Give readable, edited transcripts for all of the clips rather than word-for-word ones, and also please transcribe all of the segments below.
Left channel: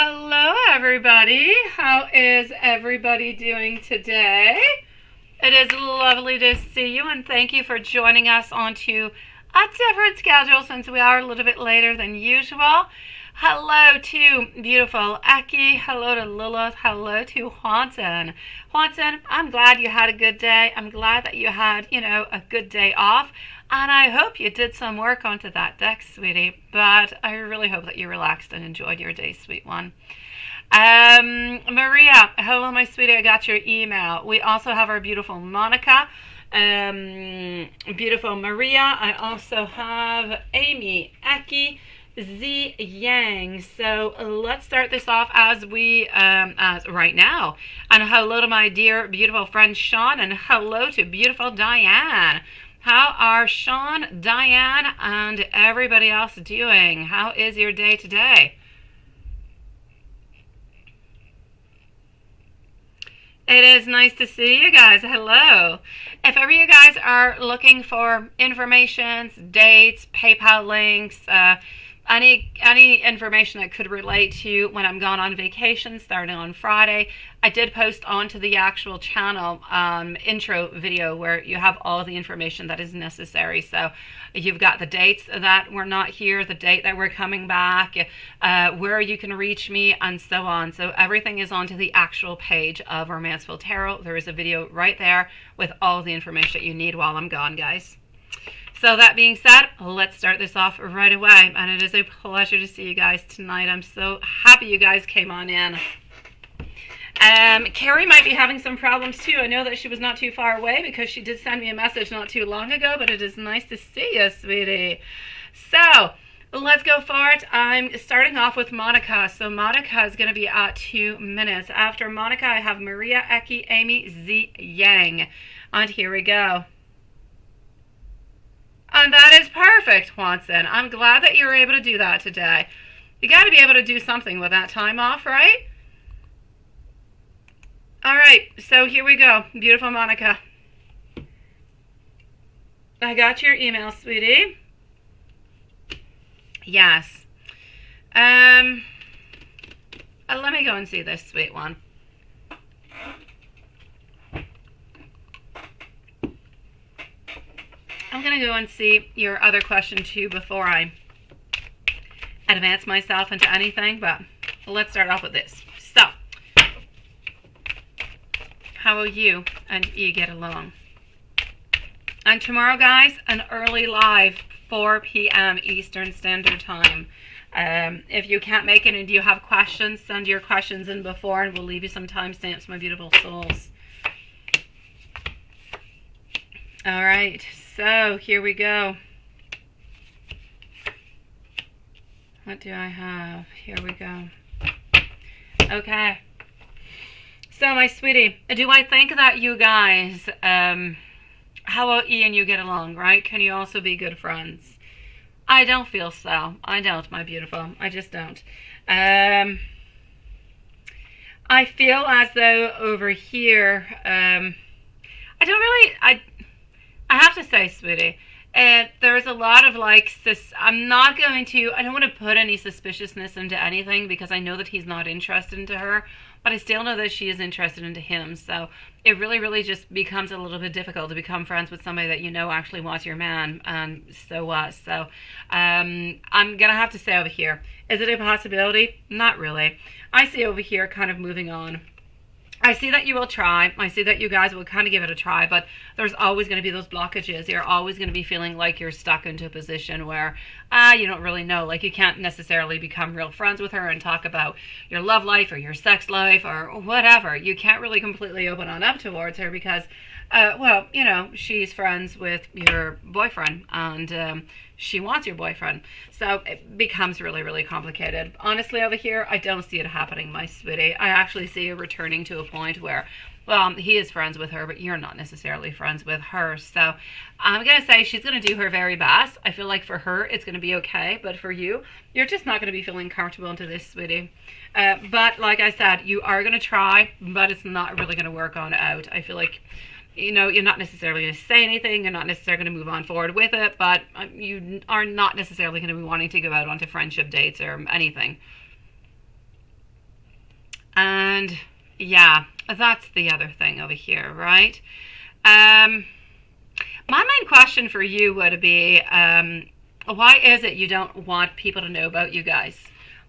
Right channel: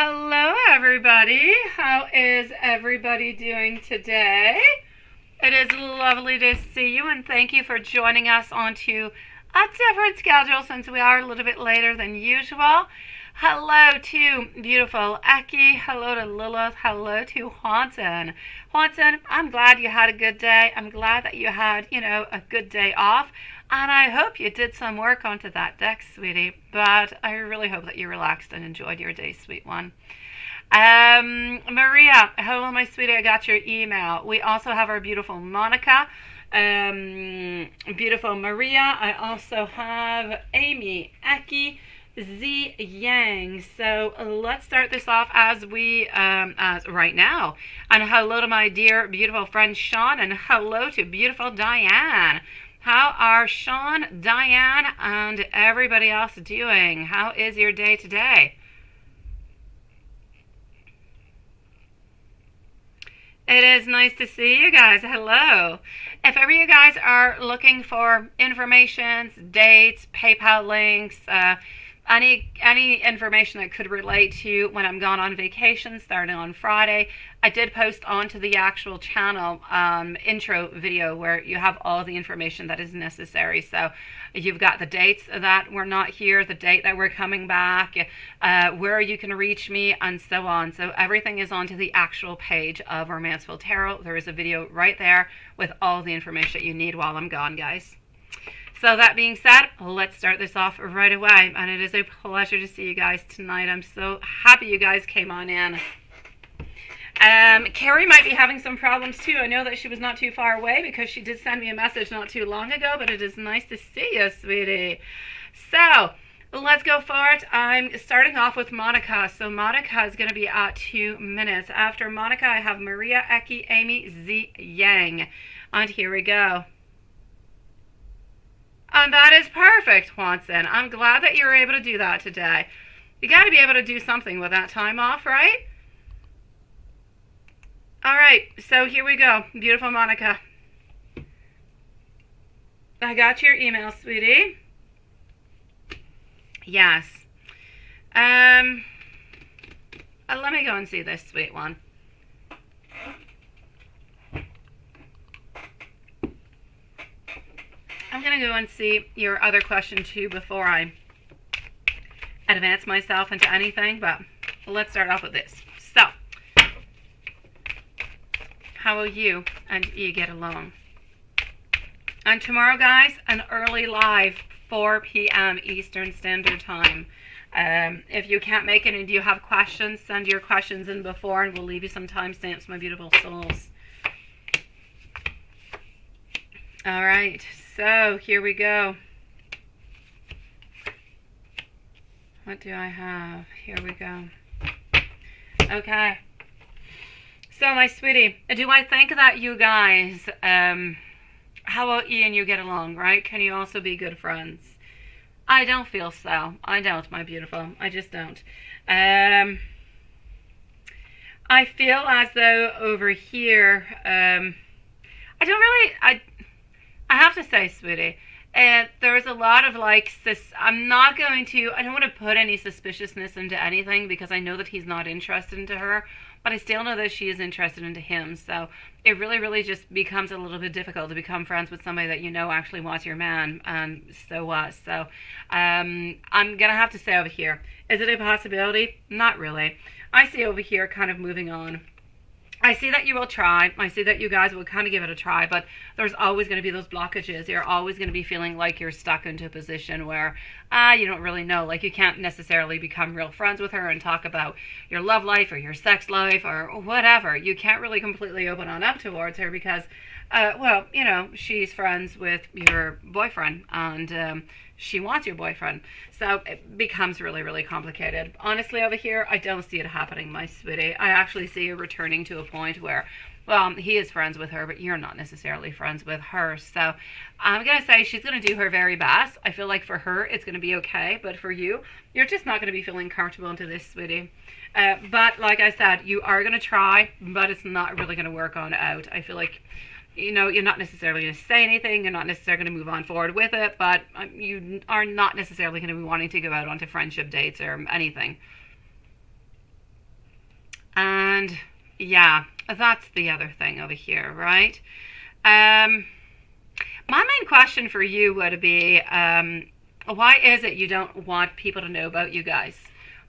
Hello, everybody. How is everybody doing today? It is lovely to see you, and thank you for joining us onto a different schedule since we are a little bit later than usual. Hello to beautiful Eki. Hello to Lilith. Hello to Haunton. Haunton, I'm glad you had a good day. I'm glad that you had, a good day off. And I hope you did some work onto that deck, sweetie. But I really hope that you relaxed and enjoyed your day, sweet one. Maria, hello, my sweetie. I got your email. We also have our beautiful Monica. Beautiful Maria. I also have Amy, Eki, Z Yang. So let's start this off as right now. And hello to my dear, beautiful friend Sean. And hello to beautiful Diane. How are Sean, Diane, and everybody else doing? How is your day today? It is nice to see you guys. Hello. If ever you guys are looking for information, dates, PayPal links, any information that could relate to when I'm gone on vacation starting on Friday, I did post onto the actual channel intro video where you have all the information that is necessary. So you've got the dates that we're not here, the date that we're coming back, where you can reach me, and so on. So everything is onto the actual page of Romanceful Tarot. There is a video right there with all the information you need while I'm gone, guys. So that being said, let's start this off right away. And it is a pleasure to see you guys tonight. I'm so happy you guys came on in. Carrie might be having some problems too. I know that she was not too far away because she did send me a message not too long ago, but it is nice to see you, sweetie. So let's go for it. I'm starting off with Monica. So Monica is going to be at 2 minutes. After Monica, I have Maria, Eki, Amy, Z, Yang. And here we go. And that is perfect, Watson. I'm glad that you're able to do that today. You got to be able to do something with that time off, right? All right, so here we go. Beautiful Monica. I got your email, sweetie. Yes. Let me go and see this sweet one. I'm going to go and see your other question too before I advance myself into anything, but let's start off with this. So, how will you and E get along? And tomorrow, guys, an early live, 4 p.m. Eastern Standard Time. If you can't make it and you have questions, send your questions in before and we'll leave you some timestamps, my beautiful souls. All right, so here we go. What do I have? Here we go. Okay. So, my sweetie, do I think that you guys, how will E and you get along, right? Can you also be good friends? I don't feel so. I don't, my beautiful. I just don't. I feel as though over here, I have to say, sweetie, there's a lot of I don't want to put any suspiciousness into anything because I know that he's not interested into her. But I still know that she is interested into him. So it really, really just becomes a little bit difficult to become friends with somebody that you know actually wants your man. And so what? So I'm going to have to say over here, is it a possibility? Not really. I see over here kind of moving on. I see that you will try. I see that you guys will kind of give it a try, but there's always going to be those blockages. You're always going to be feeling like you're stuck into a position where you don't really know. Like you can't necessarily become real friends with her and talk about your love life or your sex life or whatever. You can't really completely open on up towards her because, she's friends with your boyfriend and she wants your boyfriend. So it becomes really, really complicated. Honestly, over here, I don't see it happening, my sweetie. I actually see you returning to a point where, well, he is friends with her, but you're not necessarily friends with her. So I'm going to say she's going to do her very best. I feel like for her, it's going to be okay. But for you, you're just not going to be feeling comfortable into this, sweetie. But like I said, you are going to try, but it's not really going to work on out. I feel like you're not necessarily going to say anything. You're not necessarily going to move on forward with it, but you are not necessarily going to be wanting to go out onto friendship dates or anything. And yeah, that's the other thing over here, right? My main question for you would be, why is it you don't want people to know about you guys?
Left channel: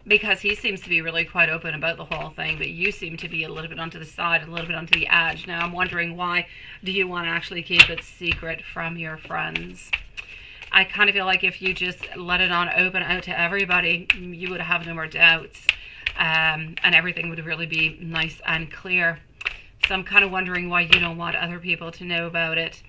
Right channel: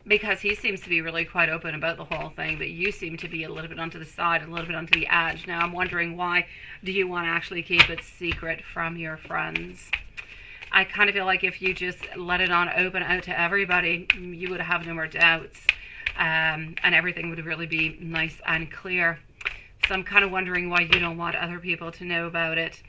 Because he seems to be really quite open about the whole thing, but you seem to be a little bit onto the side, a little bit onto the edge. Now I'm wondering, why do you want to actually keep it secret from your friends? I kind of feel like if you just let it on open out to everybody, you would have no more doubts, and everything would really be nice and clear. So I'm kind of wondering why you don't want other people to know about it.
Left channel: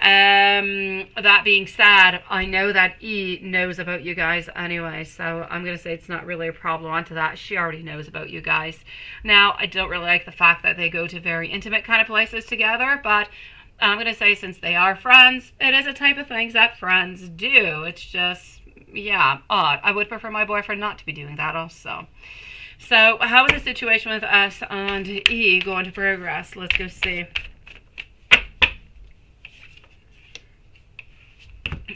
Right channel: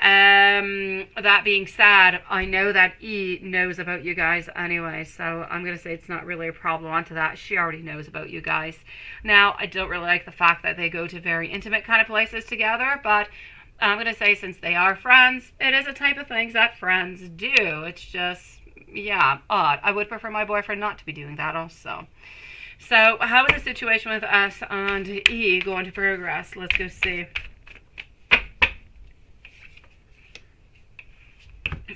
That being said, I know that E knows about you guys anyway, so I'm going to say it's not really a problem onto that. She already knows about you guys. Now, I don't really like the fact that they go to very intimate kind of places together, but I'm going to say since they are friends, it is a type of things that friends do. It's just, yeah, odd. I would prefer my boyfriend not to be doing that also. So, how is the situation with S and E going to progress? Let's go see.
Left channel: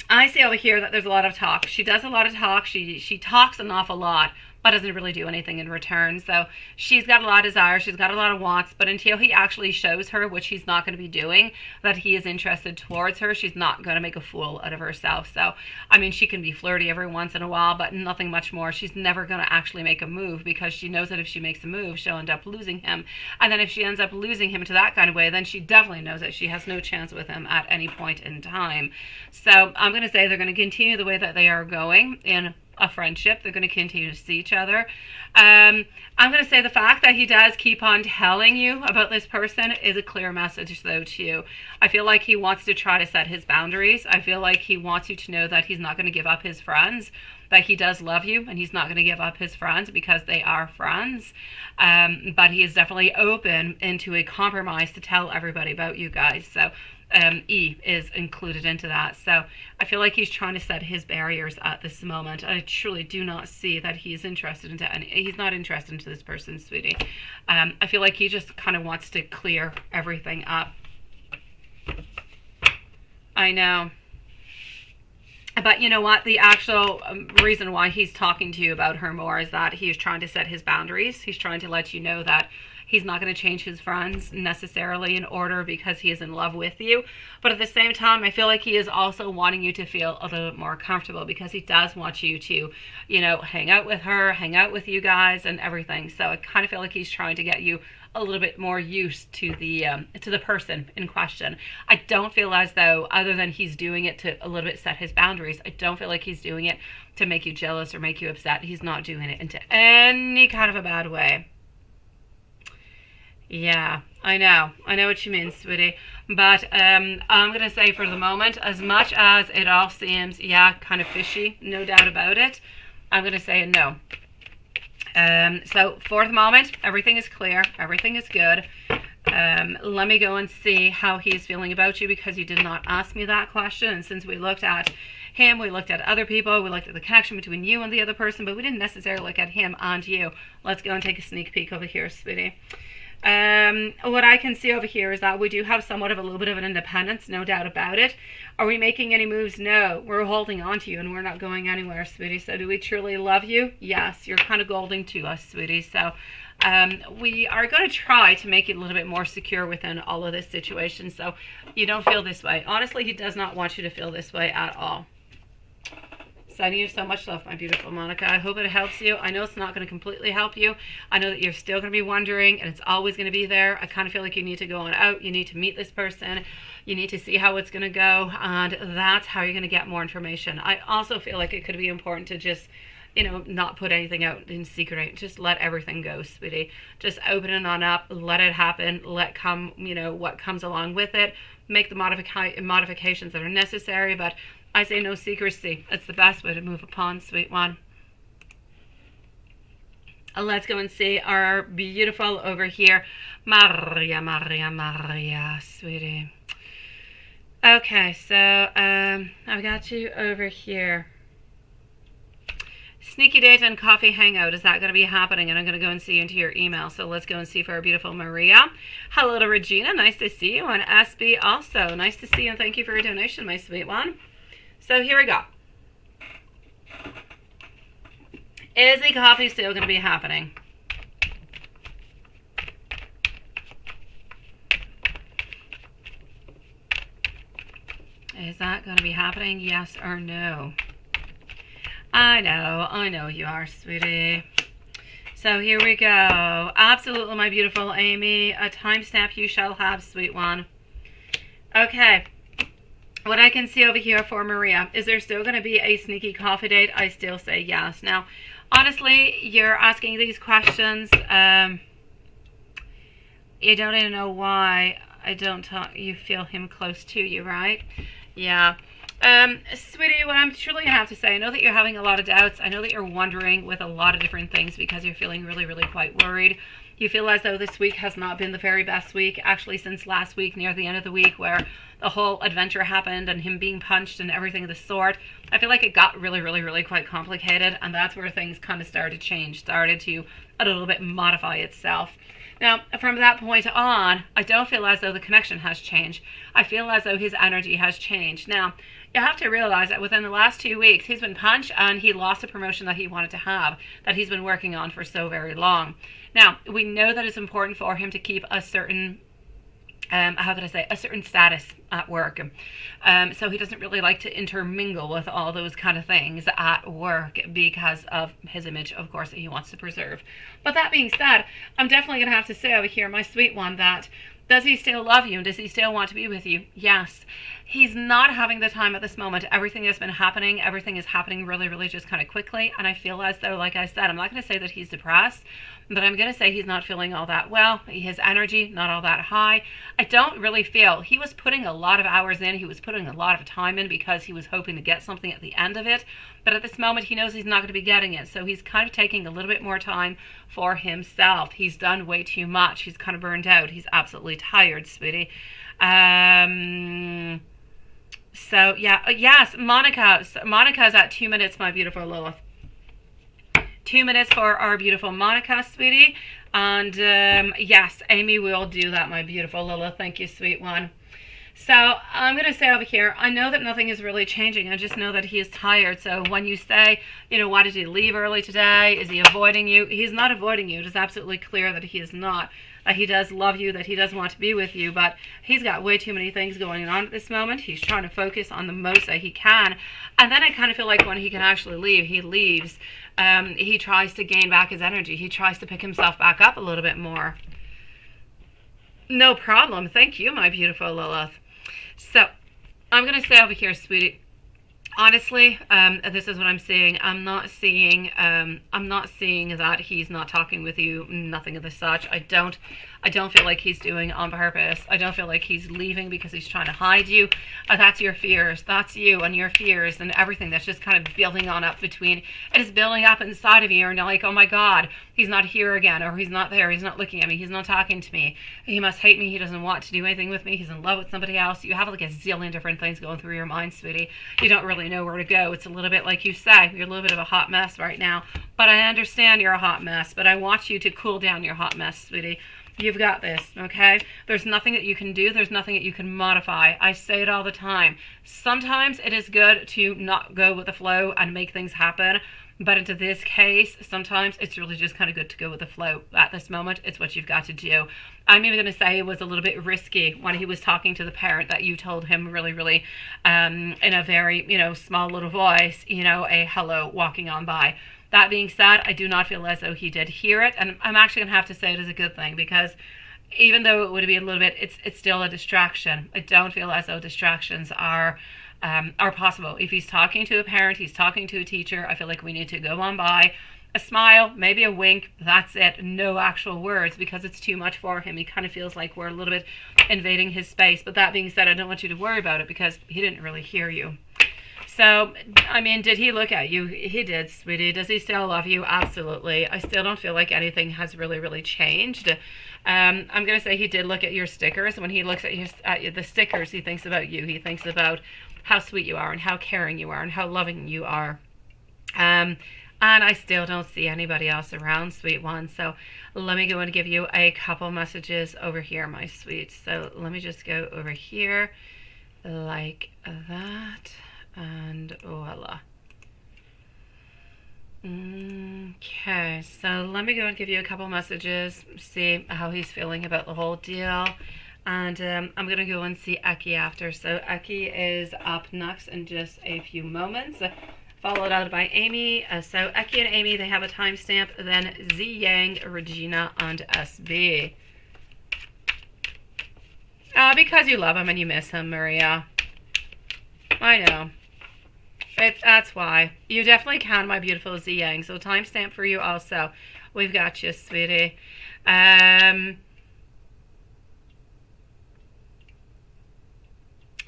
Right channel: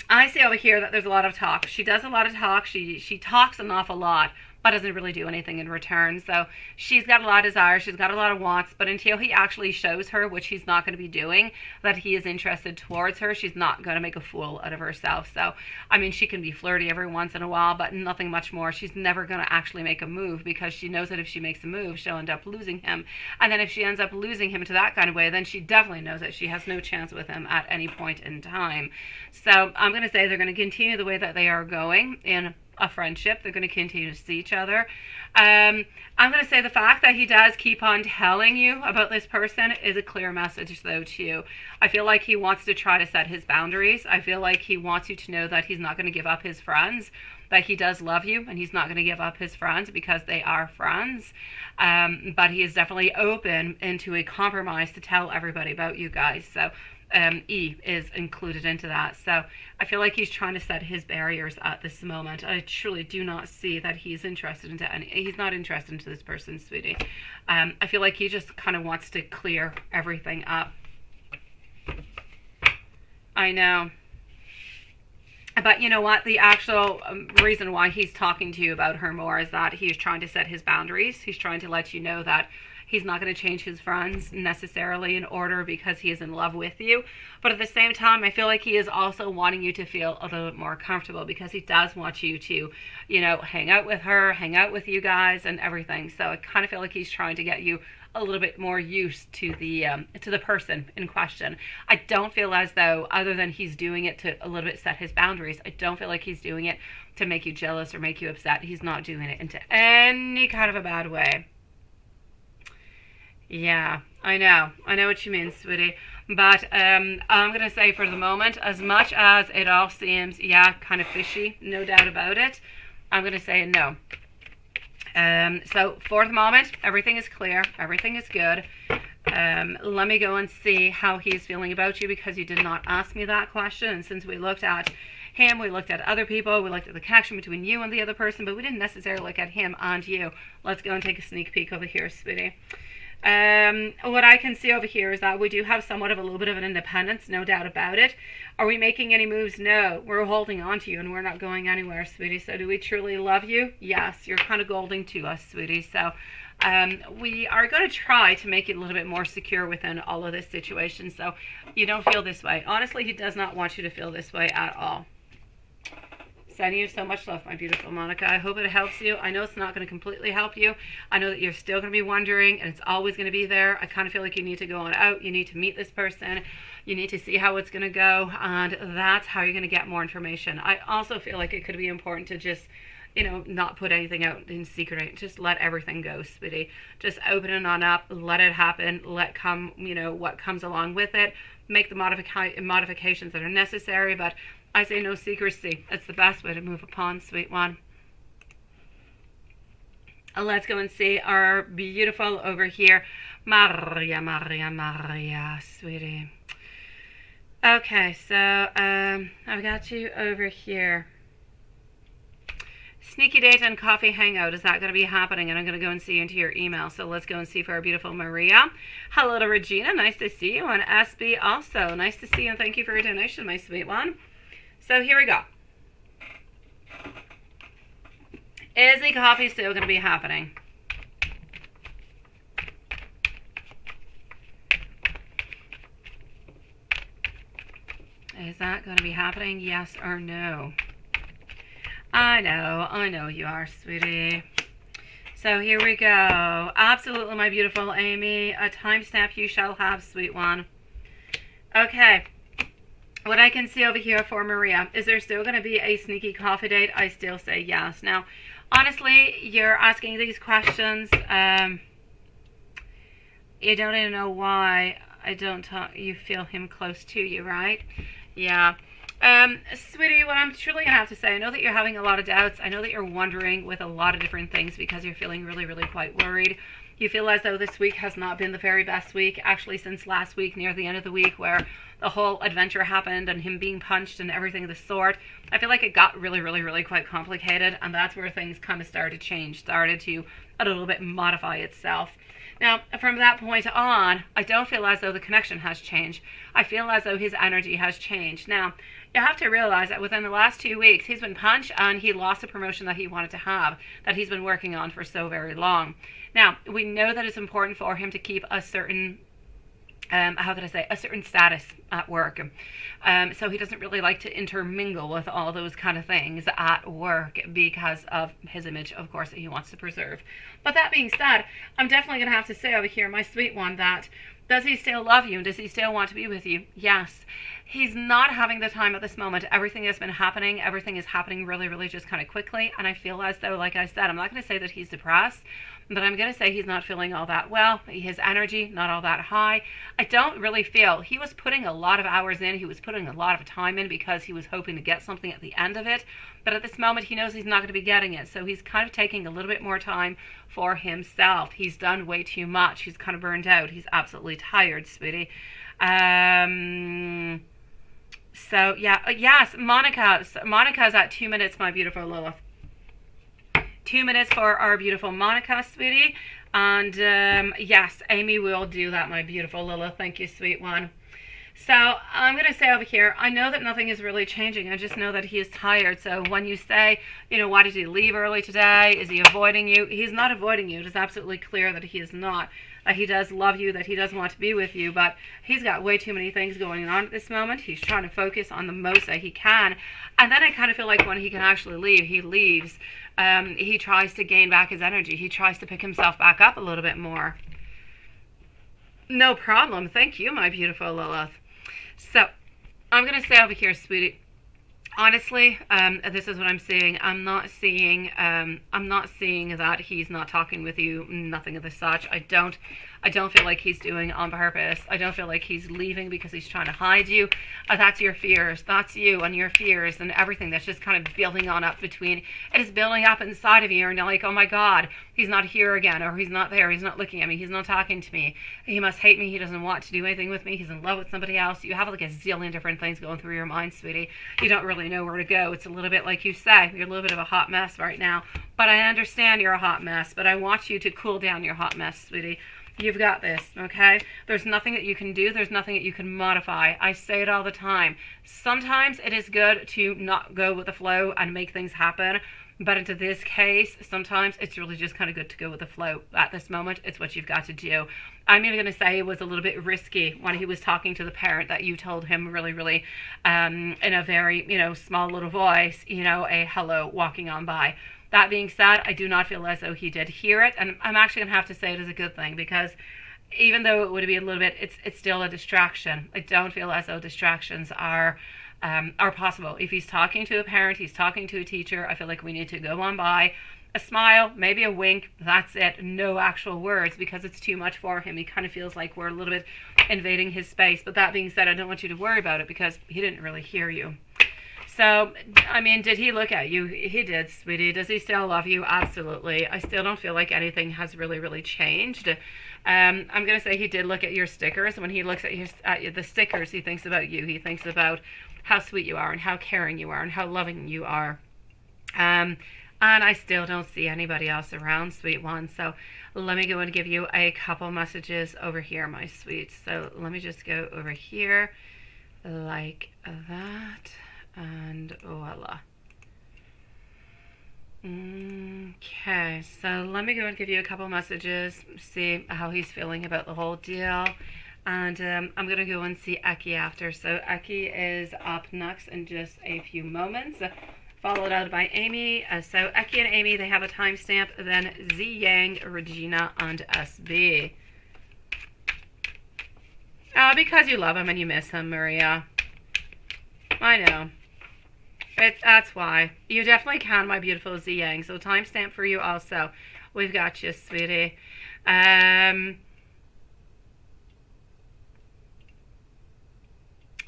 I see over here that there's a lot of talk. She does a lot of talk. She talks an awful lot, but doesn't really do anything in return. So she's got a lot of desires. She's got a lot of wants. But until he actually shows her, which he's not going to be doing, that he is interested towards her, she's not going to make a fool out of herself. So, I mean, she can be flirty every once in a while, but nothing much more. She's never going to actually make a move because she knows that if she makes a move, she'll end up losing him. And then if she ends up losing him to that kind of way, then she definitely knows that she has no chance with him at any point in time. So I'm going to say they're going to continue the way that they are going in a friendship. They're going to continue to see each other. I'm going to say the fact that he does keep on telling you about this person is a clear message, though, to you. I feel like he wants to try to set his boundaries. I feel like he wants you to know that he's not going to give up his friends, that he does love you, and he's not going to give up his friends because they are friends. But he is definitely open into a compromise to tell everybody about you guys. So E is included into that. So I feel like he's trying to set his barriers at this moment. I truly do not see that he's interested into any. He's not interested into this person, sweetie. I feel like he just kind of wants to clear everything up. I know. But you know what? The actual reason why he's talking to you about her more is that he's trying to set his boundaries. He's trying to let you know that he's not going to change his friends necessarily in order because he is in love with you. But at the same time, I feel like he is also wanting you to feel a little bit more comfortable because he does want you to, you know, hang out with her, hang out with you guys and everything. So I kind of feel like he's trying to get you a little bit more used to the person in question. I don't feel as though, other than he's doing it to a little bit set his boundaries, I don't feel like he's doing it to make you jealous or make you upset. He's not doing it into any kind of a bad way. Yeah, I know what you mean, sweetie. But I'm going to say for the moment, as much as it all seems, yeah, kind of fishy, no doubt about it, I'm going to say no. So for the moment, everything is clear. Everything is good. Let me go and see how he's feeling about you because you did not ask me that question. And since we looked at him, we looked at other people, we looked at the connection between you and the other person, but we didn't necessarily look at him and you. Let's go and take a sneak peek over here, sweetie. What I can see over here is that we do have somewhat of a little bit of an independence, no doubt about it. Are we making any moves? No. We're holding on to you and we're not going anywhere, sweetie. So do we truly love you? Yes. You're kind of golden to us, sweetie. So we are going to try to make it a little bit more secure within all of this situation so you don't feel this way. Honestly, he does not want you to feel this way at all. Sending you so much love, my beautiful Monica. I hope it helps you. I know it's not going to completely help you. I know that you're still going to be wondering, and it's always going to be there. I kind of feel like you need to go on out. You need to meet this person. You need to see how it's going to go, and that's how you're going to get more information. I also feel like it could be important to just, you know, not put anything out in secret. Just let everything go, sweetie. Just open it on up. Let it happen. Let come, you know, what comes along with it. Make the modifications that are necessary, but I say no secrecy. It's the best way to move upon, sweet one. Let's go and see our beautiful over here, Maria, sweetie. Okay, so I've got you over here. Sneaky date and coffee hangout. Is that going to be happening? And I'm going to go and see into your email. So let's go and see for our beautiful Maria. Hello to Regina. Nice to see you. And SB also. Nice to see you and thank you for your donation, my sweet one. So here we go. Is the coffee still going to be happening? Is that going to be happening? Yes or no? I know you are, sweetie. So here we go. Absolutely, my beautiful Amy. A timestamp you shall have, sweet one. Okay. What I can see over here for Maria, is there still going to be a sneaky coffee date? I still say yes. Now, honestly, you're asking these questions. You don't even know why you feel him close to you, right? Yeah. Sweetie, what I'm truly going to have to say, I know that you're having a lot of doubts. I know that you're wondering with a lot of different things because you're feeling really, really quite worried. You feel as though this week has not been the very best week, actually since last week, near the end of the week, where the whole adventure happened and him being punched and everything of the sort. I feel like it got really, really, really quite complicated, and that's where things kind of started to change, started to a little bit modify itself. Now, from that point on, I don't feel as though the connection has changed. I feel as though his energy has changed. Now, you have to realize that within the last 2 weeks, he's been punched and he lost a promotion that he wanted to have, that he's been working on for so very long. Now, we know that it's important for him to keep a certain, a certain status at work. So he doesn't really like to intermingle with all those kind of things at work because of his image, of course, that he wants to preserve. But that being said, I'm definitely going to have to say over here, my sweet one, that does he still love you? Does he still want to be with you? Yes. He's not having the time at this moment. Everything has been happening. Everything is happening really, really just kind of quickly. And I feel as though, like I said, I'm not going to say that he's depressed, but I'm going to say he's not feeling all that well. His energy, not all that high. I don't really feel, he was putting a lot of hours in. He was putting a lot of time in because he was hoping to get something at the end of it. But at this moment, he knows he's not going to be getting it. So he's kind of taking a little bit more time for himself. He's done way too much. He's kind of burned out. He's absolutely tired, sweetie. So, yeah, yes, Monica's at 2 minutes, my beautiful Lilith. 2 minutes for our beautiful Monica, sweetie. And, yes, Amy will do that, my beautiful Lilith. Thank you, sweet one. So, I'm going to say over here, I know that nothing is really changing. I just know that he is tired. So, when you say, you know, why did he leave early today? Is he avoiding you? He's not avoiding you. It is absolutely clear that he is not. That he does love you, that he does want to be with you, but he's got way too many things going on at this moment. He's trying to focus on the most that he can. And then I kind of feel like when he can actually leave, he leaves. He tries to gain back his energy. He tries to pick himself back up a little bit more. No problem. Thank you, my beautiful Lilith. So, I'm going to say over here, sweetie, honestly, this is what I'm seeing. I'm not seeing that he's not talking with you, nothing of the such. I don't feel like he's doing it on purpose. I don't feel like he's leaving because he's trying to hide you. That's your fears. That's you and your fears and everything that's just kind of building on up between. It is building up inside of you and you're like, oh my God, he's not here again, or he's not there, he's not looking at me, he's not talking to me, he must hate me, he doesn't want to do anything with me, he's in love with somebody else. You have like a zillion different things going through your mind, sweetie. You don't really know where to go. It's a little bit like you say, you're a little bit of a hot mess right now. But I understand you're a hot mess, but I want you to cool down your hot mess, sweetie. You've got this, okay? There's nothing that you can do. There's nothing that you can modify. I say it all the time. Sometimes it is good to not go with the flow and make things happen. But into this case, sometimes it's really just kind of good to go with the flow. At this moment, it's what you've got to do. I'm even going to say it was a little bit risky when he was talking to the parent that you told him really, really in a very, small little voice, a hello walking on by. That being said, I do not feel as though he did hear it, and I'm actually going to have to say it as a good thing because even though it would be a little bit, it's still a distraction. I don't feel as though distractions are possible. If he's talking to a parent, he's talking to a teacher, I feel like we need to go on by, a smile, maybe a wink, that's it. No actual words because it's too much for him. He kind of feels like we're a little bit invading his space. But that being said, I don't want you to worry about it because he didn't really hear you. So, I mean, did he look at you? He did, sweetie. Does he still love you? Absolutely. I still don't feel like anything has really, really changed. I'm going to say he did look at your stickers. When he looks at the stickers, he thinks about you. He thinks about how sweet you are and how caring you are and how loving you are. And I still don't see anybody else around, sweet one. So let me go and give you a couple messages over here, my sweets. So let me just go over here like that. And voila. Okay, so let me go and give you a couple messages, see how he's feeling about the whole deal. And I'm going to go and see Eki after. So Eki is up next in just a few moments, followed out by Amy. So Eki and Amy, they have a timestamp. Then Z Yang, Regina, and SB. Because you love him and you miss him, Maria. I know. That's why. You definitely can, my beautiful Z Yang. So timestamp for you also. We've got you, sweetie.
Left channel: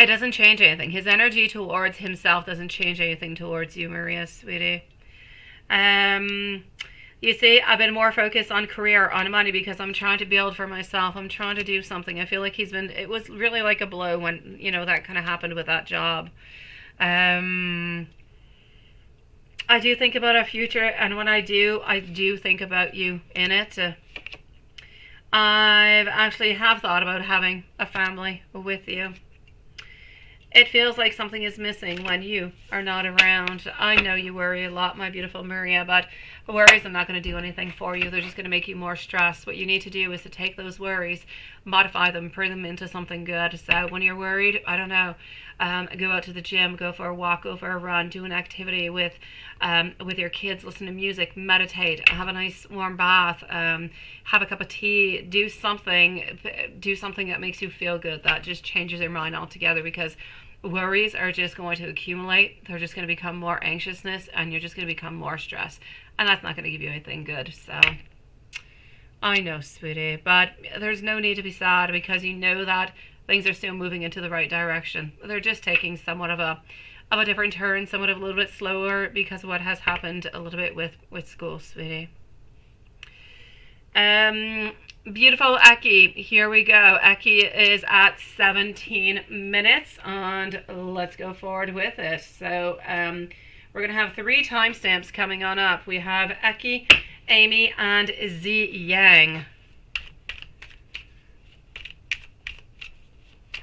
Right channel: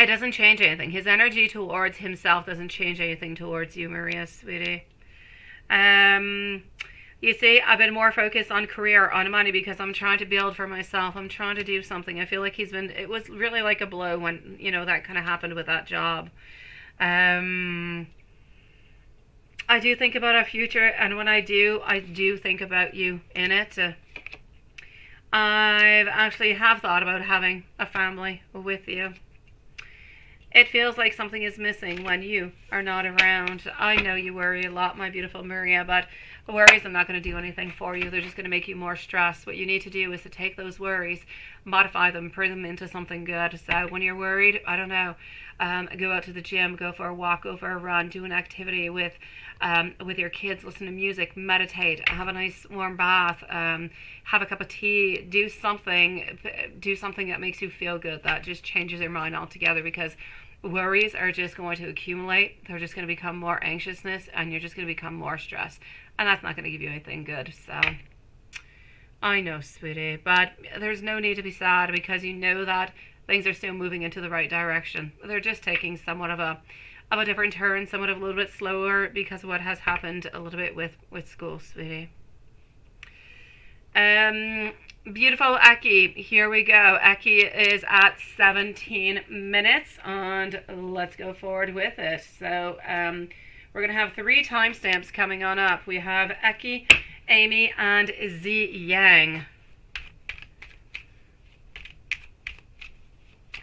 It doesn't change anything. His energy towards himself doesn't change anything towards you, Maria, sweetie. You see, I've been more focused on career, on money, because I'm trying to build for myself. I'm trying to do something. I feel like it was really like a blow when, you know, that kind of happened with that job. I do think about our future, and when I do think about you in it. I've actually have thought about having a family with you. It feels like something is missing when you are not around. I know you worry a lot, my beautiful Maria, but worries are not going to do anything for you. They're just going to make you more stressed. What you need to do is to take those worries, modify them, turn them into something good. So when you're worried, I don't know, go out to the gym, go for a walk, go for a run, do an activity with your kids, listen to music, meditate, have a nice warm bath, have a cup of tea, do something that makes you feel good, that just changes your mind altogether, because worries are just going to accumulate. They're just going to become more anxiousness, and you're just going to become more stressed, and that's not going to give you anything good. So I know, sweetie, but there's no need to be sad, because you know that things are still moving into the right direction. They're just taking somewhat of a different turn, somewhat of a little bit slower, because of what has happened a little bit with school, sweetie. Beautiful Eki, here we go. Eki is at 17 minutes, and let's go forward with this. So we're going to have 3 timestamps coming on up. We have Eki, Amy, and Z Yang.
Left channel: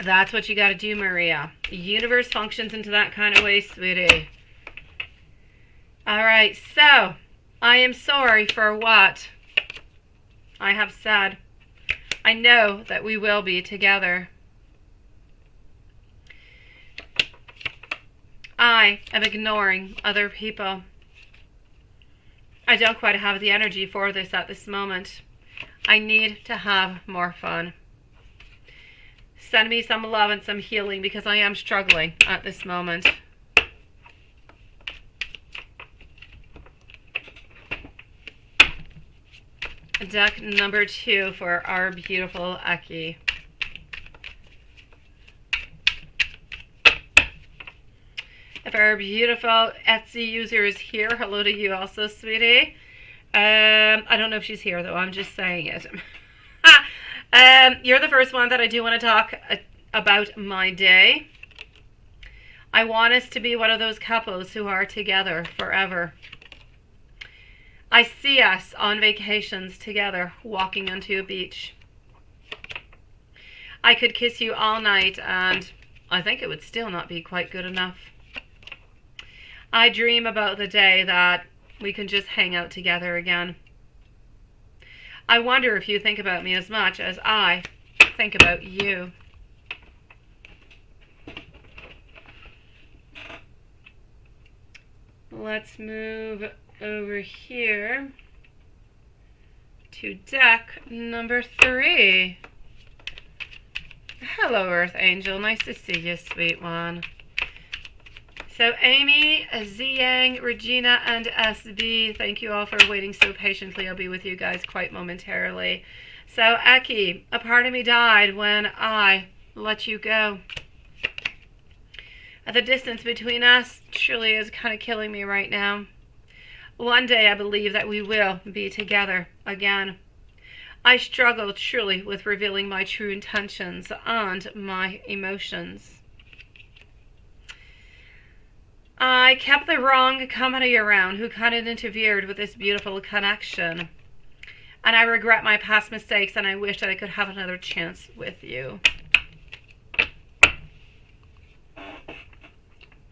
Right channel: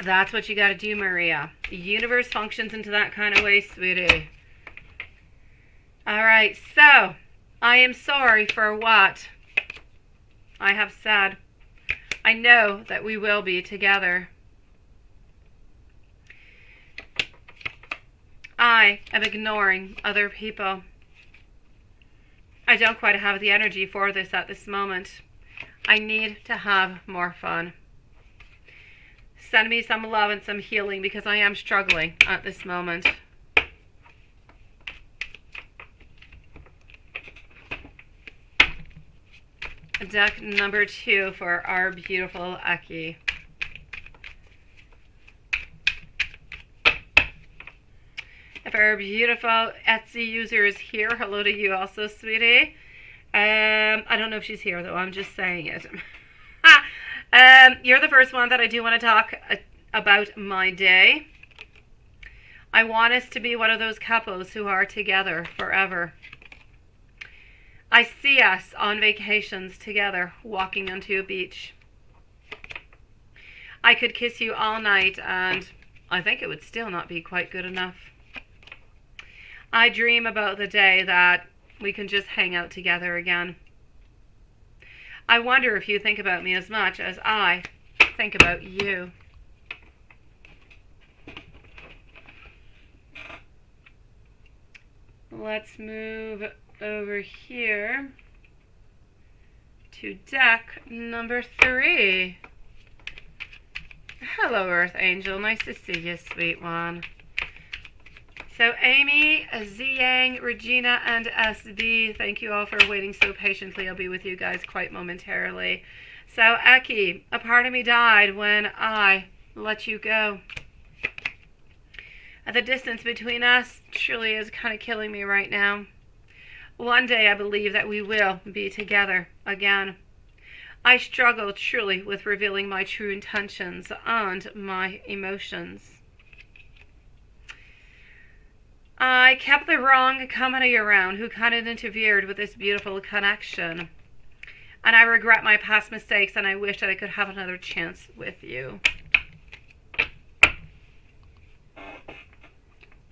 That's what you got to do, Maria. The universe functions into that kind of way, sweetie. All right, so I am sorry for what I have said. I know that we will be together. I am ignoring other people. I don't quite have the energy for this at this moment. I need to have more fun. Send me some love and some healing, because I am struggling at this moment. Deck number 2 for our beautiful Eki. If our beautiful Etsy user is here, hello to you also, sweetie. I don't know if she's here, though. I'm just saying it. You're the first one that I do want to talk about my day. I want us to be one of those couples who are together forever. I see us on vacations together, walking onto a beach. I could kiss you all night, and I think it would still not be quite good enough. I dream about the day that we can just hang out together again. I wonder if you think about me as much as I think about you. Let's move over here to deck number 3. Hello, Earth Angel. Nice to see you, sweet one. So Amy, Z Yang, Regina, and SB, thank you all for waiting so patiently. I'll be with you guys quite momentarily. So Eki, a part of me died when I let you go. The distance between us truly is kind of killing me right now. One day I believe that we will be together again. I struggle truly with revealing my true intentions and my emotions. I kept the wrong company around who kind of interfered with this beautiful connection. And I regret my past mistakes, and I wish that I could have another chance with you.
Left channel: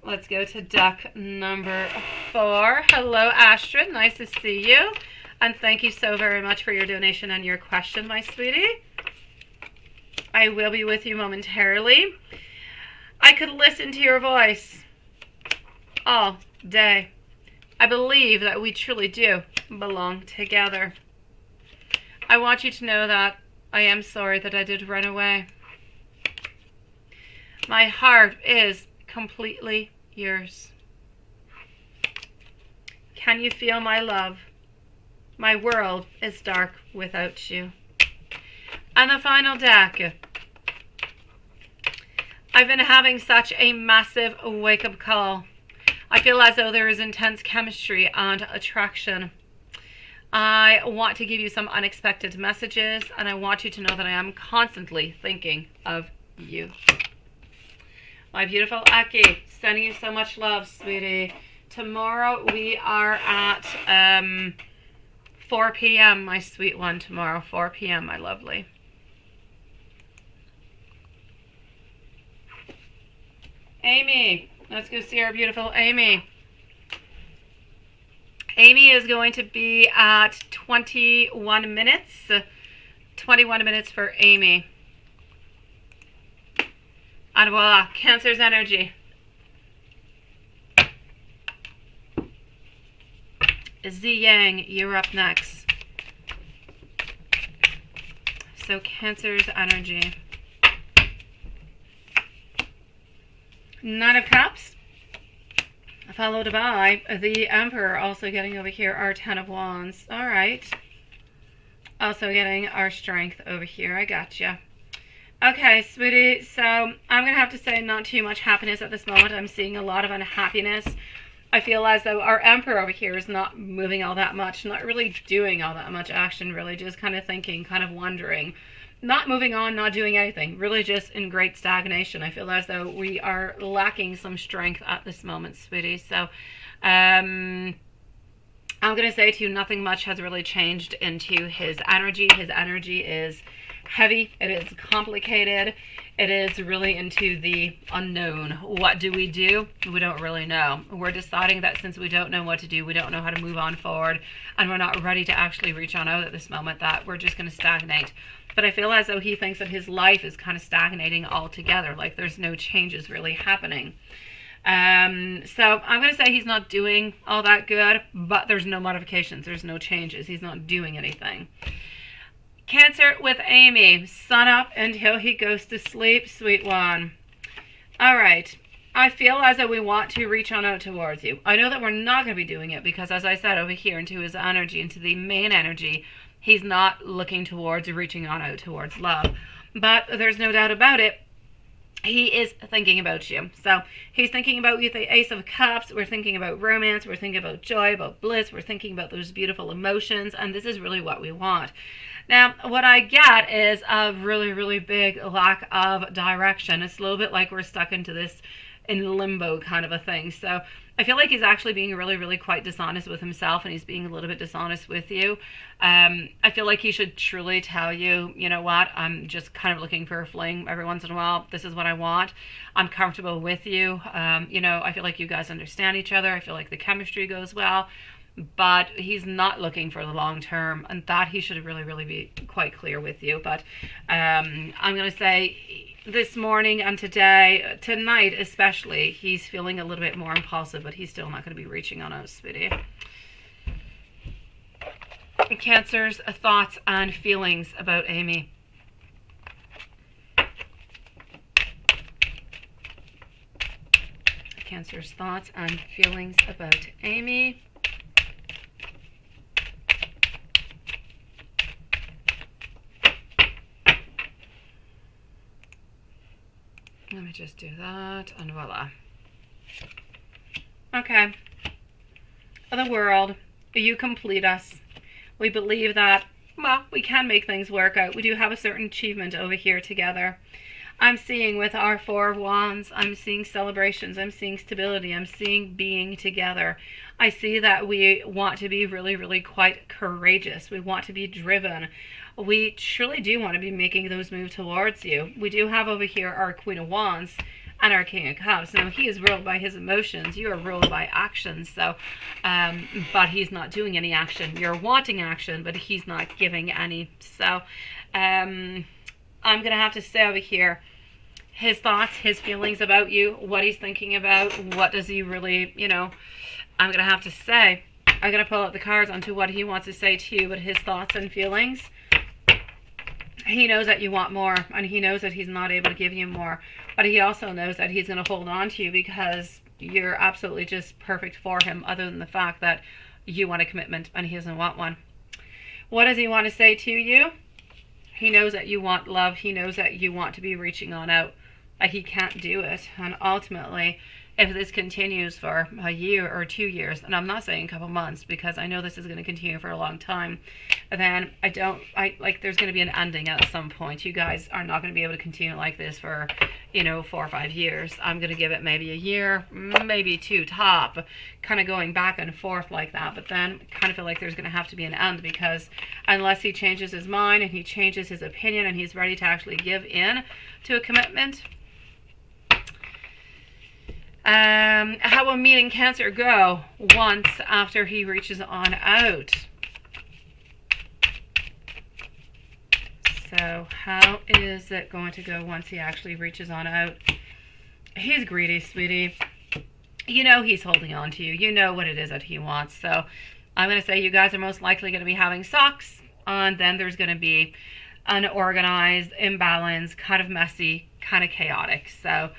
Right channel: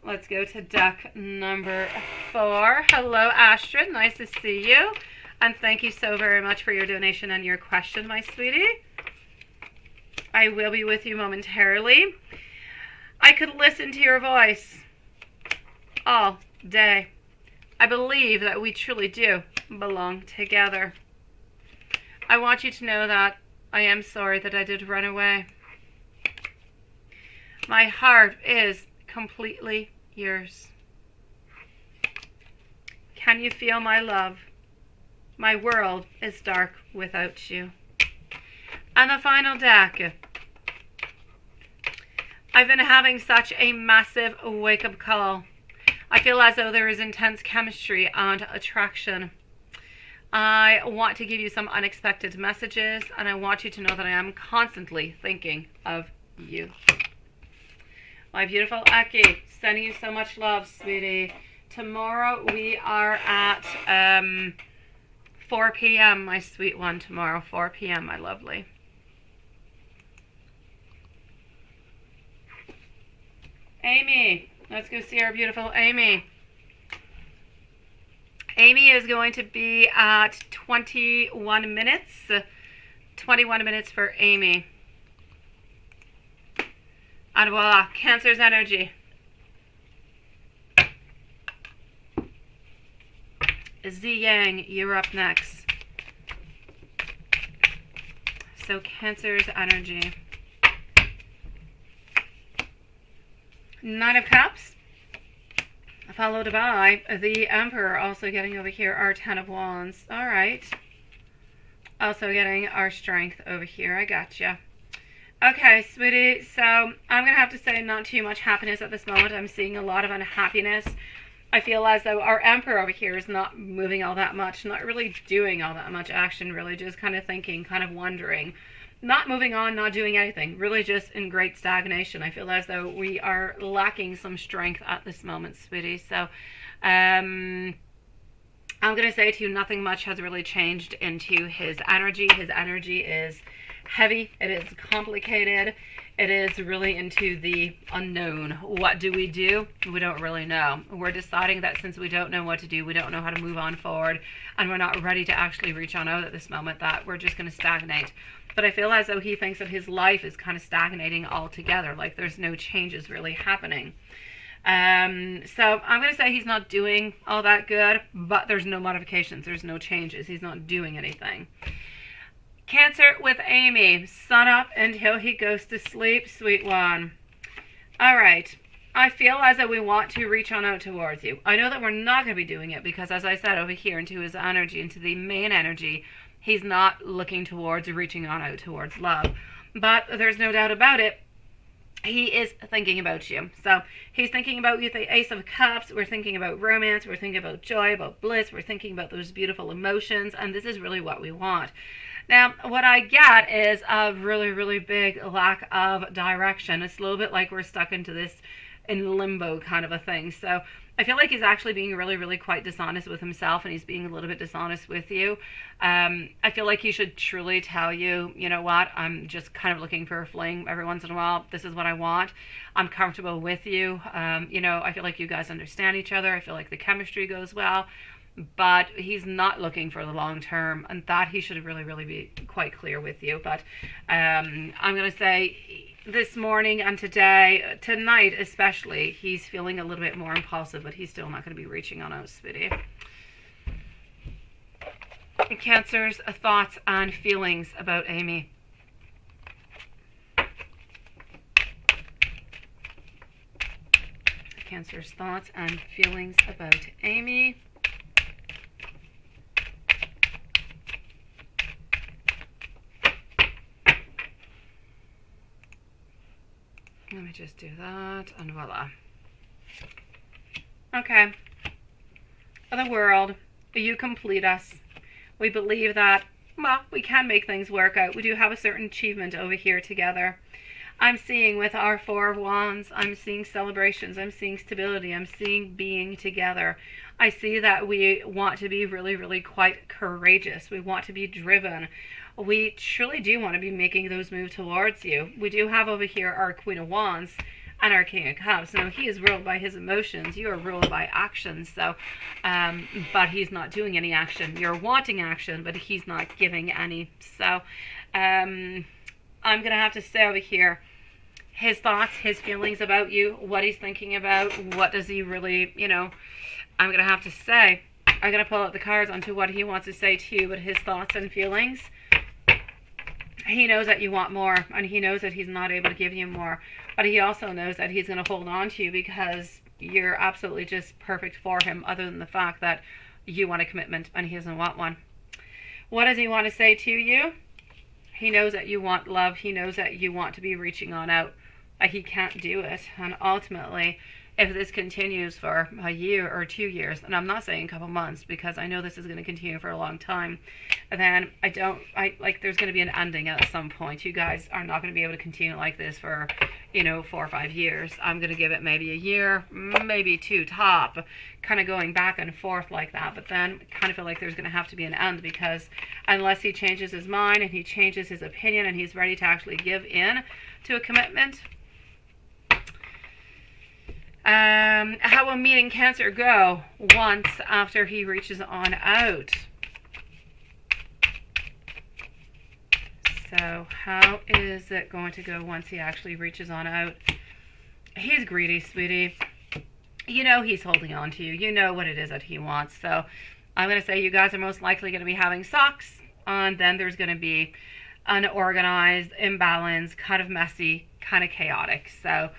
Let's go to deck number 4. Hello, Astrid. Nice to see you. And thank you so very much for your donation and your question, my sweetie. I will be with you momentarily. I could listen to your voice all day. I believe that we truly do belong together. I want you to know that I am sorry that I did run away. My heart is completely yours. Can you feel my love? My world is dark without you. And the final deck. I've been having such a massive wake-up call. I feel as though there is intense chemistry and attraction. I want to give you some unexpected messages, and I want you to know that I am constantly thinking of you. My beautiful Aki, sending you so much love, sweetie. Tomorrow we are at 4 p.m., my sweet one. Tomorrow, 4 p.m., my lovely. Amy, let's go see our beautiful Amy. Amy is going to be at 21 minutes. 21 minutes for Amy. And voila, Cancer's energy. Z Yang, you're up next. So Cancer's energy. Nine of Cups. Followed by the Emperor, also getting over here our Ten of Wands. All right. Also getting our Strength over here. I gotcha. Okay, sweetie. So I'm going to have to say not too much happiness at this moment. I'm seeing a lot of unhappiness. I feel as though our Emperor over here is not moving all that much, not really doing all that much action, really just kind of thinking, kind of wondering. Not moving on, not doing anything, really just in great stagnation. I feel as though we are lacking some strength at this moment, sweetie. So I'm going to say to you, nothing much has really changed into his energy. His energy is heavy. It is complicated. It is really into the unknown. What do? We don't really know. We're deciding that since we don't know what to do, we don't know how to move on forward, and we're not ready to actually reach on out at this moment, that we're just going to stagnate. But I feel as though he thinks that his life is kind of stagnating altogether, like there's no changes really happening. So I'm going to say he's not doing all that good, but there's no modifications, there's no changes. He's not doing anything. Cancer with Amy, sun up until he goes to sleep, sweet one. All right. I feel as though we want to reach on out towards you. I know that we're not going to be doing it because, as I said, over here into his energy, into the main energy, he's not looking towards reaching on out towards love. But there's no doubt about it, he is thinking about you. So he's thinking about you, the Ace of Cups. We're thinking about romance. We're thinking about joy, about bliss. We're thinking about those beautiful emotions. And this is really what we want. Now, what I get is a really, really big lack of direction. It's a little bit like we're stuck into this in limbo kind of a thing. So I feel like he's actually being really, really quite dishonest with himself, and he's being a little bit dishonest with you. I feel like he should truly tell you, you know what, I'm just kind of looking for a fling every once in a while. This is what I want. I'm comfortable with you. You know, I feel like you guys understand each other. I feel like the chemistry goes well. But he's not looking for the long term, and that he should really, really be quite clear with you. But I'm going to say this morning and today, tonight especially, he's feeling a little bit more impulsive, but he's still not going to be reaching on us, sweetie. Cancer's thoughts and feelings about Amy. Cancer's thoughts and feelings about Amy. Let me just do that, and voila. Okay. The world, you complete us. We believe that, well, we can make things work out. We do have a certain achievement over here together. I'm seeing with our Four of Wands, I'm seeing celebrations, I'm seeing stability, I'm seeing being together. I see that we want to be really, really quite courageous. We want to be driven. We truly do want to be making those moves towards you. We do have over here our Queen of Wands and our King of Cups. Now, he is ruled by his emotions. You are ruled by actions. So, but he's not doing any action. You're wanting action, but he's not giving any. So, I'm going to have to say over here, his thoughts, his feelings about you, what he's thinking about, what does he really, I'm going to have to say, I'm going to pull out the cards onto what he wants to say to you, but his thoughts and feelings. He knows that you want more, and he knows that he's not able to give you more, but he also knows that he's going to hold on to you because you're absolutely just perfect for him, other than the fact that you want a commitment and he doesn't want one. What does he want to say to you? He knows that you want love. He knows that you want to be reaching on out. He can't do it. And ultimately, if this continues for a year or 2 years, and I'm not saying a couple months because I know this is going to continue for a long time, then there's going to be an ending at some point. You guys are not going to be able to continue like this for, 4 or 5 years. I'm going to give it maybe a year, maybe 2 top, kind of going back and forth like that. But then I kind of feel like there's going to have to be an end, because unless he changes his mind and he changes his opinion and he's ready to actually give in to a commitment. How will meeting Cancer go once after he reaches on out? So how is it going to go once he actually reaches on out? He's greedy, sweetie. You know he's holding on to you. You know what it is that he wants. So I'm going to say you guys are most likely going to be having socks, and then there's going to be unorganized, imbalanced, kind of messy, kind of chaotic. So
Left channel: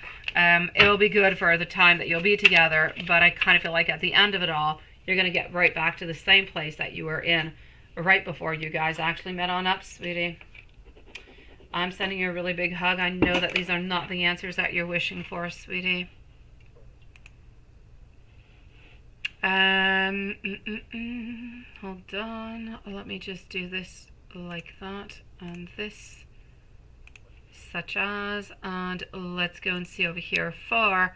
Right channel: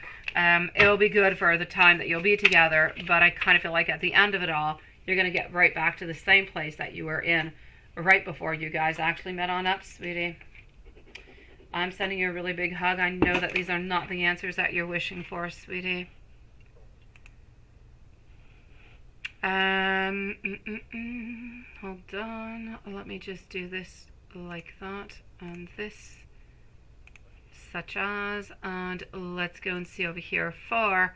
it'll be good for the time that you'll be together, but I kind of feel like at the end of it all, you're going to get right back to the same place that you were in right before you guys actually met on up, sweetie. I'm sending you a really big hug. I know that these are not the answers that you're wishing for, sweetie. Hold on. Let me just do this like that, and this, such as, and let's go and see over here for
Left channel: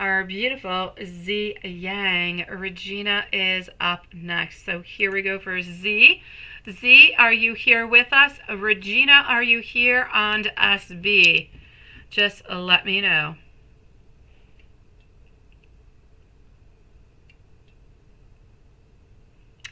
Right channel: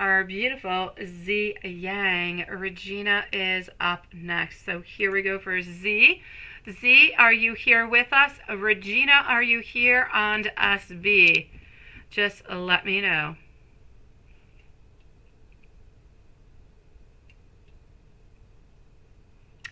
our beautiful Z Yang. Regina is up next. So here we go for Z. Z, are you here with us? Regina, are you here? And SB, just let me know.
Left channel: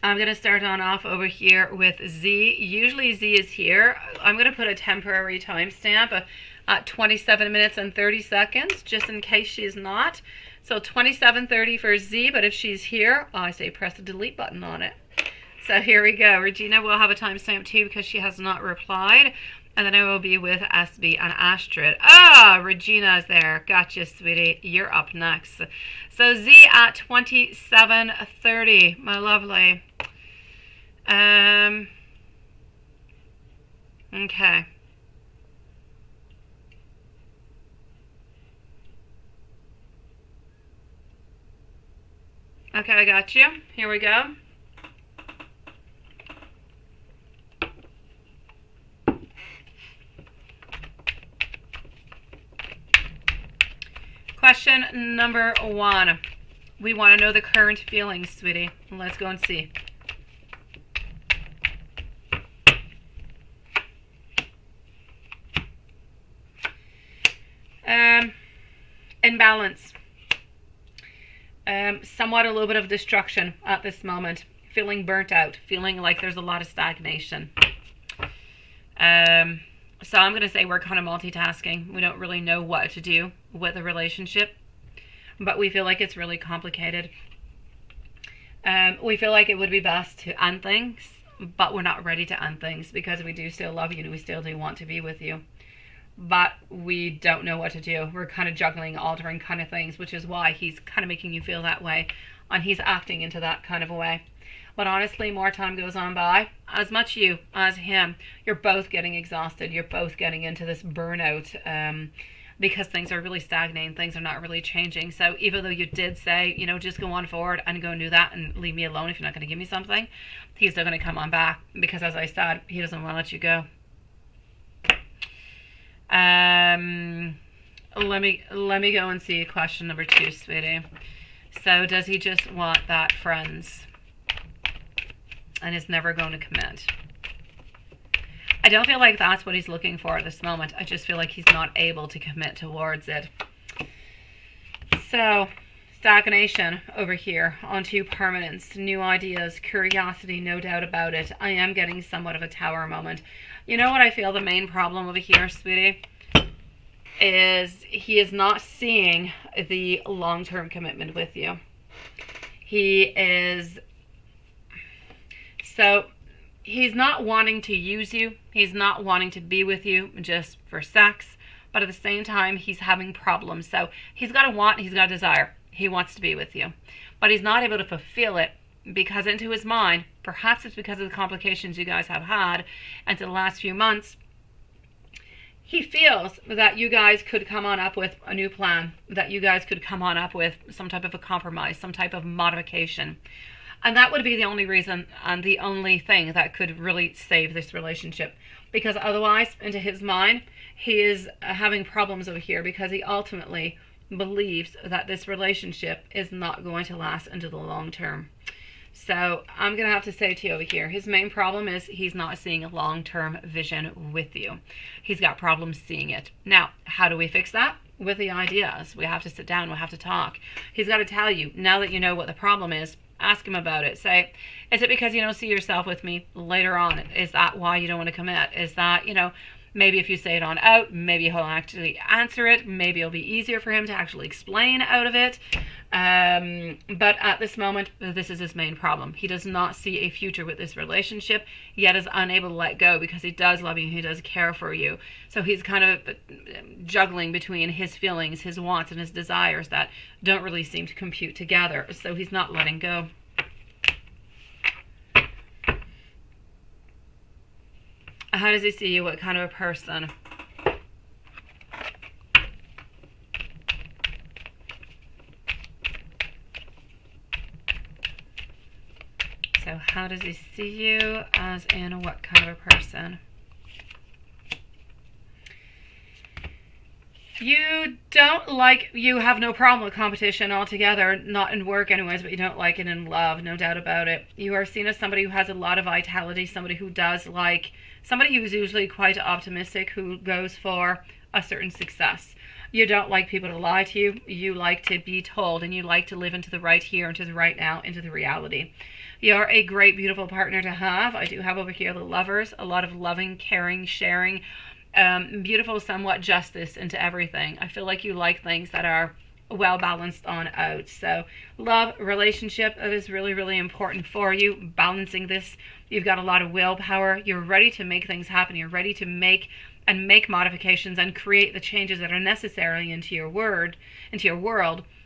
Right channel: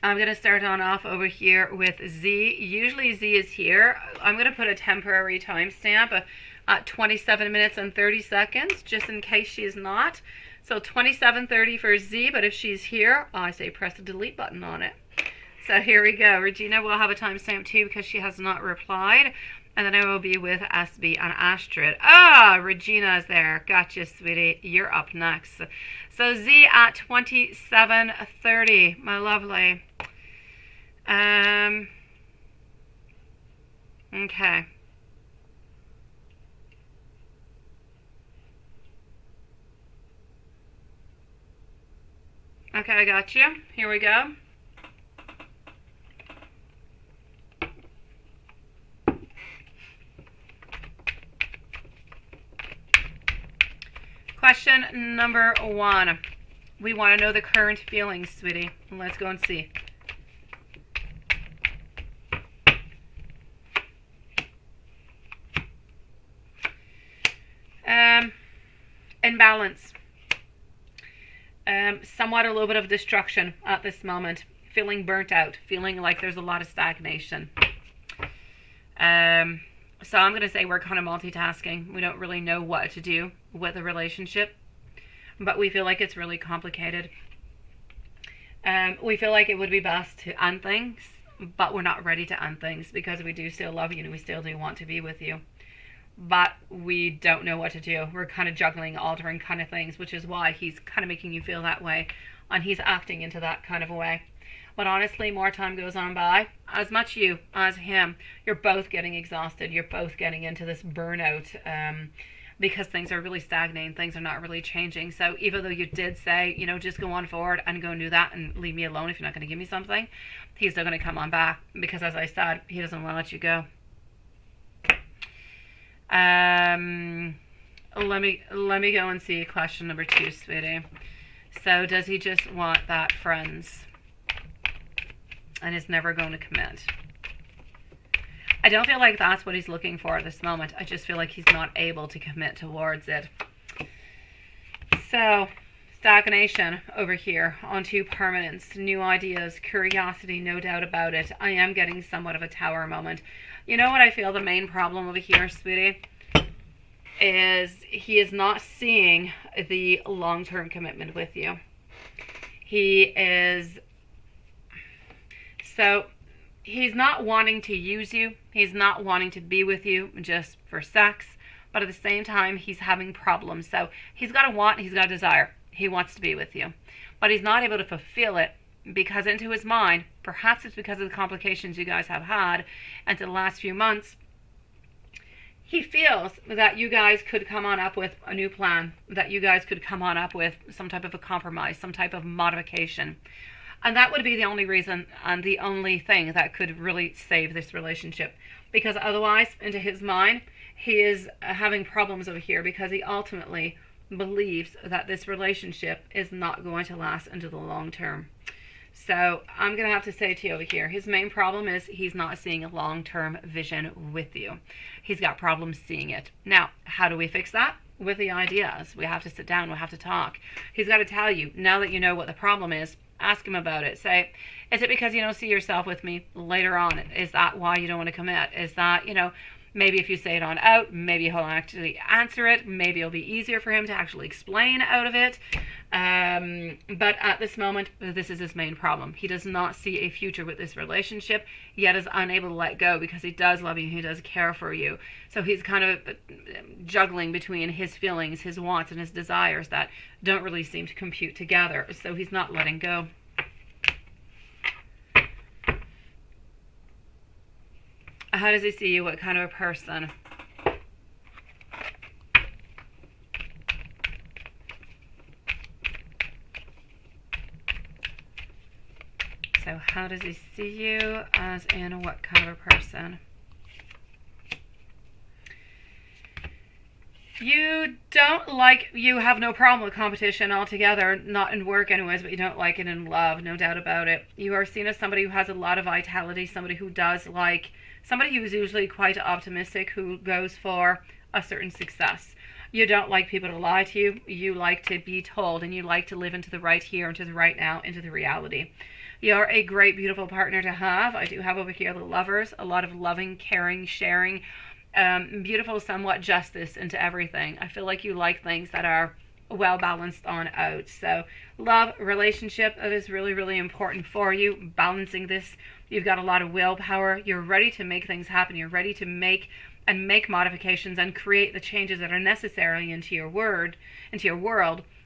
I'm going to start on off over here with Z. Usually Z is here. I'm going to put a temporary timestamp at 27 minutes and 30 seconds, just in case she's not. So 27:30 for Z, but if she's here, I say press the delete button on it. So here we go. Regina will have a timestamp too because she has not replied. And then I will be with SB and Astrid. Ah, Regina is there. Gotcha, sweetie. You're up next. So Z at 27:30. My lovely. Okay. Okay, I got you. Here we go. Question number 1. We want to know the current feelings, sweetie. Let's go and see. Imbalance. Somewhat a little bit of destruction at this moment. Feeling burnt out. Feeling like there's a lot of stagnation. So I'm going to say we're kind of multitasking. We don't really know what to do with a relationship, but we feel like it's really complicated. We feel like it would be best to end things, but we're not ready to end things because we do still love you and we still do want to be with you. But we don't know what to do. We're kind of juggling, altering kind of things, which is why he's kind of making you feel that way, and he's acting into that kind of a way. But honestly, more time goes on by, as much you as him, you're both getting exhausted. You're both getting into this burnout because things are really stagnating. Things are not really changing. So even though you did say, just go on forward and go and do that and leave me alone if you're not going to give me something, he's still going to come on back because, as I said, he doesn't want to let you go. Let me go and see question number 2, sweetie. So does he just want that friends and is never going to commit? I don't feel like that's what he's looking for at this moment. I just feel like he's not able to commit towards it. So stagnation over here onto permanence, new ideas, curiosity, no doubt about it. I am getting somewhat of a tower moment. You know what I feel the main problem over here, sweetie, is he is not seeing the long-term commitment with you. He is, so he's not wanting to use you. He's not wanting to be with you just for sex, but at the same time, he's having problems. So he's got a want, he's got a desire. He wants to be with you, but he's not able to fulfill it because into his mind, perhaps it's because of the complications you guys have had and to the last few months, he feels that you guys could come on up with a new plan, that you guys could come on up with some type of a compromise, some type of modification. And that would be the only reason and the only thing that could really save this relationship. Because otherwise, into his mind, he is having problems over here because he ultimately believes that this relationship is not going to last into the long term. So I'm going to have to say to you over here, his main problem is he's not seeing a long-term vision with you. He's got problems seeing it. Now, how do we fix that? With the ideas. We have to sit down. We'll have to talk. He's got to tell you, now that you know what the problem is, ask him about it. Say, is it because you don't see yourself with me later on? Is that why you don't want to commit? Is that, maybe if you say it on out, maybe he'll actually answer it. Maybe it'll be easier for him to actually explain out of it. But at this moment, this is his main problem. He does not see a future with this relationship, yet is unable to let go because he does love you, he does care for you. So he's kind of juggling between his feelings, his wants, and his desires that don't really seem to compute together. So he's not letting go. How does he see you? What kind of a person? So how does he see you as in what kind of a person? You have no problem with competition altogether, not in work anyways, but you don't like it in love, no doubt about it. You are seen as somebody who has a lot of vitality, somebody who is usually quite optimistic, who goes for a certain success. You don't like people to lie to you. You like to be told, and you like to live into the right here, into the right now, into the reality. You're a great, beautiful partner to have. I do have over here the lovers, a lot of loving, caring, sharing, beautiful, somewhat justice into everything. I feel like you like things that are well balanced on out. So love, relationship, that is really, really important for you. Balancing this, you've got a lot of willpower. You're ready to make things happen. You're ready to make modifications and create the changes that are necessary into your world.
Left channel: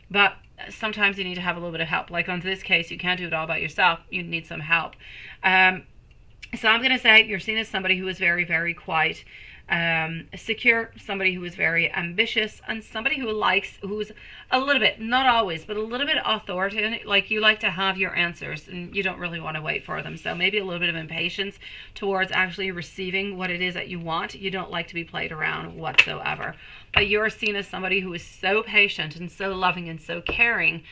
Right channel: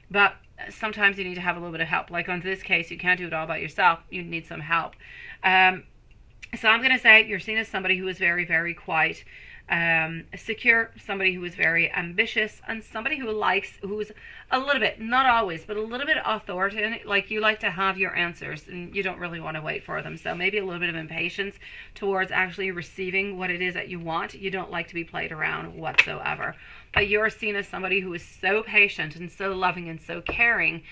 But sometimes you need to have a little bit of help. Like on this case, you can't do it all by yourself. You need some help. So I'm going to say you're seen as somebody who is very, very quiet, secure, somebody who is very ambitious, and somebody who's a little bit, not always, but a little bit authoritative. Like you like to have your answers and you don't really want to wait for them. So maybe a little bit of impatience towards actually receiving what it is that you want. You don't like to be played around whatsoever. But you're seen as somebody who is so patient and so loving and so caring.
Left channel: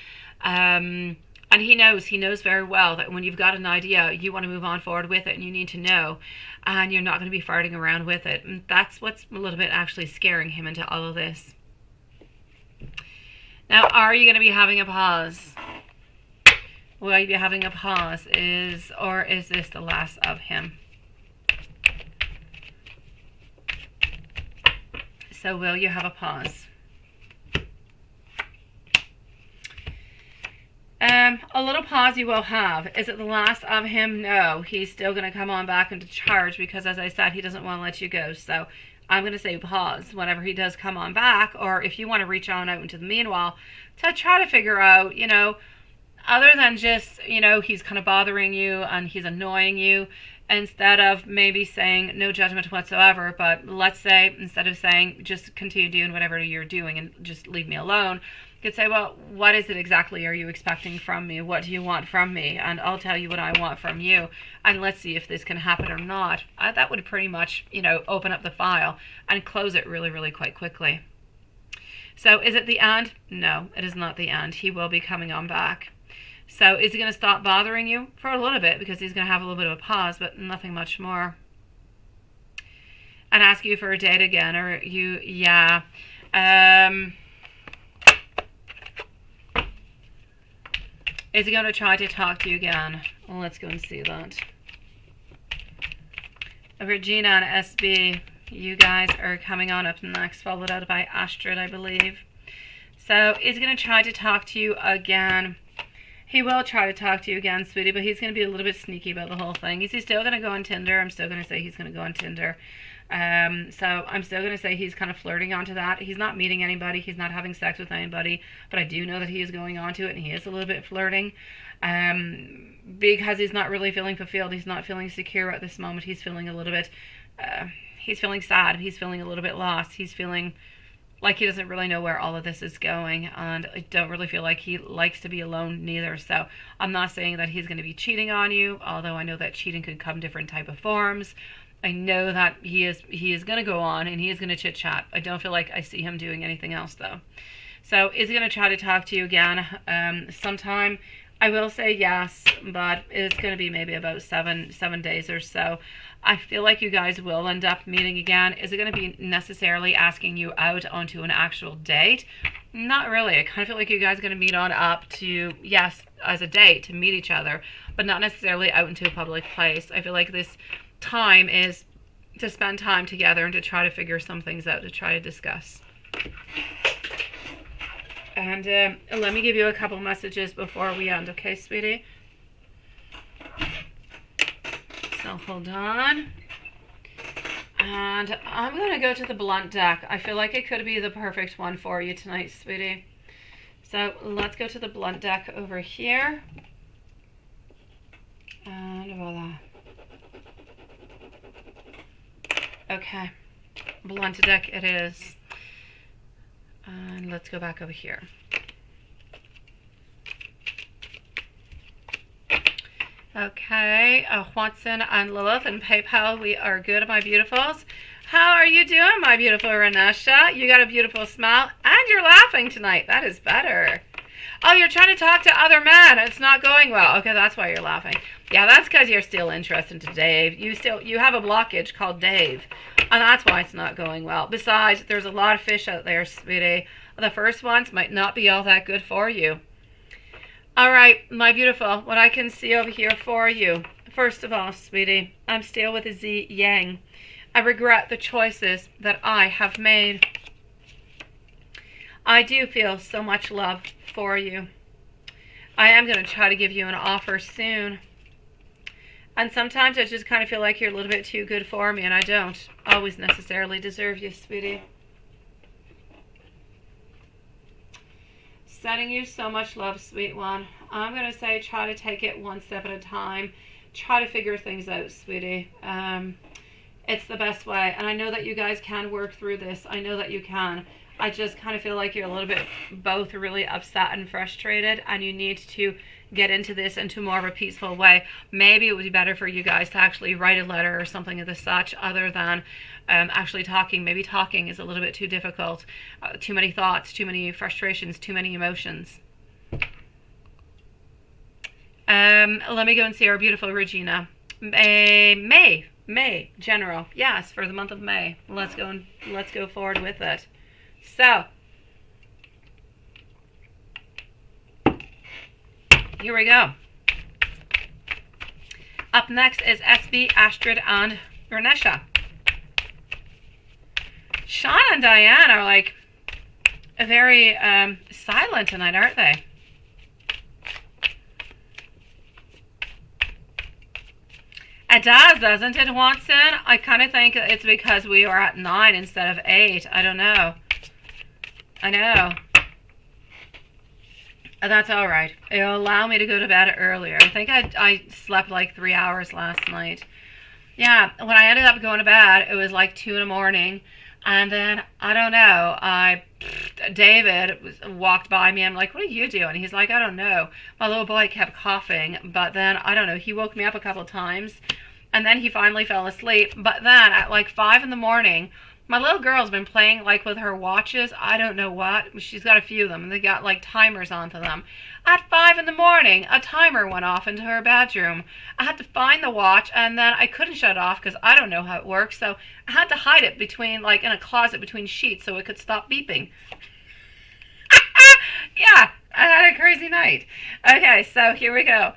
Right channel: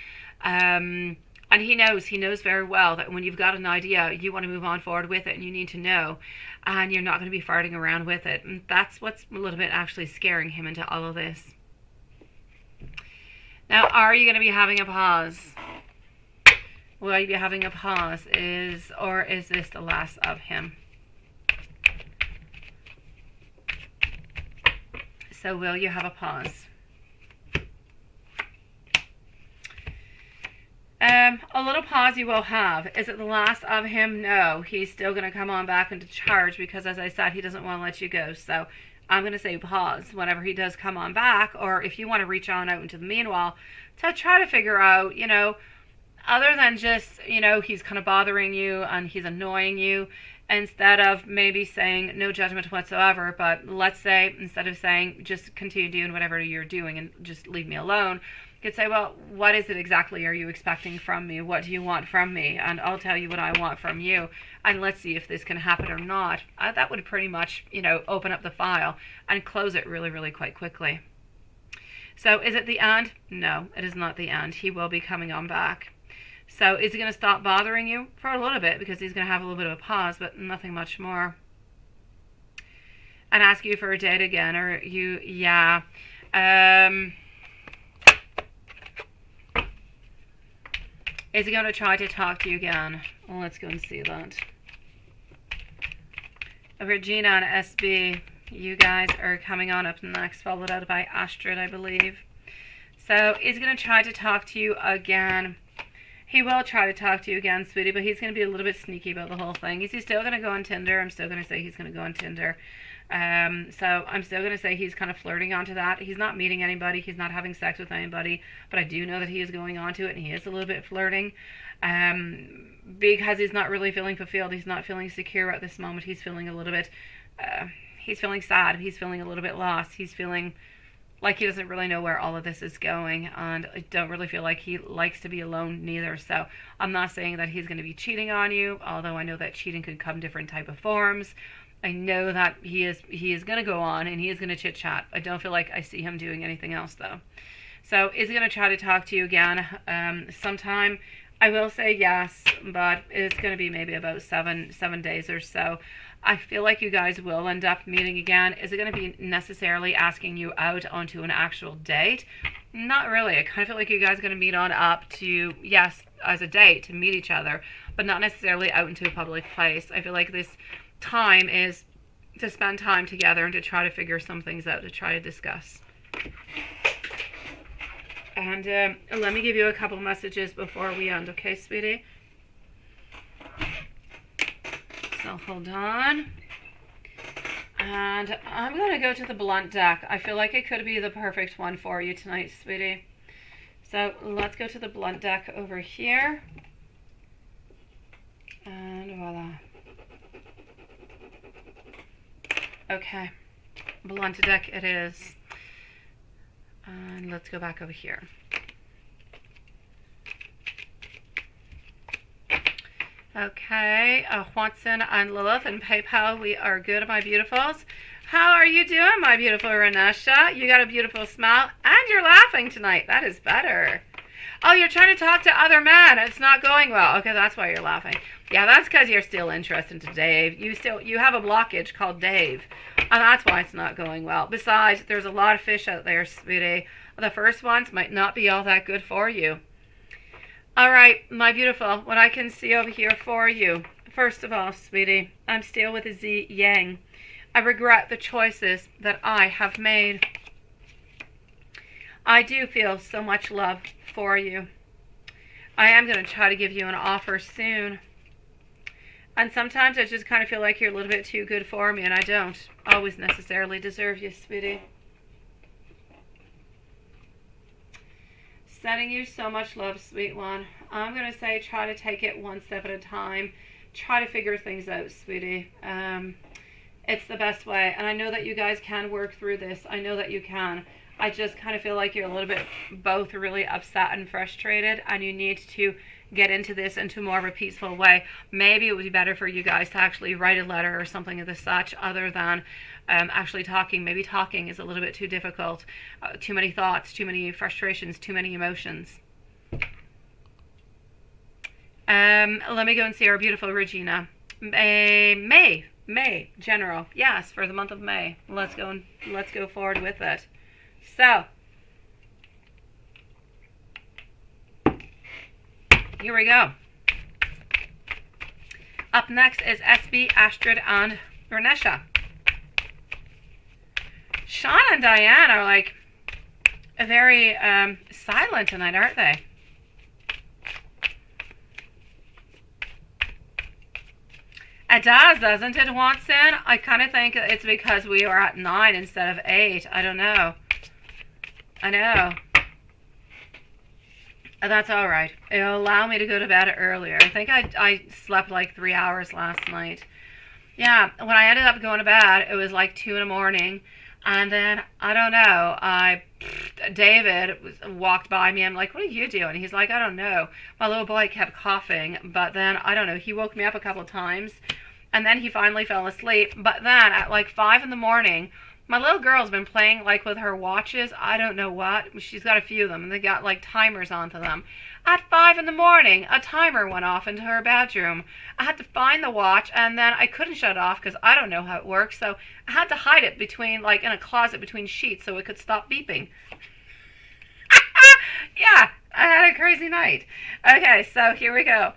And he knows very well that when you've got an idea, you want to move on forward with it, and you need to know, and you're not going to be farting around with it. And that's what's a little bit actually scaring him into all of this. Now, are you going to be having a pause? Will you be having a pause? Or is this the last of him? So will you have a pause? A little pause you will have. Is it the last of him? No. He's still going to come on back into charge because, as I said, he doesn't want to let you go. So I'm going to say pause whenever he does come on back, or if you want to reach on out into the meanwhile to try to figure out, other than just, he's kind of bothering you and he's annoying you, instead of maybe saying no judgment whatsoever, but let's say instead of saying just continue doing whatever you're doing and just leave me alone, you could say, well, what is it exactly are you expecting from me? What do you want from me? And I'll tell you what I want from you, and let's see if this can happen or not. That would pretty much, open up the file and close it really, really quite quickly. So is it the end? No, it is not the end. He will be coming on back. So is he going to stop bothering you? For a little bit, because he's going to have a little bit of a pause, but nothing much more. And ask you for a date again, or you, yeah. Is he going to try to talk to you again? Well, let's go and see that. Regina and SB, you guys are coming on up next, followed out by Astrid, I believe. So he's going to try to talk to you again. He will try to talk to you again, sweetie, but he's going to be a little bit sneaky about the whole thing. Is he still going to go on Tinder? I'm still going to say he's going to go on Tinder. So I'm still going to say he's kind of flirting onto that. He's not meeting anybody. He's not having sex with anybody. But I do know that he is going onto it, and he is a little bit flirting. Because he's not really feeling fulfilled. He's not feeling secure at this moment. He's feeling a little bit, he's feeling sad. He's feeling a little bit lost. He's feeling like he doesn't really know where all of this is going, and I don't really feel like he likes to be alone neither. So I'm not saying that he's going to be cheating on you, although I know that cheating could come different type of forms. I know that he is going to go on and he is going to chit chat. I don't feel like I see him doing anything else though. So is he going to try to talk to you again sometime? I will say yes, but it's going to be maybe about seven days or so. I feel like you guys will end up meeting again. Is it going to be necessarily asking you out onto an actual date? Not really. I kind of feel like you guys are going to meet on up to, yes, as a date, to meet each other, but not necessarily out into a public place. I feel like this time is to spend time together and to try to figure some things out, to try to discuss. And let me give you a couple messages before we end, okay, sweetie? So hold on. And I'm going to go to the blunt deck. I feel like it could be the perfect one for you tonight, sweetie. So let's go to the blunt deck over here. And voila. Okay. Blunt deck it is. And let's go back over here. Okay, Watson and Lilith and PayPal, we are good, my beautifuls. How are you doing, my beautiful Renesha? You got a beautiful smile, and you're laughing tonight. That is better. Oh, you're trying to talk to other men. It's not going well. Okay, that's why you're laughing. Yeah, that's because you're still interested in Dave. You have a blockage called Dave, and that's why it's not going well. Besides, there's a lot of fish out there, sweetie. The first ones might not be all that good for you. All right, my beautiful, what I can see over here for you. First of all, sweetie, I'm still with a Z Yang. I regret the choices that I have made. I do feel so much love for you. I am going to try to give you an offer soon. And sometimes I just kind of feel like you're a little bit too good for me, and I don't always necessarily deserve you, sweetie. Sending you so much love, sweet one. I'm going to say try to take it one step at a time. Try to figure things out, sweetie. It's the best way. And I know that you guys can work through this. I know that you can. I just kind of feel like you're a little bit both really upset and frustrated, and you need to get into this into more of a peaceful way. Maybe it would be better for you guys to actually write a letter or something of the such other than actually talking. Maybe talking is a little bit too difficult. Too many thoughts, too many frustrations, too many emotions. Let me go and see our beautiful Regina. May, general. Yes, for the month of May. Let's go forward with it. So, here we go. Up next is SB, Astrid, and Renesha. Sean and Diane are like very silent tonight, aren't they? It does, doesn't it, Watson? I kind of think it's because we are at 9 instead of 8. I don't know. I know. That's all right. It'll allow me to go to bed earlier. I think I slept like 3 hours last night. Yeah, when I ended up going to bed, it was like 2 in the morning. And then, I don't know, David walked by me. I'm like, what are you doing? He's like, I don't know. My little boy kept coughing. But then, I don't know, he woke me up a couple of times. And then he finally fell asleep. But then, at like 5 in the morning, my little girl's been playing like with her watches. I don't know what. She's got a few of them, and they got like timers onto them. At 5 in the morning, a timer went off into her bedroom. I had to find the watch, and then I couldn't shut it off because I don't know how it works. So I had to hide it between, like, in a closet between sheets so it could stop beeping. Yeah, I had a crazy night. Okay, so here we go.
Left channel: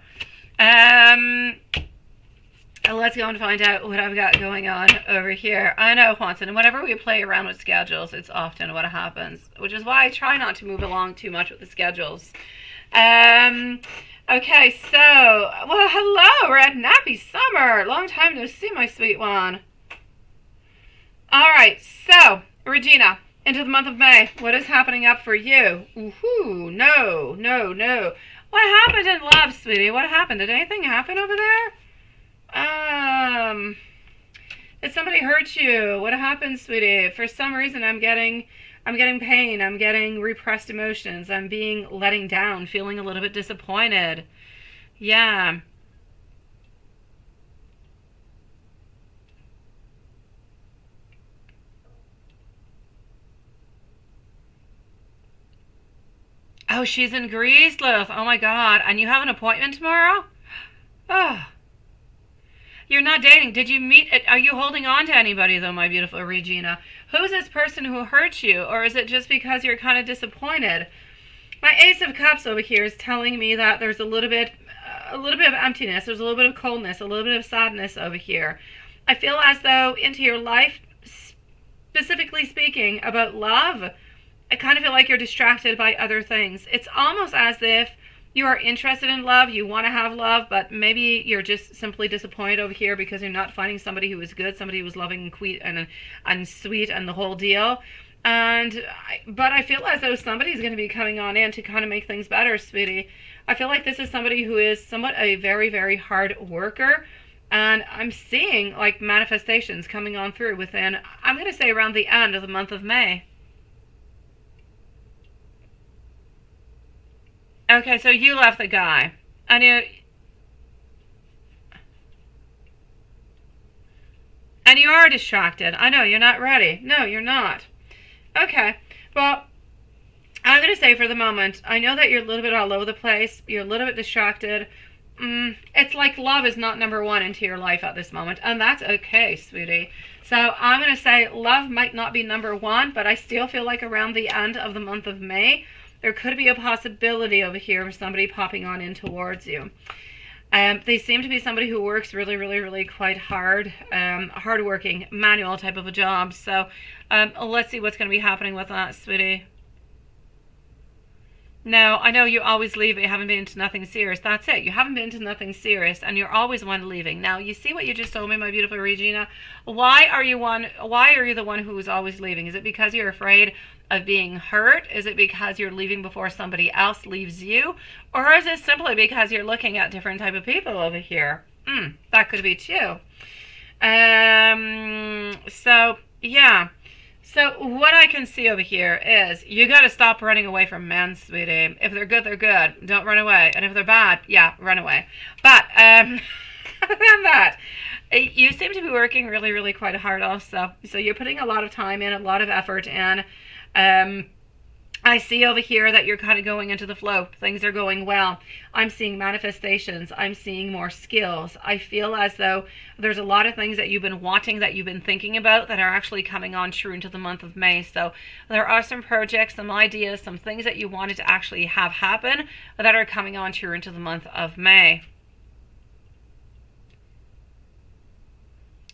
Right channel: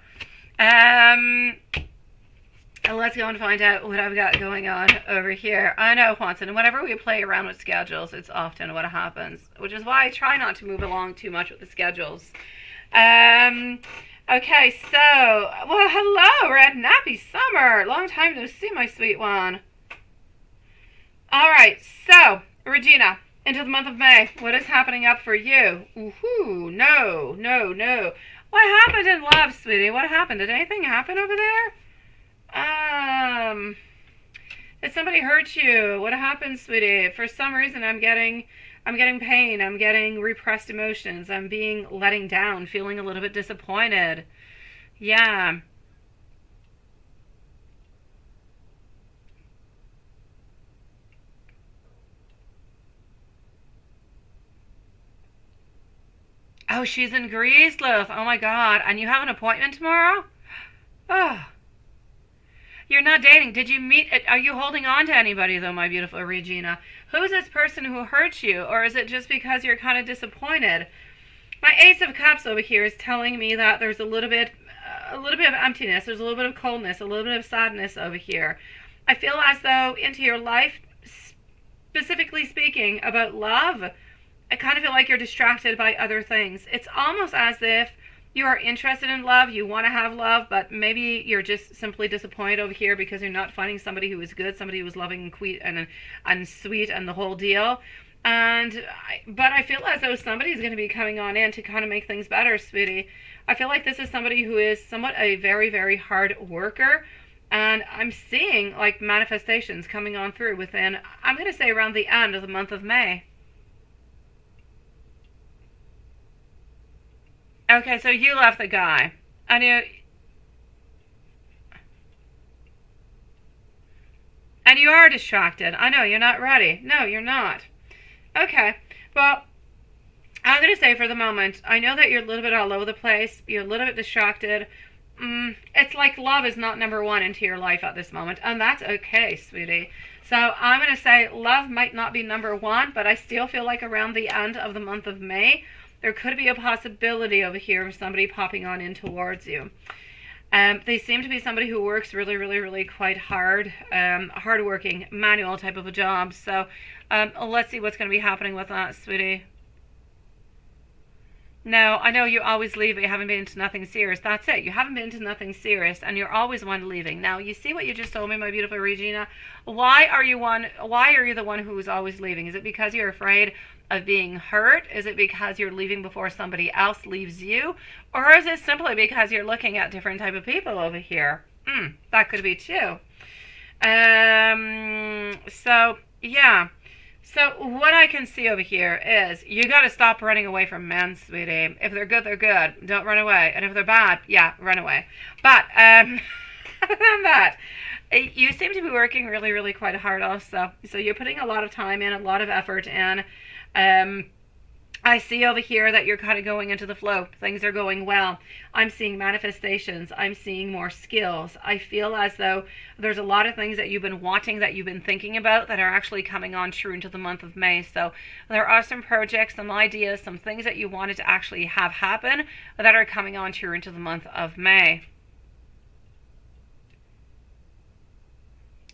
Let's go and find out what I've got going on over here. I know, Juanson, whenever we play around with schedules, it's often what happens, which is why I try not to move along too much with the schedules. Okay, so, well, hello, Red Nappy Summer. Long time no see, my sweet one. All right, so, Regina, into the month of May, what is happening up for you? Ooh, no, no, no. What happened in love, sweetie? What happened? Did anything happen over there? Did somebody hurt you? What happened, sweetie? For some reason, I'm getting pain. I'm getting repressed emotions. I'm being letting down, feeling a little bit disappointed. Yeah. Oh, she's in Greece, Lilith. Oh my God. And you have an appointment tomorrow? Oh. You're not dating. Did you meet? Are you holding on to anybody, though, my beautiful Regina? Who's this person who hurt you? Or is it just because you're kind of disappointed? My Ace of Cups over here is telling me that there's a little bit of emptiness. There's a little bit of coldness, a little bit of sadness over here. I feel as though into your life, specifically speaking about love, I kind of feel like you're distracted by other things. It's almost as if you are interested in love, you want to have love, but maybe you're just simply disappointed over here because you're not finding somebody who is good, somebody who is loving and sweet and the whole deal. But I feel as though somebody's going to be coming on in to kind of make things better, sweetie. I feel like this is somebody who is somewhat a very, very hard worker, and I'm seeing like manifestations coming on through within, I'm going to say around the end of the month of May. Okay, so you left the guy. And you are distracted. I know, you're not ready. No, you're not. Okay, well, I'm going to say for the moment, I know that you're a little bit all over the place. You're a little bit distracted. It's like love is not number one into your life at this moment, and that's okay, sweetie. So I'm going to say love might not be number one, but I still feel like around the end of the month of May, there could be a possibility over here of somebody popping on in towards you. They seem to be somebody who works really, really, really quite hard, hard-working, manual type of a job. So let's see what's going to be happening with that, sweetie. No, I know you always leave, but you haven't been into nothing serious. That's it. You haven't been into nothing serious, and you're always one leaving. Now, you see what you just told me, my beautiful Regina? Why are you the one who is always leaving? Is it because you're afraid of being hurt? Is it because you're leaving before somebody else leaves you? Or is it simply because you're looking at different type of people over here? That could be too. So, yeah. So what I can see over here is you got to stop running away from men, sweetie. If they're good, they're good. Don't run away. And if they're bad, yeah, run away. But other than that, you seem to be working really, really quite hard also. So you're putting a lot of time in, a lot of effort in. I see over here that you're kind of going into the flow. Things are going well. I'm seeing manifestations. I'm seeing more skills. I feel as though there's a lot of things that you've been wanting, that you've been thinking about, that are actually coming on true into the month of May. So there are some projects, some ideas, some things that you wanted to actually have happen that are coming on true into the month of May.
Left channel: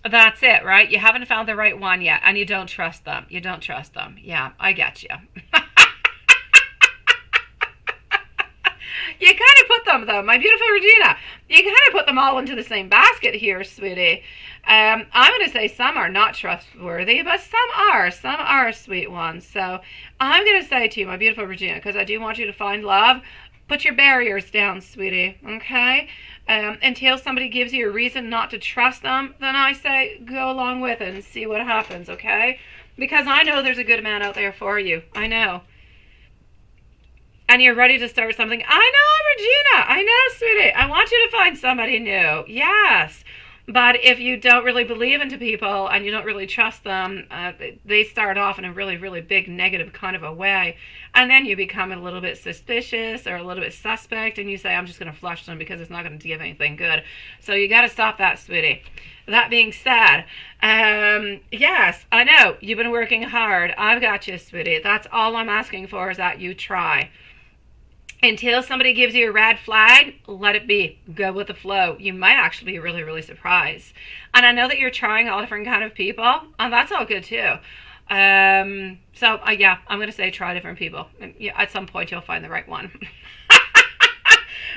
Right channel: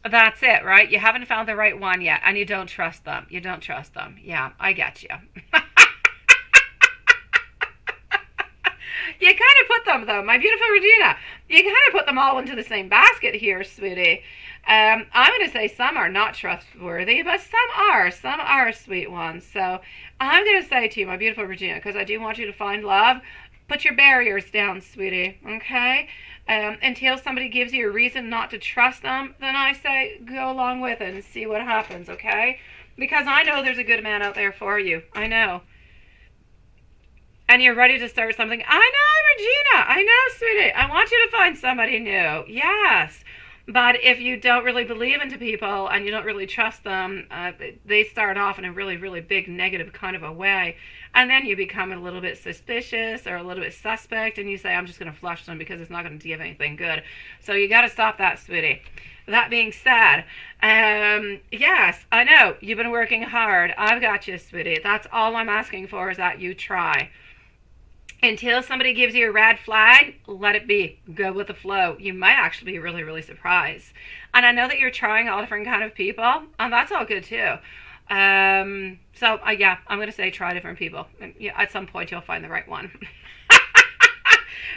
That's it, right? You haven't found the right one yet, and you don't trust them. You don't trust them. Yeah, I get you. You kind of put them, though, my beautiful Regina, you kind of put them all into the same basket here, sweetie. I'm going to say some are not trustworthy, but some are. Some are sweet ones. So I'm going to say to you, my beautiful Regina, because I do want you to find love, put your barriers down, sweetie, okay? Until somebody gives you a reason not to trust them, then I say go along with it and see what happens, okay? Because I know there's a good man out there for you. I know. And you're ready to start something. I know, Regina. I know, sweetie. I want you to find somebody new. Yes. But if you don't really believe into people and you don't really trust them, they start off in a really, really big negative kind of a way. And then you become a little bit suspicious or a little bit suspect, and you say, I'm just going to flush them because it's not going to give anything good. So you got to stop that, sweetie. That being said, yes, I know you've been working hard. I've got you, sweetie. That's all I'm asking for, is that you try. Until somebody gives you a red flag, let it be. Go with the flow. You might actually be really, really surprised. And I know that you're trying all different kind of people, and that's all good too. Yeah, I'm going to say try different people. And yeah, at some point you'll find the right one.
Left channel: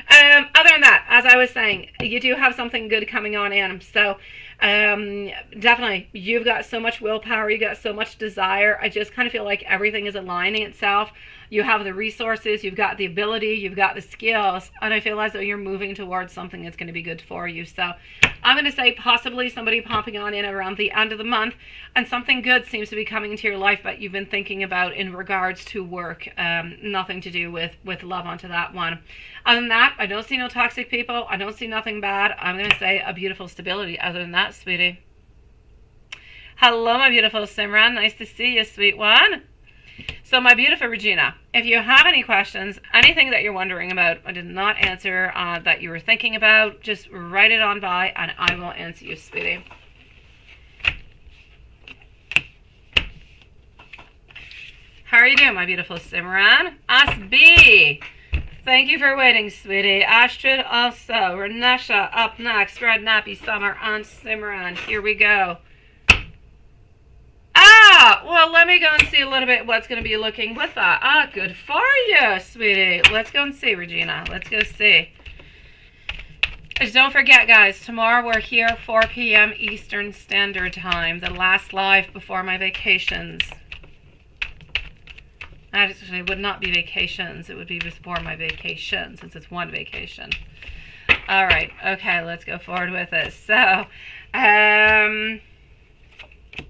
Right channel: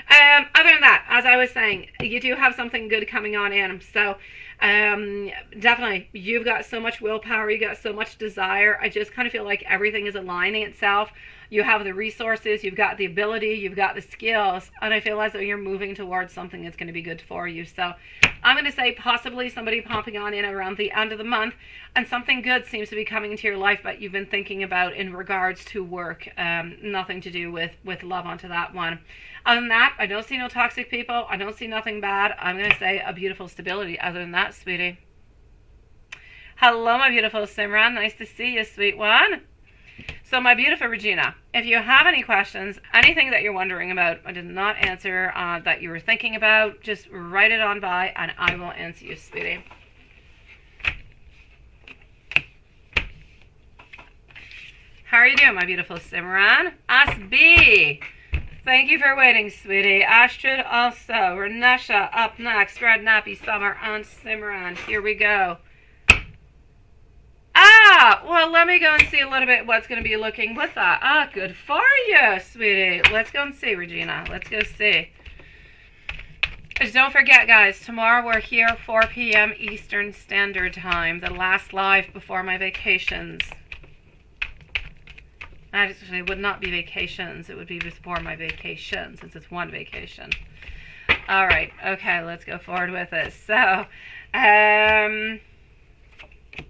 Other than that, as I was saying, you do have something good coming on in. So definitely, you've got so much willpower, you got so much desire. I just kind of feel like everything is aligning itself. You have the resources, you've got the ability, you've got the skills, and I feel as though you're moving towards something that's going to be good for you. So I'm going to say possibly somebody popping on in around the end of the month, and something good seems to be coming into your life that you've been thinking about in regards to work. Nothing to do with love onto that one. Other than that, I don't see no toxic people. I don't see nothing bad. I'm going to say a beautiful stability. Other than that, sweetie. Hello, my beautiful Simran. Nice to see you, sweet one. So, my beautiful Regina, if you have any questions, anything that you're wondering about, I did not answer that you were thinking about, just write it on by and I will answer you, sweetie. How are you doing, my beautiful Simran? SB. Thank you for waiting, sweetie. Astrid also. Renesha up next. Red Nappy, Summer, and Simran. Here we go. Well, let me go and see a little bit what's going to be looking with that. Good for you, sweetie. Let's go and see, Regina. Let's go see. Just don't forget, guys, tomorrow we're here 4 p.m. Eastern Standard Time. The last live before my vacations. Actually, it would not be vacations. It would be before my vacation, since it's one vacation. All right. Okay, let's go forward with it. So,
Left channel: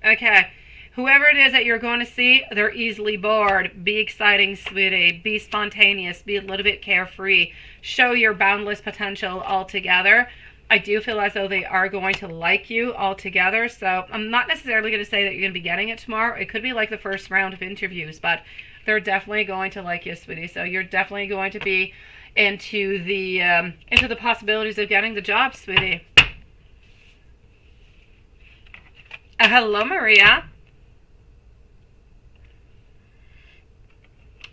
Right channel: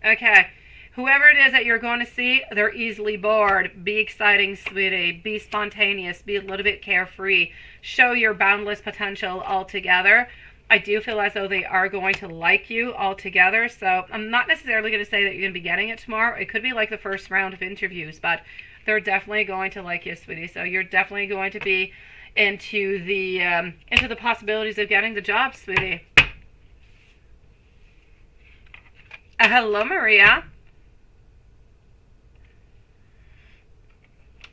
okay. Whoever it is that you're going to see, they're easily bored. Be exciting, sweetie. Be spontaneous. Be a little bit carefree. Show your boundless potential altogether. I do feel as though they are going to like you altogether. So I'm not necessarily going to say that you're going to be getting it tomorrow. It could be like the first round of interviews, but they're definitely going to like you, sweetie. So you're definitely going to be into the possibilities of getting the job, sweetie. Hello, Maria.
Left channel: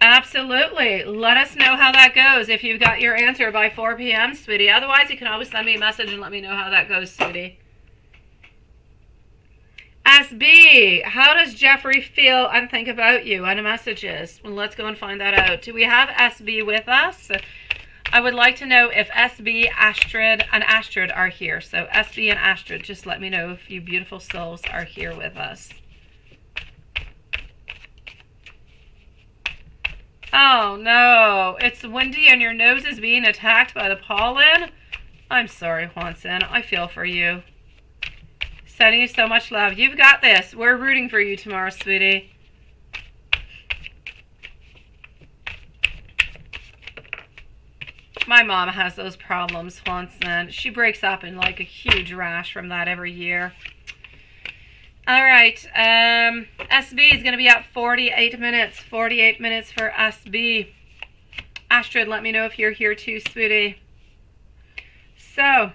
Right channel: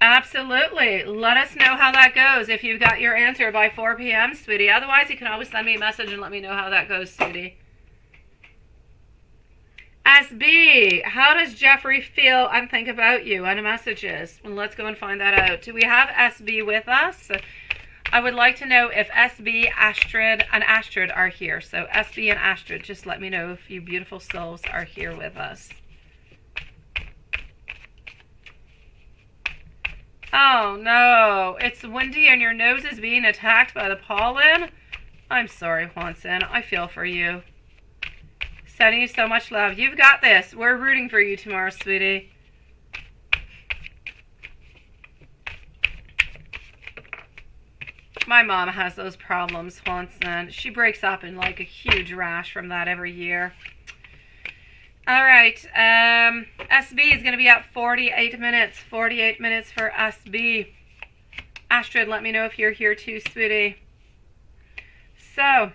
Absolutely. Let us know how that goes if you've got your answer by 4 p.m., sweetie. Otherwise, you can always send me a message and let me know how that goes, sweetie. SB, how does Jeffrey feel and think about you? And messages. Well, let's go and find that out. Do we have SB with us? I would like to know if SB, Astrid, and Astrid are here. So SB and Astrid, just let me know if you beautiful souls are here with us. Oh no, it's windy and your nose is being attacked by the pollen? I'm sorry, Juanson. I feel for you. Sending you so much love. You've got this. We're rooting for you tomorrow, sweetie. My mom has those problems, Juanson. She breaks up in like a huge rash from that every year. All right, SB is going to be at 48 minutes. 48 minutes for SB. Astrid, let me know if you're here too, sweetie. So,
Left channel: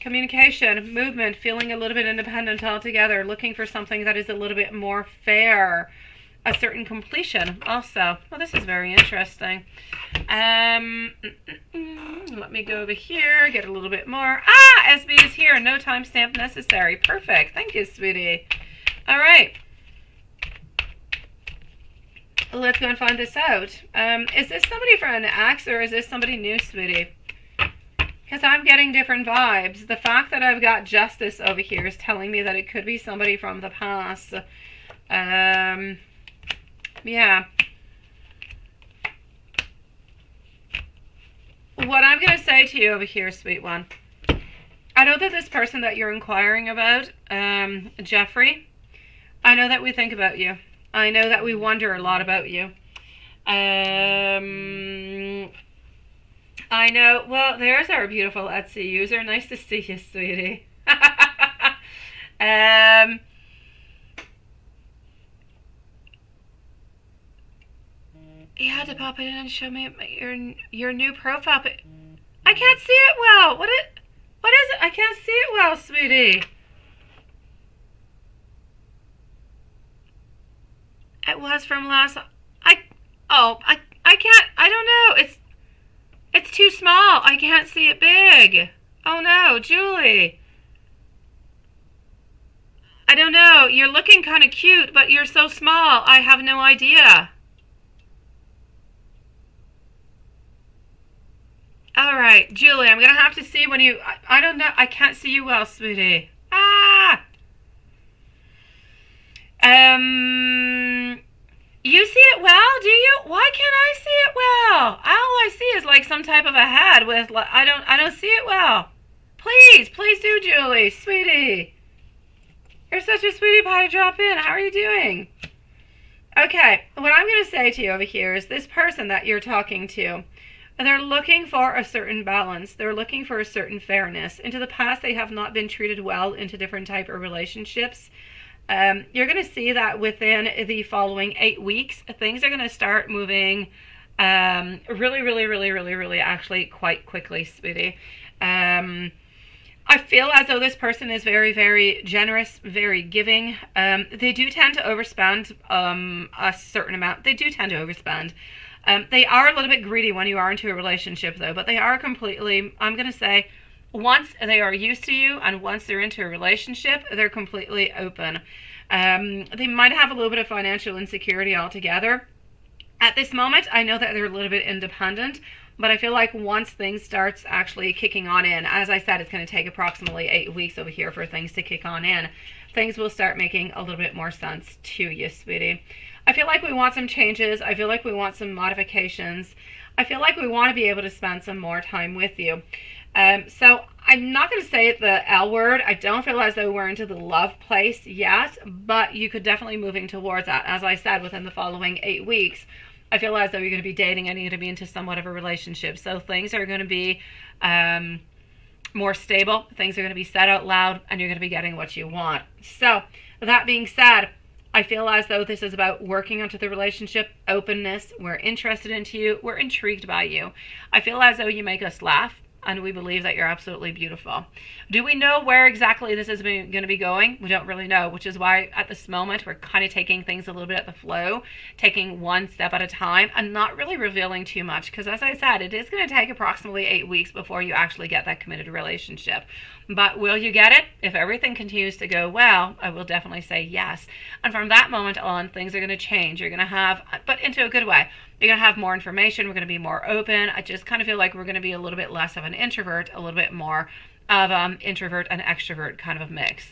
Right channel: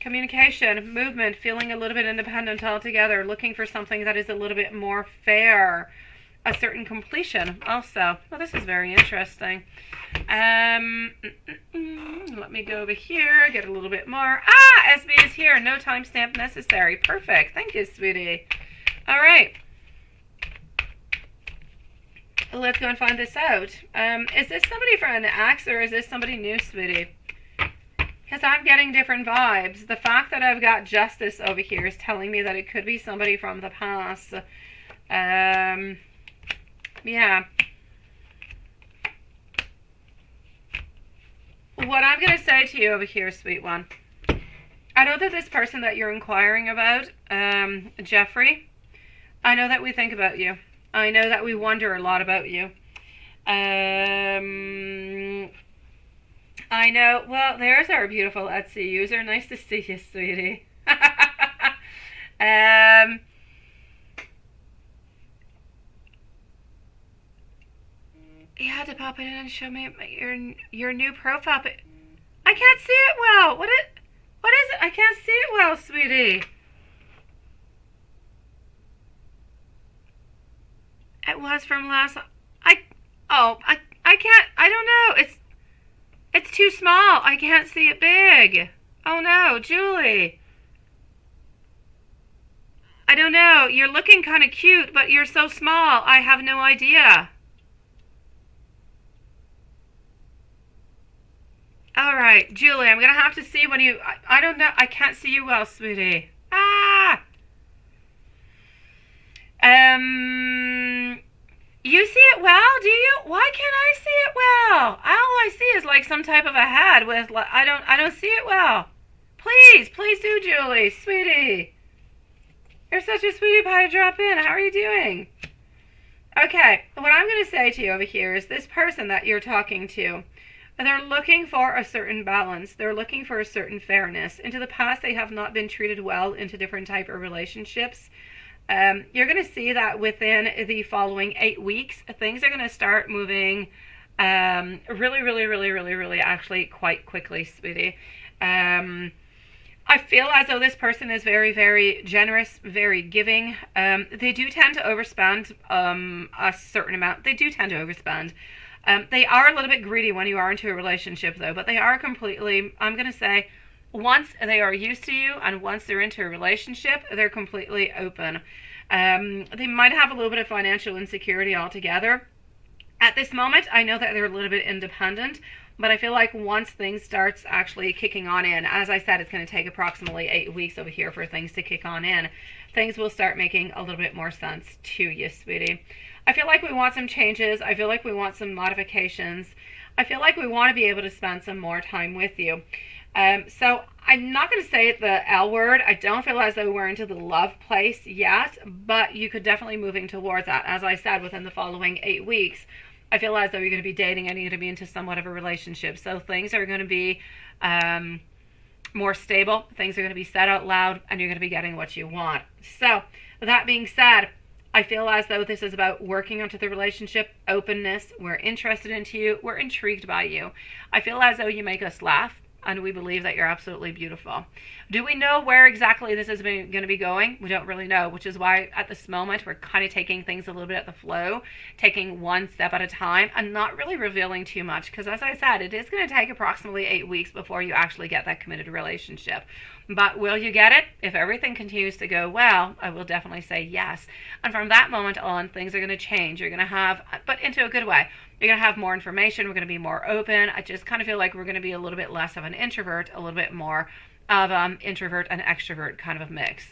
communication, movement, feeling a little bit independent altogether, looking for something that is a little bit more fair. A certain completion also. Well, this is very interesting. Let me go over here, get a little bit more. SB is here. No timestamp necessary. Perfect. Thank you, sweetie. All right. Let's go and find this out. Is this somebody from an ex or is this somebody new, sweetie? Because I'm getting different vibes. The fact that I've got justice over here is telling me that it could be somebody from the past. Yeah. What I'm going to say to you over here, sweet one, I know that this person that you're inquiring about, Jeffrey, I know that we think about you. I know that we wonder a lot about you. I know, well, there's our beautiful Etsy user. Nice to see you, sweetie. You had to pop it in and show me your new profile, but I can't see it well. What is it? I can't see it well, sweetie. It was from last. I I don't know. It's too small. I can't see it big. Oh no, Julie. I don't know. You're looking kind of cute, but you're so small. I have no idea. All right, Julie, I'm going to have to see when you... I don't know. I can't see you well, sweetie. Ah! You see it well, do you? Why can't I see it well? All I see is like some type of a head with... I don't see it well. Please do, Julie. Sweetie. You're such a sweetie pie to drop in. How are you doing? Okay, what I'm going to say to you over here is this person that you're talking to, they're looking for a certain balance. They're looking for a certain fairness. Into the past, they have not been treated well into different type of relationships. You're going to see that within the following 8 weeks, things are going to start moving really actually quite quickly, sweetie. I feel as though this person is very generous, very giving. They do tend to overspend a certain amount. They do tend to overspend. They are a little bit greedy when you are into a relationship, though, but they are completely, I'm going to say, once they are used to you and once they're into a relationship, they're completely open. They might have a little bit of financial insecurity altogether. At this moment, I know that they're a little bit independent, but I feel like once things starts actually kicking on in, as I said, it's going to take approximately 8 weeks over here for things to kick on in. Things will start making a little bit more sense to you, sweetie. I feel like we want some changes. I feel like we want some modifications. I feel like we want to be able to spend some more time with you. So I'm not going to say the L word. I don't feel as though we're into the love place yet, but you could definitely moving towards that. As I said, within the following 8 weeks, I feel as though you're going to be dating and you're going to be into somewhat of a relationship. So things are going to be more stable. Things are going to be said out loud and you're going to be getting what you want. So that being said, I feel as though this is about working onto the relationship, openness. We're interested into you. We're intrigued by you. I feel as though you make us laugh and we believe that you're absolutely beautiful. Do we know where exactly this is going to be going? We don't really know, which is why at this moment we're kind of taking things a little bit at the flow, taking one step at a time and not really revealing too much because, as I said, it is going to take approximately 8 weeks before you actually get that committed relationship. But will you get it? If everything continues to go well, I will definitely say yes. And from that moment on, things are going to change. You're going to have, but into a good way, you're going to have more information. We're going to be more open. I just kind of feel like we're going to be a little bit less of an introvert, a little bit more of introvert and extrovert kind of a mix.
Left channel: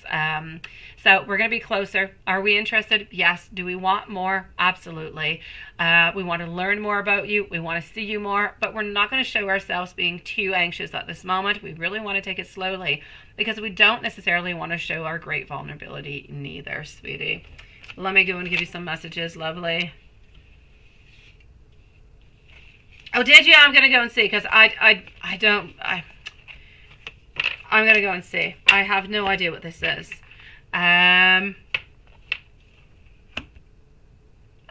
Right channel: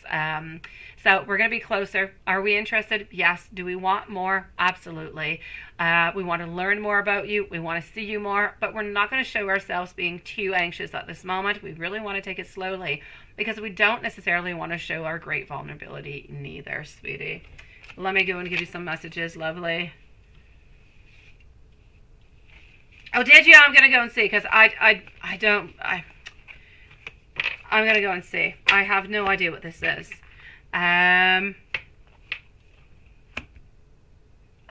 So we're going to be closer. Are we interested? Yes. Do we want more? Absolutely. We want to learn more about you. We want to see you more, but we're not going to show ourselves being too anxious at this moment. We really want to take it slowly because we don't necessarily want to show our great vulnerability neither, sweetie. Let me go and give you some messages, lovely. Oh, did you? I'm going to go and see because I'm going to go and see. I have no idea what this is. Oh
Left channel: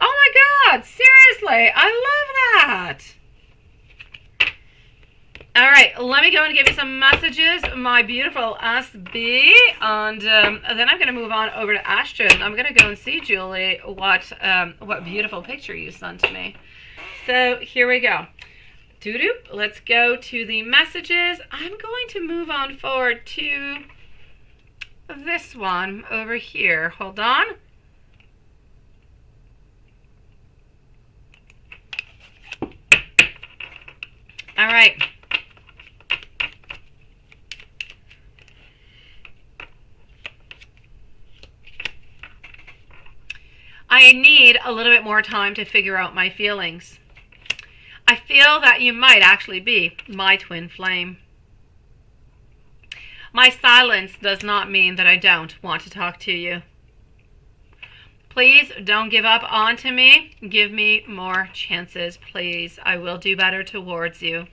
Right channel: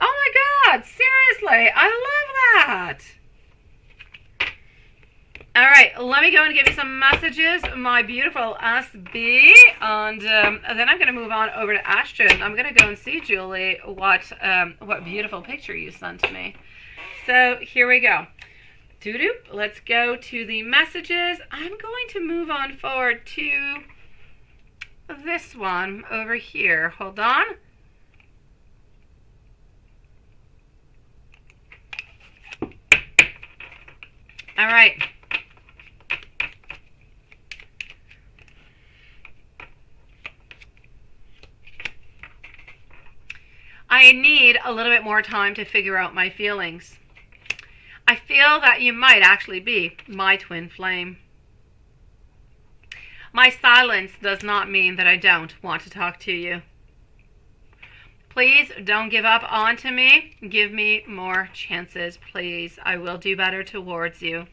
my God, seriously, I love that. All right, let me go and give you some messages, my beautiful SB, and then I'm going to move on over to Ashton. I'm going to go and see, Julie, what beautiful picture you sent to me. So here we go. Doo-doo. Let's go to the messages. I'm going to move on forward to this one over here. Hold on. All right. I need a little bit more time to figure out my feelings. I feel that you might actually be my twin flame. My silence does not mean that I don't want to talk to you. Please don't give up on to me. Give me more chances, please. I will do better towards you.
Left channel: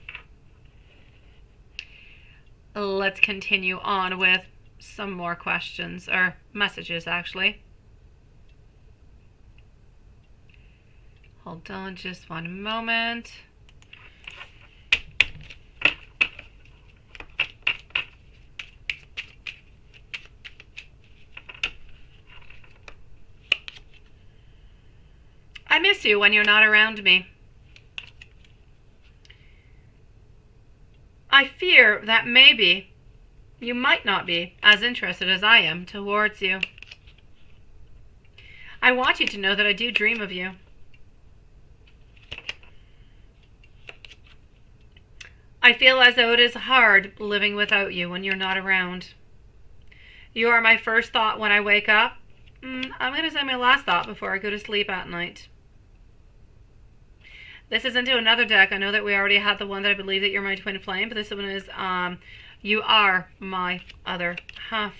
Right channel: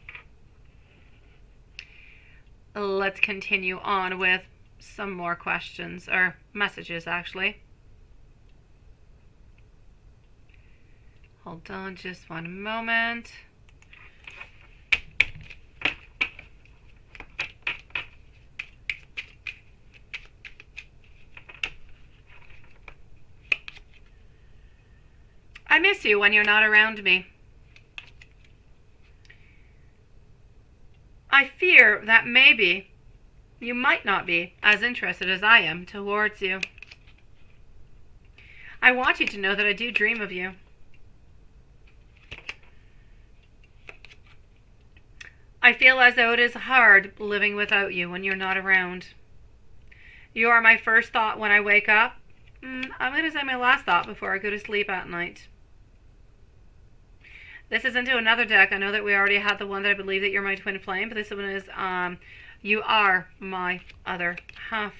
Let's continue on with some more questions, or messages actually. Hold on just one moment. I miss you when you're not around me. I fear that maybe you might not be as interested as I am towards you. I want you to know that I do dream of you. I feel as though it is hard living without you when you're not around. You are my first thought when I wake up. I'm going to say my last thought before I go to sleep at night. This is into another deck. I know that we already had the one that I believe that you're my twin flame, but this one is you are my other half.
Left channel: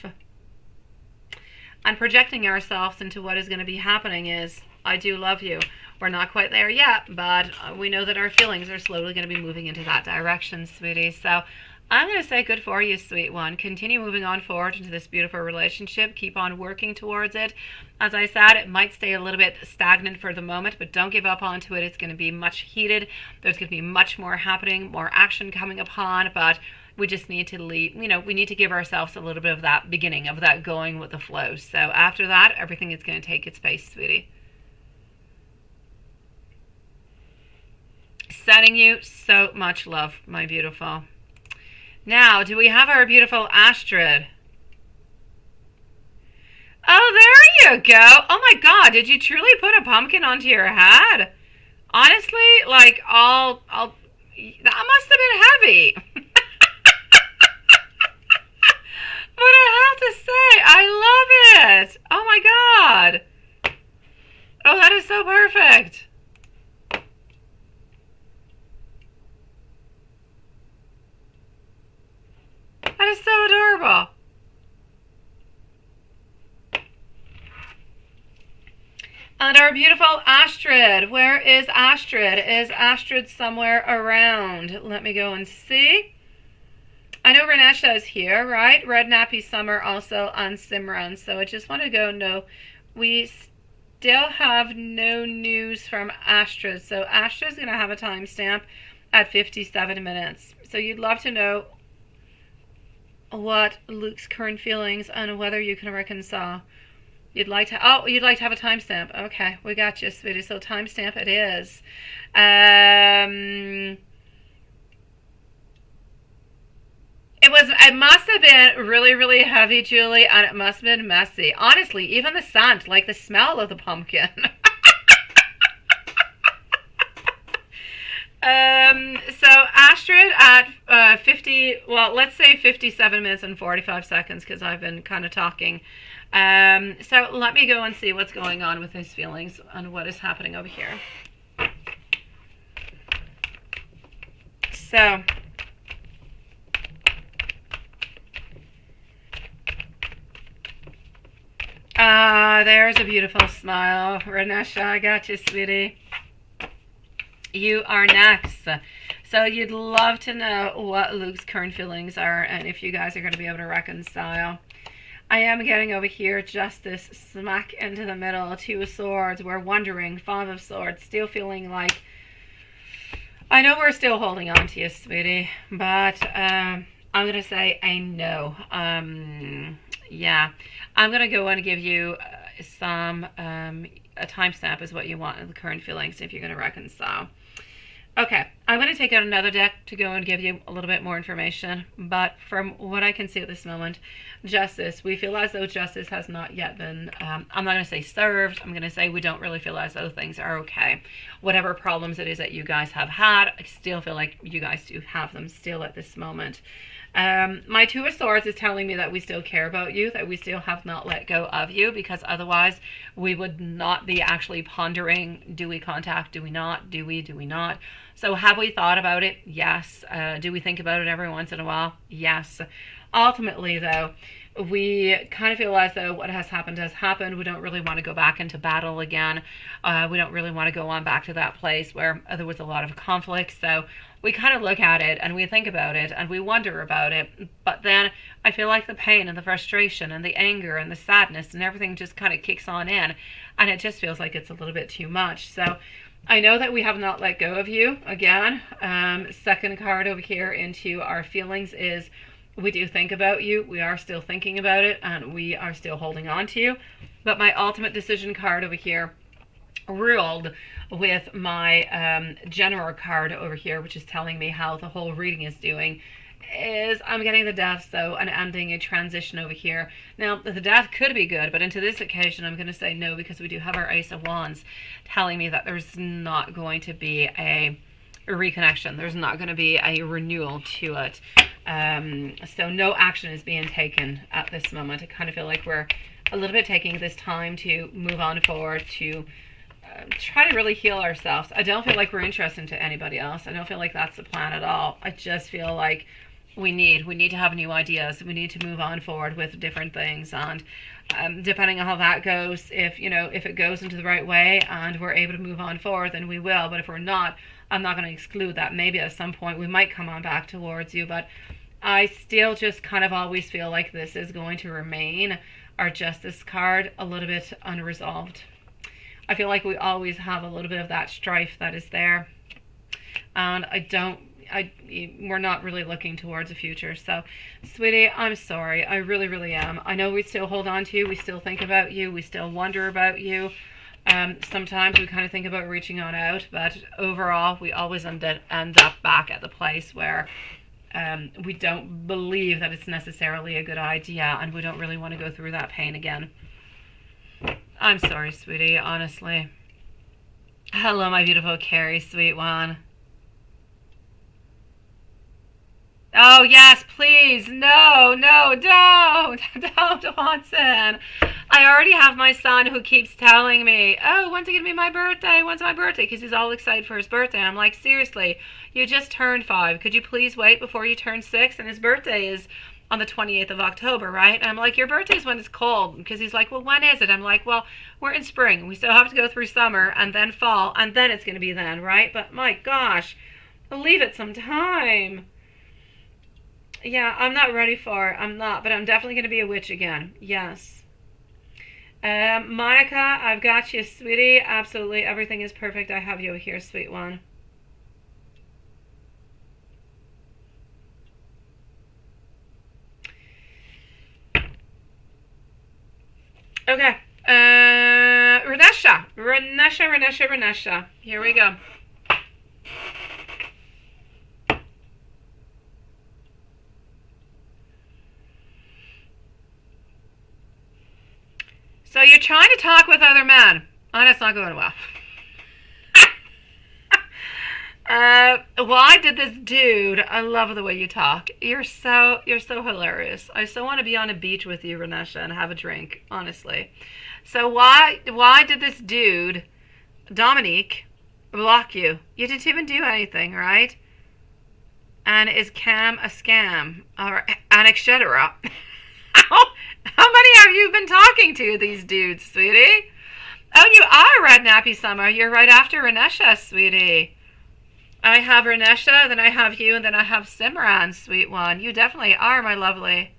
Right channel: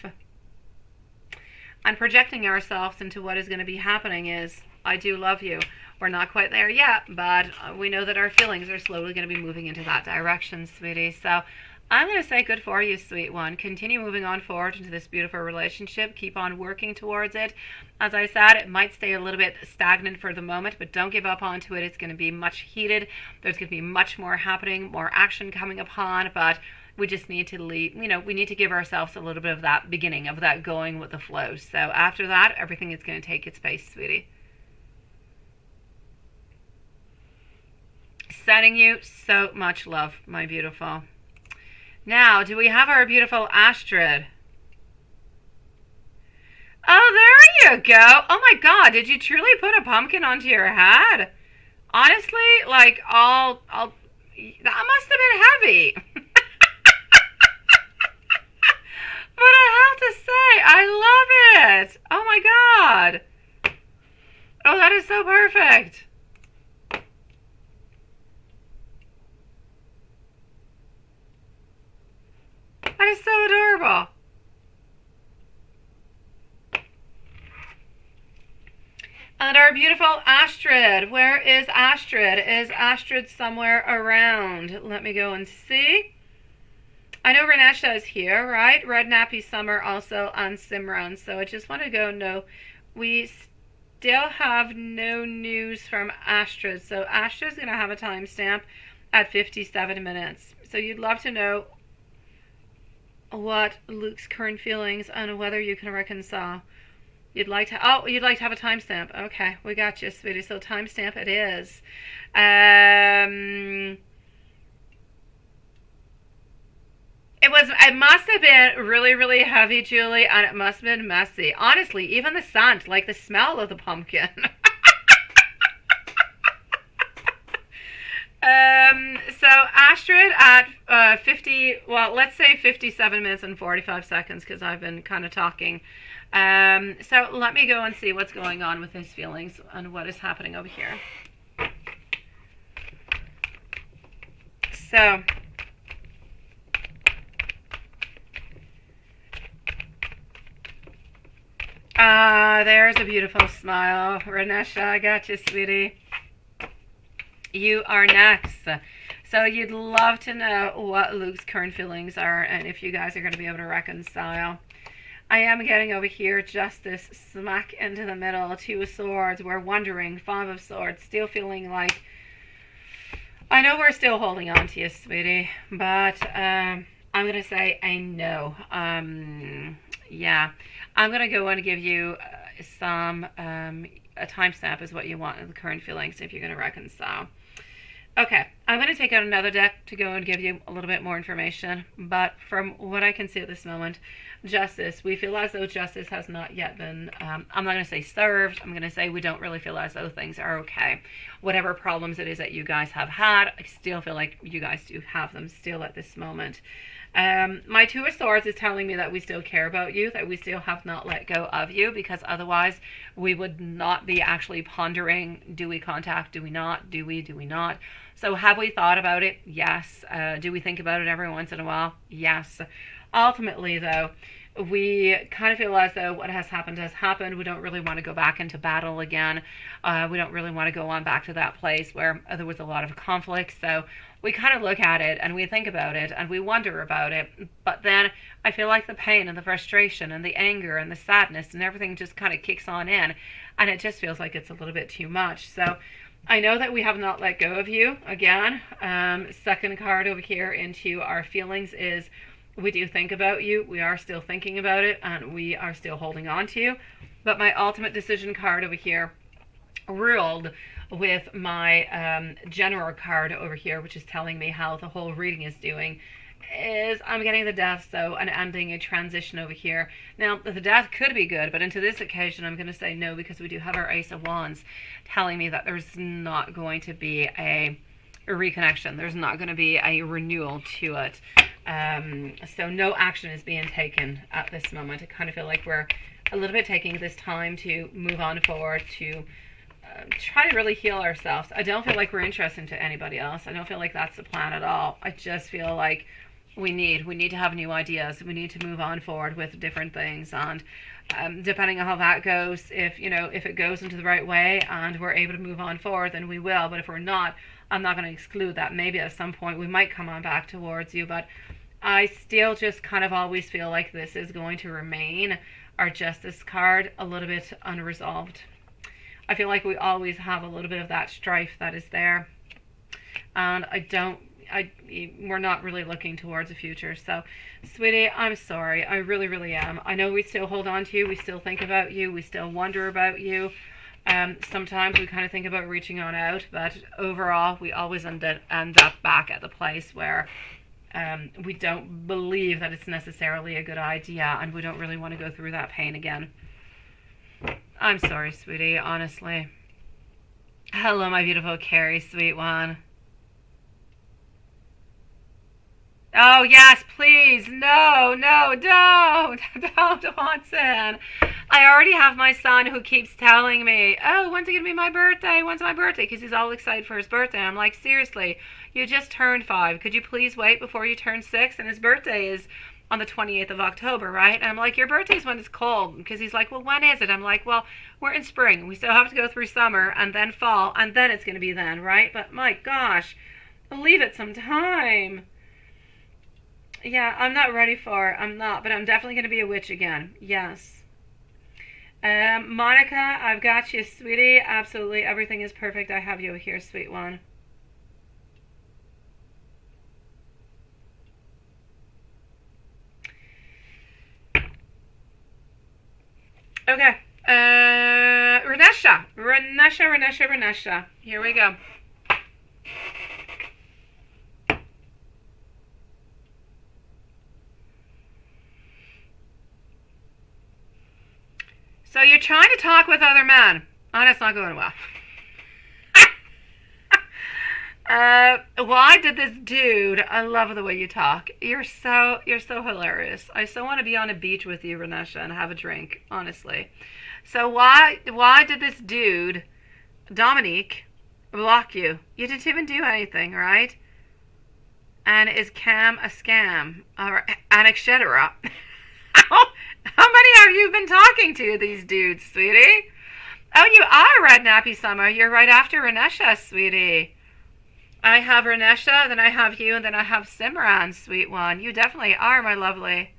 And projecting ourselves into what is going to be happening is, I do love you. We're not quite there yet, but we know that our feelings are slowly going to be moving into that direction, sweetie. So I'm going to say good for you, sweet one. Continue moving on forward into this beautiful relationship. Keep on working towards it. As I said, it might stay a little bit stagnant for the moment, but don't give up onto it. It's going to be much heated. There's going to be much more happening, more action coming upon, but we just need to lead, we need to give ourselves a little bit of that beginning, of that going with the flow. So after that, everything is going to take its pace, sweetie. Sending you so much love, my beautiful. Now, do we have our beautiful Astrid? Oh, there you go. Oh my God, did you truly put a pumpkin onto your head? Honestly, like, that must have been heavy. But I have to say, I love it. Oh my God. Oh, that is so perfect. That is so adorable. And our beautiful Astrid. Where is Astrid? Is Astrid somewhere around? Let me go and see. I know Renesha is here, right? Red Nappy Summer also on Simran. So I just want to go, no, we still have no news from Astrid. So Astrid's going to have a timestamp at 57 minutes. So you'd love to know what Luke's current feelings and whether you can reconcile. You'd like to have a timestamp. Okay, we got you, sweetie. So timestamp it is. It must have been really, really heavy, Julie, and it must have been messy. Honestly, even the scent, like the smell of the pumpkin. So Astrid at 50, well, let's say 57 minutes and 45 seconds, because I've been kind of talking. So let me go and see what's going on with his feelings and what is happening over here. So there's a beautiful smile. Renesha, I got you, sweetie. You are next. So you'd love to know what Luke's current feelings are and if you guys are going to be able to reconcile. I am getting over here justice smack into the middle. Two of Swords. We're wondering. Five of Swords. Still feeling like, I know we're still holding on to you, sweetie, but I'm going to say a no. Yeah. I'm going to go and give you a timestamp is what you want in the current feelings if you're going to reconcile. Okay, I'm going to take out another deck to go and give you a little bit more information, but from what I can see at this moment, justice, we feel as though justice has not yet been, I'm not going to say served, I'm going to say we don't really feel as though things are okay. Whatever problems it is that you guys have had, I still feel like you guys do have them still at this moment. My Two of Swords is telling me that we still care about you, that we still have not let go of you, because otherwise we would not be actually pondering, do we contact, do we not, do we not? So have we thought about it? Yes. Do we think about it every once in a while? Yes. Ultimately, though, we kind of feel as though what has happened. We don't really want to go back into battle again. We don't really want to go on back to that place where there was a lot of conflict. So we kind of look at it and we think about it and we wonder about it. But then I feel like the pain and the frustration and the anger and the sadness and everything just kind of kicks on in. And it just feels like it's a little bit too much. So I know that we have not let go of you. Again, second card over here into our feelings is we do think about you. We are still thinking about it and we are still holding on to you. But my ultimate decision card over here, ruled with my general card over here, which is telling me how the whole reading is doing, is I'm getting the death, so an ending, a transition over here. Now, the death could be good, but into this occasion, I'm going to say no, because we do have our Ace of Wands telling me that there's not going to be a reconnection. There's not going to be a renewal to it. So no action is being taken at this moment. I kind of feel like we're a little bit taking this time to move on forward, to try to really heal ourselves. I don't feel like we're interested to anybody else. I don't feel like that's the plan at all. I just feel like we need to have new ideas. We need to move on forward with different things, and depending on how that goes, if it goes into the right way and we're able to move on forward, then we will. But if we're not, I'm not going to exclude that maybe at some point we might come on back towards you. But I still just kind of always feel like this is going to remain our Justice card a little bit unresolved. I feel like we always have a little bit of that strife that is there, and we're not really looking towards the future. So, sweetie, I'm sorry. I really, really am. I know we still hold on to you. We still think about you. We still wonder about you. Sometimes we kind of think about reaching on out, but overall, we always end up back at the place where we don't believe that it's necessarily a good idea, and we don't really want to go through that pain again. I'm sorry, sweetie, honestly. Hello, my beautiful Carrie, sweet one. Oh, yes, please. No, don't. Don't, Watson. I already have my son who keeps telling me, oh, when's it going to be my birthday? When's my birthday? Because he's all excited for his birthday. I'm like, seriously, you just turned 5. Could you please wait before you turn 6? And his birthday is on the 28th of October, right? And I'm like, your birthday's when it's cold. Because he's like, well, when is it? I'm like, well, we're in spring. We still have to go through summer and then fall, and then it's going to be then, right? But my gosh, leave it some time. Yeah, I'm not ready for it. I'm not, but I'm definitely going to be a witch again. Yes. Monica, I've got you, sweetie. Absolutely. Everything is perfect. I have you here, sweet one. Okay. Renesha. Here we go. So you're trying to talk with other men, and it's not going well. Why did this dude? I love the way you talk. You're so hilarious. I so want to be on a beach with you, Renesha, and have a drink. Honestly. So why did this dude, Dominique, block you? You didn't even do anything, right? And is Cam a scam or an etc.? How many have you been talking to, these dudes, sweetie? Oh, you are Red Nappy Summer. You're right after Renesha, sweetie. I have Renesha, then I have you, and then I have Simran, sweet one. You definitely are, my lovely.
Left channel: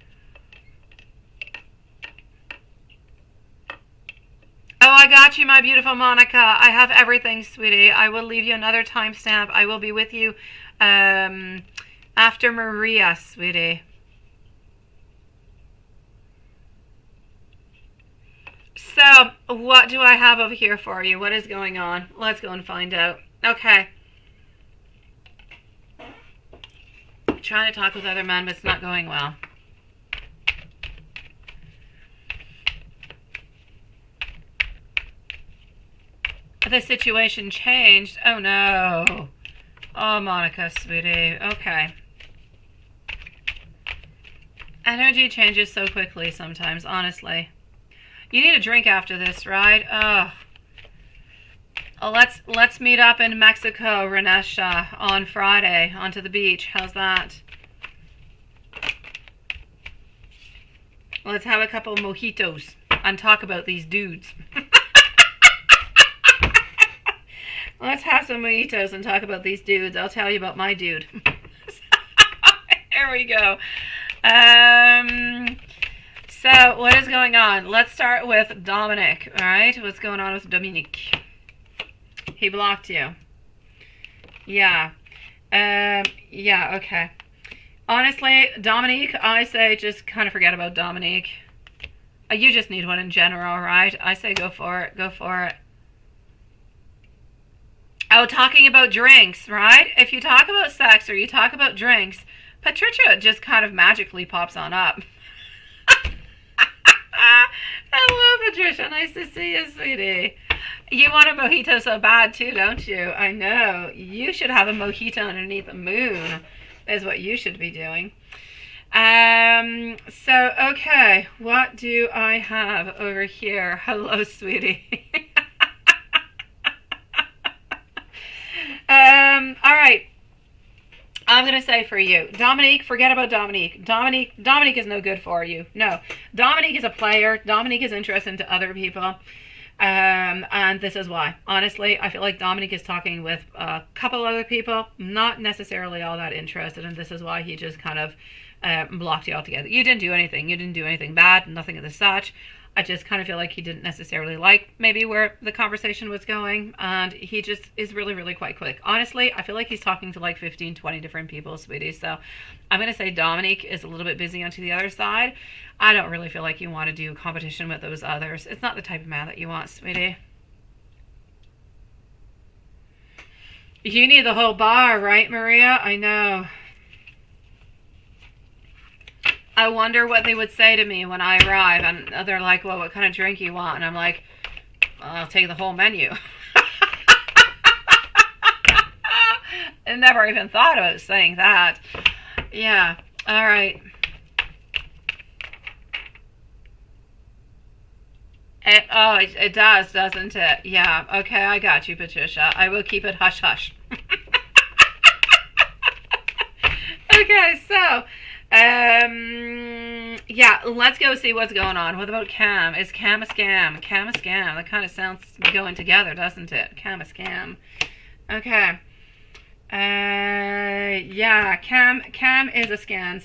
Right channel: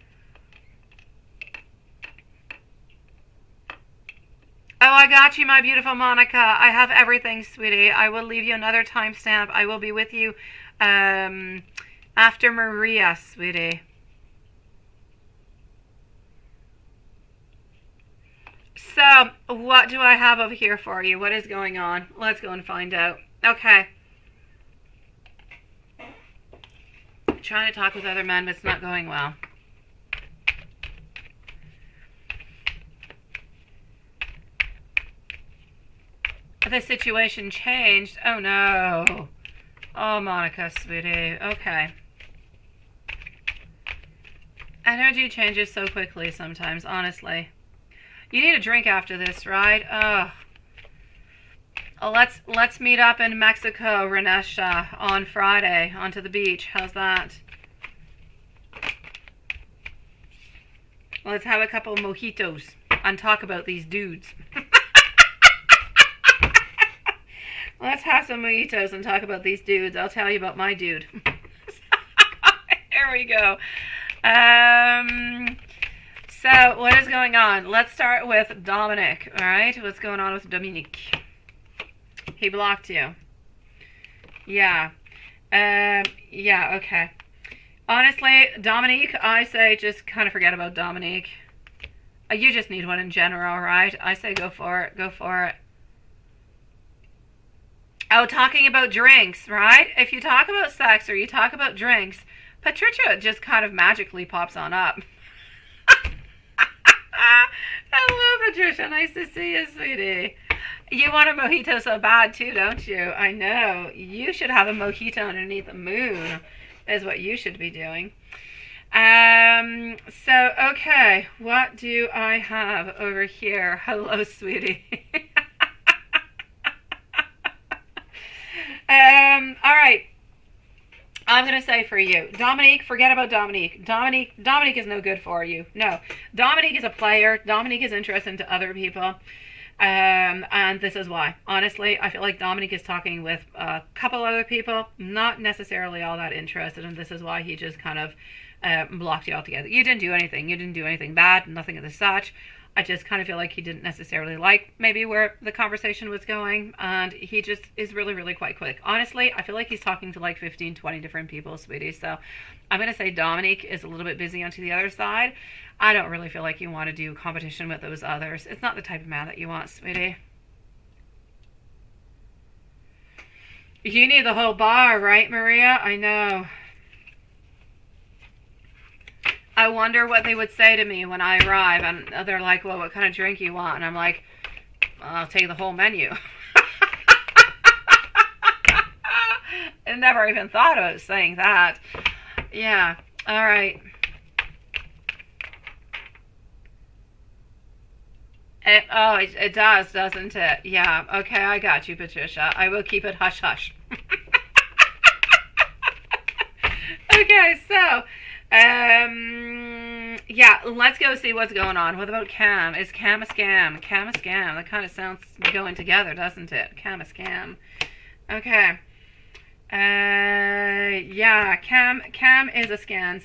Oh, I got you, my beautiful Monica. I have everything, sweetie. I will leave you another timestamp. I will be with you after Maria, sweetie. So, what do I have over here for you? What is going on? Let's go and find out. Okay. Trying to talk with other men, but it's not going well. The situation changed. Oh, no. Oh, Monica, sweetie. Okay. Energy changes so quickly sometimes, honestly. You need a drink after this, right? Oh, let's meet up in Mexico, Renesha, on Friday, onto the beach. How's that? Let's have a couple of mojitos and talk about these dudes. Let's have some mojitos and talk about these dudes. I'll tell you about my dude. Here we go. So, what is going on? Let's start with Dominic, all right? What's going on with Dominic? He blocked you. Yeah. Yeah, okay. Honestly, Dominique, I say just kind of forget about Dominique. You just need one in general, right? I say go for it. Go for it. Oh, talking about drinks, right? If you talk about sex or you talk about drinks, Patricia just kind of magically pops on up. Hello, Patricia. Nice to see you, sweetie. You want a mojito so bad too, don't you? I know. You should have a mojito underneath the moon, is what you should be doing. So, okay. What do I have over here? Hello, sweetie. All right. I'm going to say for you, Dominique, forget about Dominique. Dominique is no good for you. No. Dominique is a player. Dominique is interested into other people. And this is why. Honestly, I feel like Dominique is talking with a couple other people, not necessarily all that interested, and this is why he just kind of blocked you altogether. You didn't do anything. You didn't do anything bad, nothing of the such. I just kind of feel like he didn't necessarily like maybe where the conversation was going, and he just is really, really quite quick. Honestly, I feel like he's talking to like 15, 20 different people, sweetie. So I'm going to say Dominique is a little bit busy onto the other side. I don't really feel like you want to do competition with those others. It's not the type of man that you want, sweetie. You need the whole bar, right, Maria? I know. I wonder what they would say to me when I arrive, and they're like, well, what kind of drink you want? And I'm like, well, I'll take the whole menu. I never even thought about saying that. Yeah, all right. It does, doesn't it? Yeah, okay, I got you, Patricia. I will keep it hush-hush. Okay, so... yeah, let's go see what's going on. What about Cam? Is Cam a scam? Cam a scam. That kind of sounds going together, doesn't it? Cam a scam. Okay. Yeah, Cam is a scam.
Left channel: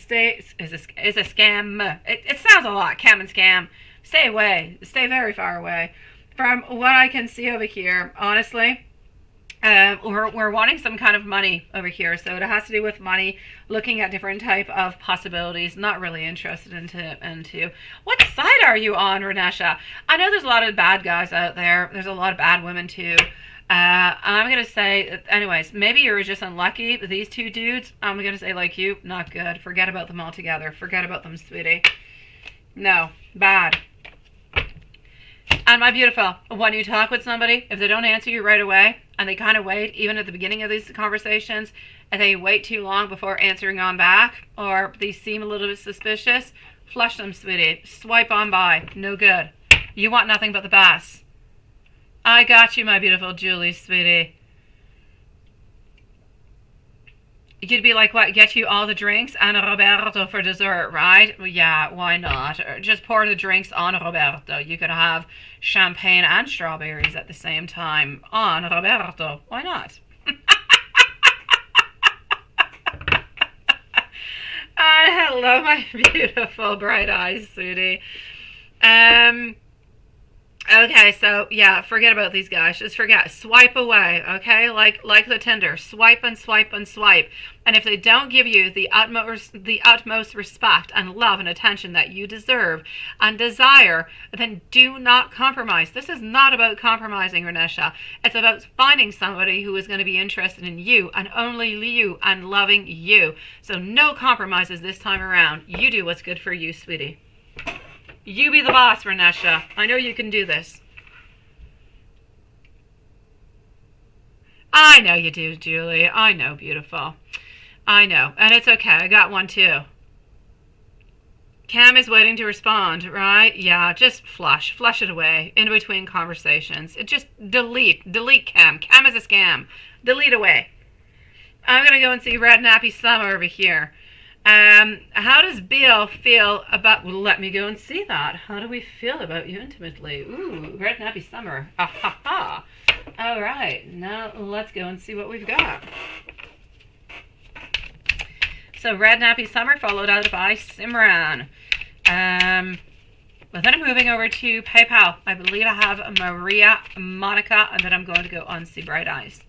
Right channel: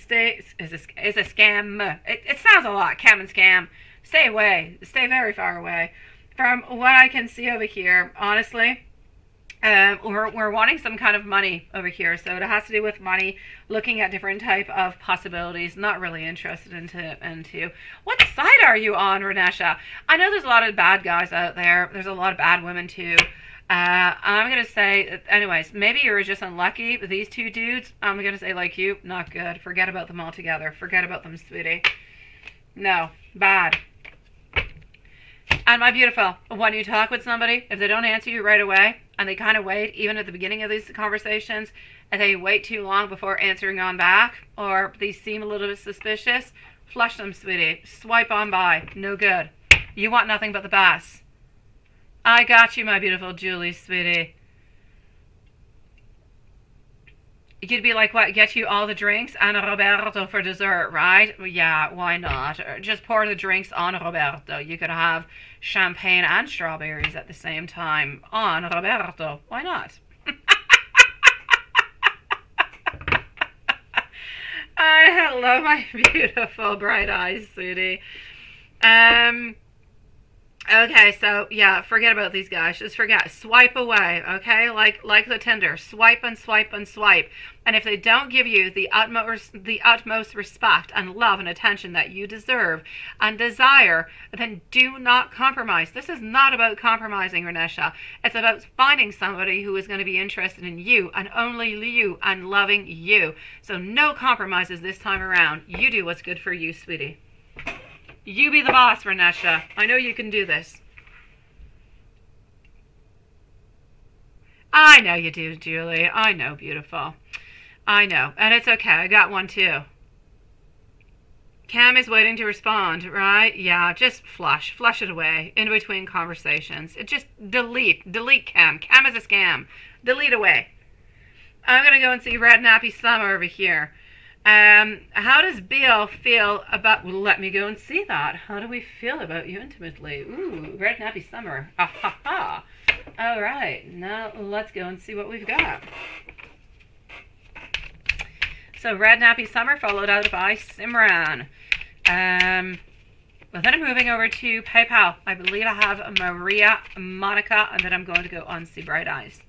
Is a scam. It sounds a lot. Cam and scam. Stay away. Stay very far away. From what I can see over here, honestly, we're wanting some kind of money over here, so it has to do with money, looking at different type of possibilities. Not really interested into what side are you on, Renesha? I know there's a lot of bad guys out there. There's a lot of bad women too. I'm gonna say, anyways, maybe you're just unlucky. These two dudes, I'm gonna say, like you, not good. Forget about them altogether. Forget about them, sweetie. No, bad. And my beautiful, when you talk with somebody, if they don't answer you right away, and they kind of wait, even at the beginning of these conversations, and they wait too long before answering on back, or they seem a little bit suspicious, flush them, sweetie. Swipe on by. No good. You want nothing but the best. I got you, my beautiful Julie, sweetie. You'd be like, what, get you all the drinks and a Roberto for dessert, right? Well, yeah, why not? Or just pour the drinks on Roberto. You could have champagne and strawberries at the same time on Roberto. Why not? Hello, my beautiful bright eyes, sweetie. Okay, so yeah, forget about these guys. Just forget. Swipe away, okay? Like the Tinder. Swipe and swipe and swipe. And if they don't give you the utmost respect and love and attention that you deserve and desire, then do not compromise. This is not about compromising, Renesha. It's about finding somebody who is going to be interested in you and only you and loving you. So no compromises this time around. You do what's good for you, sweetie. You be the boss, Renesha. I know you can do this. I know you do, Julie. I know, beautiful. I know. And it's okay. I got one too. Cam is waiting to respond, right? Yeah, just flush it away in between conversations. It just delete Cam. Cam is a scam. Delete away. I'm going to go and see Red Nappy Summer over here. How does Bill feel about... Well, let me go and see that. How do we feel about you intimately? Ooh, Red Nappy Summer. Ah, ha, ha. All right, now let's go and see what we've got. So, Red Nappy Summer followed out by Simran. Well, then I'm moving over to PayPal. I believe I have Maria, Monica, and then I'm going to go on See Bright Eyes.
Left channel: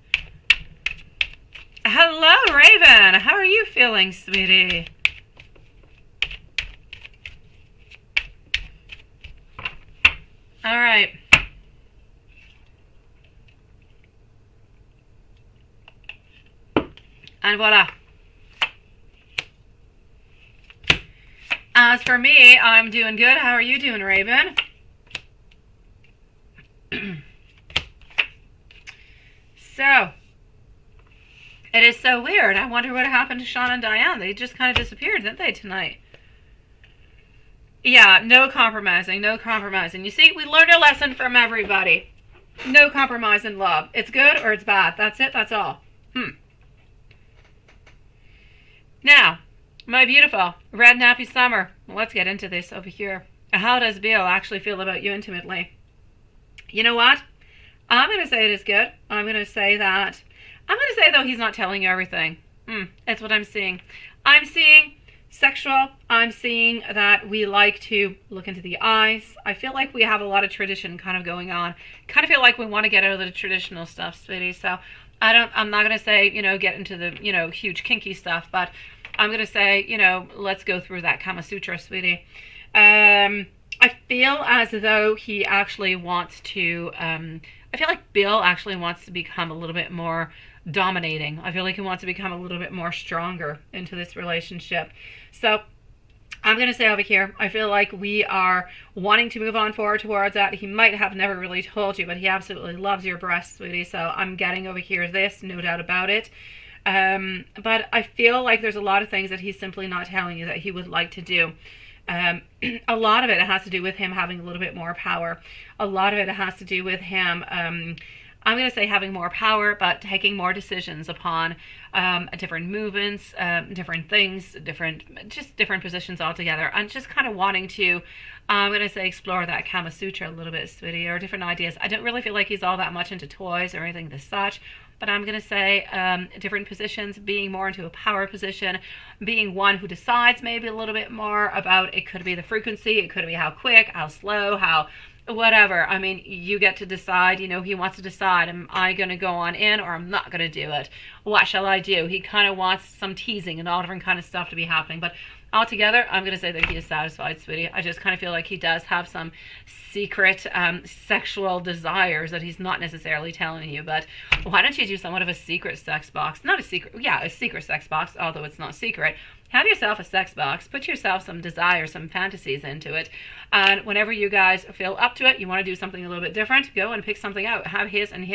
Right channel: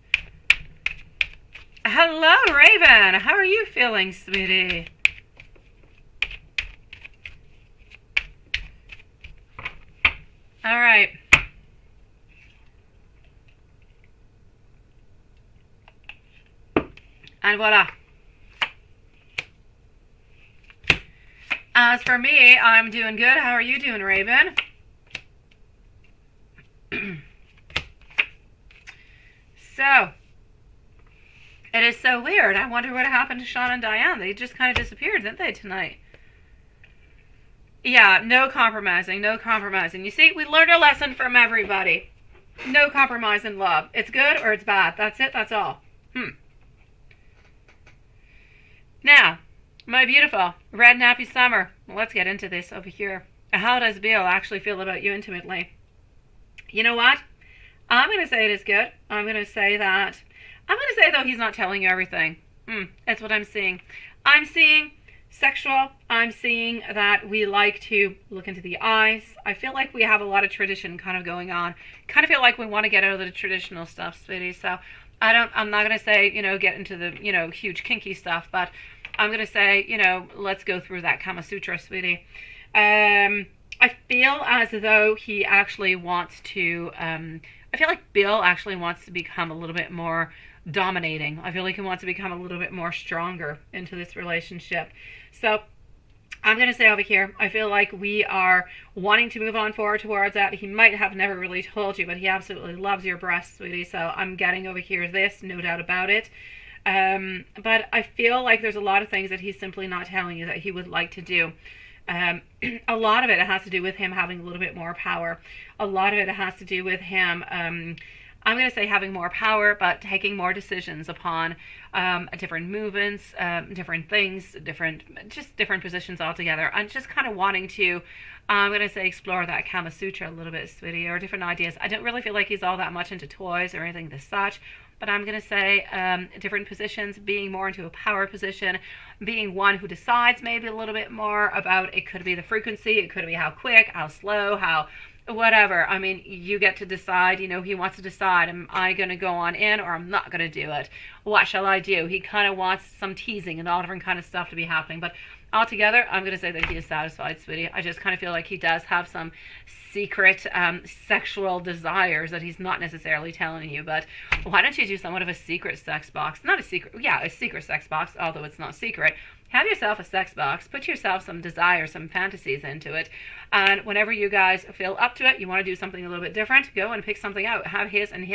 Hello, Raven. How are you feeling, sweetie? All right. And voila. As for me, I'm doing good. How are you doing, Raven? So, it is so weird. I wonder what happened to Sean and Diane. They just kind of disappeared, didn't they, tonight? Yeah, no compromising, no compromising. You see, we learned a lesson from everybody. No compromise in love. It's good or it's bad. That's it, that's all. Now, my beautiful red nappy summer. Let's get into this over here. How does Bill actually feel about you intimately? You know what? I'm going to say it is good. I'm going to say that. I'm going to say, though, he's not telling you everything. That's what I'm seeing. I'm seeing sexual. I'm seeing that we like to look into the eyes. I feel like we have a lot of tradition kind of going on. Kind of feel like we want to get out of the traditional stuff, sweetie. So I'm not going to say, get into the, huge kinky stuff, but I'm going to say, let's go through that Kama Sutra, sweetie. I feel as though he actually wants to, I feel like Bill actually wants to become a little bit more dominating. I feel like he wants to become a little bit more stronger into this relationship. So I'm going to say over here, I feel like we are wanting to move on forward towards that. He might have never really told you, but he absolutely loves your breasts, sweetie. So I'm getting over here this, no doubt about it. But I feel like there's a lot of things that he's simply not telling you that he would like to do. A lot of it has to do with him having a little bit more power. A lot of it has to do with him, I'm going to say having more power, but taking more decisions upon different movements, different things, different positions altogether. And just kind of wanting to, I'm going to say, explore that Kama Sutra a little bit, sweetie, or different ideas. I don't really feel like he's all that much into toys or anything as such. But I'm going to say different positions, being more into a power position, being one who decides maybe a little bit more about, it could be the frequency, it could be how quick, how slow, how whatever. I mean, you get to decide, he wants to decide, am I going to go on in or I'm not going to do it? What shall I do? He kind of wants some teasing and all different kind of stuff to be happening. But altogether, I'm going to say that he is satisfied, sweetie. I just kind of feel like he does have some secret sexual desires that he's not necessarily telling you. But why don't you do somewhat of a secret sex box? Not a secret, a secret sex box, although it's not secret. Have yourself a sex box. Put yourself some desires, some fantasies into it. And whenever you guys feel up to it, you want to do something a little bit different, go and pick something out. Have his and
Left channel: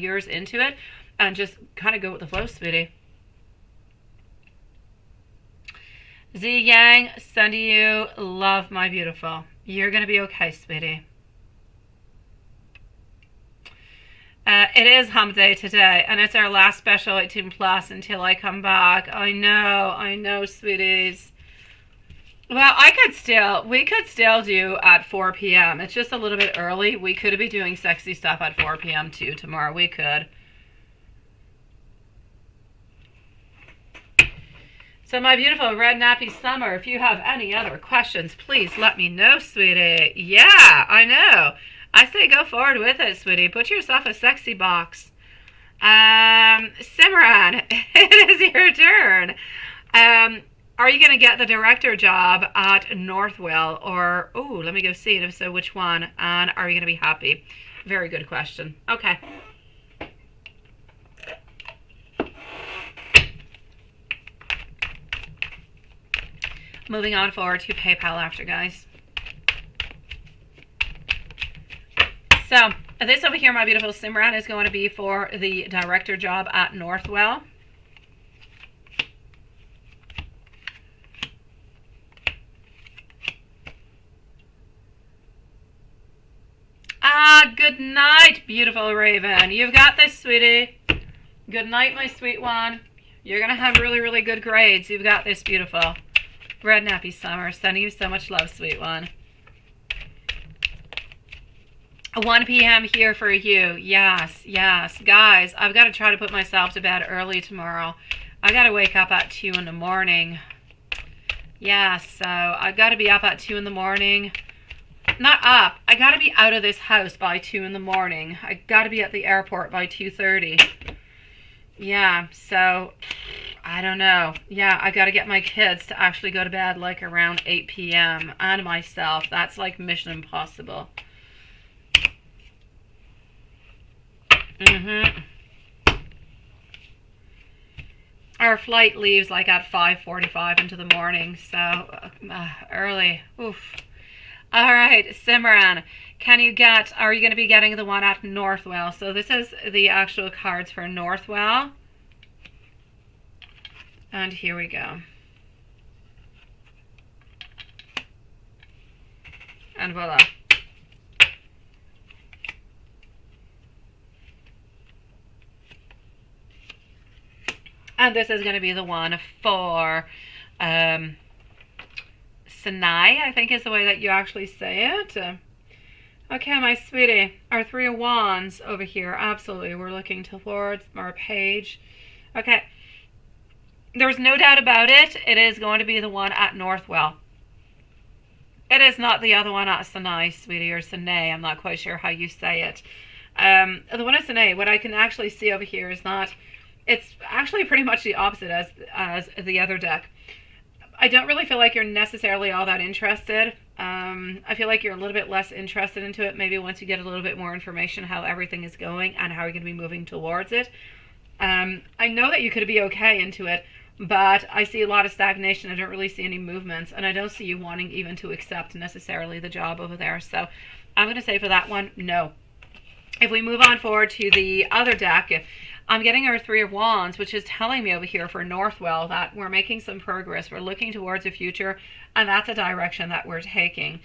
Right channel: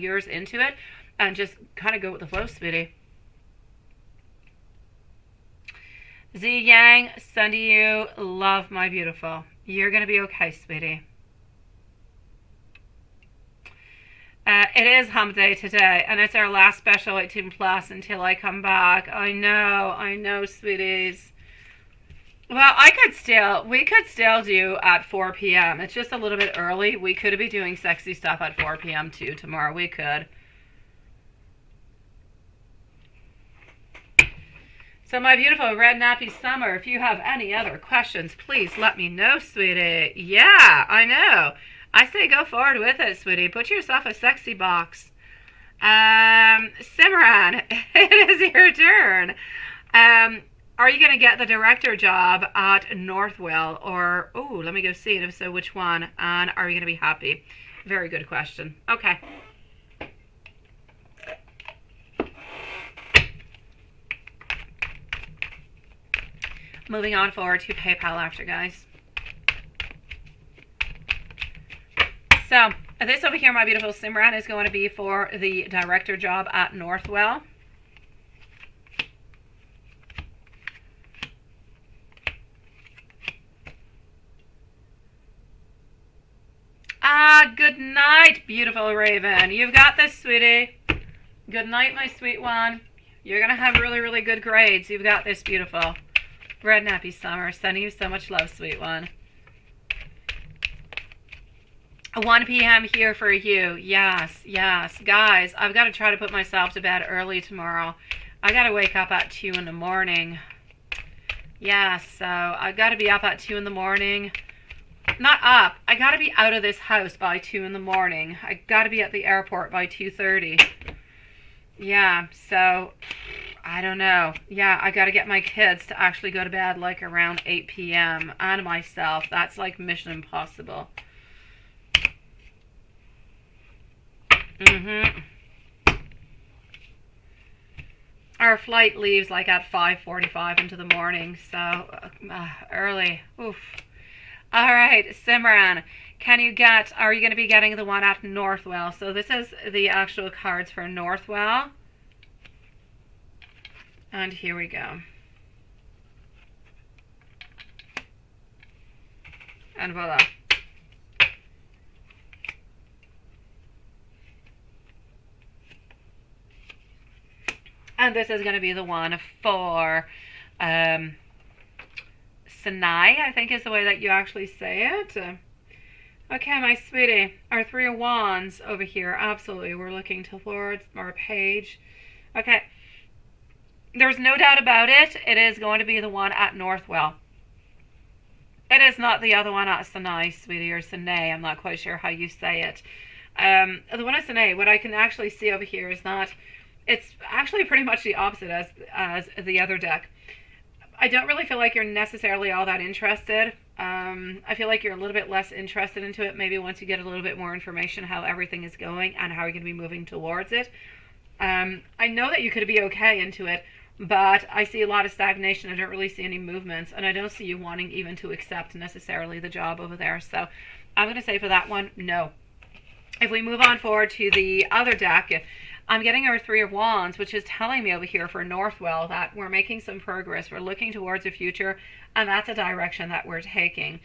yours into it. And just kind of go with the flow, sweetie. Z Yang, sending you love, my beautiful. You're going to be okay, sweetie. It is hump day today, and it's our last special 18 plus until I come back. I know, sweeties. Well, we could still do at 4 p.m. It's just a little bit early. We could be doing sexy stuff at 4 p.m. too tomorrow. We could. So my beautiful red nappy summer, if you have any other questions, please let me know, sweetie. Yeah, I know. I say go forward with it, sweetie. Put yourself a sexy box. Simran, it is your turn. Are you going to get the director job at Northwell? Or, let me go see it. If so, which one? And are you going to be happy? Very good question. Okay. Moving on forward to PayPal after, guys. So, this over here, my beautiful Simran, is going to be for the director job at Northwell. Good night, beautiful Raven. You've got this, sweetie. Good night, my sweet one. You're going to have really, really good grades. You've got this, beautiful. Red nappy summer. Sending you so much love, sweet one. 1 p.m. here for you. Yes. Guys, I've got to try to put myself to bed early tomorrow. I got to wake up at 2 in the morning. Yes, so I've got to be up at 2 in the morning. Not up. I got to be out of this house by 2 in the morning. I got to be at the airport by 2:30. Yeah, so I don't know. Yeah, I got to get my kids to actually go to bed like around 8 p.m. and myself. That's like mission impossible. Our flight leaves like at 5:45 into the morning, so early. Oof. All right, Simran, are you going to be getting the one at Northwell? So this is the actual cards for Northwell. And here we go. And voila. And this is going to be the one for Sinai, I think is the way that you actually say it. Okay, my sweetie, our Three of Wands over here. Absolutely, we're looking towards our page. Okay, there's no doubt about it. It is going to be the one at Northwell. It is not the other one at Sinai, sweetie, or Sinai. I'm not quite sure how you say it. The one at Sinai, what I can actually see over here is that it's actually pretty much the opposite as the other deck. I don't really feel like you're necessarily all that interested. I feel like you're a little bit less interested into it maybe once you get a little bit more information how everything is going and how you're going to be moving towards it. I know that you could be okay into it, but I see a lot of stagnation. I don't really see any movements, and I don't see you wanting even to accept necessarily the job over there. So I'm going to say for that one, no. If we move on forward to the other deck, I'm getting our Three of Wands, which is telling me over here for Northwell that we're making some progress. We're looking towards the future, and that's a direction that we're taking.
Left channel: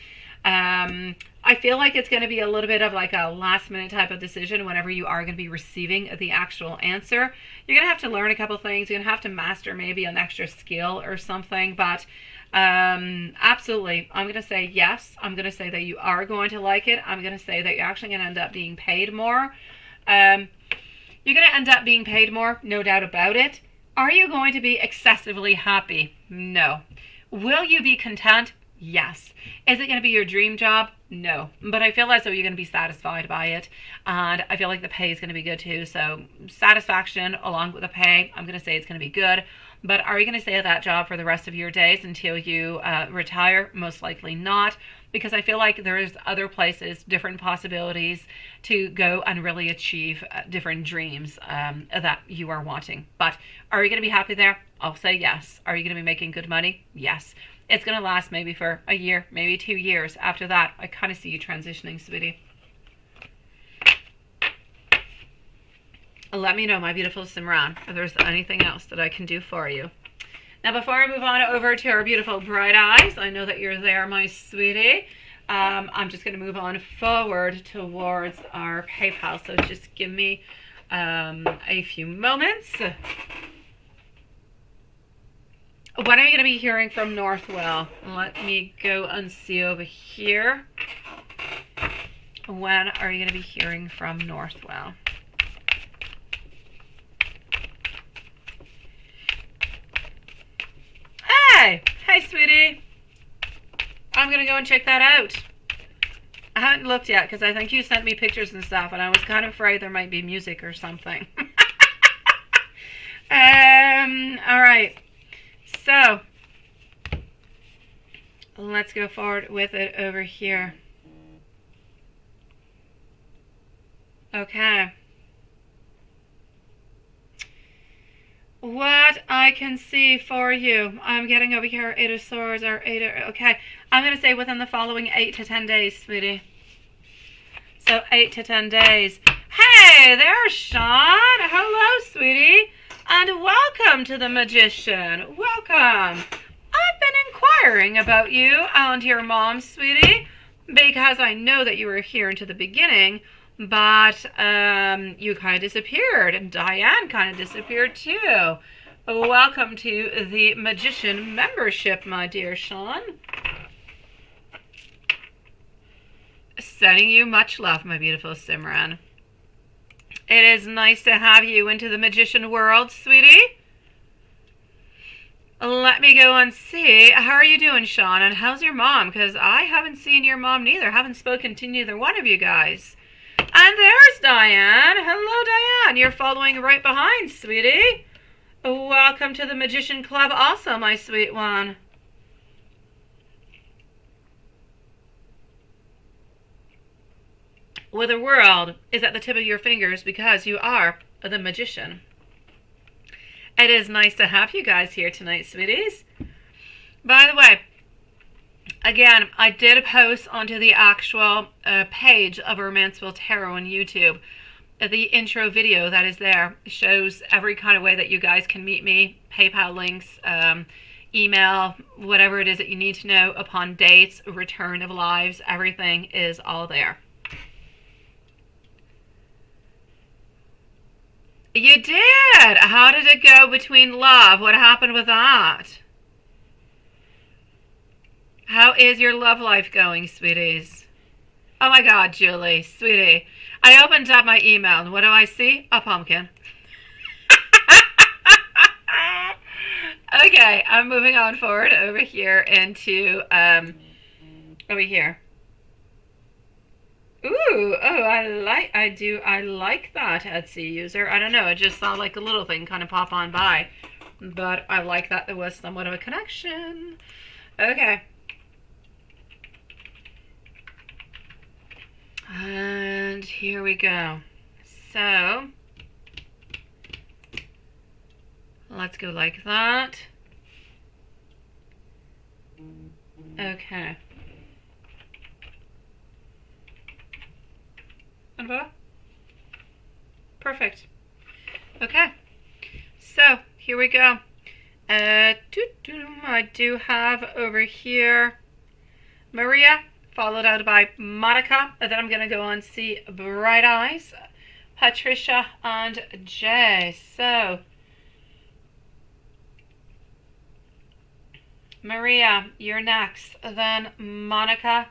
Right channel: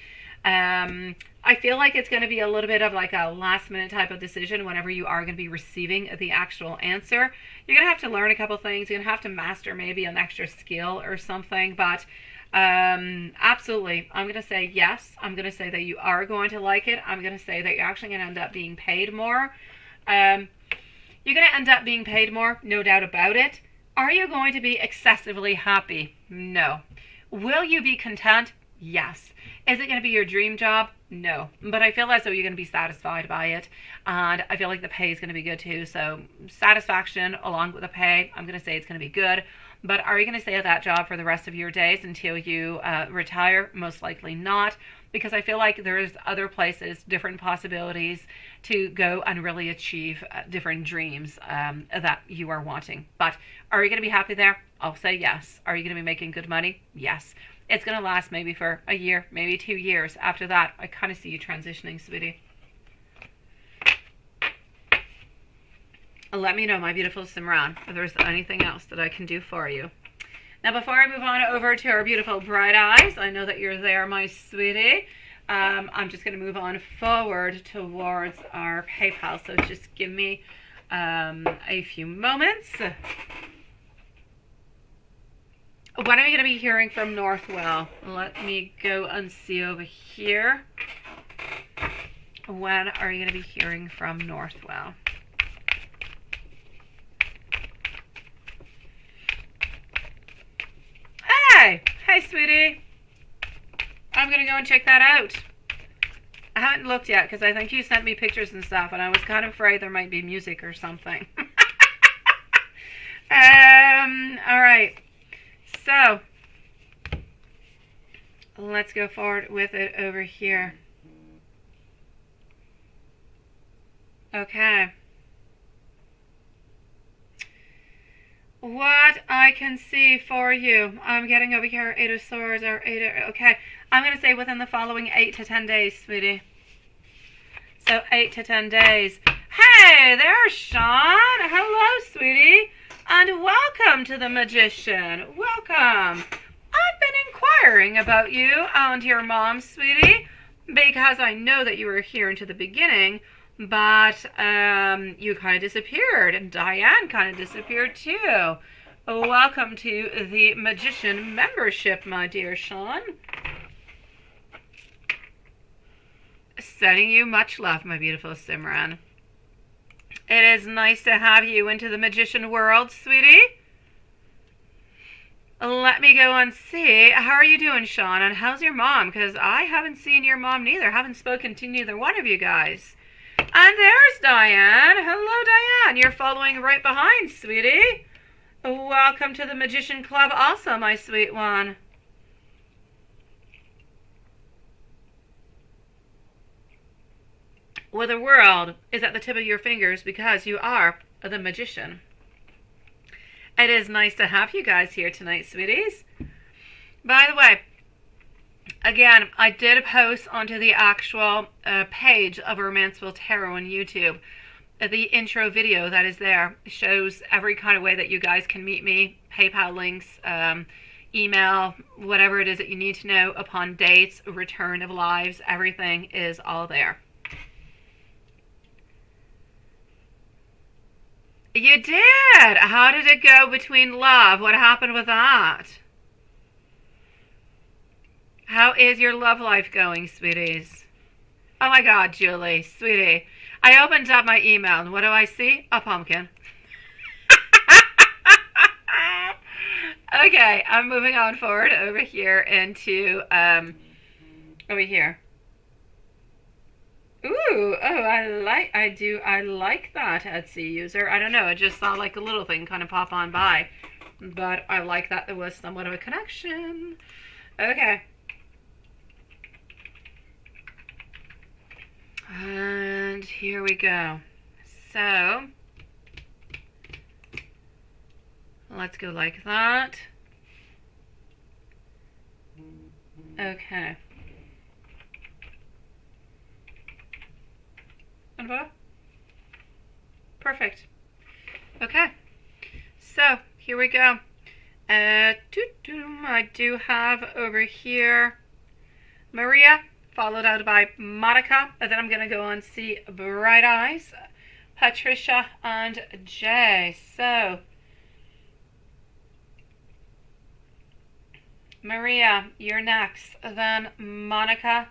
I feel like it's going to be a little bit of like a last minute type of decision whenever you are going to be receiving the actual answer. You're going to have to learn a couple things. You're going to have to master maybe an extra skill or something, but absolutely, I'm going to say yes. I'm going to say that you are going to like it. I'm going to say that you're actually going to end up being paid more. You're going to end up being paid more, no doubt about it. Are you going to be excessively happy? No. Will you be content? Yes. Is it going to be your dream job? No. But I feel as though you're going to be satisfied by it. And I feel like the pay is going to be good too. So satisfaction along with the pay, I'm going to say it's going to be good. But are you going to stay at that job for the rest of your days until you retire? Most likely not. Because I feel like there's other places, different possibilities to go and really achieve different dreams that you are wanting. But are you going to be happy there? I'll say yes. Are you going to be making good money? Yes. It's going to last maybe for a year, maybe 2 years. After that, I kind of see you transitioning, sweetie. Let me know, my beautiful Simran, if there's anything else that I can do for you. Now, before I move on over to our beautiful bright eyes, I know that you're there, my sweetie. I'm just going to move on forward towards our PayPal. So just give me a few moments. When are you going to be hearing from Northwell? Let me go and see over here. When are you going to be hearing from Northwell? Hey, sweetie. I'm going to go and check that out. I haven't looked yet because I think you sent me pictures and stuff, and I was kind of afraid there might be music or something. All right. So, let's go forward with it over here. Okay. What I can see for you, I'm getting over here 8 of Swords or 8 of, okay. I'm going to say within the following 8 to 10 days, sweetie. So 8 to 10 days. Hey, there's Sean. Hello, sweetie. And welcome to the Magician. Welcome. I've been inquiring about you and your mom, sweetie, because I know that you were here into the beginning, but you kind of disappeared, and Diane kind of disappeared too. Welcome to the Magician membership, my dear Sean. Sending you much love, my beautiful Simran. It is nice to have you into the Magician world, sweetie. Let me go and see. How are you doing, Sean? And how's your mom? Because I haven't seen your mom neither. Haven't spoken to neither one of you guys. And there's Diane. Hello, Diane. You're following right behind, sweetie. Welcome to the Magician Club also, my sweet one. Well, the world is at the tip of your fingers because you are the Magician. It is nice to have you guys here tonight, sweeties. By the way, again, I did post onto the actual page of Romanceful Tarot on YouTube. The intro video that is there shows every kind of way that you guys can meet me, PayPal links, email, whatever it is that you need to know upon dates, return of lives, everything is all there. You did! How did it go between love? What happened with that? How is your love life going, sweeties? Oh my God, Julie, sweetie. I opened up my email, and what do I see? A pumpkin. Okay, I'm moving on forward over here into, over here. Ooh, oh, I like that, Etsy user. I don't know, I just saw like a little thing kind of pop on by. But I like that there was somewhat of a connection. Okay. And here we go. So, let's go like that. Okay. And voila. Perfect. Okay. So, here we go. I do have over here Maria, followed out by Monica. And then I'm going to go on see Bright Eyes, Patricia, and Jay. So, Maria, you're next. Then Monica.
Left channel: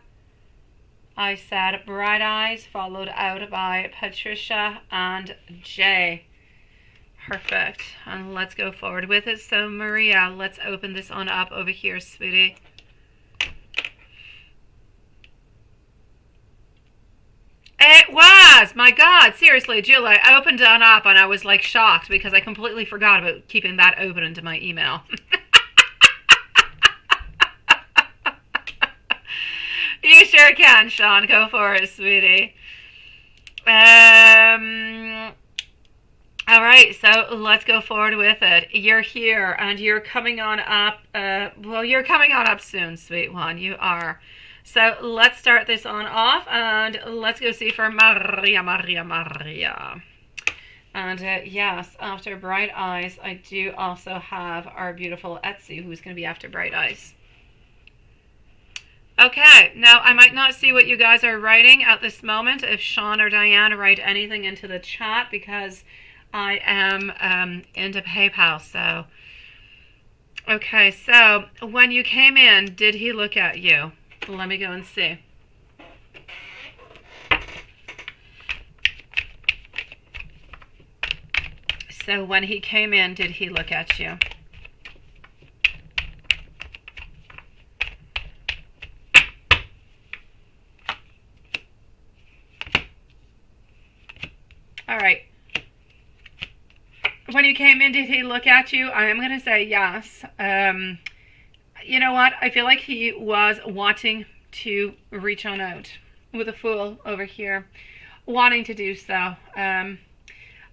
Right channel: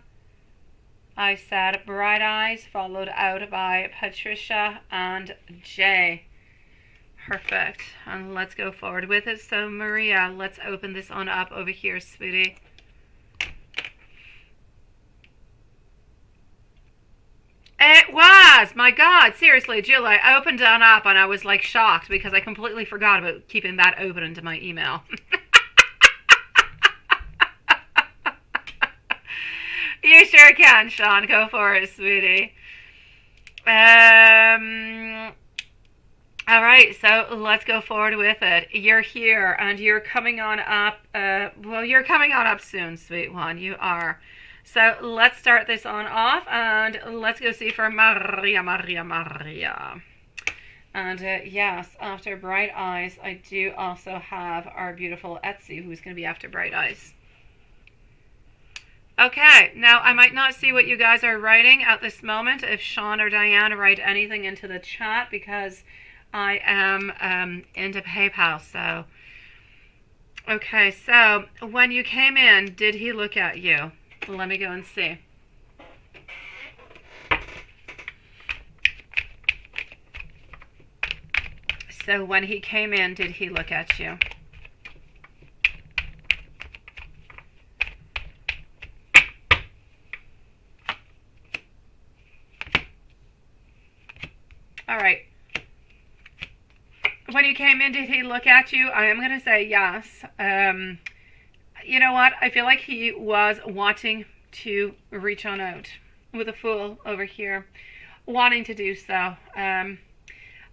I said Bright Eyes, followed out by Patricia and Jay. Perfect. And let's go forward with it. So, Maria, let's open this on up over here, sweetie. It was! My God, seriously, Julie, I opened it on up and I was like shocked because I completely forgot about keeping that open into my email. You sure can, Sean. Go for it, sweetie. All right, so let's go forward with it. You're here, and you're coming on up. Well, you're coming on up soon, sweet one. You are. So let's start this on off, and let's go see for Maria. And yes, after Bright Eyes, I do also have our beautiful Etsy, who's going to be after Bright Eyes. Okay, now I might not see what you guys are writing at this moment if Sean or Diane write anything into the chat because I am into PayPal. So, okay, so when you came in, did he look at you? Let me go and see. So when he came in, did he look at you? All right. When you came in, did he look at you? I am going to say yes. You know what? I feel like he was wanting to reach on out with a Fool over here. Wanting to do so.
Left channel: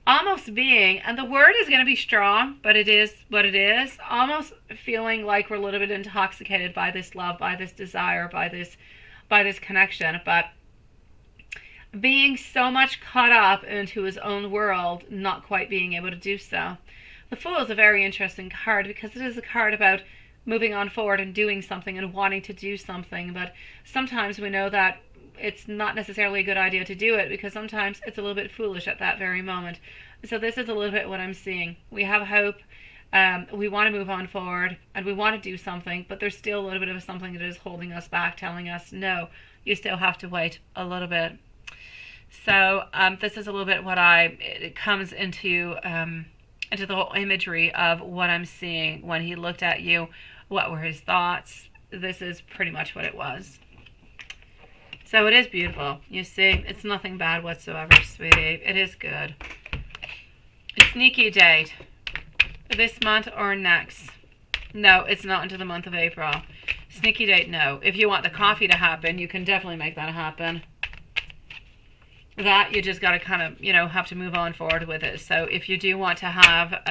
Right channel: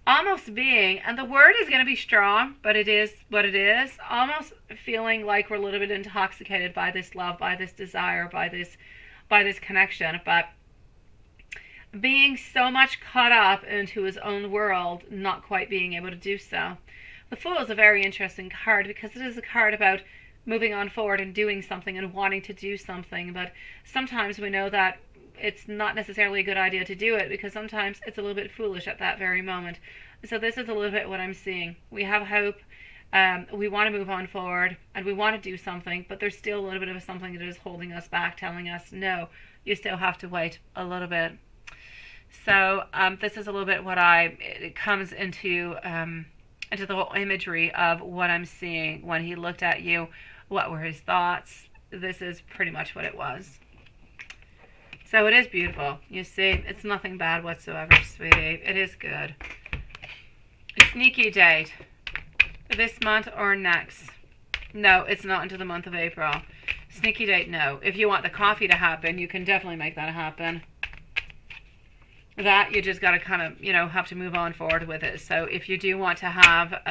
Almost being, and the word is going to be strong, but it is what it is. Almost feeling like we're a little bit intoxicated by this love, by this desire, by this connection. But being so much caught up into his own world, not quite being able to do so. The Fool is a very interesting card because it is a card about moving on forward and doing something and wanting to do something. But sometimes we know that it's not necessarily a good idea to do it because sometimes it's a little bit foolish at that very moment. So this is a little bit what I'm seeing. We have hope. We want to move on forward and we want to do something, but there's still a little bit of something that is holding us back, telling us, no, you still have to wait a little bit. So this is a little bit what it comes into the whole imagery of what I'm seeing when he looked at you. What were his thoughts? This is pretty much what it was. So it is beautiful. You see, it's nothing bad whatsoever, sweetie. It is good. A sneaky date. This month or next? No, it's not until the month of April. Sneaky date, no. If you want the coffee to happen, you can definitely make that happen. That you just got to kind of, have to move on forward with it. So if you do want to have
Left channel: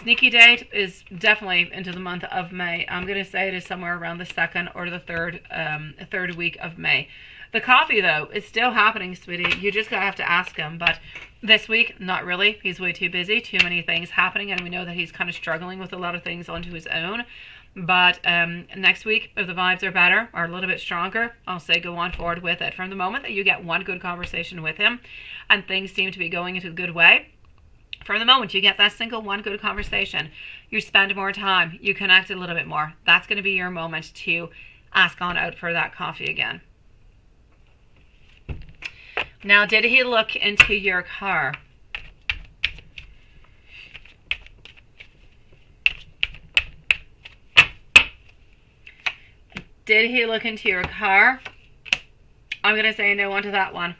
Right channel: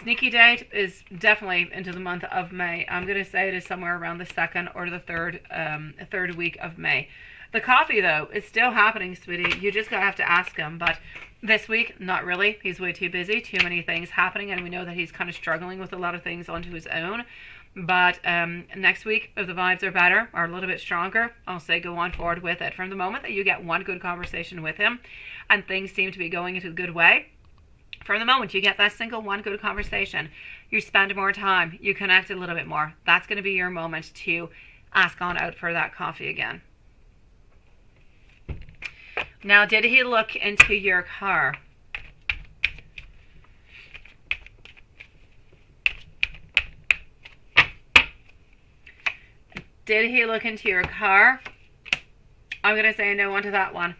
Sneaky date is definitely into the month of May. I'm going to say it is somewhere around the 2nd or the third week of May. The coffee, though, is still happening, sweetie. You just have to ask him. But this week, not really. He's way too busy. Too many things happening. And we know that he's kind of struggling with a lot of things onto his own. But next week, if the vibes are better or a little bit stronger, I'll say go on forward with it. From the moment that you get one good conversation with him and things seem to be going into a good way, from the moment you get that single one good conversation, you spend more time, you connect a little bit more. That's going to be your moment to ask on out for that coffee again. Now, did he look into your car? Did he look into your car? I'm going to say no onto that one.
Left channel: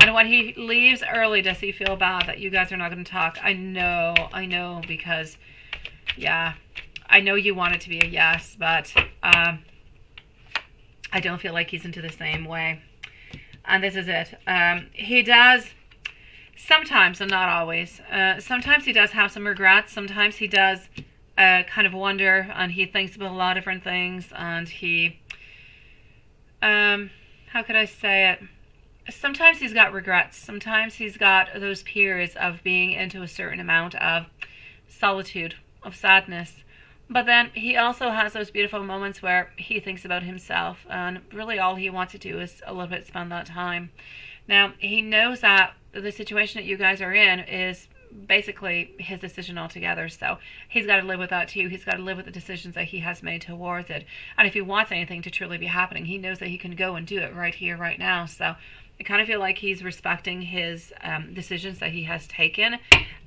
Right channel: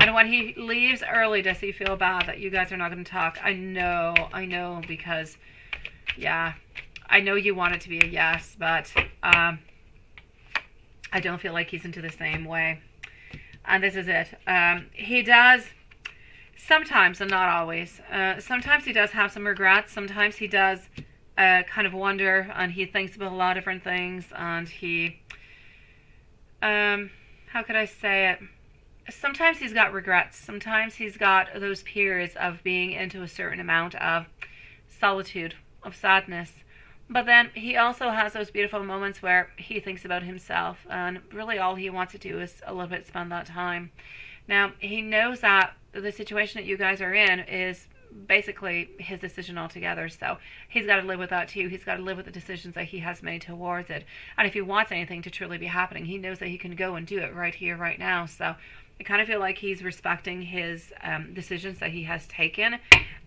And when he leaves early, does he feel bad that you guys are not going to talk? I know, because, yeah, I know you want it to be a yes, but I don't feel like he's into the same way. And this is it. He does, sometimes, and not always, sometimes he does have some regrets. Sometimes he does kind of wonder, and he thinks about a lot of different things, and he, how could I say it? Sometimes he's got regrets. Sometimes he's got those periods of being into a certain amount of solitude, of sadness. But then he also has those beautiful moments where he thinks about himself, and really all he wants to do is a little bit spend that time. Now, he knows that the situation that you guys are in is basically his decision altogether, so he's got to live with that too. He's got to live with the decisions that he has made towards it. And if he wants anything to truly be happening, he knows that he can go and do it right here, right now. So I kind of feel like he's respecting his decisions that he has taken,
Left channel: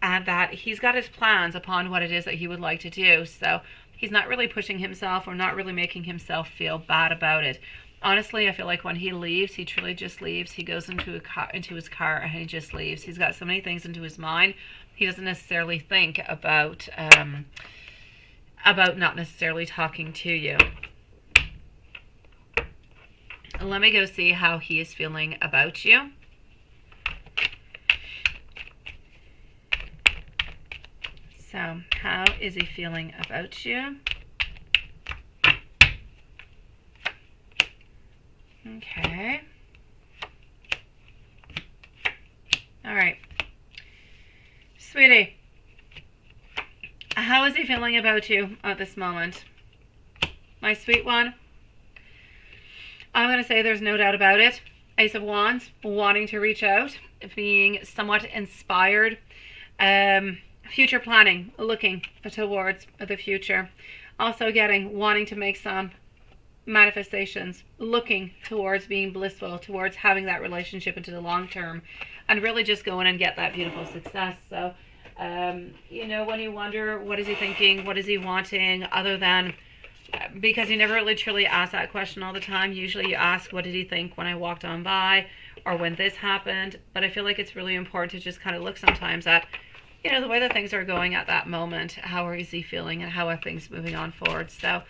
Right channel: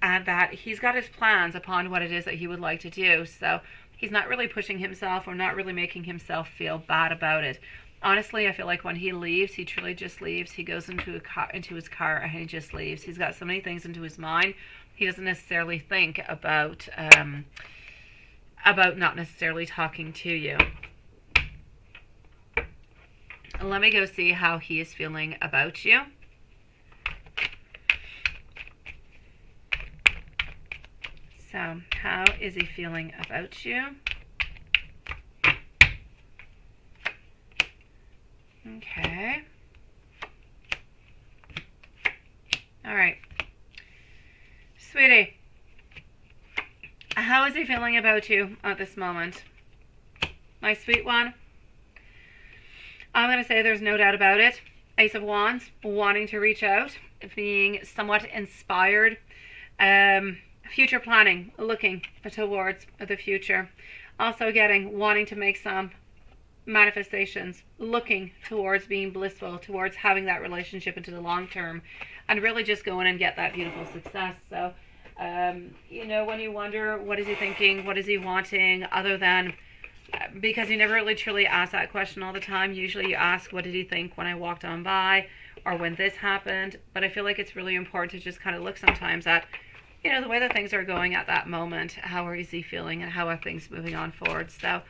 and that he's got his plans upon what it is that he would like to do. So he's not really pushing himself or not really making himself feel bad about it. Honestly, I feel like when he leaves, he truly just leaves. He goes into his car and he just leaves. He's got so many things into his mind. He doesn't necessarily think about not necessarily talking to you. Let me go see how he is feeling about you. So, how is he feeling about you? Okay. All right. Sweetie, how is he feeling about you at this moment? My sweet one? I'm going to say there's no doubt about it. Ace of Wands, wanting to reach out, being somewhat inspired, future planning, looking towards the future. Also wanting to make some manifestations, looking towards being blissful, towards having that relationship into the long term, and really just going and get that beautiful success. So, you know, when you wonder, what is he thinking? What is he wanting? Other than, because you never really truly ask that question all the time. Usually you ask, what did he think when I walked on by, or when this happened? But I feel like it's really important to just kind of look sometimes at, you know, the way that things are going at that moment. How is he feeling, and how are things moving on forward? So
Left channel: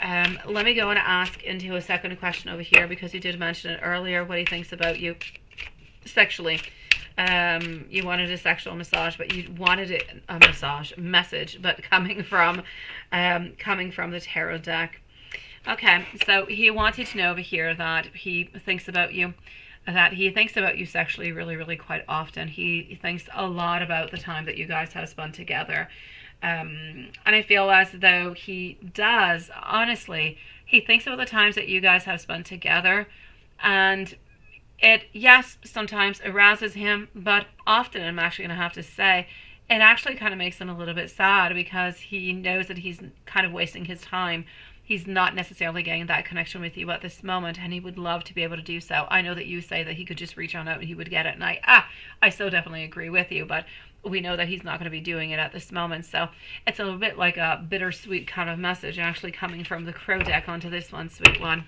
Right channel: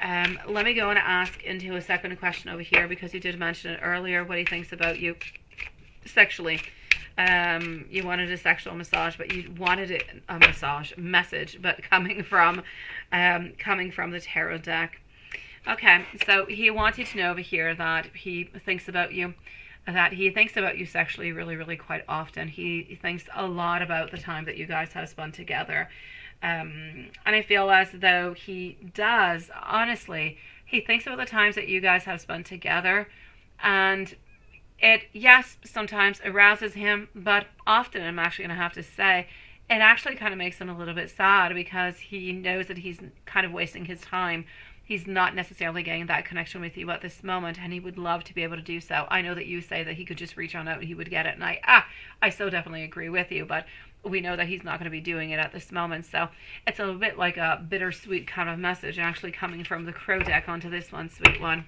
let me go and ask into a second question over here, because you did mention it earlier, what he thinks about you sexually. You wanted a sexual massage, but you wanted a massage message, but coming from the tarot deck. Okay, so he wants you to know over here that he thinks about you, sexually really, really quite often. He thinks a lot about the time that you guys have spent together. And I feel as though he does, honestly, he thinks about the times that you guys have spent together, and it, yes, sometimes arouses him, but often, I'm actually going to have to say, it actually kind of makes him a little bit sad, because he knows that he's kind of wasting his time. He's not necessarily getting that connection with you at this moment, and he would love to be able to do so. I know that you say that he could just reach on out and he would get it, and I so definitely agree with you, but we know that he's not going to be doing it at this moment. So it's a little bit like a bittersweet kind of message actually coming from the Crow deck onto this one, sweet one.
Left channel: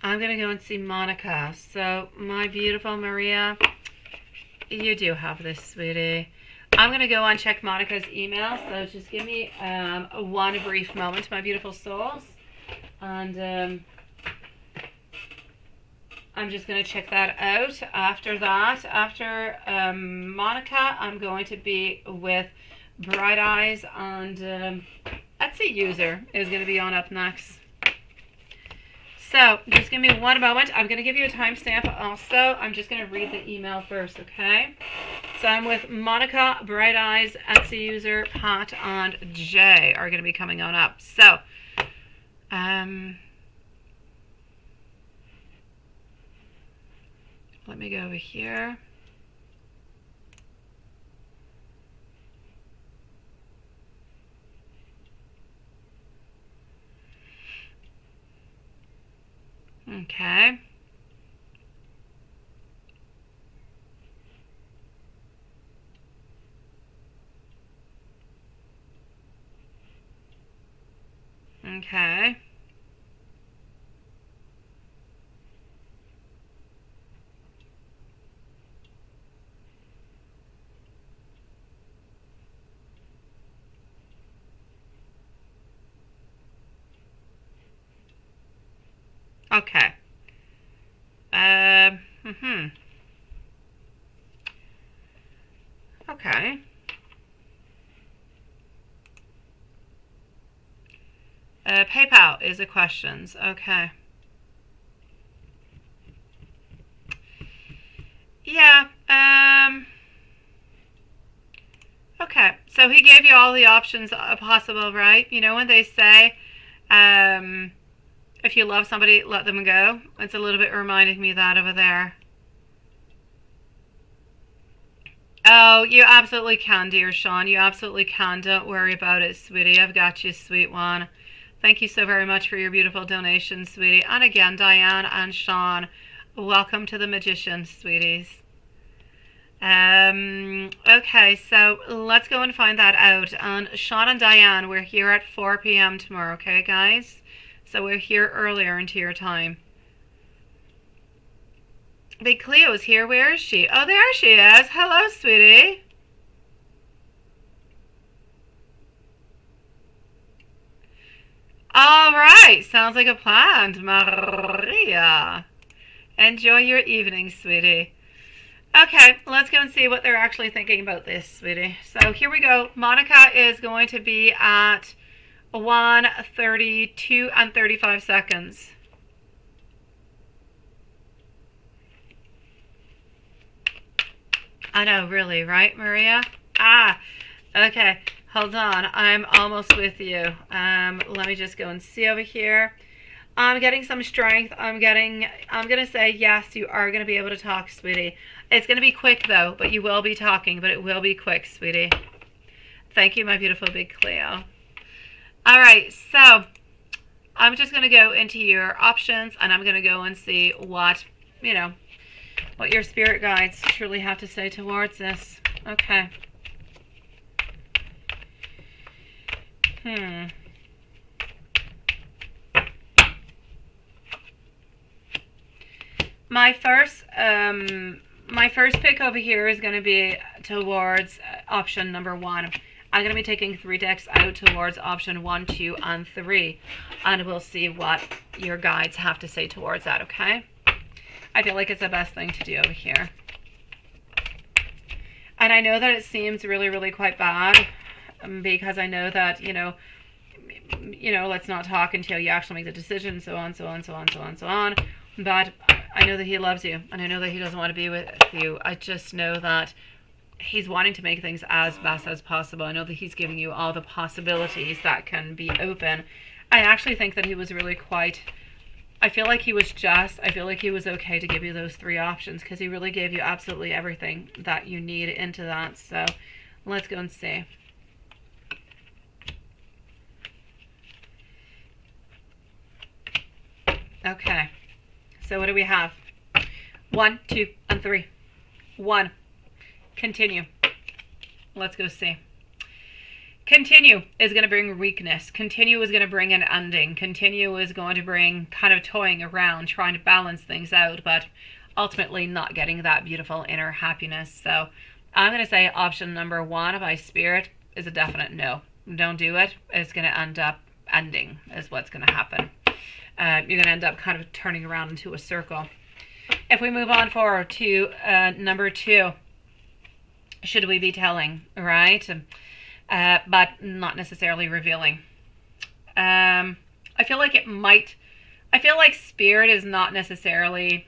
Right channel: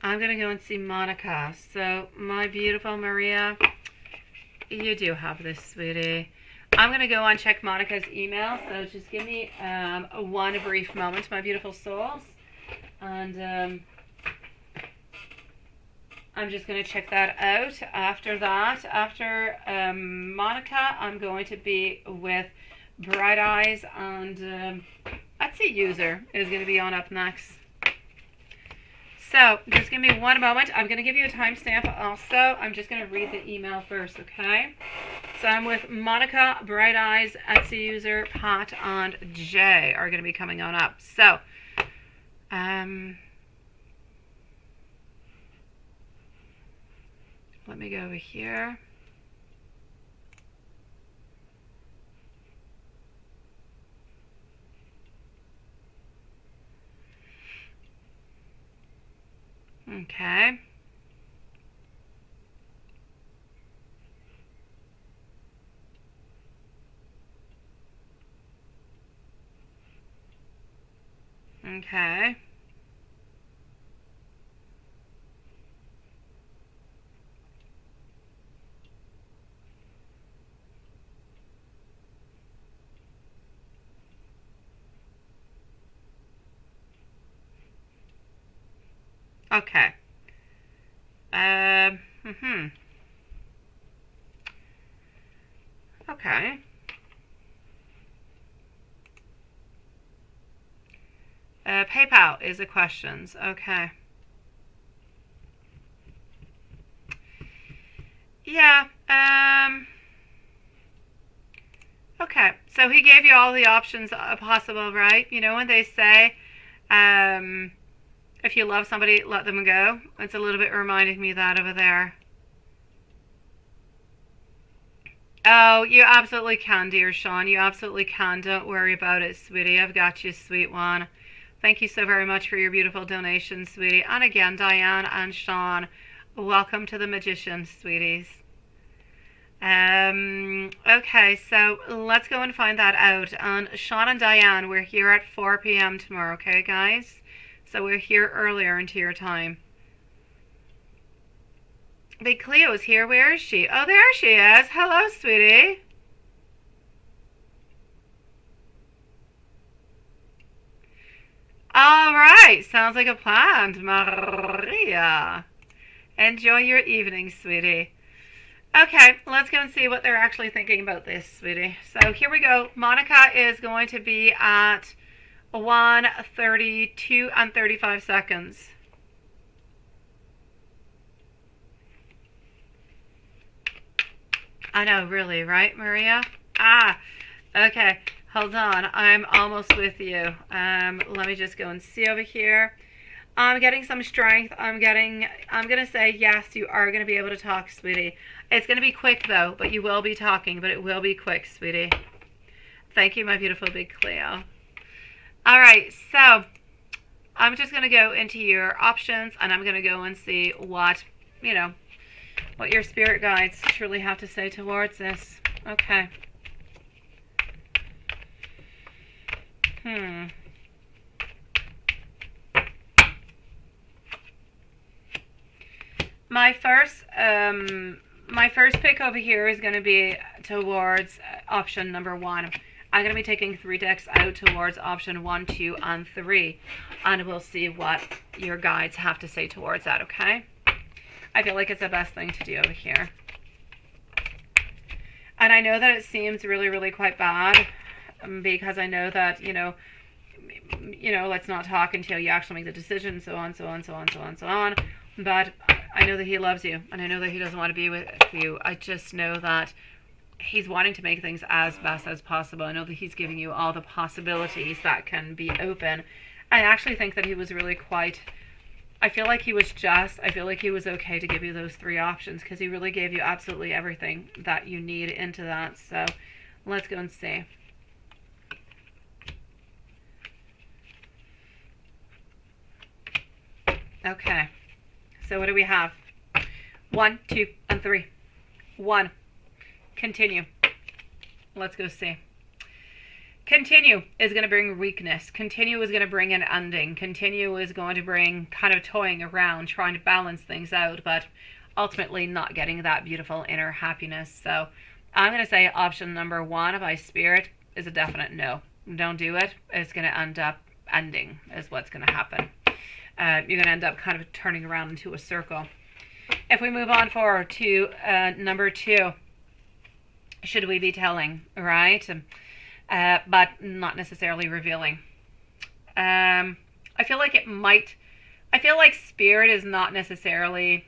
I'm going to go and see Monica. So, my beautiful Maria, you do have this, sweetie. I'm going to go and check Monica's email. So, just give me one brief moment, my beautiful souls. And I'm just going to check that out. After that, after Monica, I'm going to be with Bright Eyes, and Etsy User is going to be on up next. So just give me one moment. I'm going to give you a timestamp also. I'm just going to read the email first, okay? So I'm with Monica, Bright Eyes, Etsy User, Pat, and Jay are going to be coming on up. So, let me go over here. Okay. Okay. Okay. Okay. PayPal is the questions. Okay. Yeah. Okay. So he gave you all the options possible, right? You know when they say, if you love somebody, let them go. It's a little bit reminding me of that over there. Oh, you absolutely can, dear Sean. You absolutely can. Don't worry about it, sweetie. I've got you, sweet one. Thank you so very much for your beautiful donation, sweetie. And again, Diane and Sean, welcome to the Magician, sweeties. Okay, so let's go and find that out. And Sean and Diane, we're here at 4 p.m. tomorrow, okay, guys? So we're here earlier into your time. Big Cleo's here. Where is she? Oh, there she is. Hello, sweetie. All right. Sounds like a plan, Maria. Enjoy your evening, sweetie. Okay, let's go and see what they're actually thinking about this, sweetie. So here we go. Monica is going to be at 1:32 and 35 seconds. I know, really, right, Maria? Ah, okay. Hold on. I'm almost with you. Let me just go and see over here. I'm getting some strength. I'm going to say, yes, you are going to be able to talk, sweetie. It's going to be quick, though, but you will be talking, but it will be quick, sweetie. Thank you, my beautiful big Cleo. All right, so I'm just going to go into your options, and I'm going to go and see what, what your spirit guides truly have to say towards this. Okay. My first pick over here is going to be towards option number 1. I'm going to be taking 3 decks out towards option 1, 2, and 3, and we'll see what your guides have to say towards that, okay? I feel like it's the best thing to do over here. And I know that it seems really, really quite bad, because I know that, let's not talk until you actually make the decision, so on, so on, so on, so on, so on. But I know that he loves you, and I know that he doesn't want to be with you. I just know that he's wanting to make things as best as possible. I know that he's giving you all the possibilities that can be open. I actually think that he was really quite... I feel like he was okay to give you those 3 options, because he really gave you absolutely everything that you need into that. So let's go and see. Okay. So what do we have? 1, 2, and 3. 1. Continue. Let's go see. Continue is going to bring weakness. Continue is going to bring an ending. Continue is going to bring kind of toying around, trying to balance things out, but ultimately not getting that beautiful inner happiness. So I'm going to say option number 1 by Spirit is a definite no. Don't do it. It's going to end up ending is what's going to happen. you're going to end up kind of turning around into a circle. If we move on forward to number 2, should we be telling, right? But not necessarily revealing. I feel like Spirit is not necessarily...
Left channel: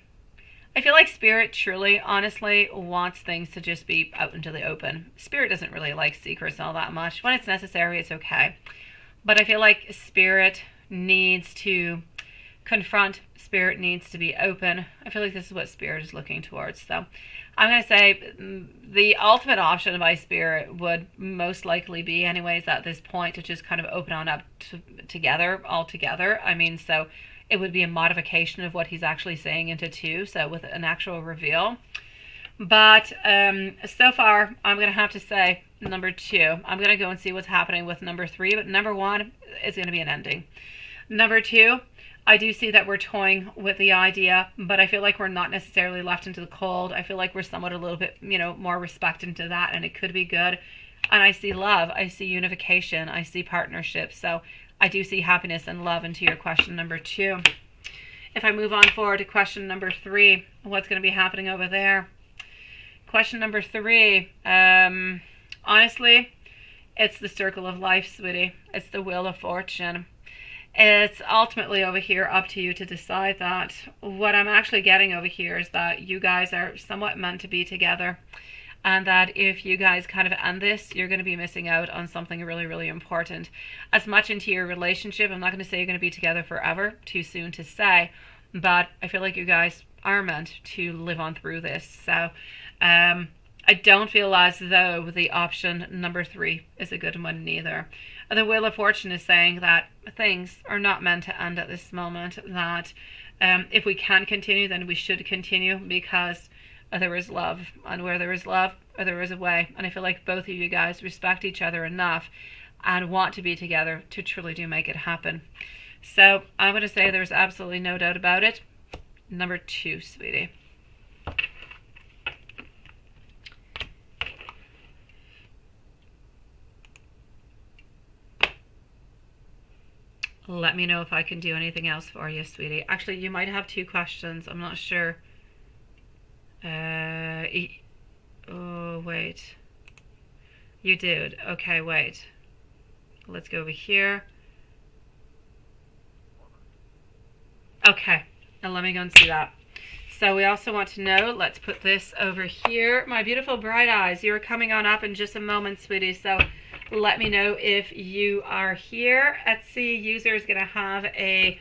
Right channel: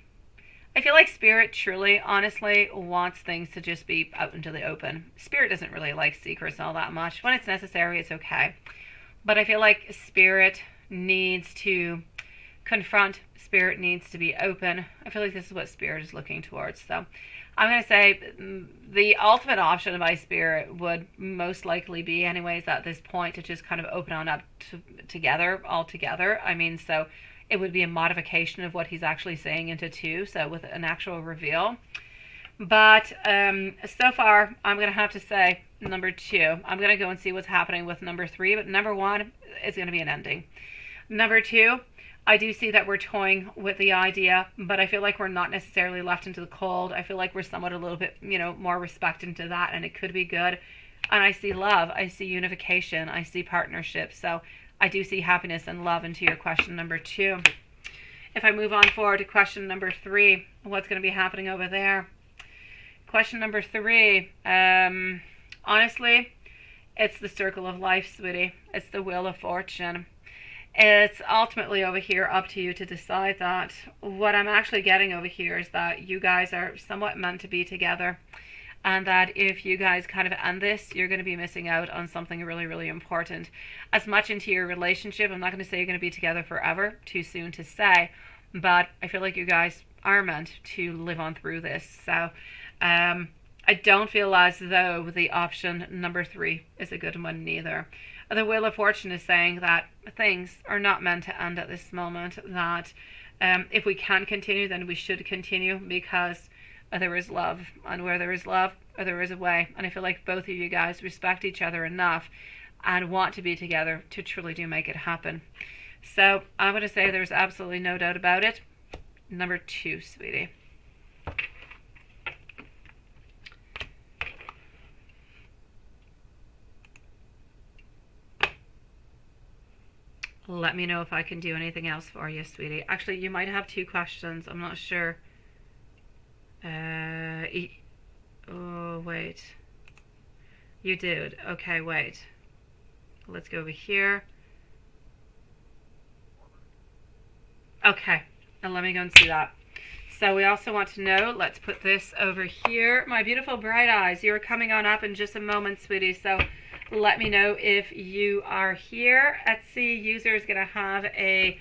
I feel like Spirit truly, honestly, wants things to just be out into the open. Spirit doesn't really like secrets all that much. When it's necessary, it's okay. But I feel like Spirit needs to confront. Spirit needs to be open. I feel like this is what Spirit is looking towards. So I'm going to say the ultimate option by Spirit would most likely be, anyways, at this point, to just kind of open on up all together. I mean, so it would be a modification of what he's actually saying into 2, so with an actual reveal. But so far, I'm going to have to say number 2. I'm going to go and see what's happening with number 3, but number 1 is going to be an ending. Number 2, I do see that we're toying with the idea, but I feel like we're not necessarily left into the cold. I feel like we're somewhat a little bit, more respect into that, and it could be good. And I see love. I see unification. I see partnership. So I do see happiness and love into your question number 2. If I move on forward to question number 3, what's going to be happening over there? Question number 3, honestly, it's the circle of life, sweetie. It's the wheel of fortune. It's ultimately over here up to you to decide that. What I'm actually getting over here is that you guys are somewhat meant to be together. And that if you guys kind of end this, you're going to be missing out on something really, really important. As much into your relationship, I'm not going to say you're going to be together forever, too soon to say, but I feel like you guys are meant to live on through this. So I don't feel as though the option number 3 is a good one neither. The Wheel of Fortune is saying that things are not meant to end at this moment, that if we can continue, then we should continue, because there is love, and where there is love, there is a way. And I feel like both of you guys respect each other enough and want to be together to truly do make it happen. So I'm going to say there's absolutely no doubt about it. Number 2, sweetie. Let me know if I can do anything else for you, sweetie. Actually, you might have 2 questions. I'm not sure. Oh, wait. You did. Okay, wait. Let's go over here. Okay, and let me go and see that. So we also want to know, let's put this over here. My beautiful bright eyes, you're coming on up in just a moment, sweetie. So let me know if you are here. Etsy user is going to have a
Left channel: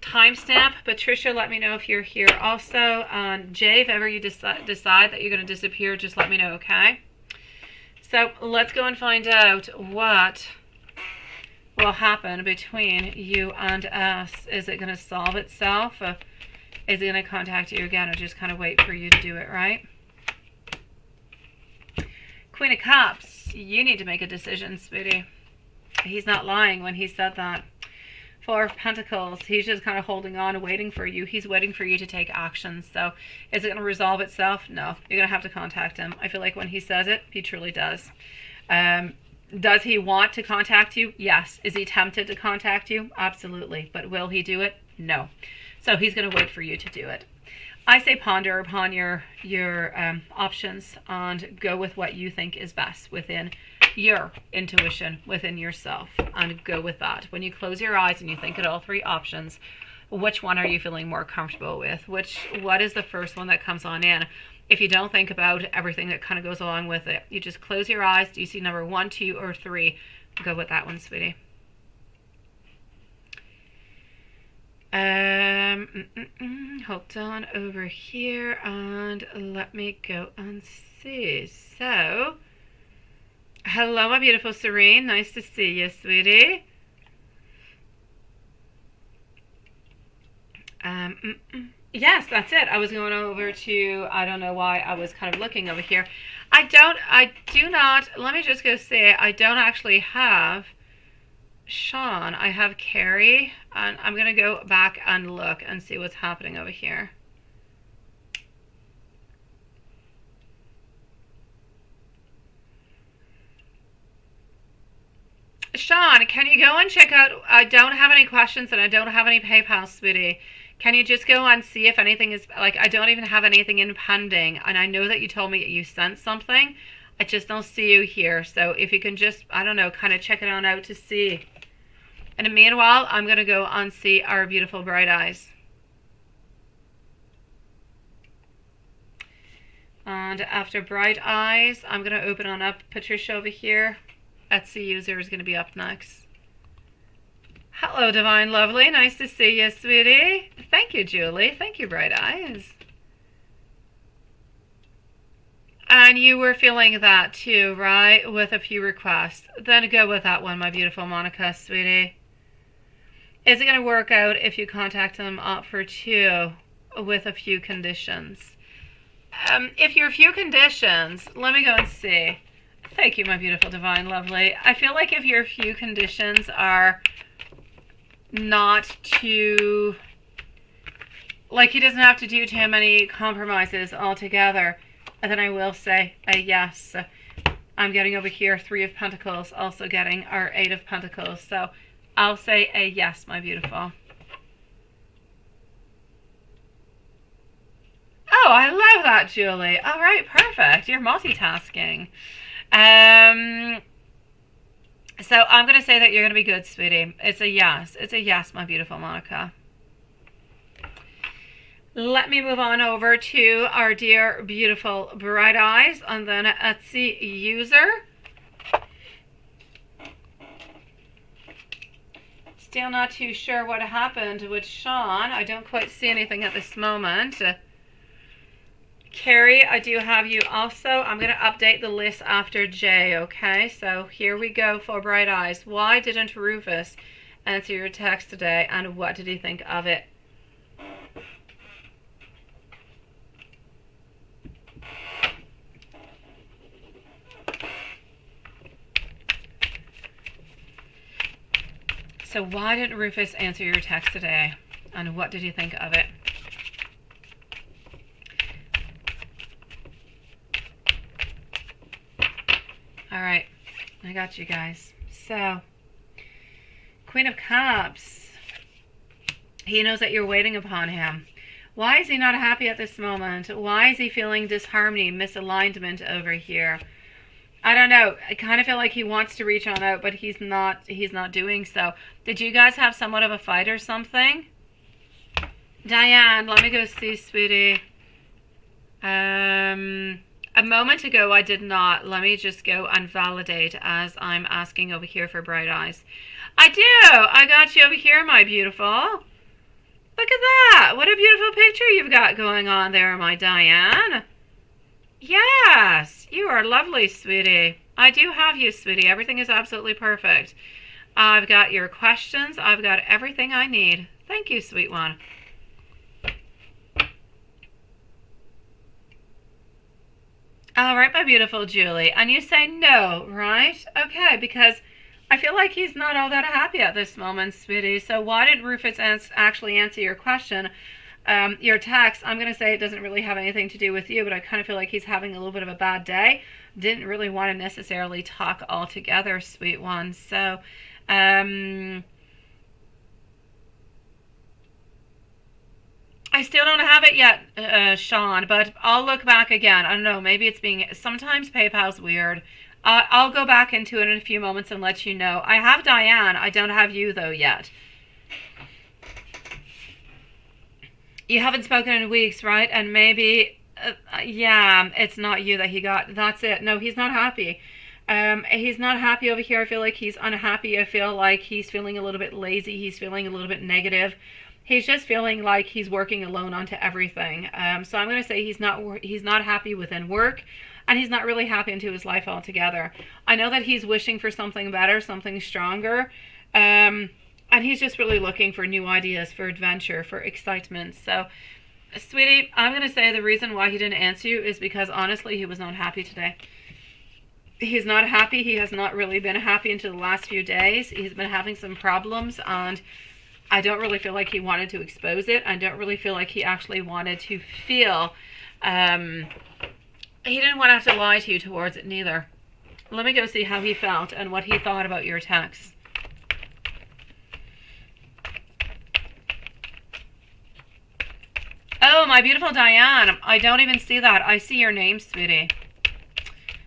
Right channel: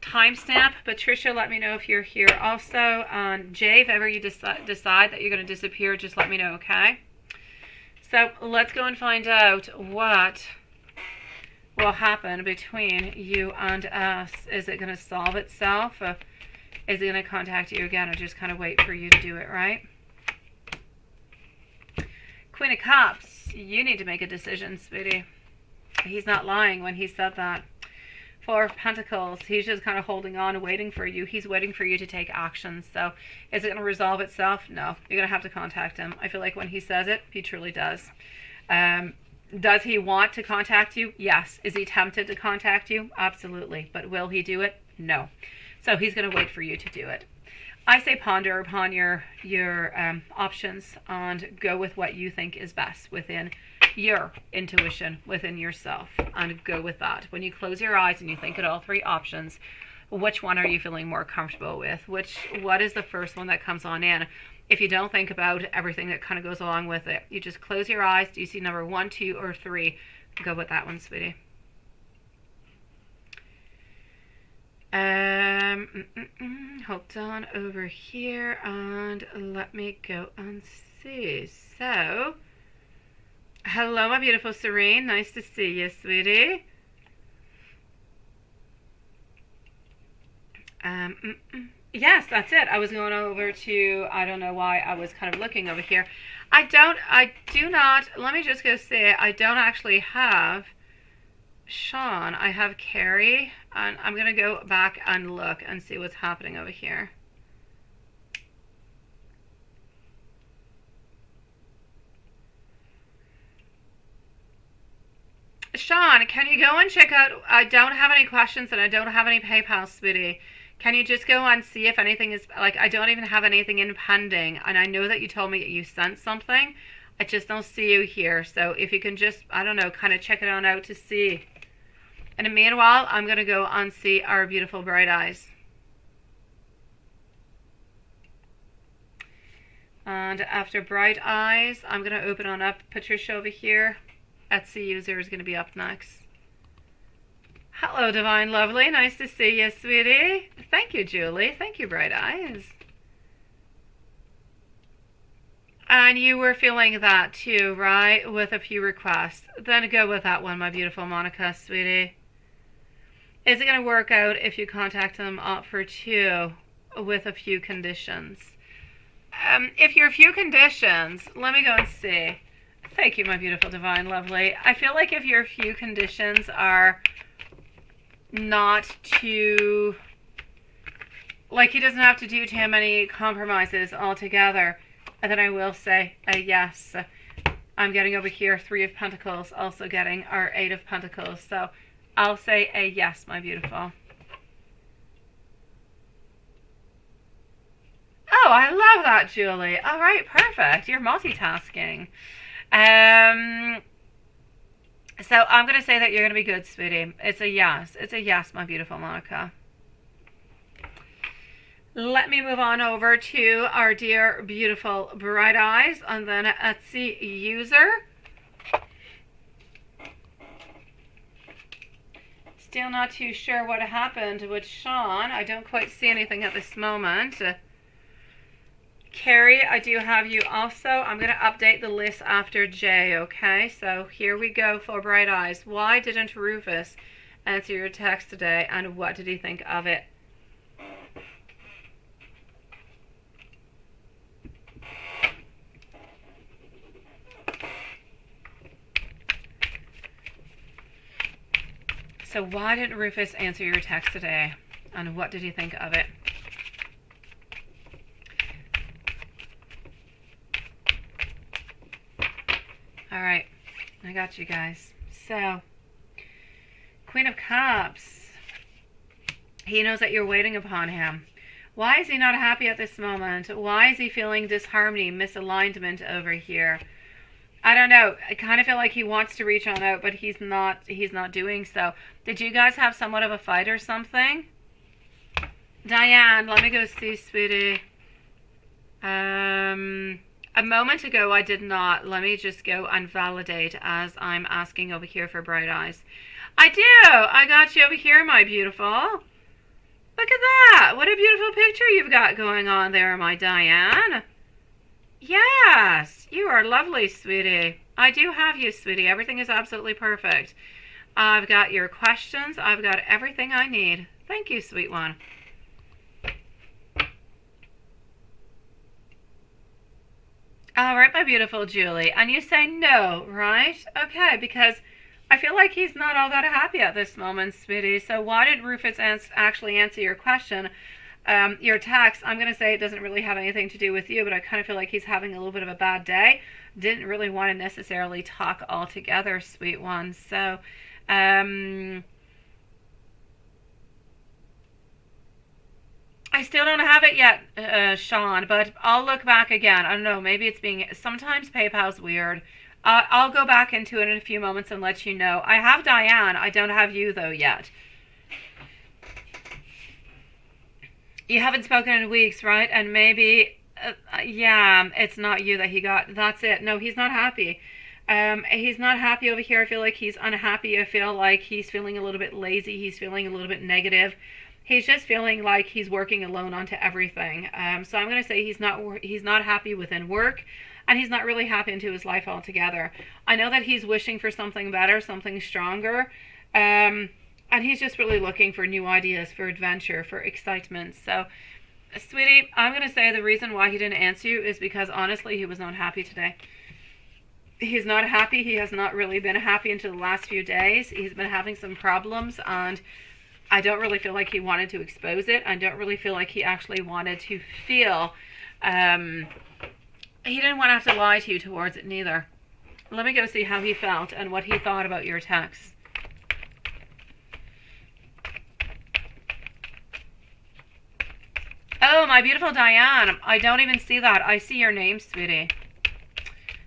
timestamp. Patricia, let me know if you're here also. Jay, if ever you decide that you're going to disappear, just let me know, okay? So let's go and find out what will happen between you and us. Is it going to solve itself? Is he going to contact you again, or just kind of wait for you to do it, right? Queen of Cups, you need to make a decision, sweetie. He's not lying when he said that. Four of Pentacles, he's just kind of holding on and waiting for you. He's waiting for you to take action. So is it going to resolve itself? No. You're going to have to contact him. I feel like when he says it, he truly does. Does he want to contact you? Yes. Is he tempted to contact you? Absolutely. But will he do it? No. So he's going to wait for you to do it. I say ponder upon your options and go with what you think is best within your intuition, within yourself, and go with that. When you close your eyes and you think of all 3 options, which one are you feeling more comfortable with? What is the first one that comes on in? If you don't think about everything that kind of goes along with it, you just close your eyes. Do you see number 1, 2, or 3? Go with that one, sweetie. Hold on over here and let me go and see. So, hello, my beautiful Serene. Nice to see you, sweetie. Yes, that's it. I was going over to, I don't know why I was kind of looking over here. I do not, let me just go say, I don't actually have Sean. I have Carrie, and I'm going to go back and look and see what's happening over here. Sean, can you go and check out? I don't have any questions and I don't have any PayPal, sweetie. Can you just go and see if anything is, like, I don't even have anything in pending. And I know that you told me you sent something. I just don't see you here. So if you can just, I don't know, kind of check it on out to see. And meanwhile, I'm going to go and see our beautiful bright eyes. And after bright eyes, I'm going to open on up Patricia over here. Etsy user is going to be up next. Hello, Divine Lovely. Nice to see you, sweetie. Thank you, Julie. Thank you, Bright Eyes. And you were feeling that too, right? With a few requests. Then go with that one, my beautiful Monica, sweetie. Is it going to work out if you contact them up for 2 with a few conditions? If you're a few conditions, let me go and see. Thank you, my beautiful Divine Lovely. I feel like if your few conditions are not too, like he doesn't have to do too many compromises altogether, and then I will say a yes. I'm getting over here 3 of Pentacles, also getting our 8 of Pentacles. So I'll say a yes, my beautiful. Oh, I love that, Julie. All right, perfect. You're multitasking. So I'm going to say that you're going to be good, sweetie. It's a yes. It's a yes, my beautiful Monica. Let me move on over to our dear, beautiful Bright Eyes and then Etsy user. Still not too sure what happened with Sean. I don't quite see anything at this moment. Carrie, I do have you also. I'm going to update the list after Jay, okay? So here we go for Bright Eyes. Why didn't Rufus answer your text today, and what did he think of it? So why didn't Rufus answer your text today, and what did he think of it? All right, I got you guys. So, Queen of Cups. He knows that you're waiting upon him. Why is he not happy at this moment? Why is he feeling disharmony, misalignment over here? I don't know. I kind of feel like he wants to reach on out, but he's not doing so. Did you guys have somewhat of a fight or something? Diane, let me go see, sweetie. A moment ago, I did not. Let me just go and validate as I'm asking over here for Bright Eyes. I do. I got you over here, my beautiful. Look at that. What a beautiful picture you've got going on there, my Diane. Yes, you are lovely, sweetie. I do have you, sweetie. Everything is absolutely perfect. I've got your questions. I've got everything I need. Thank you, sweet one. All right, my beautiful Julie. And you say no, right? Okay, because I feel like he's not all that happy at this moment, sweetie. So why did Rufus actually answer your question, your text? I'm going to say it doesn't really have anything to do with you, but I kind of feel like he's having a little bit of a bad day. Didn't really want to necessarily talk altogether, sweet one. So, I still don't have it yet, Sean, but I'll look back again. I don't know, maybe it's being, sometimes PayPal's weird. I'll go back into it in a few moments and let you know. I have Diane, I don't have you though yet. You haven't spoken in weeks, right? And maybe, yeah, it's not you that he got. That's it. No, he's not happy. He's not happy over here. I feel like he's unhappy. I feel like he's feeling a little bit lazy. He's feeling a little bit negative. He's just feeling like he's working alone onto everything. So I'm going to say he's not happy within work, and he's not really happy into his life altogether. I know that he's wishing for something better, something stronger, and he's just really looking for new ideas, for adventure, for excitement. So, sweetie, I'm going to say the reason why he didn't answer you is because, honestly, he was not happy today. He's not happy. He has not really been happy until the last few days. He's been having some problems, and I don't really feel like he wanted to expose it. I don't really feel like he actually wanted to feel, he didn't want to have to lie to you towards it neither. Let me go see how he felt and what he thought about your text. Oh, my beautiful Diane, I don't even see that. I see your name, sweetie.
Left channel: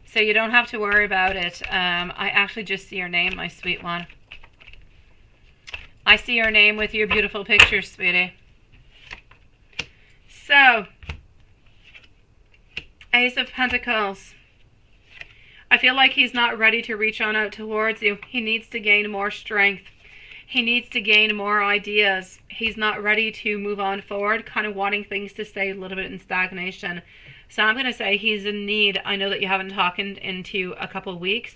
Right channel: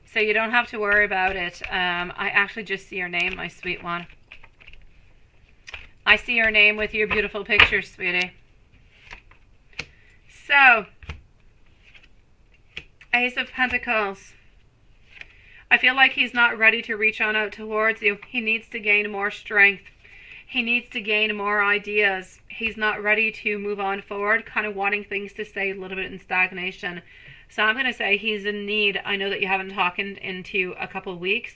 So you don't have to worry about it. I actually just see your name, my sweet one. I see your name with your beautiful picture, sweetie. So, Ace of Pentacles. I feel like he's not ready to reach on out towards you. He needs to gain more strength. He needs to gain more ideas. He's not ready to move on forward, kind of wanting things to stay a little bit in stagnation. So I'm going to say he's in need. I know that you haven't talked into a couple of weeks,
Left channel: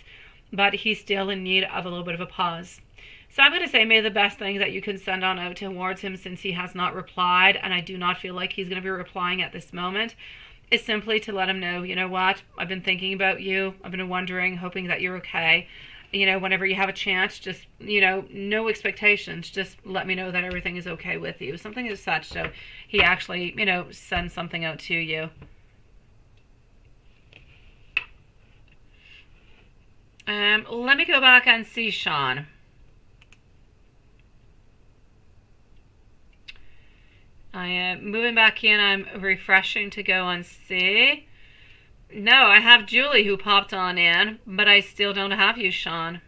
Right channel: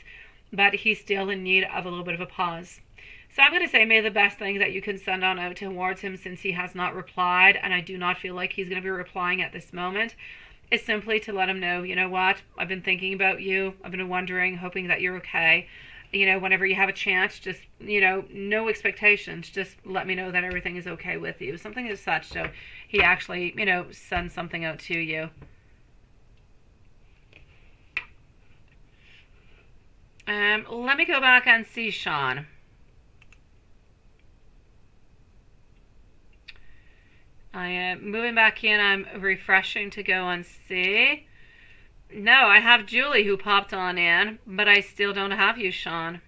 but he's still in need of a little bit of a pause. So I'm going to say maybe the best thing that you can send on out towards him, since he has not replied, and I do not feel like he's going to be replying at this moment, is simply to let him know, you know what, I've been thinking about you. I've been wondering, hoping that you're okay. You know, whenever you have a chance, just, you know, no expectations. Just let me know that everything is okay with you. Something as such. So he actually, you know, sends something out to you. Let me go back and see Sean. I am moving back in. I'm refreshing to go and see. No, I have Julie who popped on in, but I still don't have you, Sean.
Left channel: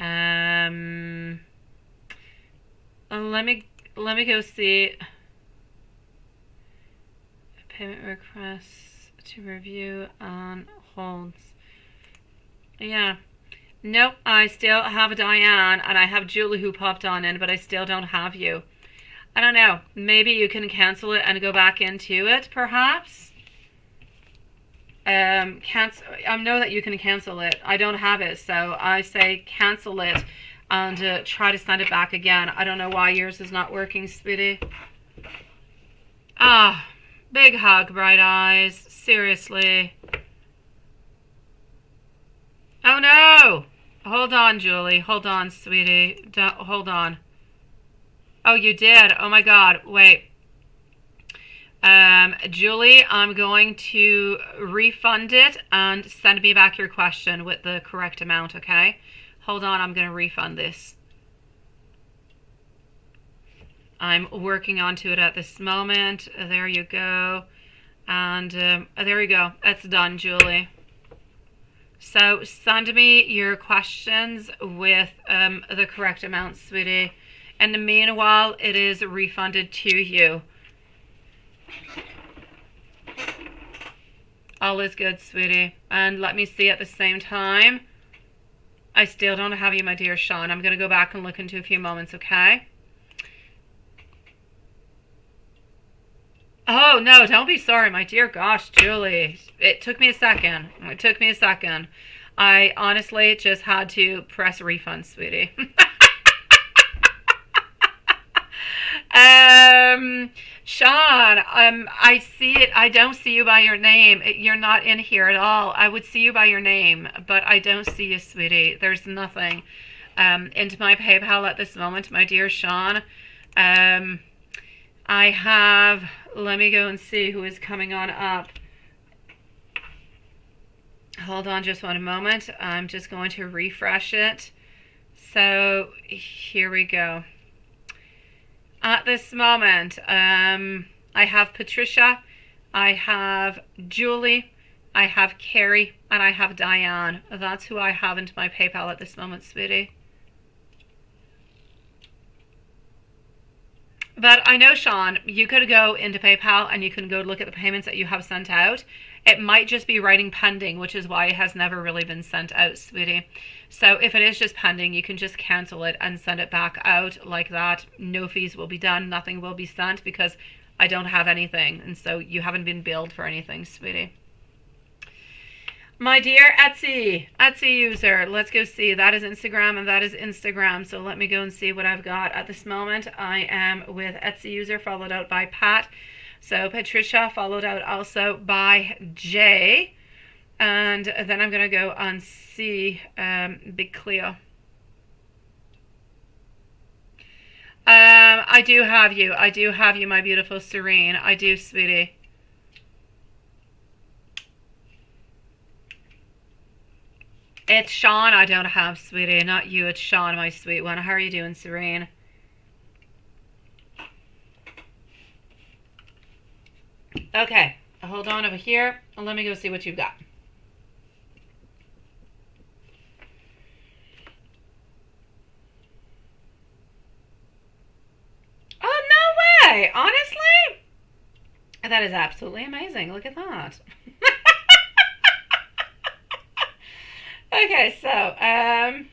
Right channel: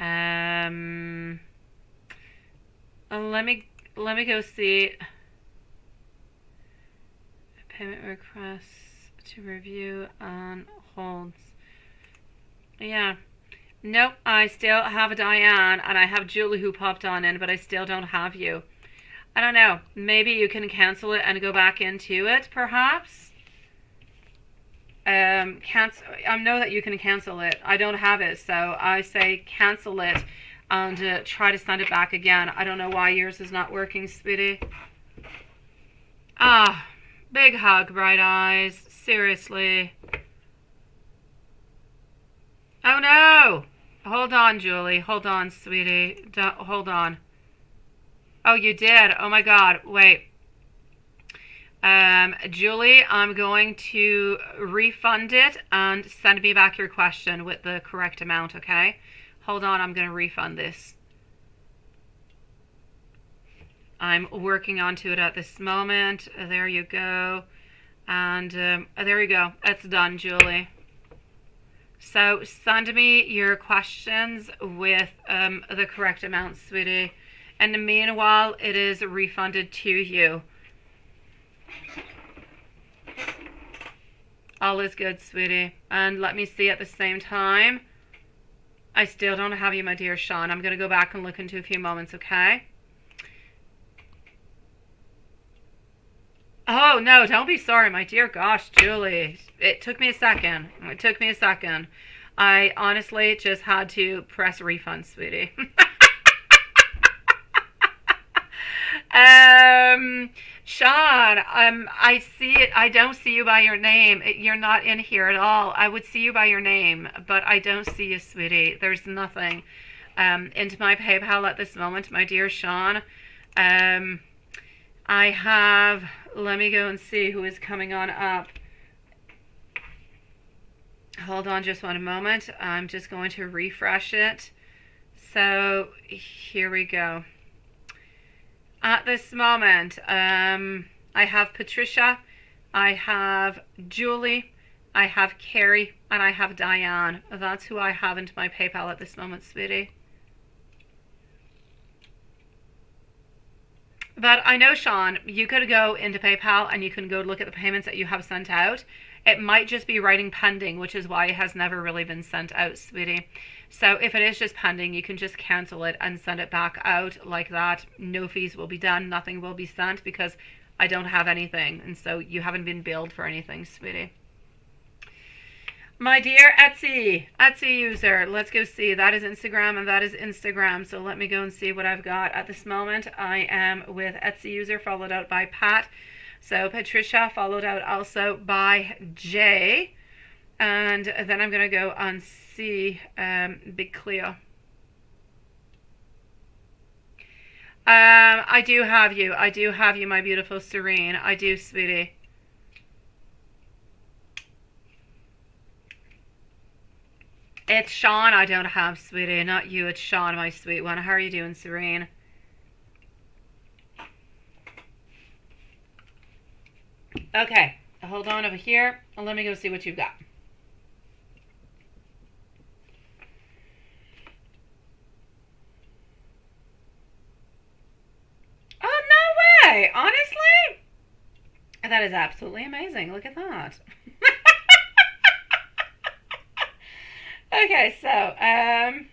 Let me go see. Payment requests to review on holds. Yeah. Nope, I still have Diane, and I have Julie who popped on in, but I still don't have you. I don't know. Maybe you can cancel it and go back into it, perhaps. Cancel. I know that you can cancel it. I don't have it, so I say cancel it and try to send it back again. I don't know why yours is not working, sweetie. Ah, big hug, bright eyes. Seriously. Oh no! Hold on, Julie. Hold on, sweetie. Hold on. Oh, you did? Oh my God. Wait. Julie, I'm going to refund it and send me back your question with the correct amount, okay? Hold on, I'm going to refund this. I'm working onto it at this moment. There you go. And there you go. It's done, Julie. So send me your questions with the correct amount, sweetie. And in the meanwhile, it is refunded to you. All is good, sweetie. And let me see at the same time. I still don't have you, my dear Sean. I'm going to go back and look into a few moments, okay? Oh, no, don't be sorry, my dear gosh, Julie. It took me a second. It took me a second. I honestly just had to press refund, sweetie. Sean, I see it. I don't see you by your name. You're not in here at all. I would see you by your name, but I don't see you, sweetie. There's nothing into my PayPal at this moment, my dear Sean. I have, let me go and see who is coming on up. Hold on just one moment. I'm just going to refresh it. So here we go. At this moment, I have Patricia, I have Julie, I have Carrie, and I have Diane. That's who I have into my PayPal at this moment, sweetie. But I know, Sean, you could go into PayPal and you can go look at the payments that you have sent out. It might just be writing pending, which is why it has never really been sent out, sweetie. So if it is just pending, you can just cancel it and send it back out like that. No fees will be done. Nothing will be sent because I don't have anything. And so you haven't been billed for anything, sweetie. My dear Etsy user, let's go see. That is Instagram and that is Instagram. So let me go and see what I've got at this moment. I am with Etsy user followed out by Pat. So Patricia followed out also by Jay. And then I'm going to go and see Big Cleo. I do have you. I do have you, my beautiful Serene. I do, sweetie. It's Sean I don't have, sweetie. Not you. It's Sean, my sweet one. How are you doing, Serene? Okay. Hold on over here. And let me go see what you've got. Oh, no way. Honestly? That is absolutely amazing. Look at that. Okay, so, and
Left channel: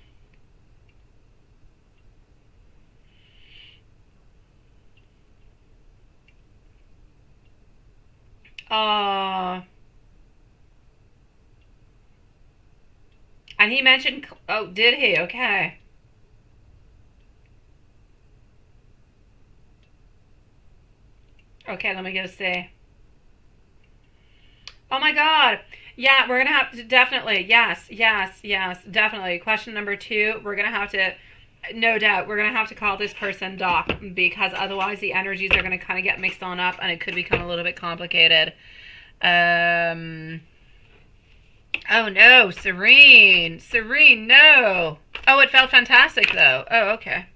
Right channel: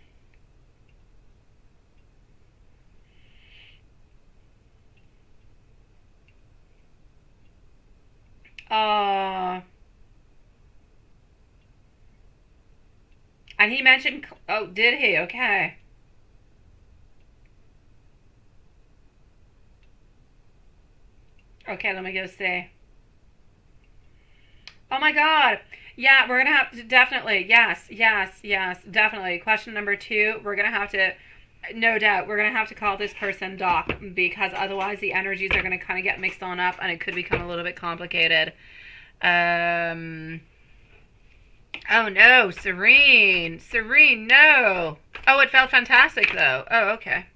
he mentioned, oh, did he? Okay. Okay, let me go see. Oh my God. Yeah, we're going to have to definitely, yes, definitely. Question number 2, we're going to have to, no doubt, we're going to have to call this person Doc, because otherwise the energies are going to kind of get mixed on up and it could become a little bit complicated. Oh no, Serene, no. Oh, it felt fantastic though. Oh, okay.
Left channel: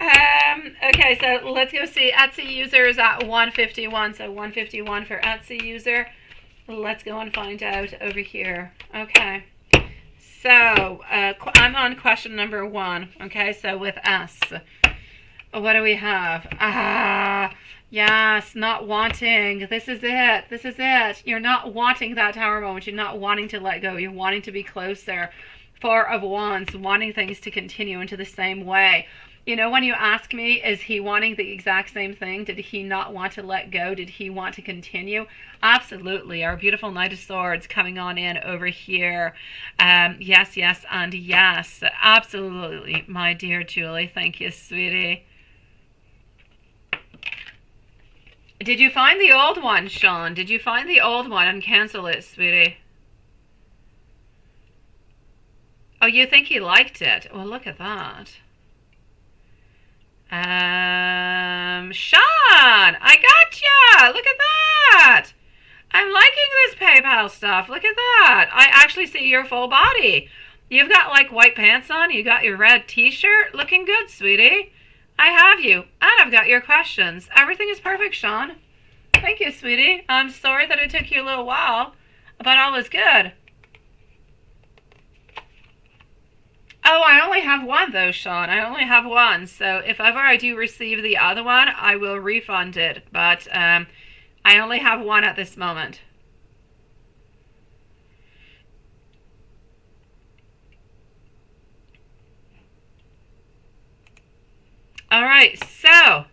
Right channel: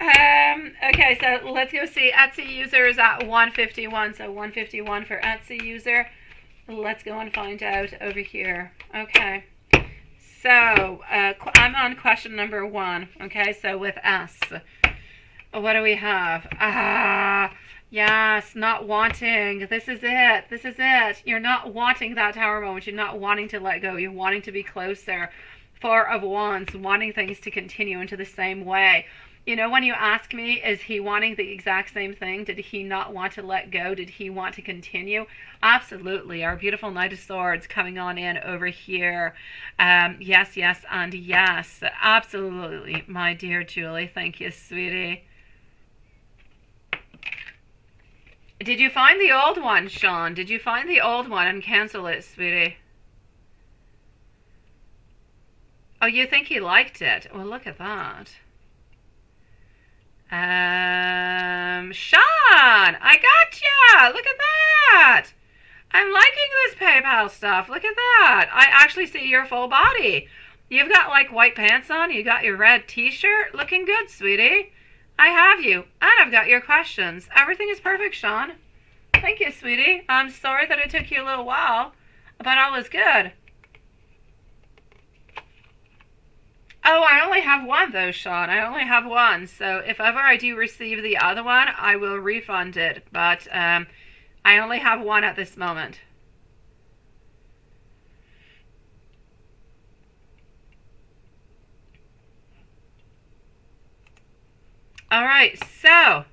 Okay, so let's go see. Etsy user is at 151, so 151 for Etsy user. Let's go and find out over here. Okay, so I'm on question number 1. Okay, so with S, what do we have? Yes, not wanting. This is it. You're not wanting that Tower moment. You're not wanting to let go. You're wanting to be closer. 4 of Wands, wanting things to continue into the same way. You know, when you ask me, is he wanting the exact same thing? Did he not want to let go? Did he want to continue? Absolutely. Our beautiful Knight of Swords coming on in over here. Yes, and yes. Absolutely, my dear Julie. Thank you, sweetie. Did you find the old one, Sean? Did you find the old one and cancel it, sweetie? Oh, you think he liked it? Well, look at that. Sean, I gotcha. Look at that. I'm liking this PayPal stuff. Look at that. I actually see your full body. You've got like white pants on. You got your red t-shirt. Looking good, sweetie. I have you. And I've got your questions. Everything is perfect, Sean. Thank you, sweetie. I'm sorry that it took you a little while, but all is good. Oh, I only have one though, Sean. I only have one. So if ever I do receive the other one, I will refund it. But I only have one at this moment. All right, so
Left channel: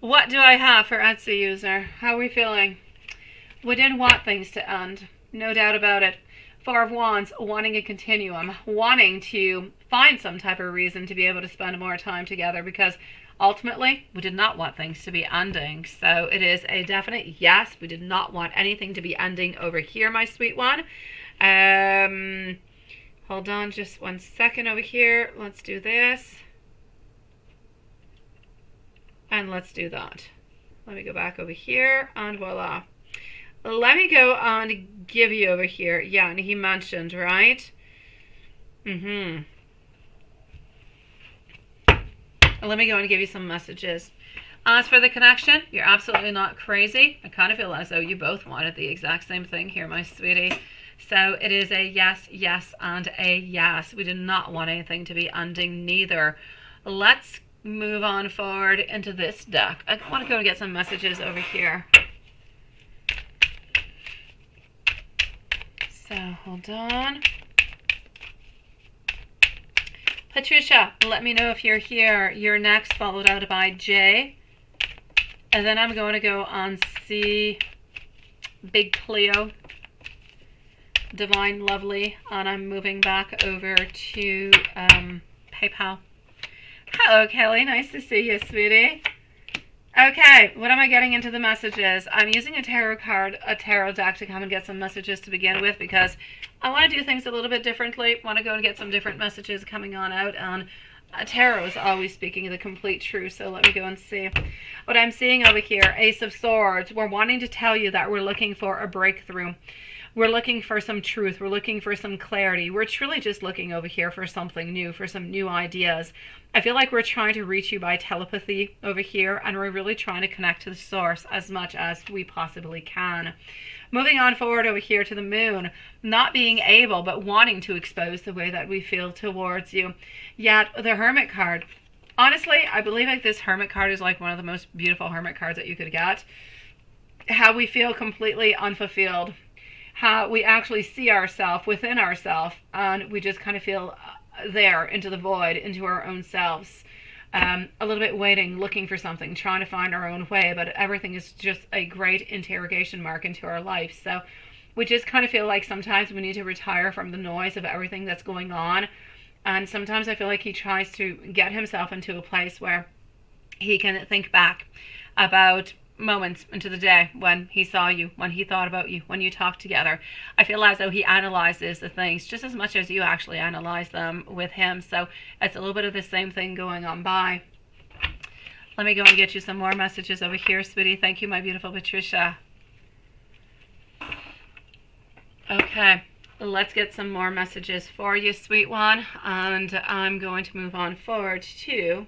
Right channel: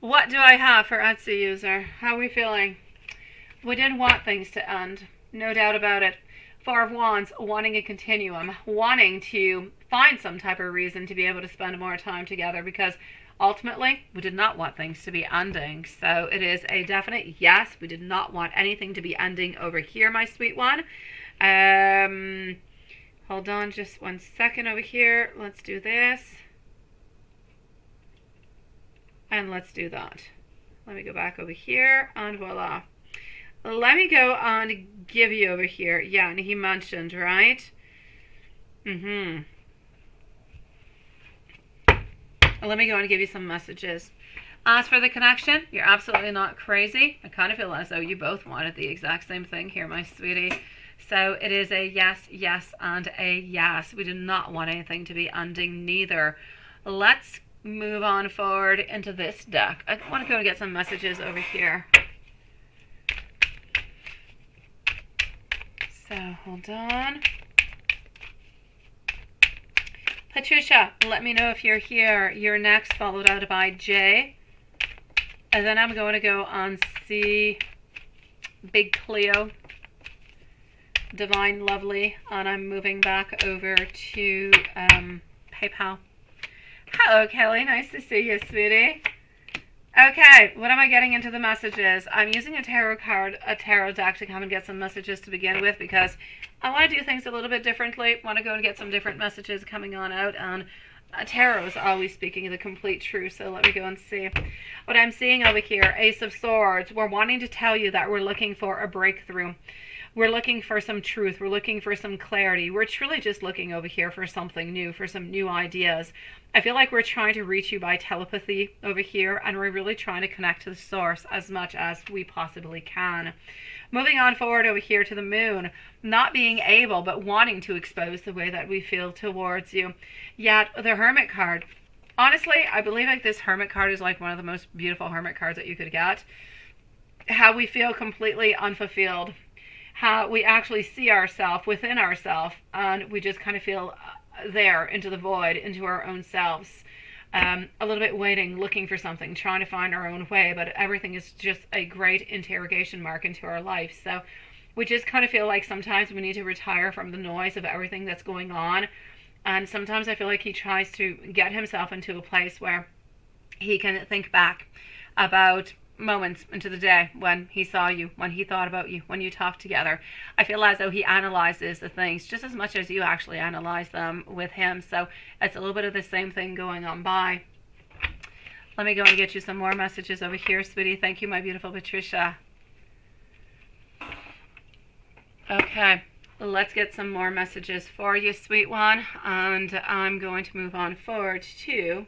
what do I have for Etsy user? How are we feeling? We didn't want things to end. No doubt about it. 4 of Wands, wanting a continuum, wanting to find some type of reason to be able to spend more time together, because ultimately we did not want things to be ending. So it is a definite yes. We did not want anything to be ending over here, my sweet one. Hold on just 1 second over here. Let's do this. And let's do that. Let me go back over here and voila. Let me go and give you over here. Yeah, and he mentioned, right? Let me go and give you some messages. As for the connection, you're absolutely not crazy. I kind of feel as though you both wanted the exact same thing here, my sweetie. So it is a yes, yes, and a yes. We did not want anything to be ending neither. Let's move on forward into this deck. I want to go and get some messages over here. So hold on. Patricia, let me know if you're here. You're next, followed out by Jay. And then I'm going to go on see Big Cleo, Divine Lovely, and I'm moving back over to PayPal. Hello, Kelly. Nice to see you, sweetie. Okay, what am I getting into the messages? I'm using a tarot deck to come and get some messages to begin with, because I want to do things a little bit differently. I want to go and get some different messages coming on out, and Tarot is always speaking the complete truth, so let me go and see. What I'm seeing over here, Ace of Swords, we're wanting to tell you that we're looking for a breakthrough. We're looking for some truth. We're looking for some clarity. We're truly just looking over here for something new, for some new ideas. I feel like we're trying to reach you by telepathy over here, and we're really trying to connect to the source as much as we possibly can. Moving on forward over here to the Moon, not being able but wanting to expose the way that we feel towards you. Yet the Hermit card. Honestly, I believe like this Hermit card is like one of the most beautiful Hermit cards that you could get. How we feel completely unfulfilled. How we actually see ourselves within ourselves, and we just kind of feel there into the void, into our own selves. A little bit waiting, looking for something, trying to find our own way, but everything is just a great interrogation mark into our life. So we just kind of feel like sometimes we need to retire from the noise of everything that's going on. And sometimes I feel like he tries to get himself into a place where he can think back about moments into the day when he saw you, when he thought about you, when you talked together. I feel as though he analyzes the things just as much as you actually analyze them with him. So it's a little bit of the same thing going on by. Let me go and get you some more messages over here, sweetie. Thank you, my beautiful Patricia. Okay, let's get some more messages for you, sweet one. And I'm going to move on forward to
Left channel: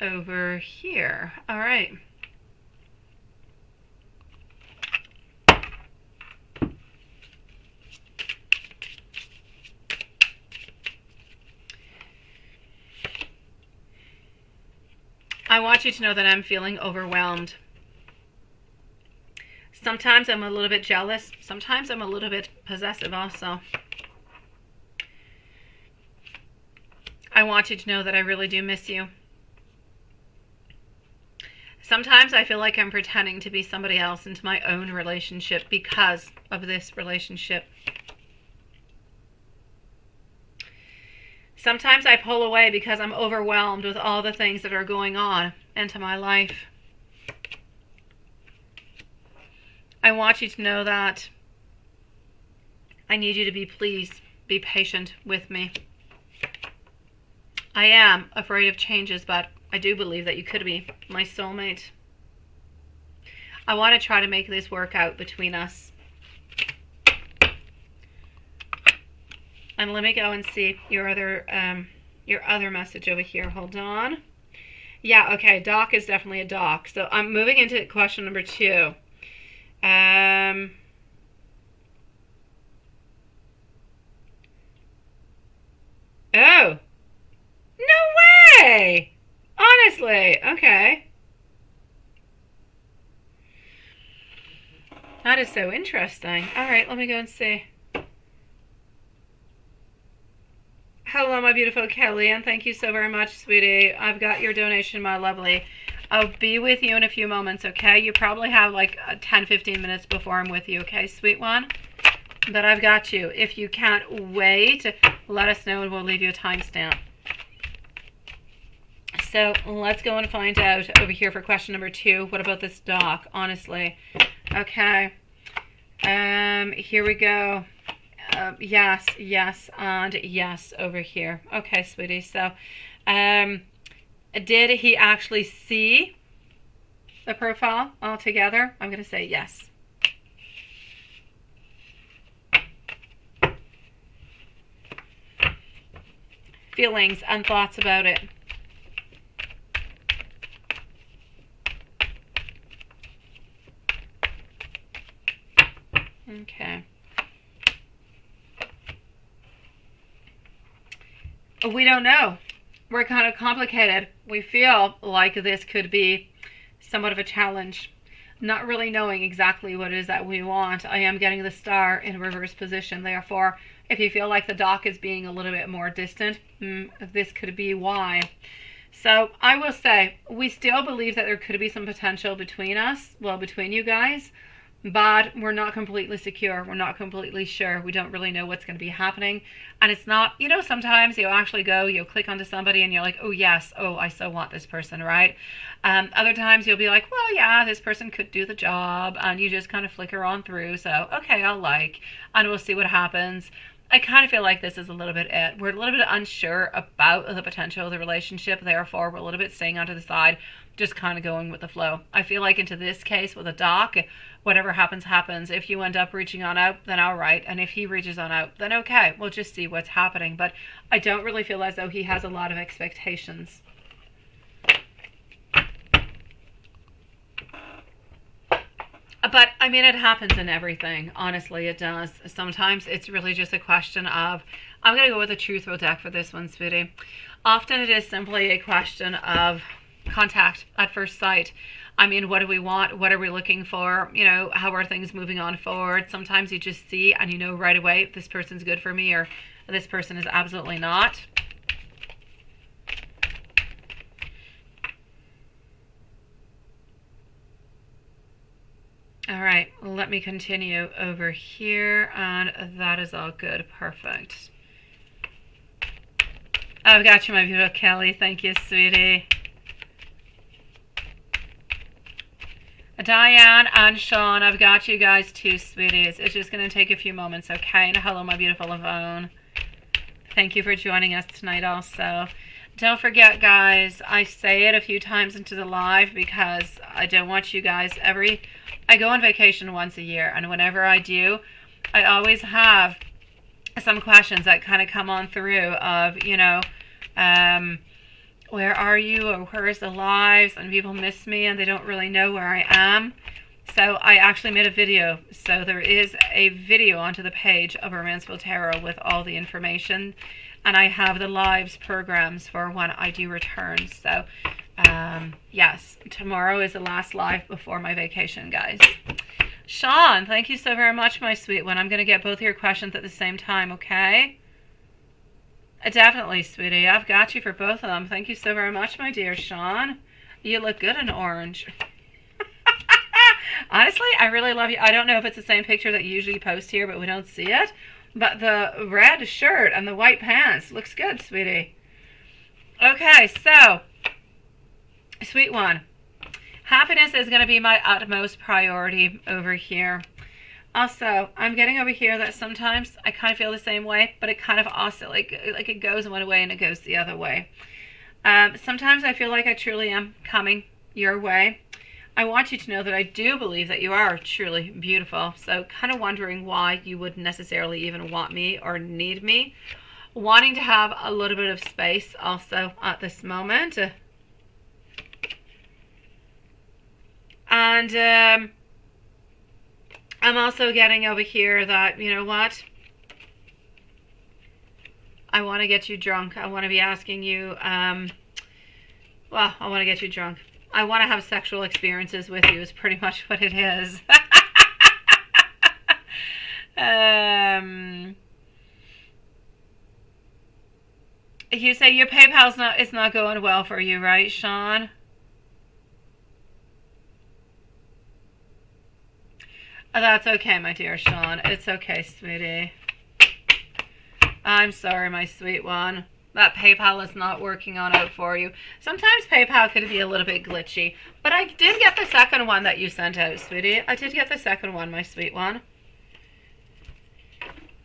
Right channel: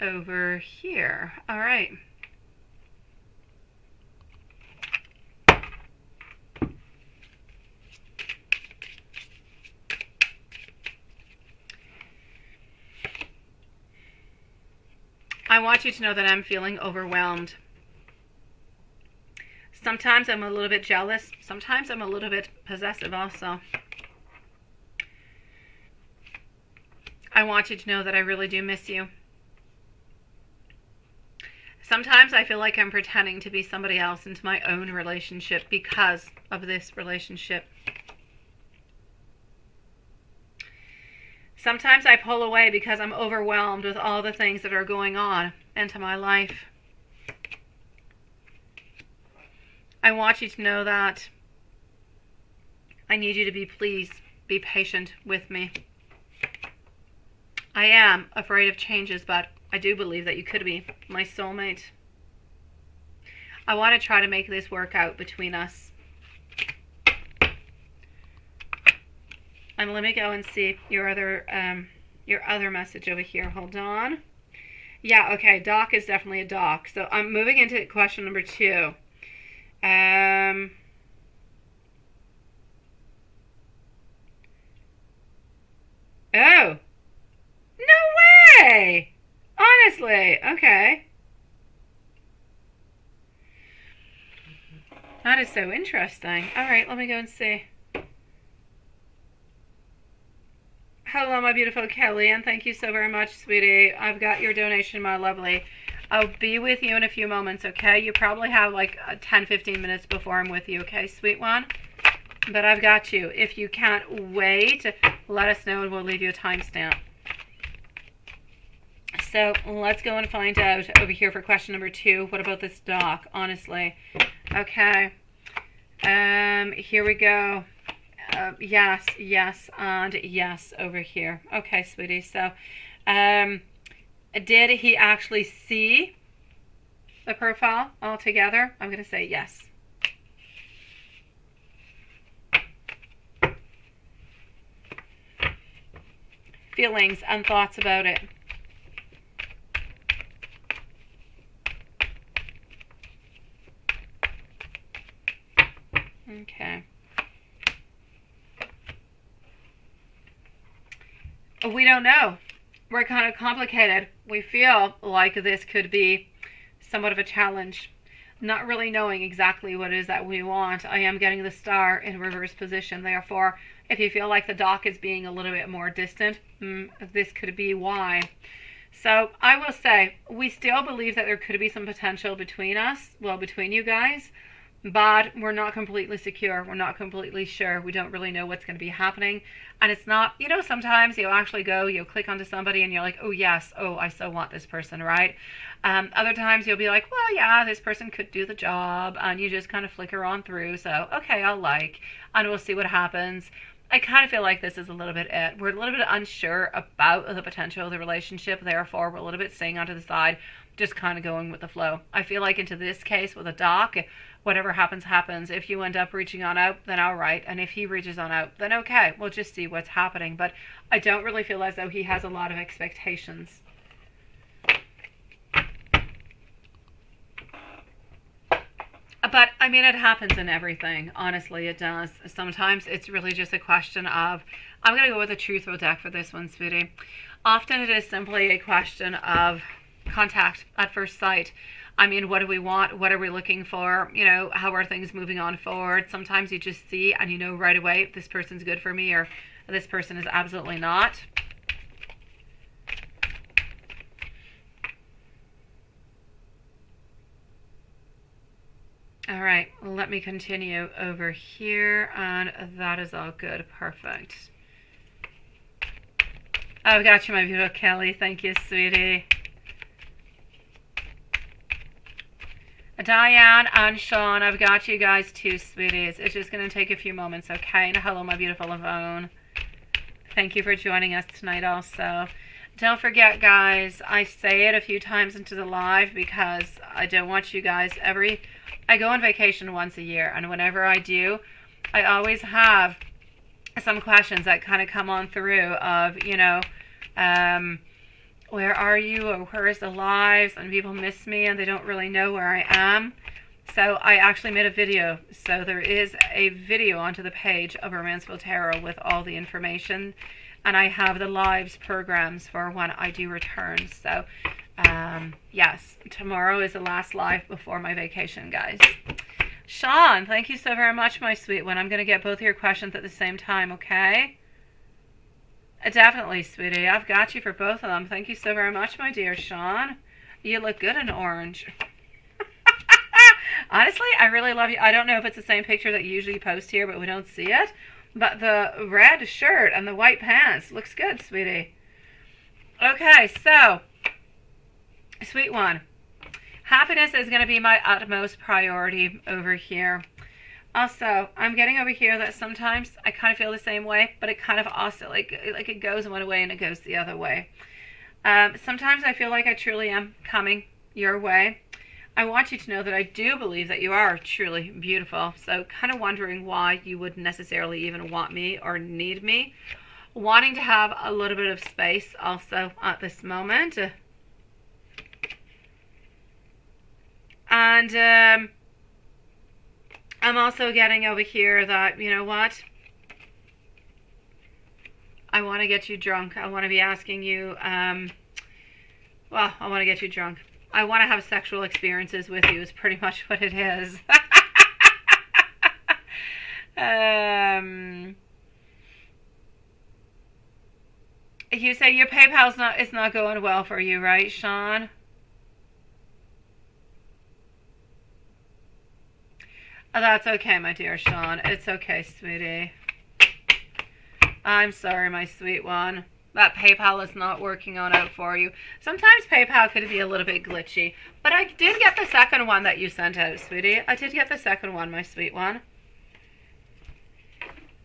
over here. All right. I want you to know that I'm feeling overwhelmed. Sometimes I'm a little bit jealous. Sometimes I'm a little bit possessive also. I want you to know that I really do miss you. Sometimes I feel like I'm pretending to be somebody else into my own relationship because of this relationship. Sometimes I pull away because I'm overwhelmed with all the things that are going on into my life. I want you to know that I need you to be pleased, be patient with me. I am afraid of changes, but I do believe that you could be my soulmate. I want to try to make this work out between us. And let me go and see your other message over here. Hold on. Yeah, okay, doc is definitely a doc. So I'm moving into question number 2. Oh. No way! Honestly, okay. That is so interesting. All right, let me go and see. Hello, my beautiful Kelly, and thank you so very much, sweetie. I've got your donation, my lovely. I'll be with you in a few moments, okay? You probably have like 10-15 minutes before I'm with you, okay, sweet one? But I've got you. If you can't wait, let us know and we'll leave you a timestamp. So let's go and find out over here for question number 2. What about this doc, honestly? Okay. Here we go. Yes, yes, and yes over here. Okay, sweetie. So, did he actually see the profile altogether? I'm going to say yes. Feelings and thoughts about it. Okay. We don't know. We're kind of complicated. We feel like this could be somewhat of a challenge. Not really knowing exactly what it is that we want. I am getting the star in reverse position. Therefore, if you feel like the doc is being a little bit more distant, this could be why. So I will say, we still believe that there could be some potential between us, well, between you guys, but we're not completely secure. We're not completely sure. We don't really know what's going to be happening. And it's not, you know, sometimes you'll actually go, you'll click onto somebody and you're like, oh yes, oh, I so want this person, right? Other times you'll be like, well, yeah, this person could do the job, and you just kind of flicker on through. So, okay, I'll like, and we'll see what happens. I kind of feel like this is a little bit it. We're a little bit unsure about the potential of the relationship, therefore we're a little bit staying onto the side, just kind of going with the flow. I feel like into this case with a doc, whatever happens, happens. If you end up reaching on out, then all right. And if he reaches on out, then okay. We'll just see what's happening. But I don't really feel as though he has a lot of expectations. But I mean, it happens in everything. Honestly, it does. Sometimes it's really just a question of, I'm going to go with the truth deck for this one, sweetie. Often it is simply a question of contact at first sight. I mean, what do we want? What are we looking for? You know, how are things moving on forward? Sometimes you just see and you know right away, this person's good for me or this person is absolutely not. All right, let me continue over here, and that is all good. Perfect. I've got you, my beautiful Kelly. Thank you, sweetie. Diane and Sean, I've got you guys too, sweeties. It's just going to take a few moments, okay? And hello, my beautiful Yvonne. Thank you for joining us tonight also. Don't forget, guys, I say it a few times into the live because I don't want you guys I go on vacation once a year, and whenever I do, I always have some questions that kind of come on through of, you know, where are you, or where is the lives, and people miss me and they don't really know where I am. So I actually made a video. So there is a video onto the page of Romanceful Tarot with all the information, and I have the lives programs for when I do return. So yes, tomorrow is the last live before my vacation, guys. Sean, thank you so very much, my sweet one. I'm going to get both your questions at the same time, okay? Definitely, sweetie. I've got you for both of them. Thank you so very much, my dear Sean. You look good in orange. Honestly, I really love you. I don't know if it's the same picture that you usually post here, but we don't see it. But the red shirt and the white pants looks good, sweetie. Okay, so, sweet one. Happiness is going to be my utmost priority over here. Also, I'm getting over here that sometimes I kind of feel the same way, but it kind of also, like it goes one way and it goes the other way. Sometimes I feel like I truly am coming your way. I want you to know that I do believe that you are truly beautiful. So kind of wondering why you wouldn't necessarily even want me or need me. Wanting to have a little bit of space also at this moment. And I'm also getting over here that, you know what? I want to get you drunk. I want to be asking you, well, I want to get you drunk. I want to have sexual experiences with you is pretty much what it is. You say your PayPal's not going well for you, right, Sean? Oh, that's okay, my dear Sean. It's okay, sweetie. I'm sorry, my sweet one. That PayPal is not working on out for you. Sometimes PayPal could be a little bit glitchy. But I did get the second one that you sent out, sweetie. I did get the second one, my sweet one.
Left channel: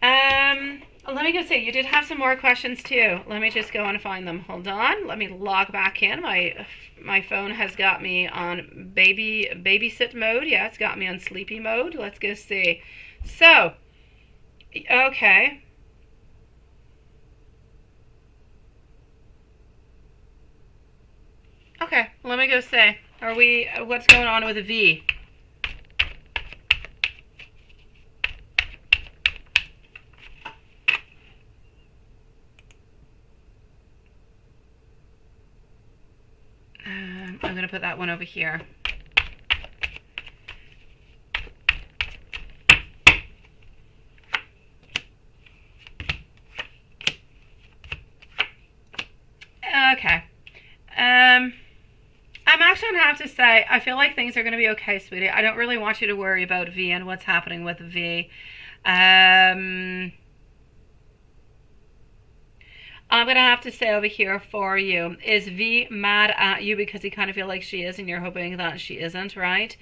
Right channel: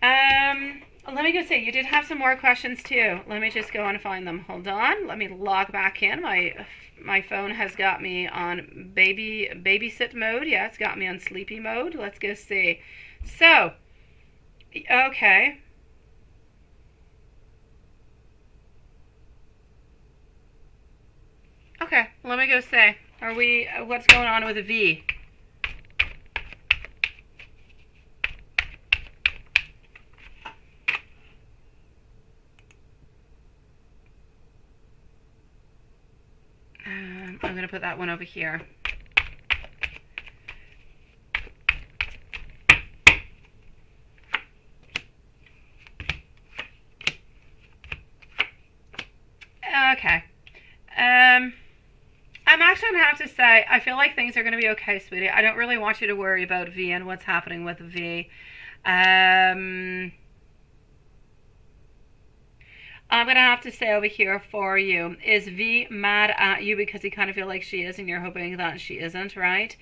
Let me go see. You did have some more questions too. Let me just go and find them. Hold on. Let me log back in. My phone has got me on babysit mode. Yeah, it's got me on sleepy mode. Let's go see. So, okay. Okay, let me go say. What's going on with a V? I'm going to put that one over here. Okay. I'm actually going to have to say, I feel like things are going to be okay, sweetie. I don't really want you to worry about V and what's happening with V. I'm going to have to say over here for you, is V mad at you because you kind of feel like she is and you're hoping that she isn't, right?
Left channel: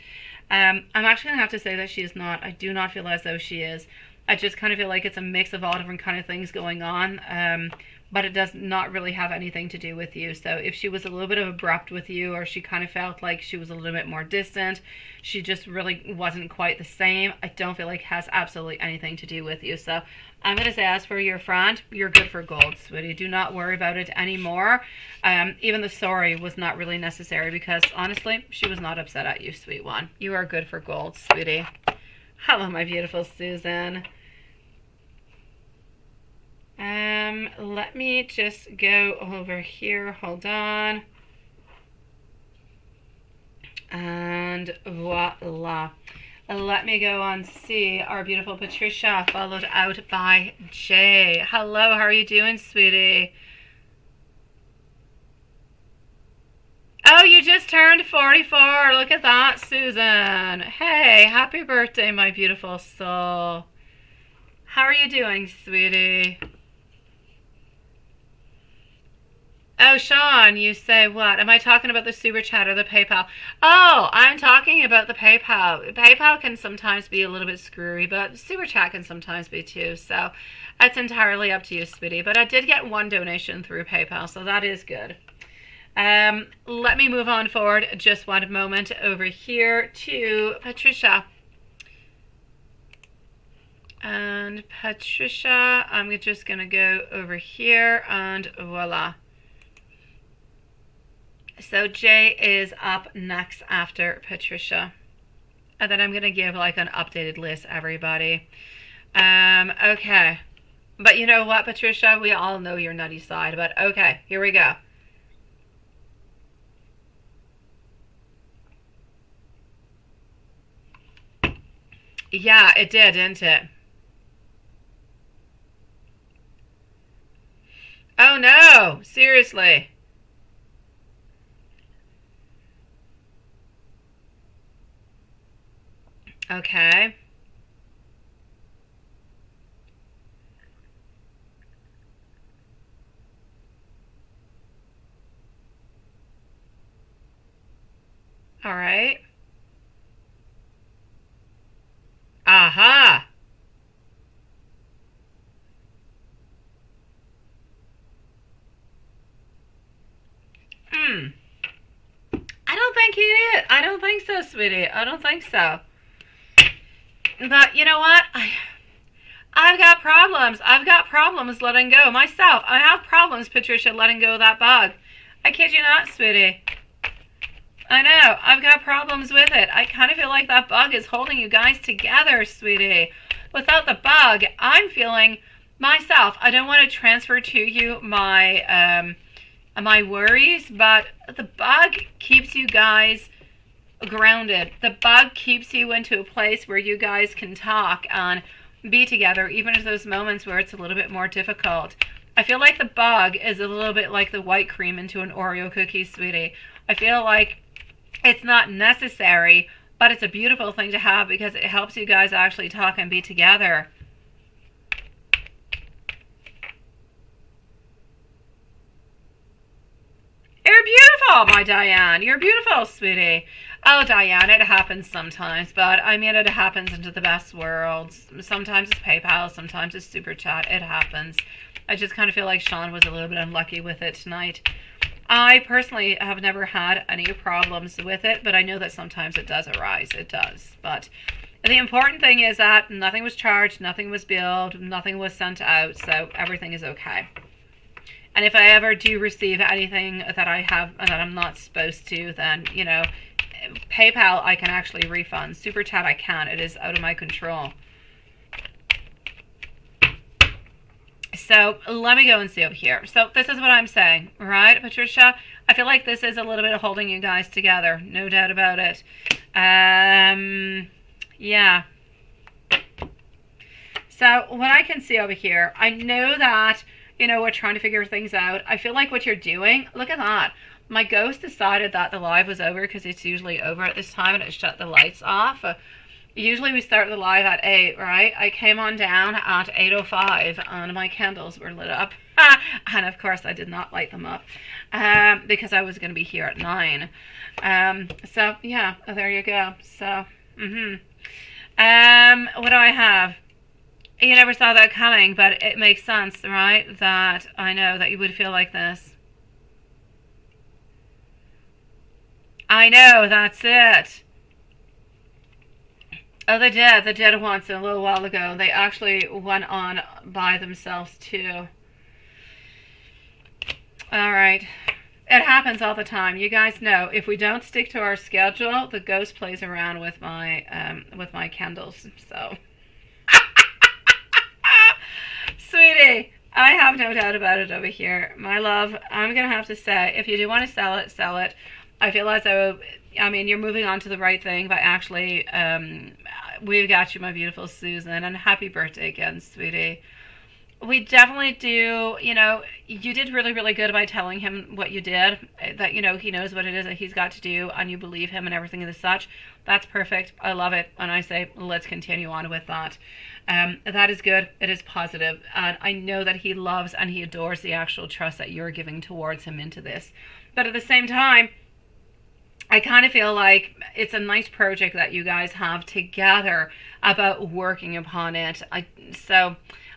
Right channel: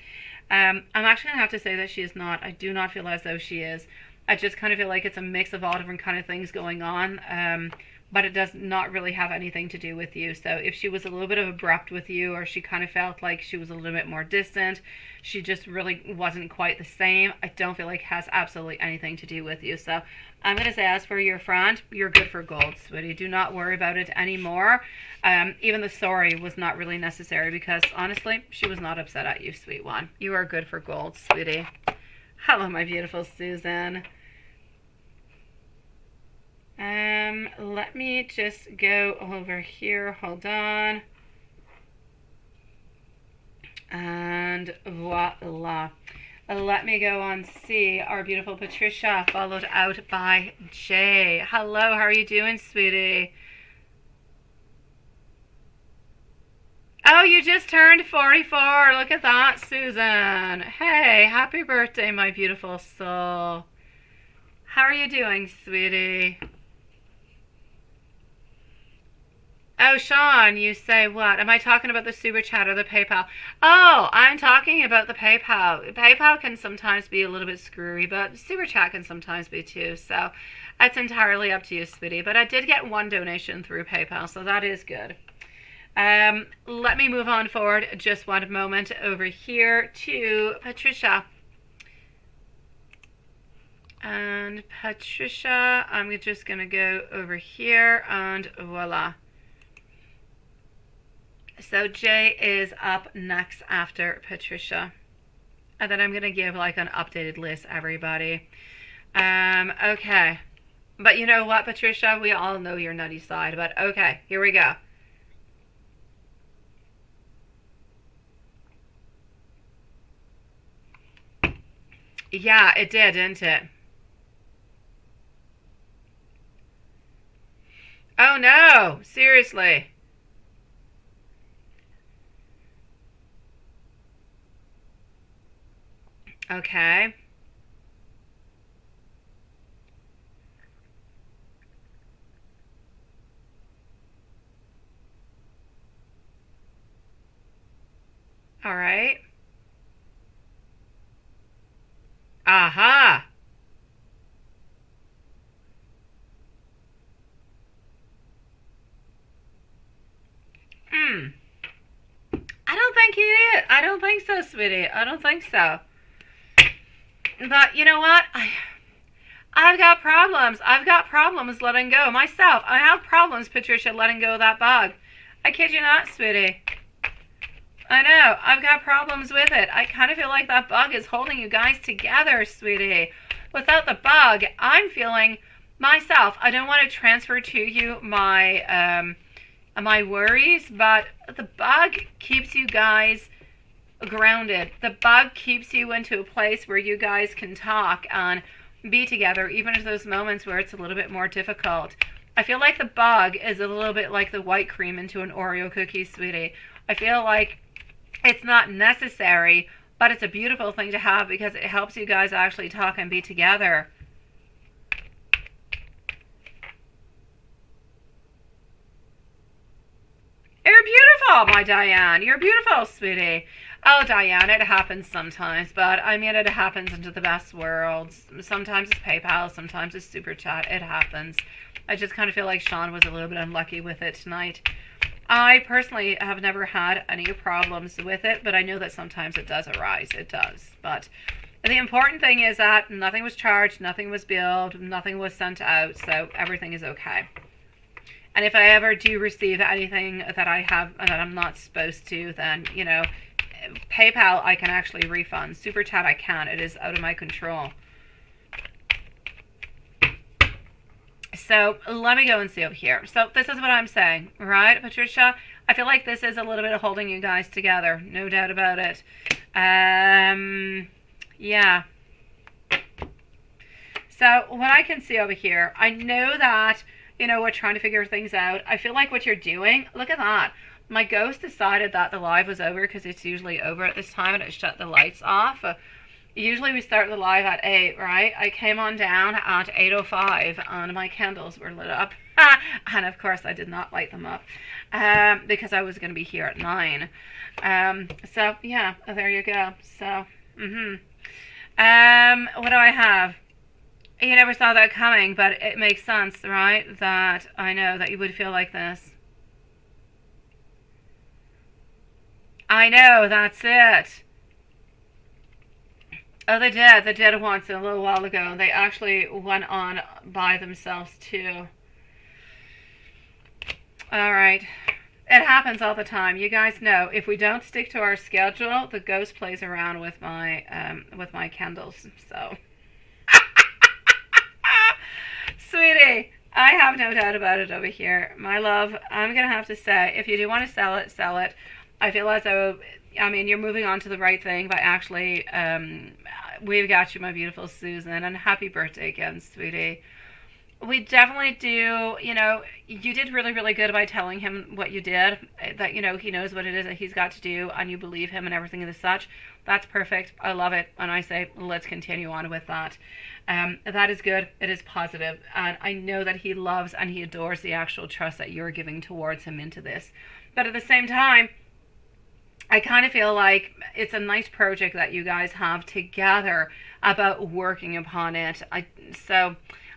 I'm actually going to have to say that she is not. I do not feel as though she is. I just kind of feel like it's a mix of all different kind of things going on. But it does not really have anything to do with you. So if she was a little bit of abrupt with you, or she kind of felt like she was a little bit more distant, she just really wasn't quite the same, I don't feel like it has absolutely anything to do with you. So I'm going to say, as for your friend, you're good for gold, sweetie. Do not worry about it anymore. Even the sorry was not really necessary, because honestly, she was not upset at you, sweet one. You are good for gold, sweetie. Hello, my beautiful Susan. Let me just go over here. Hold on. And voila. Let me go and see our beautiful Patricia, followed out by Jay. Hello, how are you doing, sweetie? Oh, you just turned 44. Look at that, Susan. Hey, happy birthday, my beautiful soul. How are you doing, sweetie? Oh, Sean, you say what? Am I talking about the super chat or the PayPal? Oh, I'm talking about the PayPal. PayPal can sometimes be a little bit screwy, but super chat can sometimes be too. So it's entirely up to you, sweetie. But I did get one donation through PayPal, so that is good. Let me move on forward just one moment over here to Patricia. And Patricia, I'm just going to go over here and voila. So Jay is up next after Patricia. And then I'm going to give like an updated list, everybody. Okay. But you know what, Patricia? We all know your nutty side. But okay, here we go. Yeah, it did, didn't it? Oh no, seriously. Okay. All right. Aha. Hmm. I don't think he did. I don't think so, sweetie. I don't think so. But you know what? I've got problems. I've got problems letting go myself. I have problems, Patricia, letting go of that bug. I kid you not, sweetie. I know. I've got problems with it. I kind of feel like that bug is holding you guys together, sweetie. Without the bug, I'm feeling myself. I don't want to transfer to you my my worries, but the bug keeps you guys grounded. The bug keeps you into a place where you guys can talk and be together, even in those moments where it's a little bit more difficult. I feel like the bug is a little bit like the white cream into an Oreo cookie, sweetie. I feel like it's not necessary, but it's a beautiful thing to have because it helps you guys actually talk and be together. You're beautiful, my Diane. You're beautiful, sweetie. Oh, Diane, it happens sometimes, but I mean, it happens into the best worlds. Sometimes it's PayPal, sometimes it's Super Chat. It happens. I just kind of feel like Sean was a little bit unlucky with it tonight. I personally have never had any problems with it, but I know that sometimes it does arise. It does. But the important thing is that nothing was charged, nothing was billed, nothing was sent out, so everything is okay. And if I ever do receive anything that I have that I'm not supposed to, then, you know, PayPal I can actually refund. Super Chat I can't. It is out of my control. So let me go and see over here. So this is what I'm saying, right, Patricia? I feel like this is a little bit of holding you guys together. No doubt about it. Yeah. So what I can see over here, I know that, you know, we're trying to figure things out. I feel like what you're doing, look at that. My ghost decided that the live was over because it's usually over at this time and it shut the lights off. Usually we start the live at 8, right? I came on down at 8:05 and my candles were lit up. And of course I did not light them up because I was going to be here at 9. So yeah, there you go. So, what do I have? You never saw that coming, but it makes sense, right? That I know that you would feel like this. I know, that's it. Oh, they did. They did once a little while ago. They actually went on by themselves, too. All right. It happens all the time. You guys know if we don't stick to our schedule, the ghost plays around with my candles. So, sweetie, I have no doubt about it over here, my love. I'm gonna have to say, if you do want to sell it, sell it. I feel as though, I mean, you're moving on to the right thing by actually, we've got you, my beautiful Susan, and happy birthday again, sweetie. We definitely do, you did really, really good by telling him what you did, that, he knows what it is that he's got to do, and you believe him and everything and such. That's perfect. I love it. And I say, let's continue on with that. That is good. It is positive. And I know that he loves and he adores the actual trust that you're giving towards him into this. But at the same time, I kind of feel like it's a nice project that you guys have together about working upon it. So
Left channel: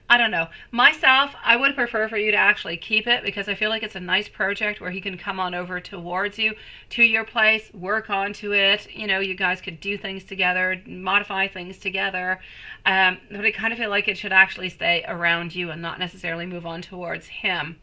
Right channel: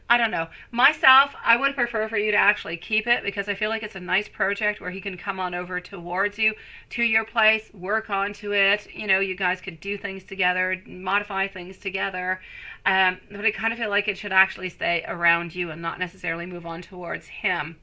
I don't know. Myself, I would prefer for you to actually keep it because I feel like it's a nice project where he can come on over towards you, to your place, work onto it. You guys could do things together, modify things together. But I kind of feel like it should actually stay around you and not necessarily move on towards him.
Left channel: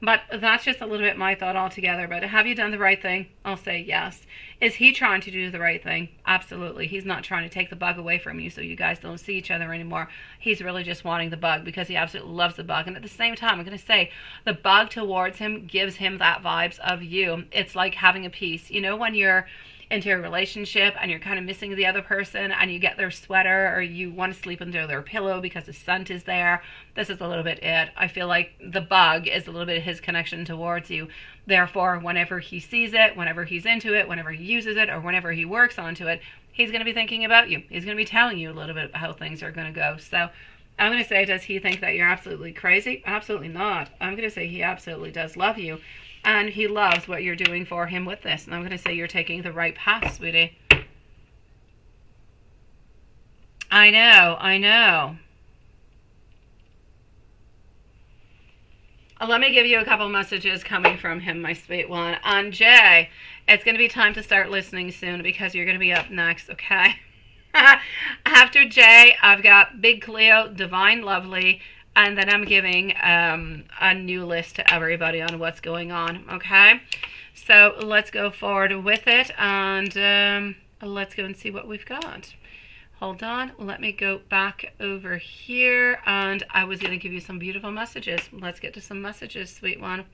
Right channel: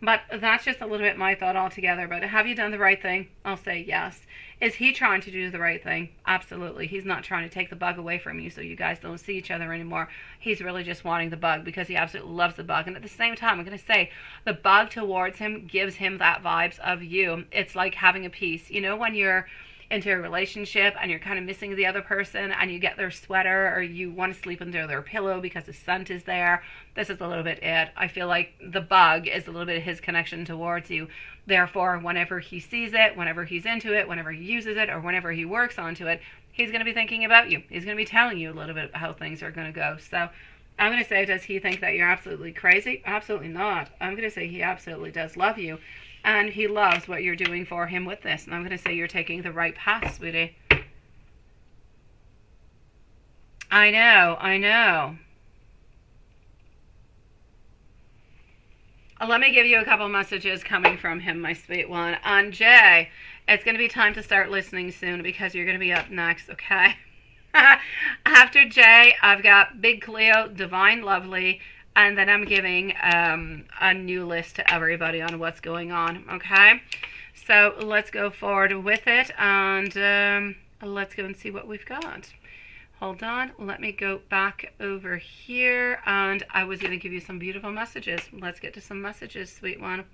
But that's just a little bit my thought altogether. But have you done the right thing? I'll say yes. Is he trying to do the right thing? Absolutely. He's not trying to take the bug away from you so you guys don't see each other anymore. He's really just wanting the bug because he absolutely loves the bug. And at the same time, I'm going to say the bug towards him gives him that vibes of you. It's like having a piece. When you're into a relationship and you're kind of missing the other person and you get their sweater or you want to sleep under their pillow because the scent is there. This is a little bit it. I feel like the bug is a little bit his connection towards you. Therefore, whenever he sees it, whenever he's into it, whenever he uses it, or whenever he works onto it, he's going to be thinking about you. He's going to be telling you a little bit about how things are going to go. So I'm going to say, does he think that you're absolutely crazy? Absolutely not. I'm going to say he absolutely does love you. And he loves what you're doing for him with this. And I'm going to say you're taking the right path, sweetie. I know. Let me give you a couple messages coming from him, my sweet one. And Jay, it's going to be time to start listening soon because you're going to be up next, okay? After Jay, I've got Big Cleo, Divine Lovely, and then I'm giving a new list to everybody on what's going on, okay? So let's go forward with it, and let's go and see what we've got. Hold on, let me go back over here, and I was going to give you some beautiful messages. Let's get to some messages, sweet one.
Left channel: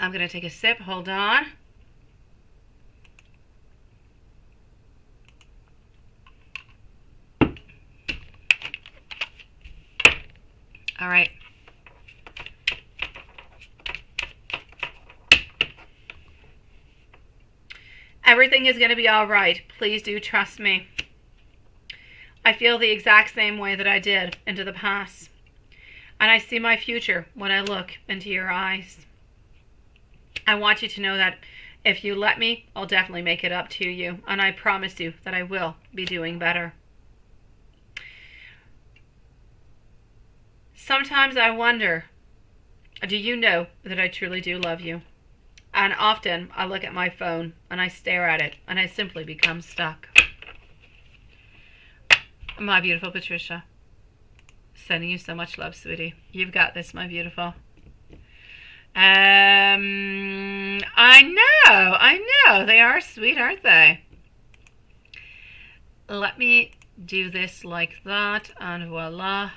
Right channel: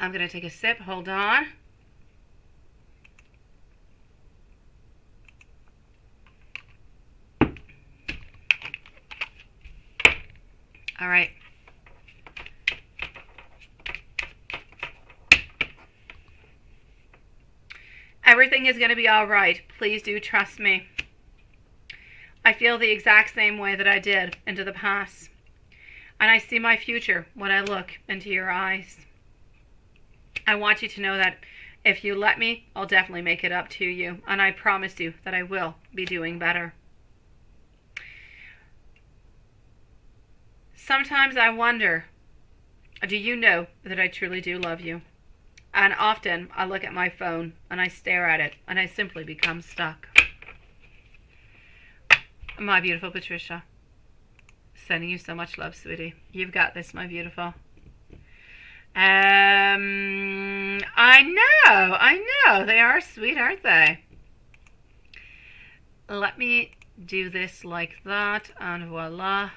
I'm going to take a sip. Hold on. All right. Everything is going to be all right. Please do trust me. I feel the exact same way that I did into the past. And I see my future when I look into your eyes. I want you to know that if you let me, I'll definitely make it up to you. And I promise you that I will be doing better. Sometimes I wonder, do you know that I truly do love you? And often I look at my phone and I stare at it and I simply become stuck. My beautiful Patricia, sending you so much love, sweetie. You've got this, my beautiful. I know. They are sweet, aren't they? Let me do this like that and voila.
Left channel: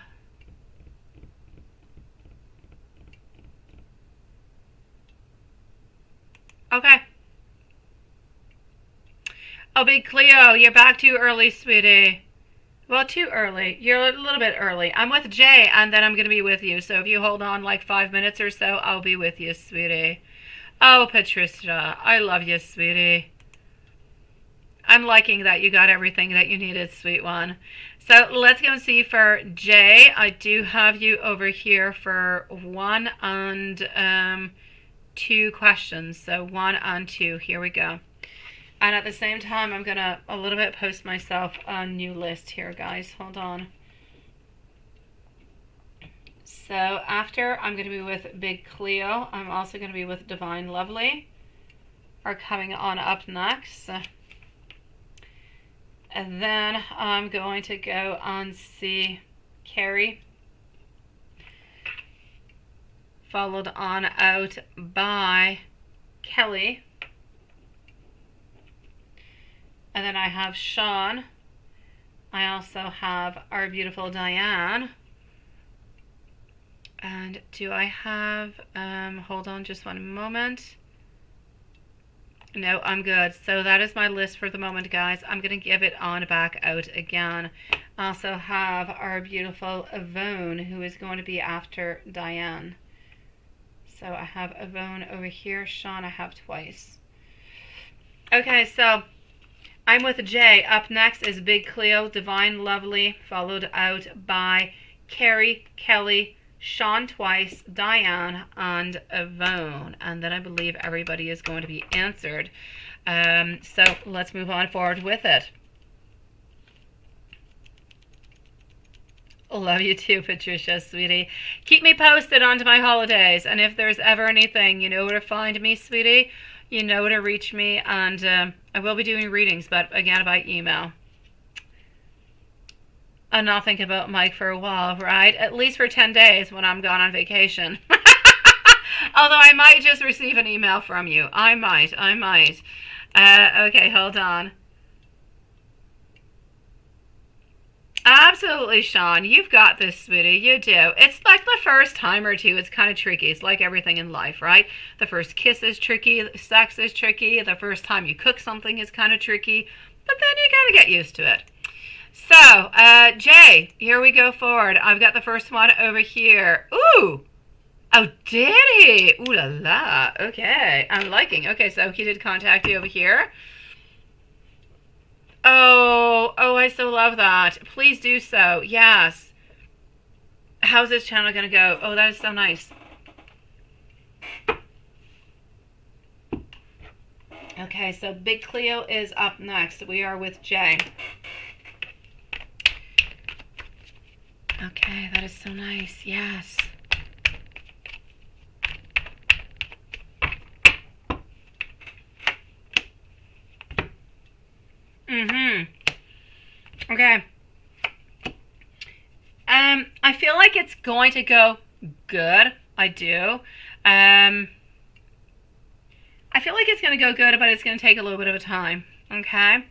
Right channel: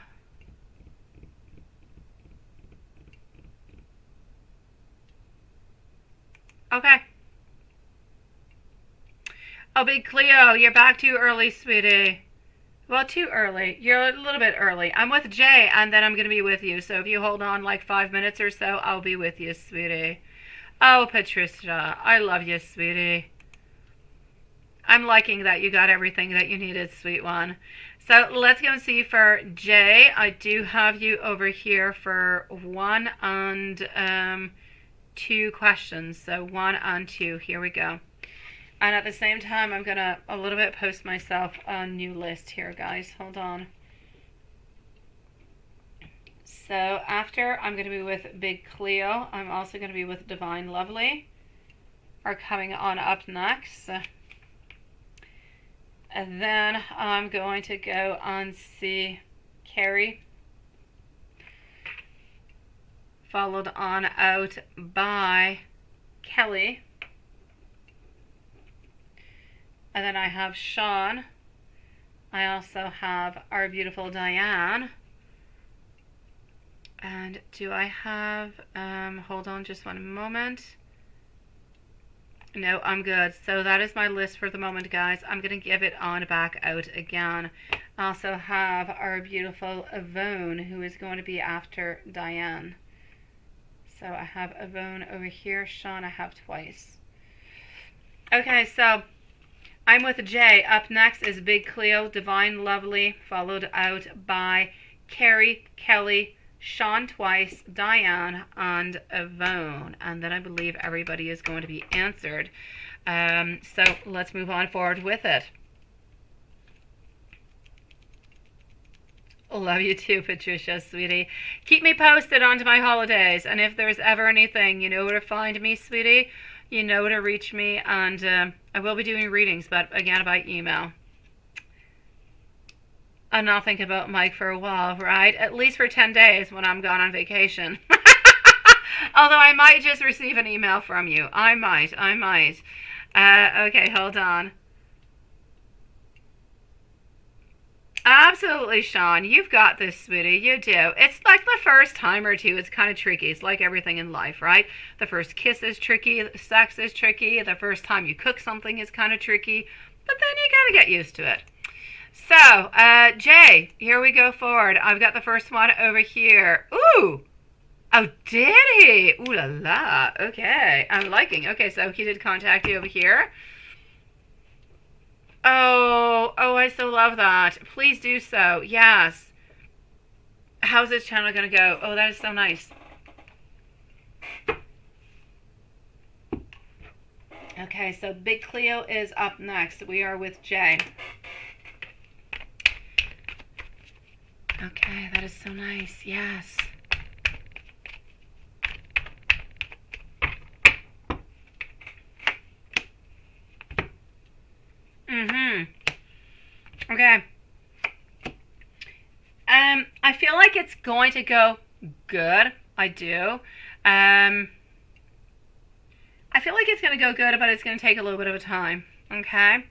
Okay. Oh, Big Cleo, you're back too early, sweetie. Well, too early. You're a little bit early. I'm with Jay, and then I'm going to be with you. So if you hold on like 5 minutes or so, I'll be with you, sweetie. Oh, Patricia, I love you, sweetie. I'm liking that you got everything that you needed, sweet one. So let's go and see for Jay. I do have you over here for 1 and 2 questions. So 1 and 2. Here we go. And at the same time, I'm going to a little bit post myself a new list here, guys. Hold on. So after I'm going to be with Big Cleo, I'm also going to be with Divine Lovely, are coming on up next. And then I'm going to go and see Carrie, followed on out by Kelly. And then I have Sean. I also have our beautiful Diane. And do I have, hold on just one moment. No, I'm good. So that is my list for the moment, guys. I'm going to give it on back out again. I also have our beautiful Yvonne, who is going to be after Diane. So I have Yvonne over here. Sean I have twice. Okay, so I'm with Jay. Up next is Big Cleo, Divine Lovely, followed out by Carrie, Kelly, Sean twice, Diane, and Yvonne. And then I believe everybody is going to be answered. So let's move on forward with it. Love you too, Patricia, sweetie. Keep me posted onto my holidays. And if there's ever anything, you know where to find me, sweetie. You know where to reach me. And I will be doing readings, but again, by email. And not think about Mike for a while, right? At least for 10 days when I'm gone on vacation. Although I might just receive an email from you. I might. Okay, hold on. Absolutely, Sean. You've got this, sweetie. You do. It's like the first time or two, it's kind of tricky. It's like everything in life, right? The first kiss is tricky. Sex is tricky. The first time you cook something is kind of tricky. But then you got to get used to it. So, Jay, here we go forward. I've got the first one over here. Ooh! Oh, did he? Ooh la la. Okay, I'm liking. Okay, so he did contact you over here. Oh, I so love that. Please do so. Yes. How's this channel going to go? Oh, that is so nice. Okay, so Big Cleo is up next. We are with Jay. Okay, that is so nice. Yes. Okay. I feel like it's going to go good. I do. I feel like it's going to go good, but it's going to take a little bit of a time. Okay.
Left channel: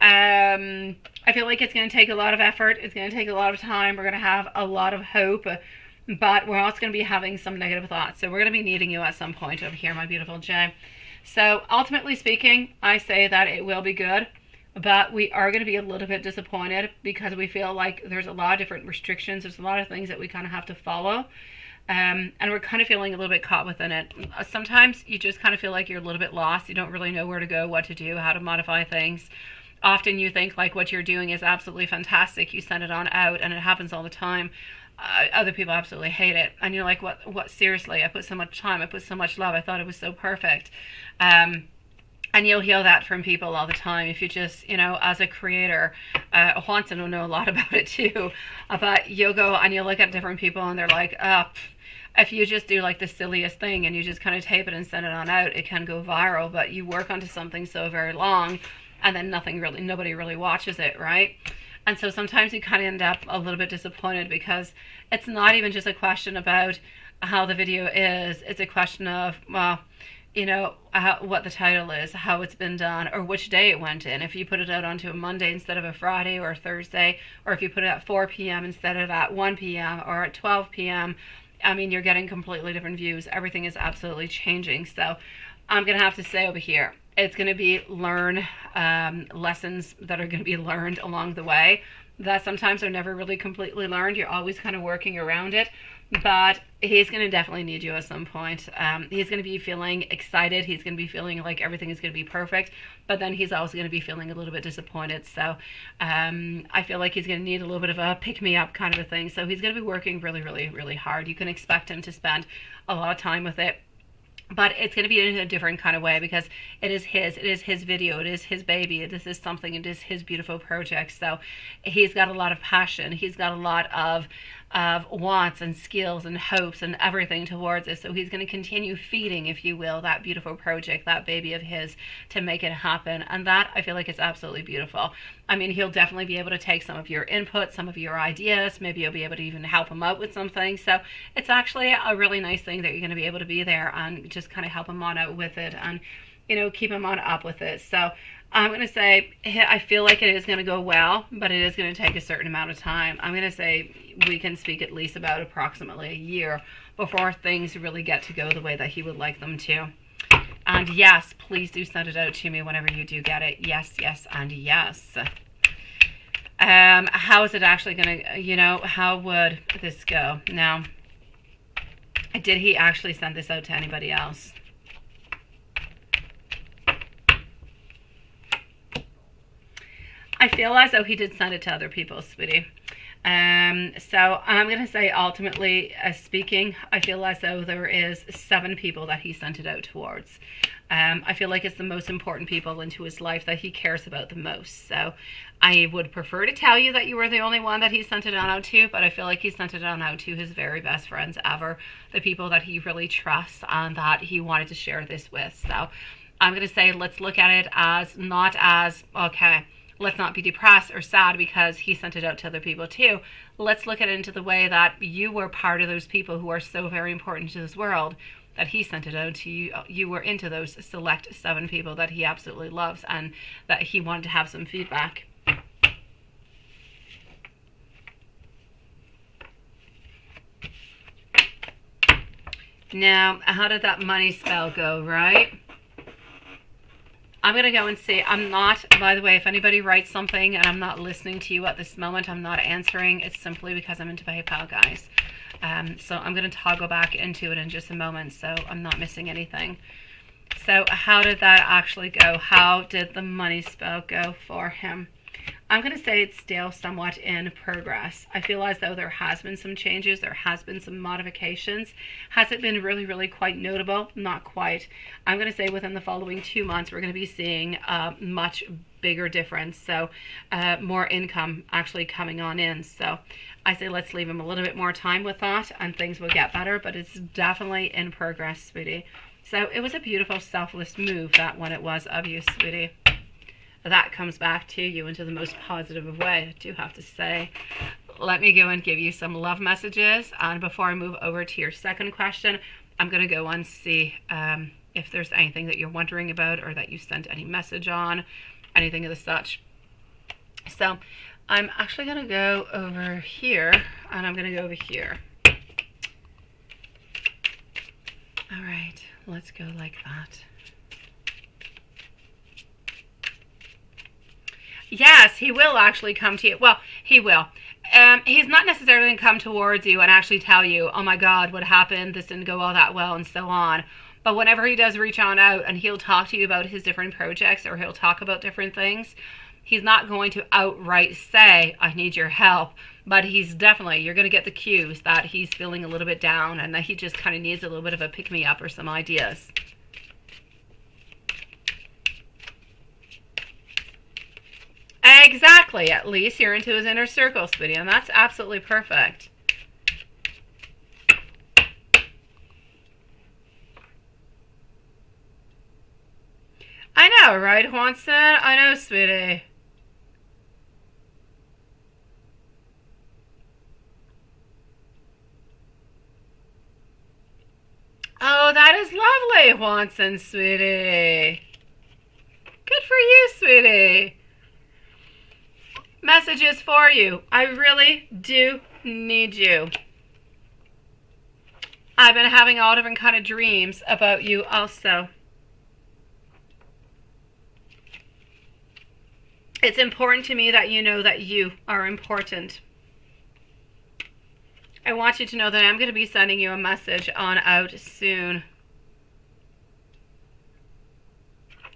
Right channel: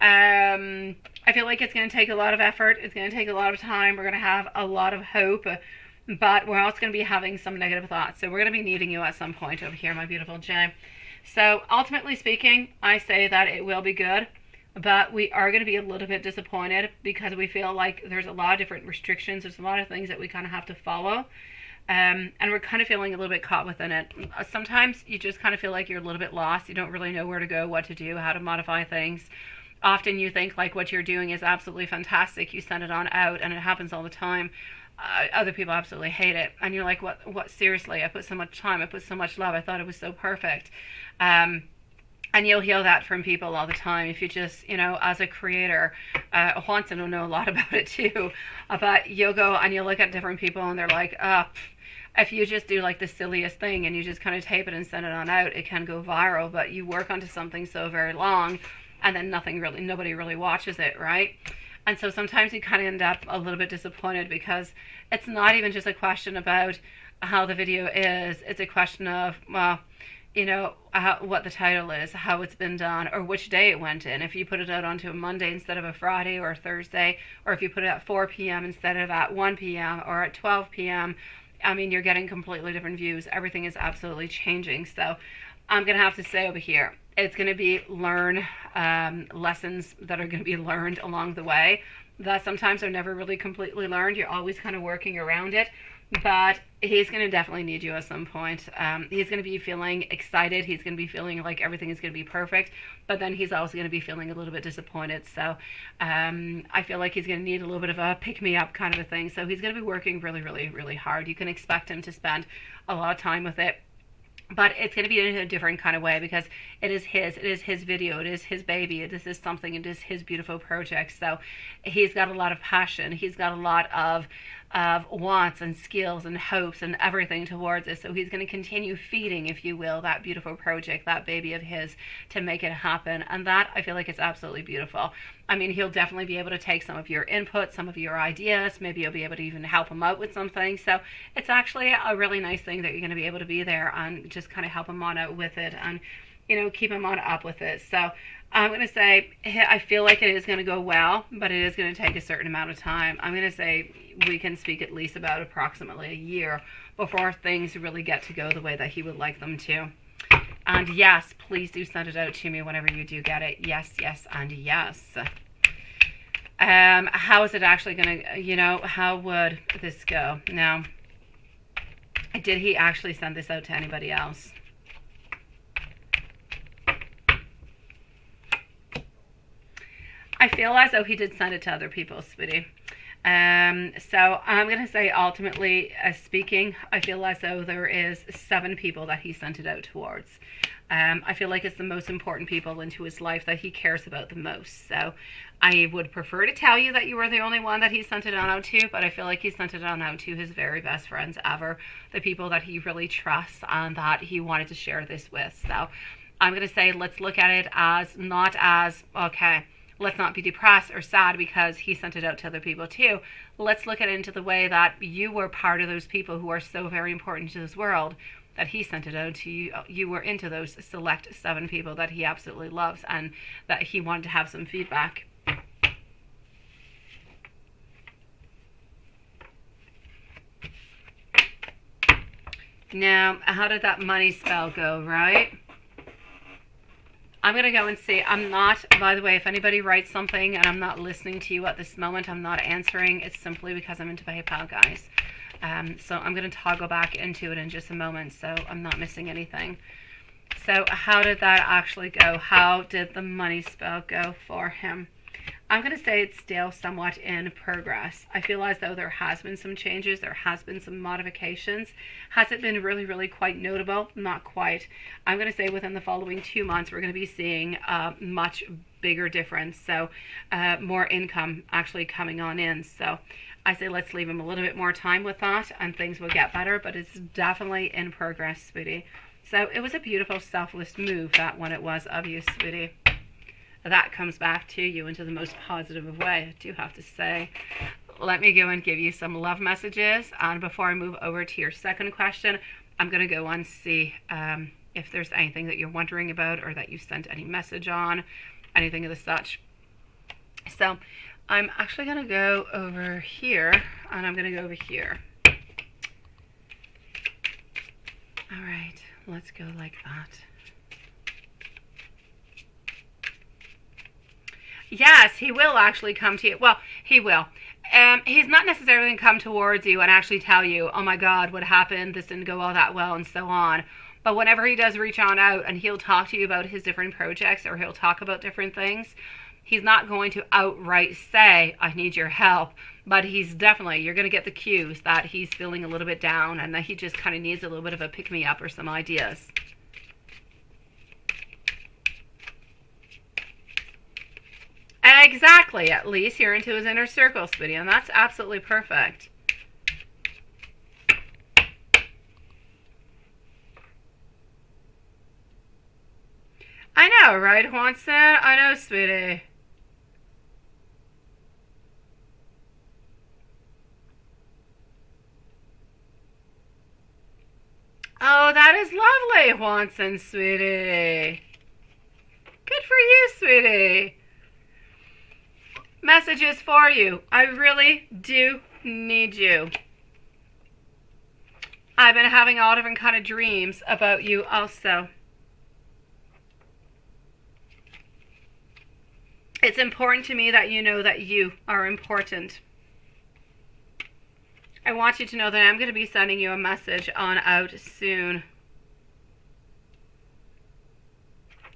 I feel like it's going to take a lot of effort. It's going to take a lot of time. We're going to have a lot of hope, but we're also going to be having some negative thoughts. So we're going to be needing you at some point over here, my beautiful Jay. So ultimately speaking, I say that it will be good, but we are going to be a little bit disappointed because we feel like there's a lot of different restrictions. There's a lot of things that we kind of have to follow. And we're kind of feeling a little bit caught within it. Sometimes you just kind of feel like you're a little bit lost. You don't really know where to go, what to do, how to modify things. Often you think like what you're doing is absolutely fantastic. You send it on out, and it happens all the time. Other people absolutely hate it. And you're like, what, seriously? I put so much time. I put so much love. I thought it was so perfect. And you'll hear that from people all the time. If you just, as a creator, Juanson will know a lot about it too. But you'll go and you'll look at different people and they're like, if you just do like the silliest thing and you just kind of tape it and send it on out, it can go viral. But you work onto something so very long and then nobody really watches it, right? And so sometimes you kind of end up a little bit disappointed because it's not even just a question about how the video is. It's a question of, well, what the title is, how it's been done, or which day it went in. If you put it out onto a Monday instead of a Friday or a Thursday, or if you put it at 4 p.m. instead of at 1 p.m. or at 12 p.m., I mean, you're getting completely different views. Everything is absolutely changing. So I'm going to have to say over here, it's going to be lessons that are going to be learned along the way that sometimes are never really completely learned. You're always kind of working around it. But he's going to definitely need you at some point. He's going to be feeling excited. He's going to be feeling like everything is going to be perfect. But then he's also going to be feeling a little bit disappointed. So I feel like he's going to need a little bit of a pick-me-up kind of a thing. So he's going to be working really, really, really hard. You can expect him to spend a lot of time with it. but it's going to be in a different kind of way because it is his video, it is his baby, it is his something, it is his beautiful project. So he's got a lot of passion, he's got a lot of wants and skills and hopes and everything towards it. So he's going to continue feeding, if you will, that beautiful project, that baby of his, to make it happen. And that, I feel like, it's absolutely beautiful. I mean, he'll definitely be able to take some of your input, some of your ideas. Maybe you'll be able to even help him out with something. So it's actually a really nice thing that you're going to be able to be there and just kind of help him on out with it and, keep him on up with it. So I'm going to say, I feel like it is going to go well, but it is going to take a certain amount of time. I'm going to say we can speak at least about approximately a year before things really get to go the way that he would like them to. And yes, please do send it out to me whenever you do get it. Yes, yes, and yes. How is it actually going to, how would this go? Now, did he actually send this out to anybody else? I feel as though he did send it to other people, sweetie. So I'm going to say, ultimately speaking, I feel as though there is 7 people that he sent it out towards. I feel like it's the most important people into his life that he cares about the most. So I would prefer to tell you that you were the only one that he sent it on out to, but I feel like he sent it on out to his very best friends ever, the people that he really trusts and that he wanted to share this with. So I'm going to say, let's look at it as not as, okay, let's not be depressed or sad because he sent it out to other people too. Let's look at it into the way that you were part of those people who are so very important to this world, that he sent it out to you. You were into those select 7 people that he absolutely loves and that he wanted to have some feedback. Now, how did that money spell go, right? I'm going to go and see. I'm not, by the way, if anybody writes something and I'm not listening to you at this moment, I'm not answering. It's simply because I'm into PayPal, guys. So I'm going to toggle back into it in just a moment so I'm not missing anything. So how did that actually go? How did the money spell go for him? I'm going to say it's still somewhat in progress. I feel as though there has been some changes. There has been some modifications. Has it been really, really quite notable? Not quite. I'm going to say within the following 2 months, we're going to be seeing a much bigger difference. So more income actually coming on in. So I say let's leave him a little bit more time with that and things will get better. But it's definitely in progress, sweetie. So it was a beautiful, selfless move, that one it was of you, sweetie. That comes back to you into the most positive of way, I do have to say. Let me go and give you some love messages. And before I move over to your second question, I'm going to go and see if there's anything that you're wondering about or that you sent any message on, anything of the such. So I'm actually going to go over here and I'm going to go over here. All right, let's go like that. Yes, he will actually come to you. Well, he will. He's not necessarily going to come towards you and actually tell you, oh my God, what happened? This didn't go all that well and so on. But whenever he does reach on out and he'll talk to you about his different projects or he'll talk about different things, he's not going to outright say, I need your help. But he's definitely, you're going to get the cues that he's feeling a little bit down and that he just kind of needs a little bit of a pick-me-up or some ideas. Exactly, at least you're into his inner circle, sweetie, and that's absolutely perfect. I know, right, Juanson? I know, sweetie. Oh, that is lovely, Juanson, sweetie. Good for you, sweetie. Messages for you. I really do need you. I've been having all different kind of dreams about you also. It's important to me that you know that you are important. I want you to know that I'm going to be sending you a message on out soon.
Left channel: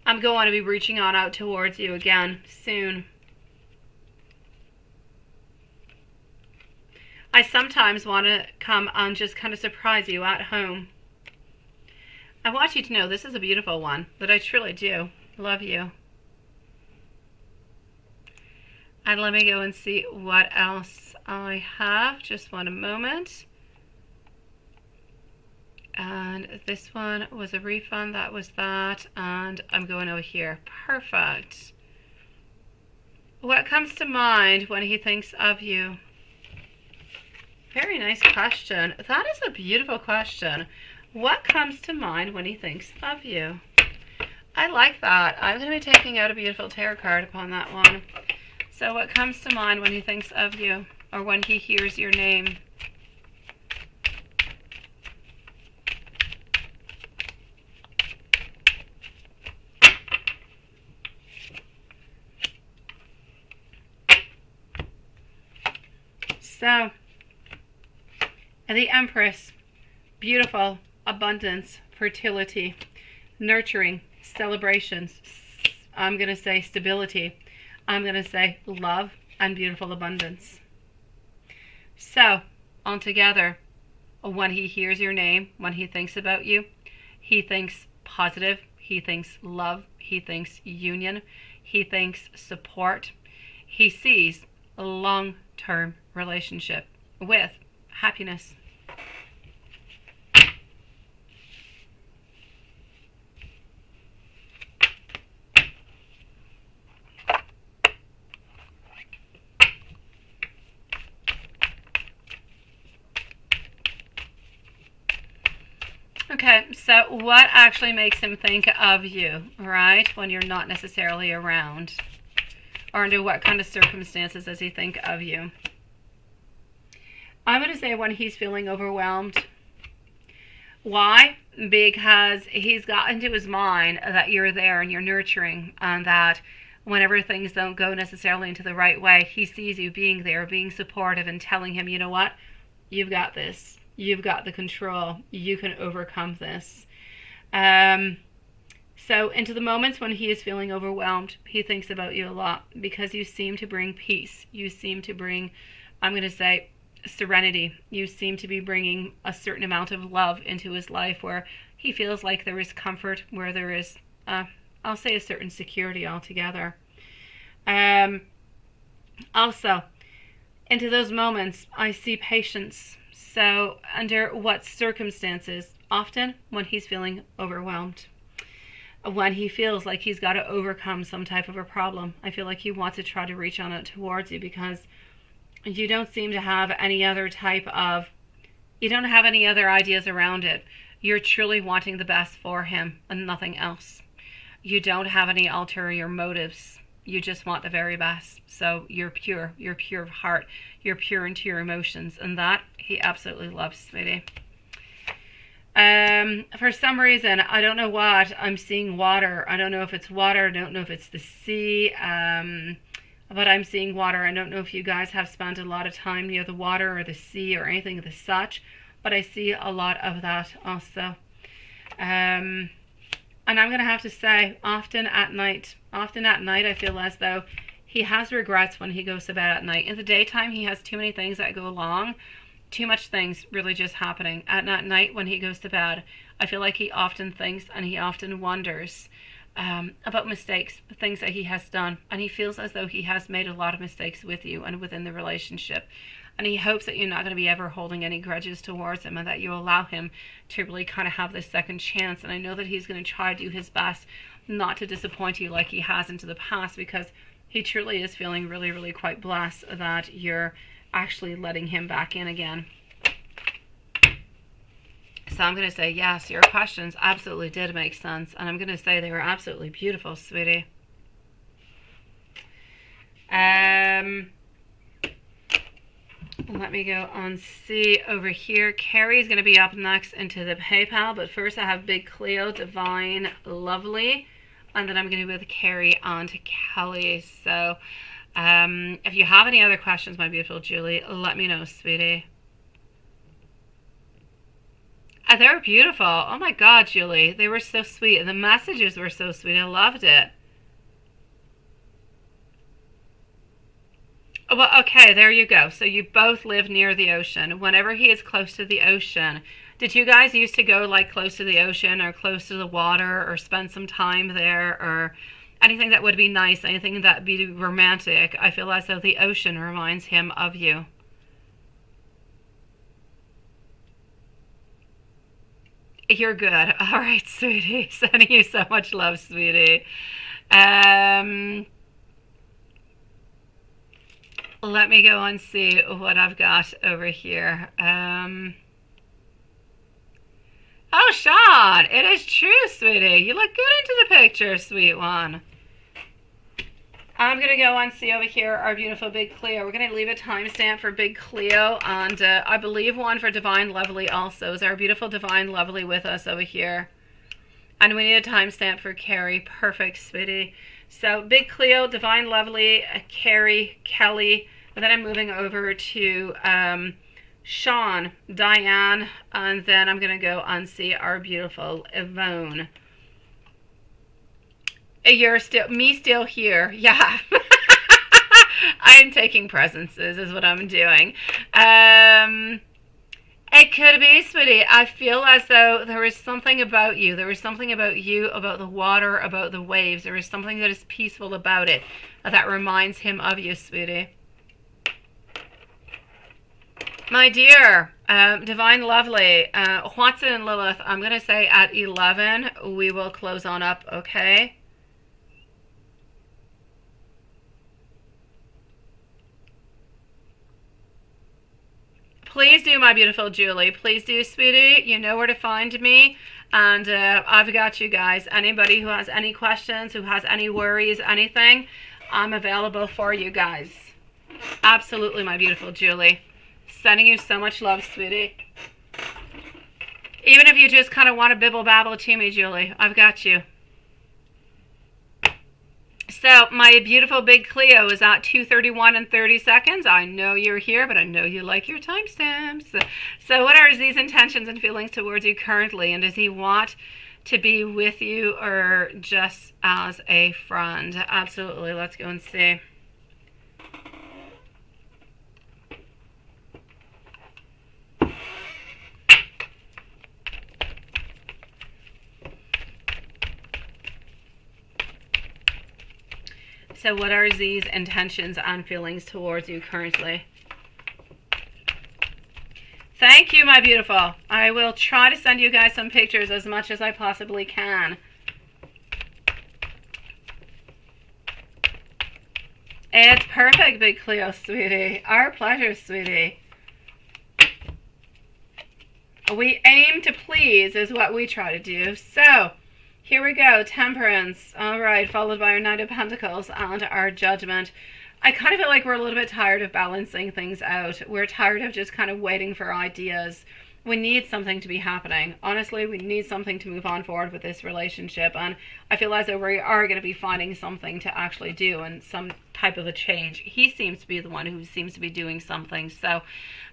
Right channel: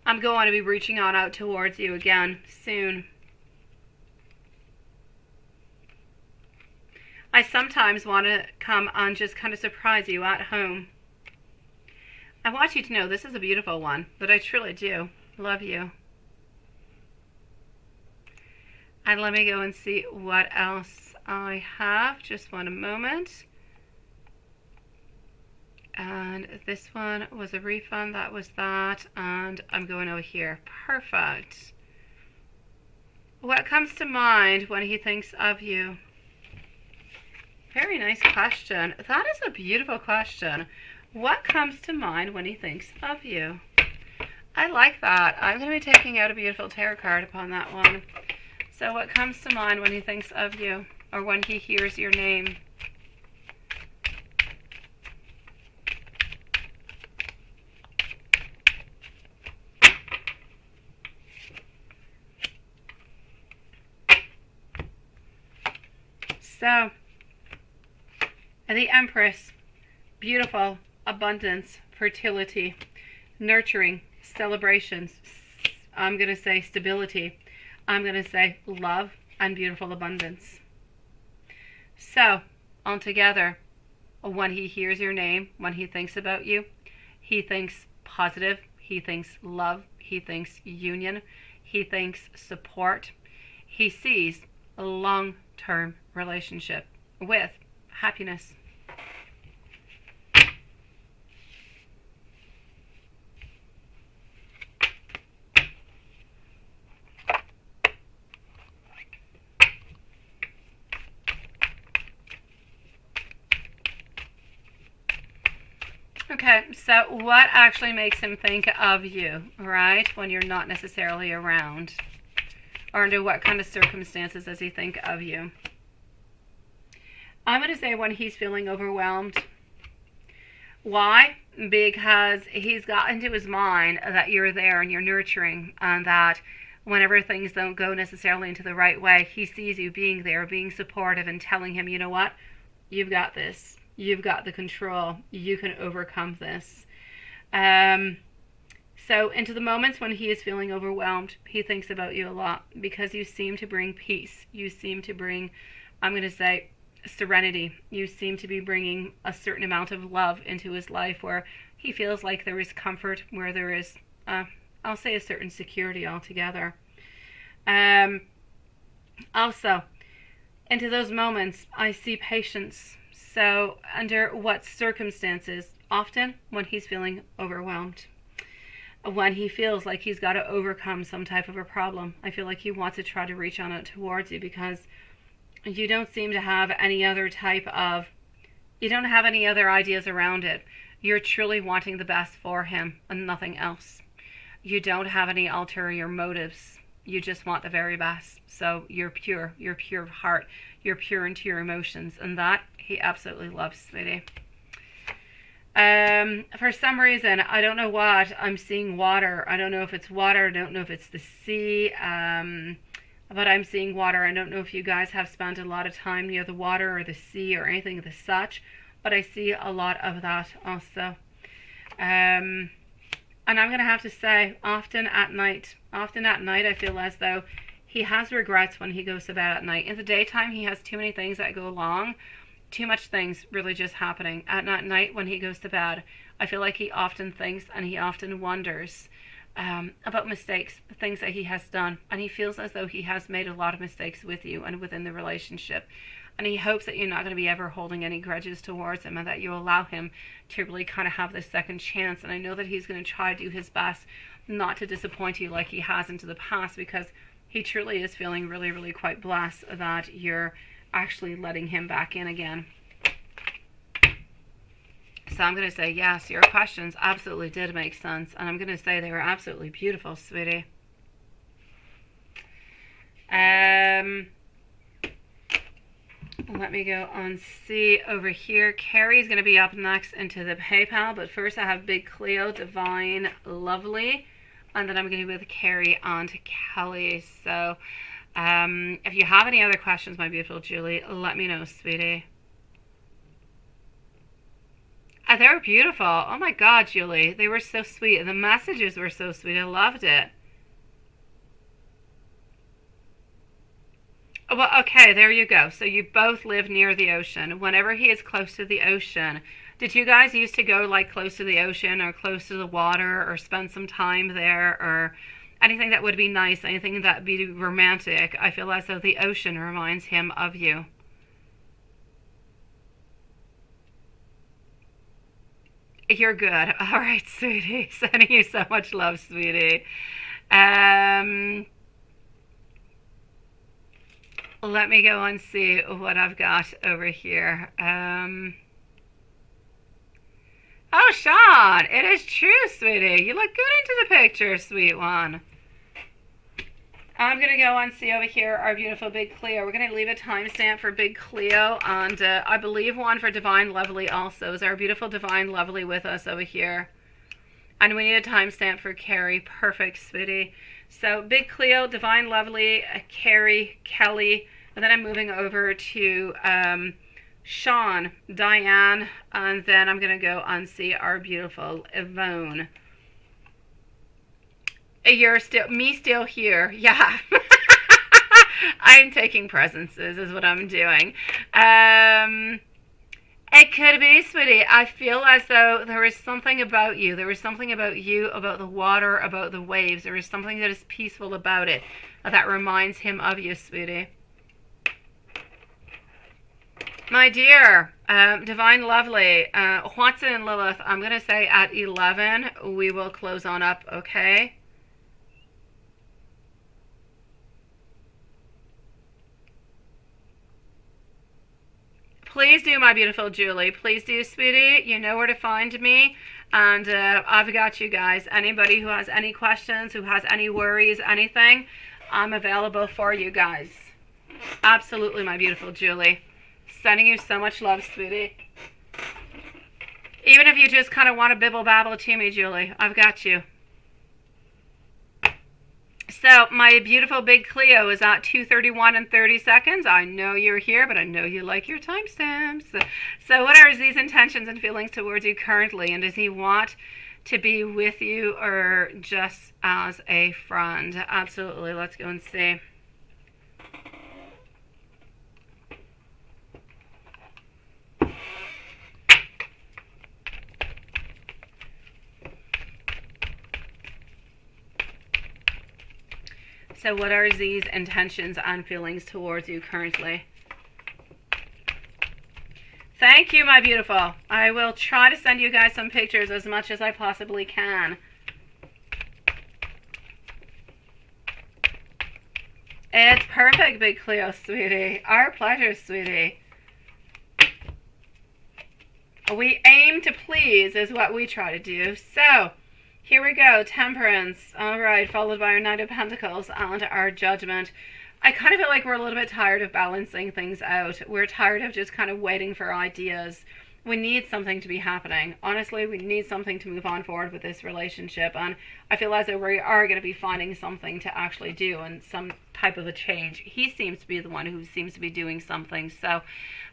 I'm going to be reaching on out towards you again soon. I sometimes want to come and just kind of surprise you at home. I want you to know this is a beautiful one, that I truly do love you. And let me go and see what else I have. Just one moment. And this one was a refund. That was that. And I'm going over here. Perfect. What comes to mind when he thinks of you? Very nice question. That is a beautiful question. What comes to mind when he thinks of you? I like that. I'm going to be taking out a beautiful tarot card upon that one. So what comes to mind when he thinks of you, or when he hears your name? So, the Empress, beautiful, abundance, fertility, nurturing, celebrations. I'm going to say stability. I'm going to say love and beautiful abundance. So, altogether, when he hears your name, when he thinks about you, he thinks positive, he thinks love, he thinks union, he thinks support. He sees a long-term relationship with happiness. Okay, so what actually makes him think of you, right, when you're not necessarily around? Or under what kind of circumstances does he think of you? I'm going to say when he's feeling overwhelmed. Why? Because he's got into his mind that you're there and you're nurturing, and that whenever things don't go necessarily into the right way, he sees you being there, being supportive, and telling him, you know what, you've got this. You've got the control. You can overcome this. So into the moments when he is feeling overwhelmed, he thinks about you a lot, because you seem to bring peace. You seem to bring, I'm going to say, serenity. You seem to be bringing a certain amount of love into his life, where he feels like there is comfort, where there is, I'll say, a certain security altogether. Also, into those moments, I see patience. So under what circumstances? Often when he's feeling overwhelmed. When he feels like he's got to overcome some type of a problem. I feel like he wants to try to reach on it towards you, because you don't seem to have any other type of, you don't have any other ideas around it. You're truly wanting the best for him and nothing else. You don't have any ulterior motives. You just want the very best. So you're pure of heart, you're pure into your emotions, and that he absolutely loves, sweetie. For some reason, I don't know what, I'm seeing water. I don't know if it's water, I don't know if it's the sea, but I'm seeing water. I don't know if you guys have spent a lot of time near the water or the sea or anything of the such, but I see a lot of that also. And I'm going to have to say, often at night, I feel as though he has regrets when he goes to bed at night. In the daytime, he has too many things that go along, too much things really just happening. At night, when he goes to bed, I feel like he often thinks and he often wonders about mistakes, things that he has done, and he feels as though he has made a lot of mistakes with you and within the relationship, and he hopes that you're not going to be ever holding any grudges towards him, and that you allow him to really kind of have this second chance. And I know that he's going to try to do his best not to disappoint you like he has into the past, because he truly is feeling really, really quite blessed that you're actually letting him back in again. So I'm going to say, yes, your questions absolutely did make sense. And I'm going to say they were absolutely beautiful, sweetie. Let me go on see over here. Carrie's going to be up next into the PayPal. But first I have Big Cleo, Divine, Lovely. And then I'm going to go with Carrie on to Kelly. So if you have any other questions, my beautiful Julie, let me know, sweetie. They were beautiful. Oh my God, Julie. They were so sweet. The messages were so sweet. I loved it. Well, okay, there you go. So you both live near the ocean. Whenever he is close to the ocean, Did you guys used to go like close to the ocean or close to the water or spend some time there or anything that would be nice, anything that would be romantic? I feel as though the ocean reminds him of you. You're good. All right, sweetie. Sending you so much love, sweetie. Um, Let me go and see what I've got over here. Oh, Sean, it is true, sweetie. You look good into the picture, sweet one. I'm going to go and see over here our beautiful Big Cleo. We're going to leave a timestamp for Big Cleo, and I believe one for Divine Lovely also. Is our beautiful Divine Lovely with us over here? And we need a timestamp for Carrie. Perfect, sweetie. So Big Cleo, Divine Lovely, Carrie, Kelly, and then I'm moving over to Sean, Diane, and then I'm going to go and see our beautiful Yvonne. You're still here. Yeah. I'm taking presences is what I'm doing. It could be, sweetie. I feel as though there is something about you. There is something about you, about the water, about the waves. There is something that is peaceful about it that reminds him of you, sweetie. My dear, Divine Lovely, Watson and Lilith, I'm going to say at 11 we will close on up, okay? Please do, my beautiful Julie. Please do, sweetie. You know where to find me. And I've got you guys. Anybody who has any questions, who has any worries, anything, I'm available for you guys. Absolutely, my beautiful Julie. Sending you so much love, sweetie. Even if you just kind of want to bibble babble to me, Julie, I've got you. So my beautiful Big Cleo is at 2:31 and 30 seconds. I know you're here, but I know you like your timestamps. So what are Z's intentions and feelings towards you currently? And does he want to be with you or just as a friend? Absolutely. Let's go and see. So what are Z's intentions and feelings towards you currently? Thank you, my beautiful. I will try to send you guys some pictures as much as I possibly can. It's perfect, Big Cleo, sweetie. Our pleasure, sweetie. We aim to please is what we try to do. So here we go, Temperance. All right, followed by our Knight of Pentacles and our Judgment. I kind of feel like we're a little bit tired of balancing things out. We're tired of just kind of waiting for ideas. We need something to be happening. Honestly, we need something to move on forward with this relationship. And I feel as though we are going to be finding something to actually do and some type of a change. He seems to be the one who seems to be doing something. So,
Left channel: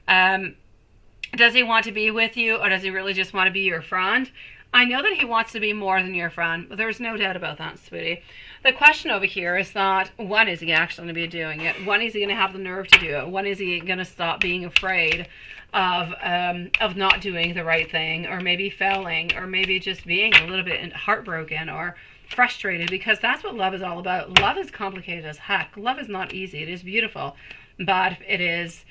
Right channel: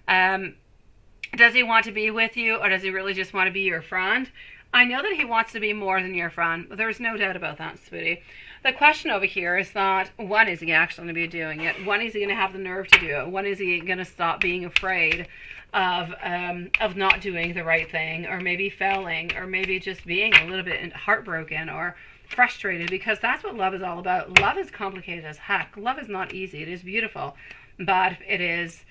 does he want to be with you or does he really just want to be your friend? I know that he wants to be more than your friend, but there's no doubt about that, sweetie. The question over here is that, when is he actually going to be doing it? When is he going to have the nerve to do it? When is he going to stop being afraid of not doing the right thing, or maybe failing, or maybe just being a little bit heartbroken or frustrated? Because that's what love is all about. Love is complicated as heck. Love is not easy. It is beautiful, but it is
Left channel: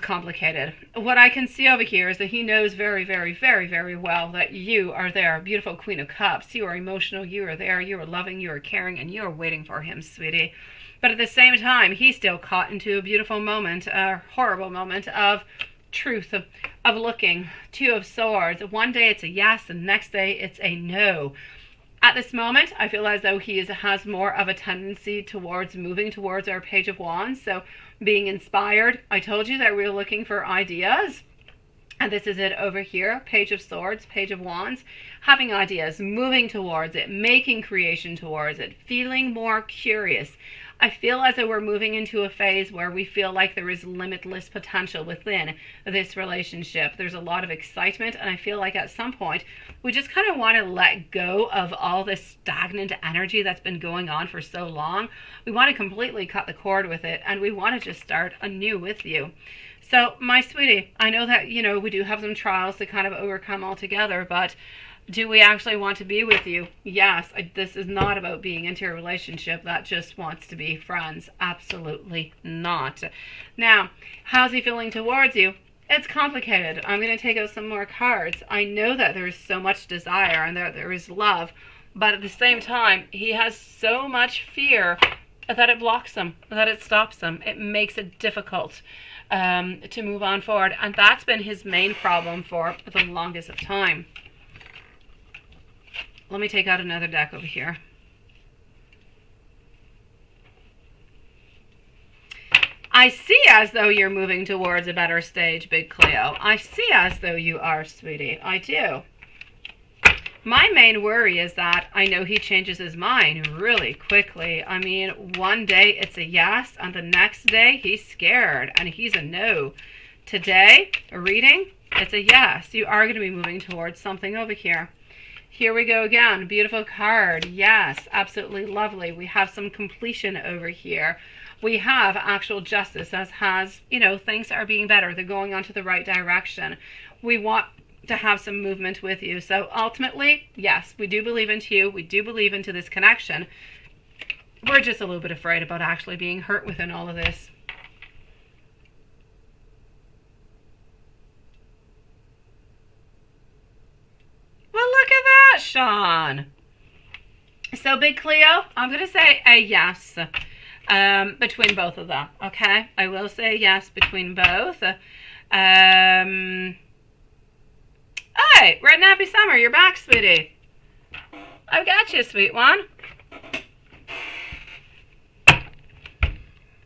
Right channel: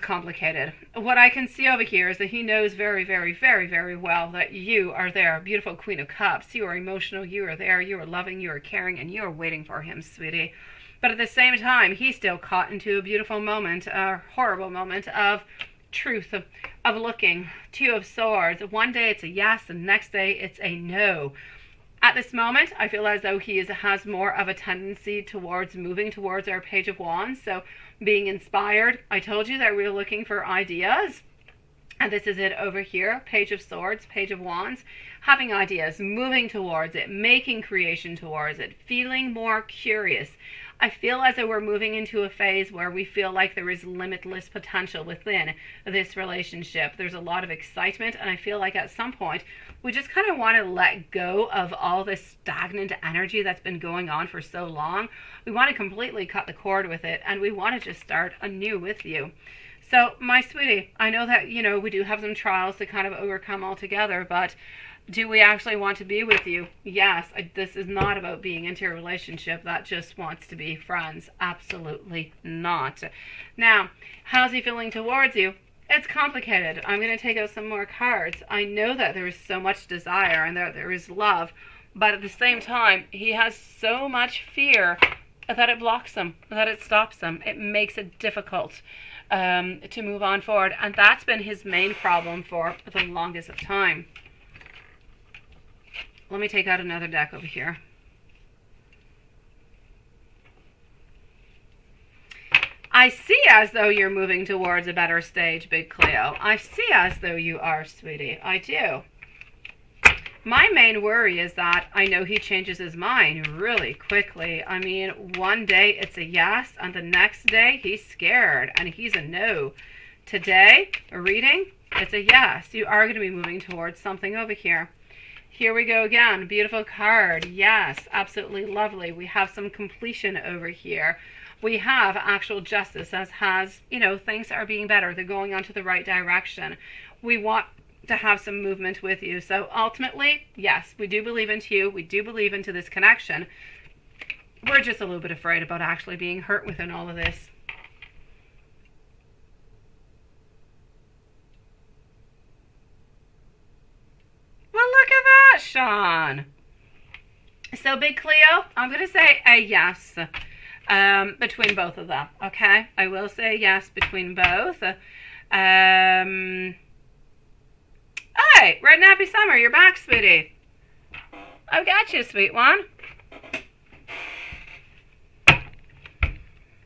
complicated. What I can see over here is that he knows very, very, very, very well that you are there, beautiful Queen of Cups. You are emotional, you are there, you are loving, you are caring, and you are waiting for him, sweetie. But at the same time, he's still caught into a beautiful moment, a horrible moment of truth, of looking. Two of Swords. One day it's a yes, and the next day it's a no. At this moment, I feel as though he has more of a tendency towards moving towards our Page of Wands. So being inspired. I told you that we were looking for ideas. And this is it over here. Page of Swords, Page of Wands. Having ideas, moving towards it, making creation towards it, feeling more curious. I feel as though we're moving into a phase where we feel like there is limitless potential within this relationship. There's a lot of excitement, and I feel like at some point we just kind of want to let go of all this stagnant energy that's been going on for so long. We want to completely cut the cord with it, and we want to just start anew with you. So, my sweetie, I know that, we do have some trials to kind of overcome altogether, but do we actually want to be with you? Yes. This is not about being into a relationship that just wants to be friends. Absolutely not. Now, how's he feeling towards you? It's complicated. I'm going to take out some more cards. I know that there is so much desire and that there is love, but at the same time, he has so much fear that it blocks him, that it stops him. It makes it difficult to move on forward. And that's been his main problem for the longest of time. Let me take out another deck over here. I see as though you're moving towards a better stage, Big Cleo. I see as though you are, sweetie. I do. My main worry is that I know he changes his mind really quickly. I mean, one day it's a yes, and the next day he's scared, and he's a no. Today, a reading, it's a yes. You are going to be moving towards something over here. Here we go again. Beautiful card. Yes, absolutely lovely. We have some completion over here. We have actual justice, as has, things are being better. They're going on to the right direction. We want to have some movement with you. So ultimately, yes, we do believe into you. We do believe into this connection. We're just a little bit afraid about actually being hurt within all of this. Well, look at that, Sean. So, Big Cleo, I'm going to say a yes between both of them, okay? I will say yes between both. Hey, Red and Happy Summer, you're back, sweetie. I've got you, sweet one.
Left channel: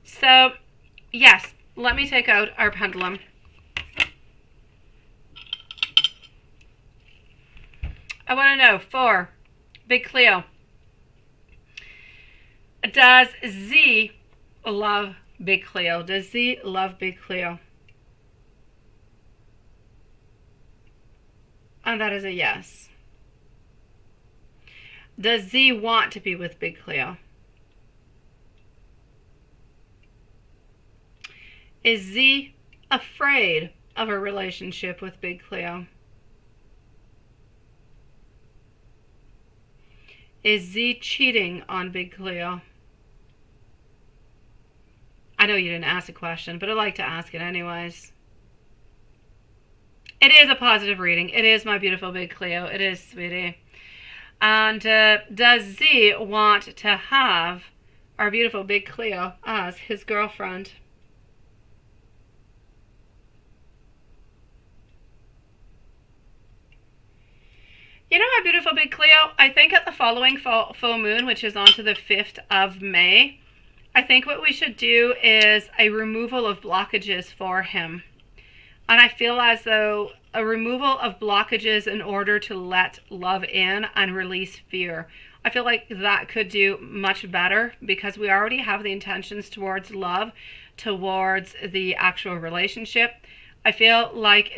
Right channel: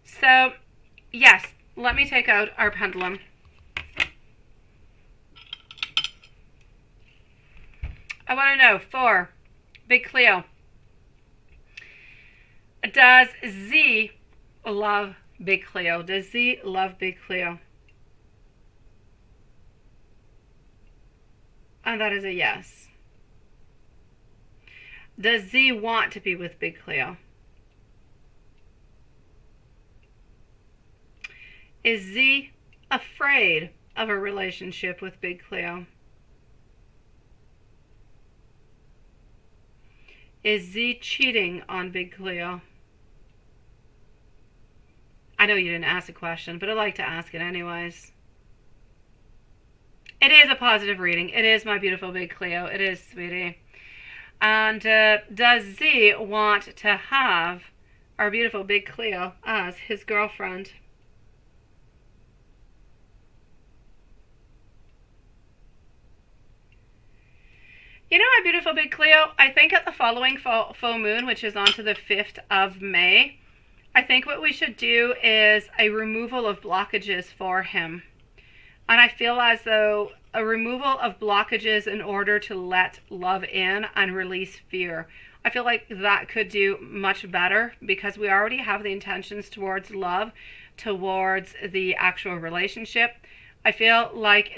So, yes, let me take out our pendulum. I want to know, for Big Cleo, does Z love Big Cleo? Does Z love Big Cleo? And that is a yes. Does Z want to be with Big Cleo? Is Z afraid of a relationship with Big Cleo? Is Z cheating on Big Cleo? I know you didn't ask a question, but I like to ask it anyways. It is a positive reading. It is, my beautiful Big Cleo. It is, sweetie. And does Z want to have our beautiful Big Cleo as his girlfriend? My beautiful Big Cleo, I think at the following full moon, which is on to the 5th of May, I think what we should do is a removal of blockages for him. And I feel as though a removal of blockages in order to let love in and release fear. I feel like that could do much better because we already have the intentions towards love, towards the actual relationship. I feel like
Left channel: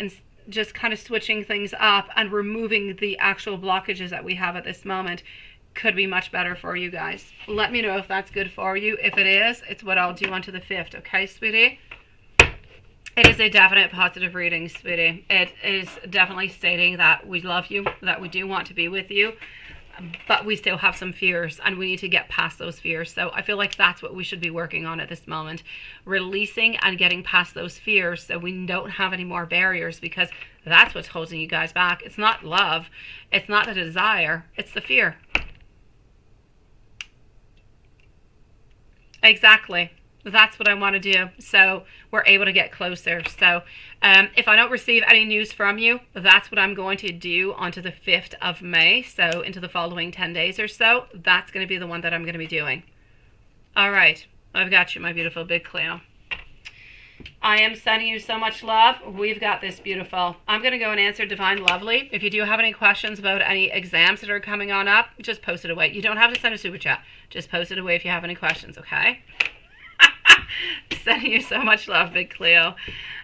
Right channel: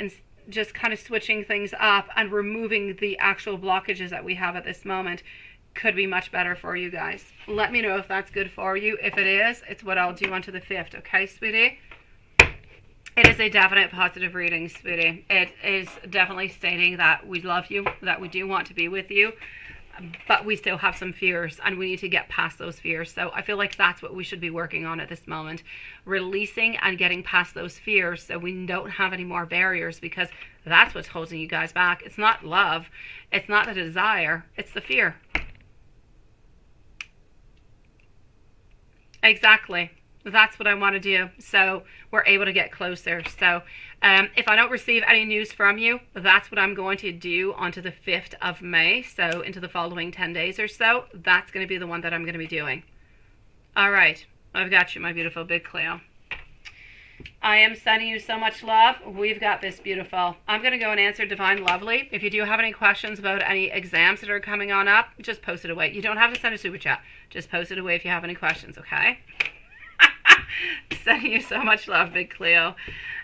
just kind of switching things up and removing the actual blockages that we have at this moment could be much better for you guys. Let me know if that's good for you. If it is, it's what I'll do onto the 5th. Okay, sweetie? It is a definite positive reading, sweetie. It is definitely stating that we love you, that we do want to be with you, but we still have some fears and we need to get past those fears. So I feel like that's what we should be working on at this moment. Releasing and getting past those fears so we don't have any more barriers, because that's what's holding you guys back. It's not love. It's not the desire. It's the fear. Exactly. That's what I want to do. So we're able to get closer. So if I don't receive any news from you, that's what I'm going to do onto the 5th of May. So into the following 10 days or so, that's going to be the one that I'm going to be doing. All right. I've got you, my beautiful Big Cleo. I am sending you so much love. We've got this, beautiful. I'm going to go and answer Divine Lovely. If you do have any questions about any exams that are coming on up, just post it away. You don't have to send a super chat. Just post it away if you have any questions, okay? Sending you so much love, Big Cleo.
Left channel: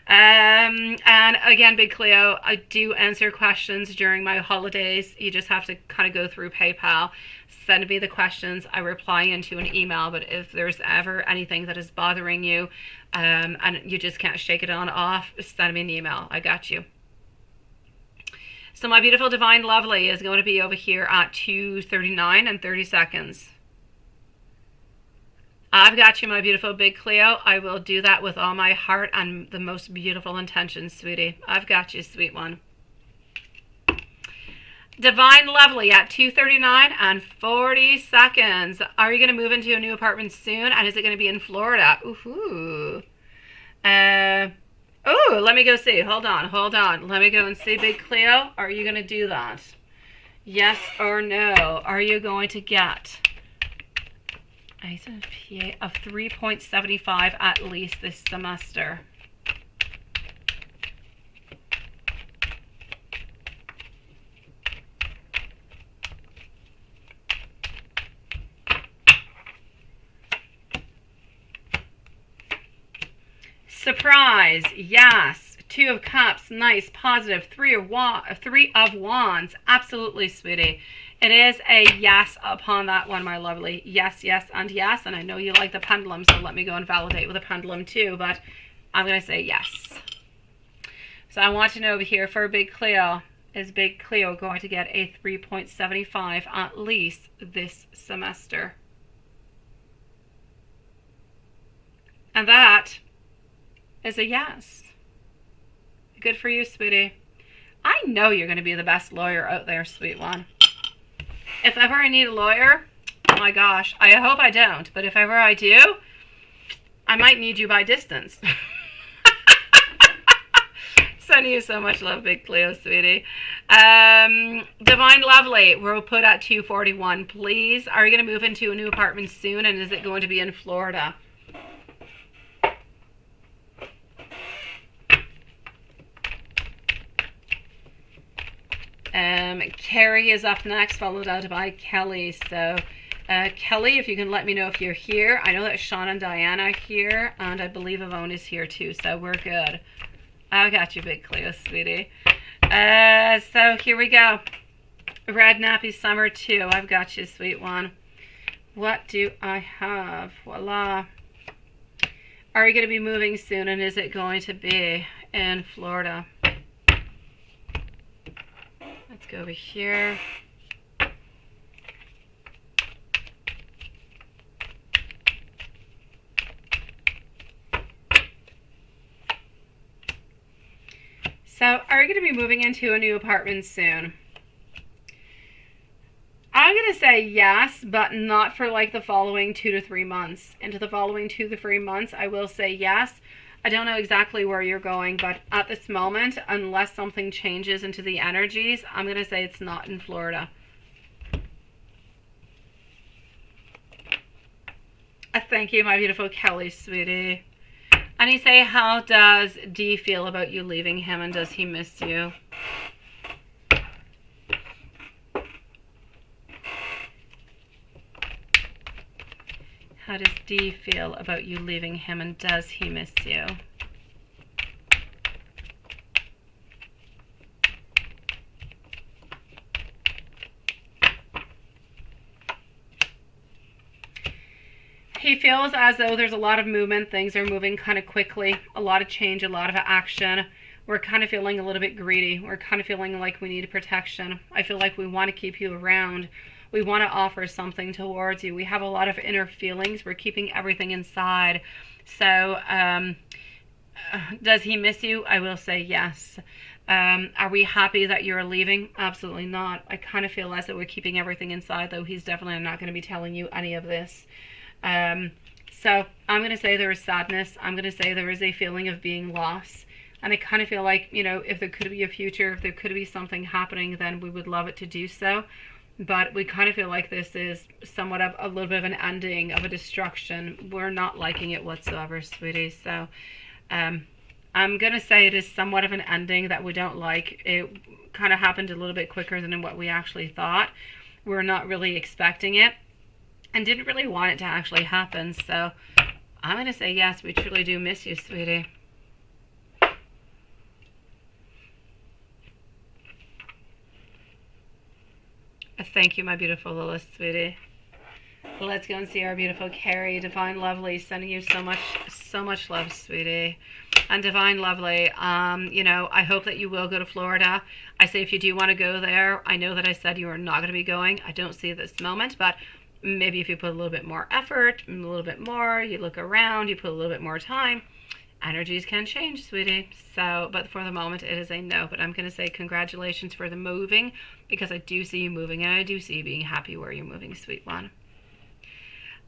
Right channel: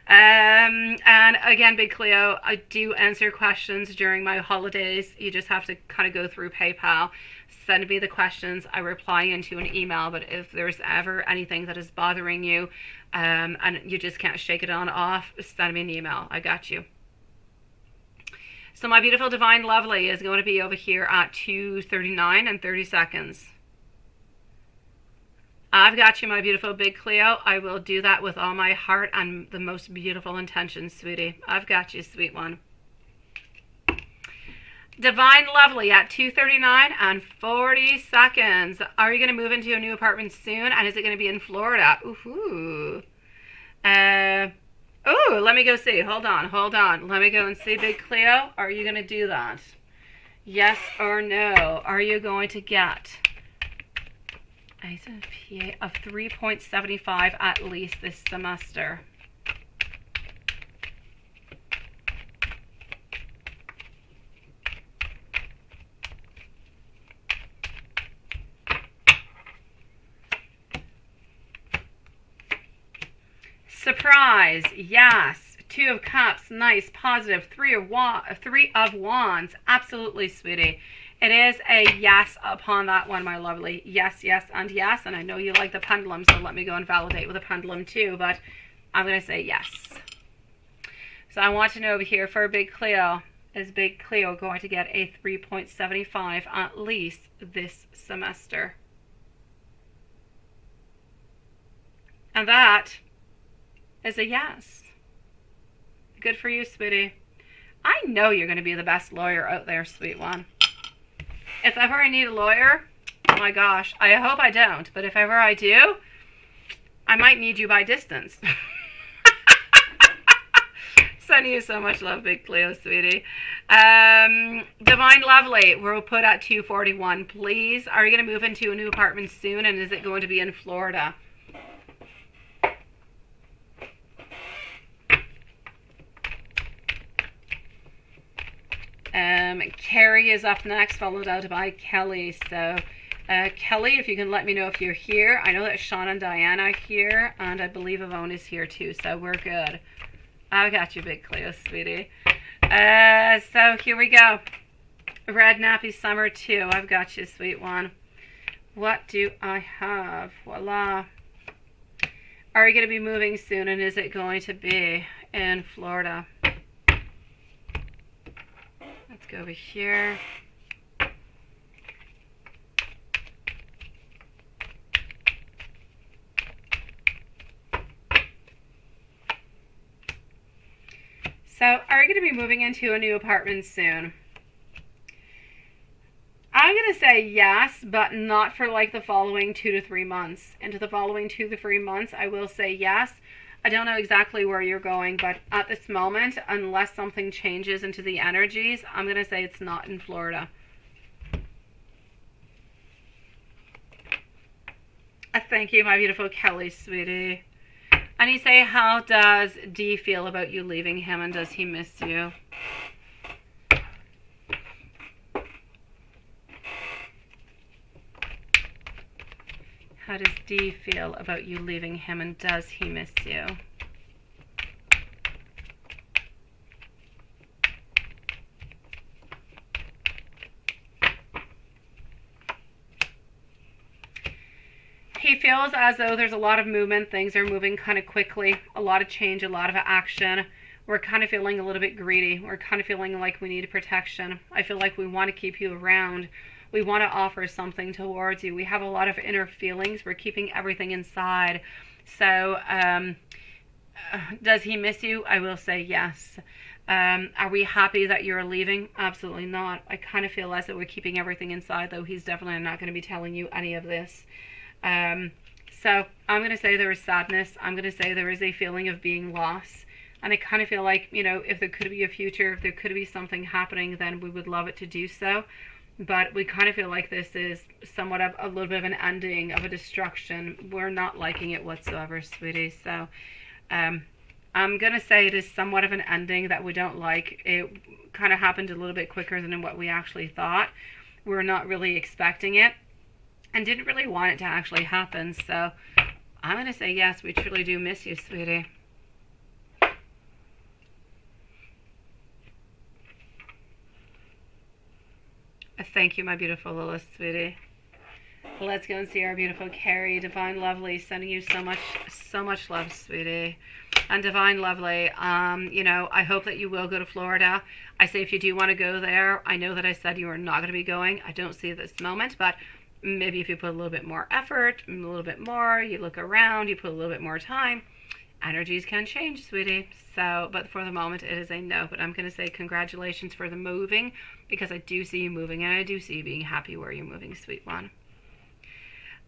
And again, Big Cleo, I do answer questions during my holidays. You just have to kind of go through PayPal, send me the questions. I reply into an email. But if there's ever anything that is bothering you, and you just can't shake it on off, send me an email. I got you. So my beautiful divine lovely is going to be over here at 2:39 and 30 seconds. I've got you, my beautiful Big Cleo. I will do that with all my heart and the most beautiful intentions, sweetie. I've got you, sweet one. Divine lovely at 2:39 and 40 seconds. Are you going to move into a new apartment soon? And is it going to be in Florida? Ooh. Oh, let me go see. Hold on. Let me go and see, Big Cleo. Are you going to do that? Yes or no? Are you going to get a PA of 3.75 at least this semester? Surprise, yes. 2 of Cups, nice, positive. 3 of Wands, absolutely, sweetie. It is a yes upon that one, my lovely. Yes, and yes. And I know you like the pendulum, so let me go and validate with a pendulum too. But I'm going to say yes. So I want to know over here for Big Cleo, is Big Cleo going to get a 3.75 at least this semester? And that is a yes. Good for you, sweetie. I know you're going to be the best lawyer out there, sweet one. If ever I need a lawyer, oh my gosh, I hope I don't, but if ever I do, I might need you by distance. Sending you so much love, Big Cleo, sweetie. Divine lovely, we'll put at 2:41, please. Are you going to move into a new apartment soon, and is it going to be in Florida? Carrie is up next, followed out by Kelly. So, Kelly, if you can let me know if you're here. I know that Sean and Diana are here, and I believe Yvonne is here too, so we're good. I got you, Big Cleo, sweetie. So here we go. Red Nappy Summer 2. I've got you, sweet one. What do I have? Voila. Are you going to be moving soon, and is it going to be in Florida? Let's go over here. So, are you going to be moving into a new apartment soon? I'm going to say yes, but not for like the following 2 to 3 months. Into the following 2 to 3 months, I will say yes. I don't know exactly where you're going, but at this moment, unless something changes into the energies, I'm going to say it's not in Florida. Thank you, my beautiful Kelly, sweetie. And you say, how does D feel about you leaving him, and does he miss you? How does D feel about you leaving him, and does he miss you? He feels as though there's a lot of movement. Things are moving kind of quickly. A lot of change, a lot of action. We're kind of feeling a little bit greedy. We're kind of feeling like we need protection. I feel like we want to keep you around. We want to offer something towards you. We have a lot of inner feelings. We're keeping everything inside. So, does he miss you? I will say yes. Are we happy that you're leaving? Absolutely not. I kind of feel as though we're keeping everything inside, though he's definitely not going to be telling you any of this. So I'm going to say there is sadness. I'm going to say there is a feeling of being lost. And I kind of feel like, you know, if there could be a future, if there could be something happening, then we would love it to do so. But we kind of feel like this is somewhat of a little bit of an ending, of a destruction. We're not liking it whatsoever, sweetie. So I'm going to say it is somewhat of an ending that we don't like. It kind of happened a little bit quicker than what we actually thought. We're not really expecting it and didn't really want it to actually happen. So I'm going to say yes, we truly do miss you, sweetie. Thank you, my beautiful Lilith, sweetie. Let's go and see our beautiful Carrie. Divine Lovely, sending you so much love, sweetie. And Divine Lovely, you know, I hope that you will go to Florida. I say if you do want to go there, I know that I said you are not going to be going. I don't see it this moment, but maybe if you put a little bit more effort, a little bit more, you look around, you put a little bit more time, energies can change, sweetie. So, but for the moment, it is a no. But I'm going to say congratulations for the moving, because I do see you moving, and I do see you being happy where you're moving, sweet one.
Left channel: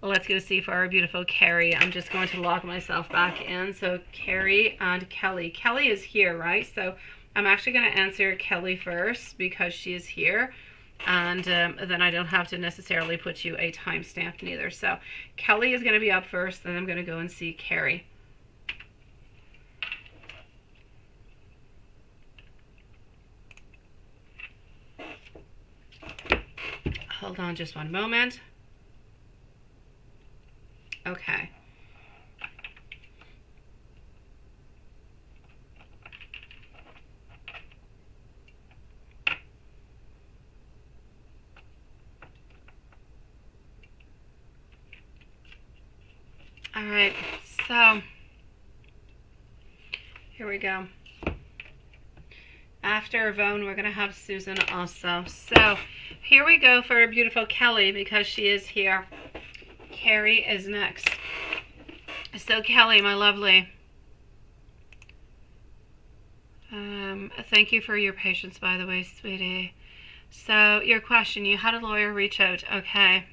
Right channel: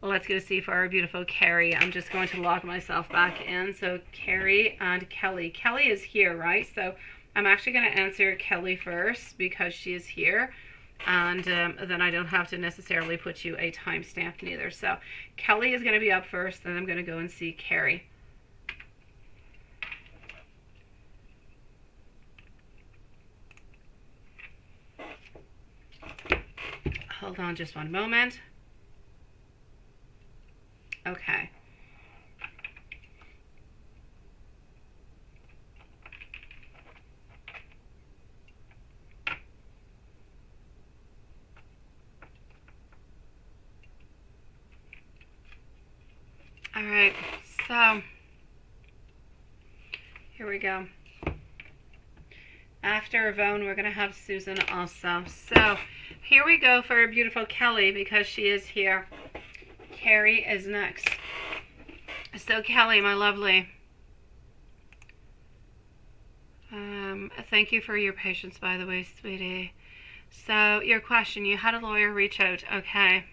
Well, let's go see for our beautiful Carrie. I'm just going to log myself back in. So Carrie and Kelly. Kelly is here, right? So I'm actually going to answer Kelly first because she is here. And then I don't have to necessarily put you a timestamp neither. So Kelly is going to be up first, then I'm going to go and see Carrie. Hold on just one moment. Okay. All right, so here we go. After Yvonne, we're going to have Susan also. So here we go for a beautiful Kelly, because she is here. Carrie is next. So Kelly, my lovely, thank you for your patience, by the way, sweetie. So your question, you had a lawyer reach out, okay?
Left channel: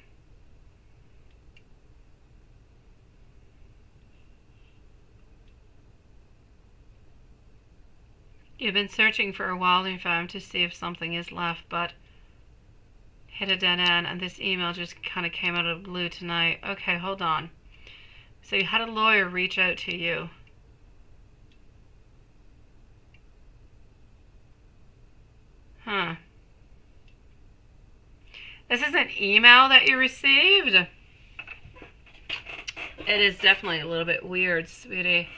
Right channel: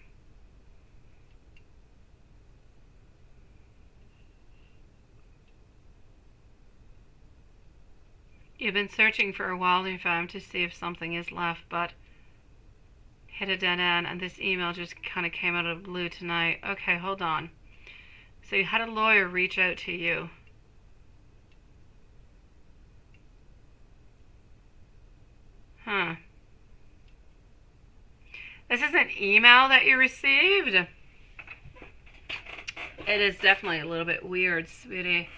You've been searching for a while, you found, to see if something is left, but hit a dead end, and this email just kind of came out of the blue tonight. Okay, hold on. So you had a lawyer reach out to you. Huh. This is an email that you received? It is definitely a little bit weird, sweetie.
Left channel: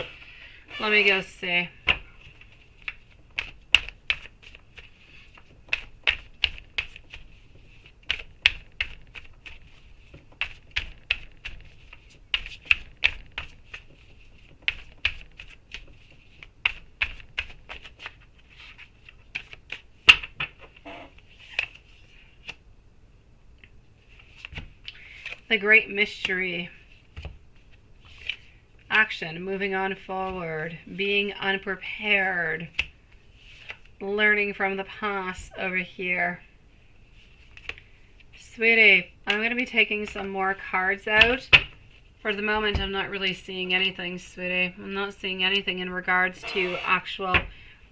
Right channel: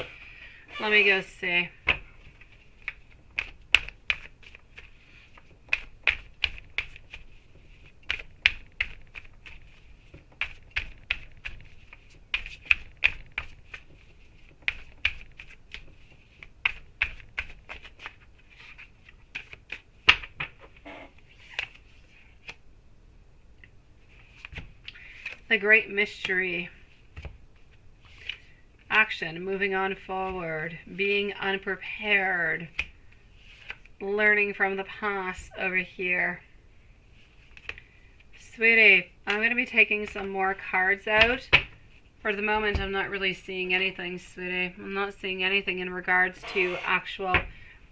Let me go see. The great mystery. Action, moving on forward, being unprepared, learning from the past over here. Sweetie, I'm going to be taking some more cards out. For the moment, I'm not really seeing anything, sweetie. I'm not seeing anything in regards to actual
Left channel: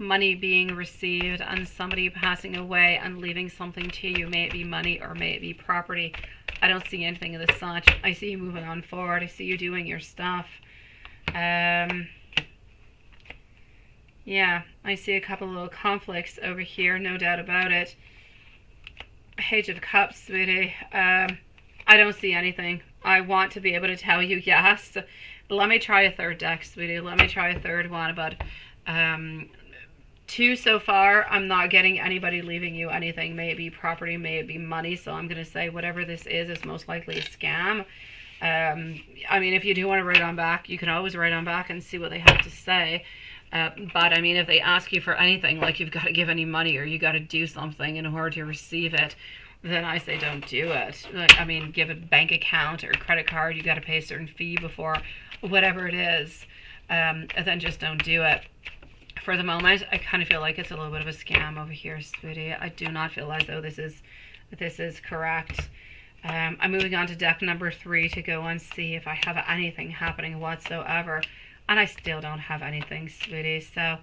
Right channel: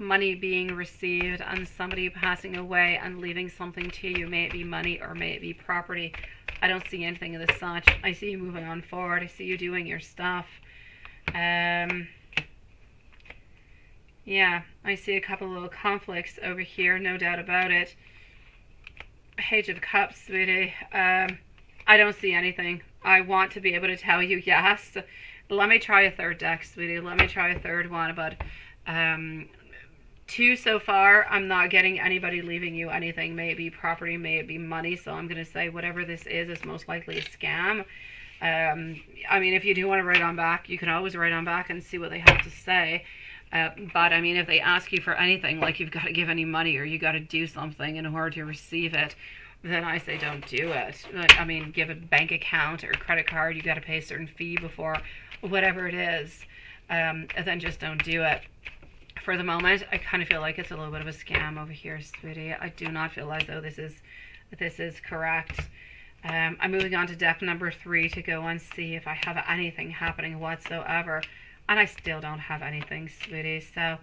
money being received and somebody passing away and leaving something to you. May it be money or may it be property. I don't see anything of the such. I see you moving on forward. I see you doing your stuff. Yeah, I see a couple little conflicts over here, no doubt about it. Page of Cups, sweetie. I don't see anything. I want to be able to tell you yes. Let me try a third deck, sweetie. Let me try a third one. But two so far, I'm not getting anybody leaving you anything. May it be property, may it be money. So I'm going to say whatever this is most likely a scam. I mean, if you do want to write on back, you can always write on back and see what they have to say. But I mean, if they ask you for anything, like you've got to give any money or you got to do something in order to receive it, then I say don't do it. Like, I mean, give a bank account or credit card, you got to pay a certain fee before, whatever it is, and then just don't do it. For the moment, I kind of feel like it's a little bit of a scam over here, sweetie. I do not feel as though this is correct. I'm moving on to deck number 3 to go and see if I have anything happening whatsoever. And I still don't have anything, sweetie. So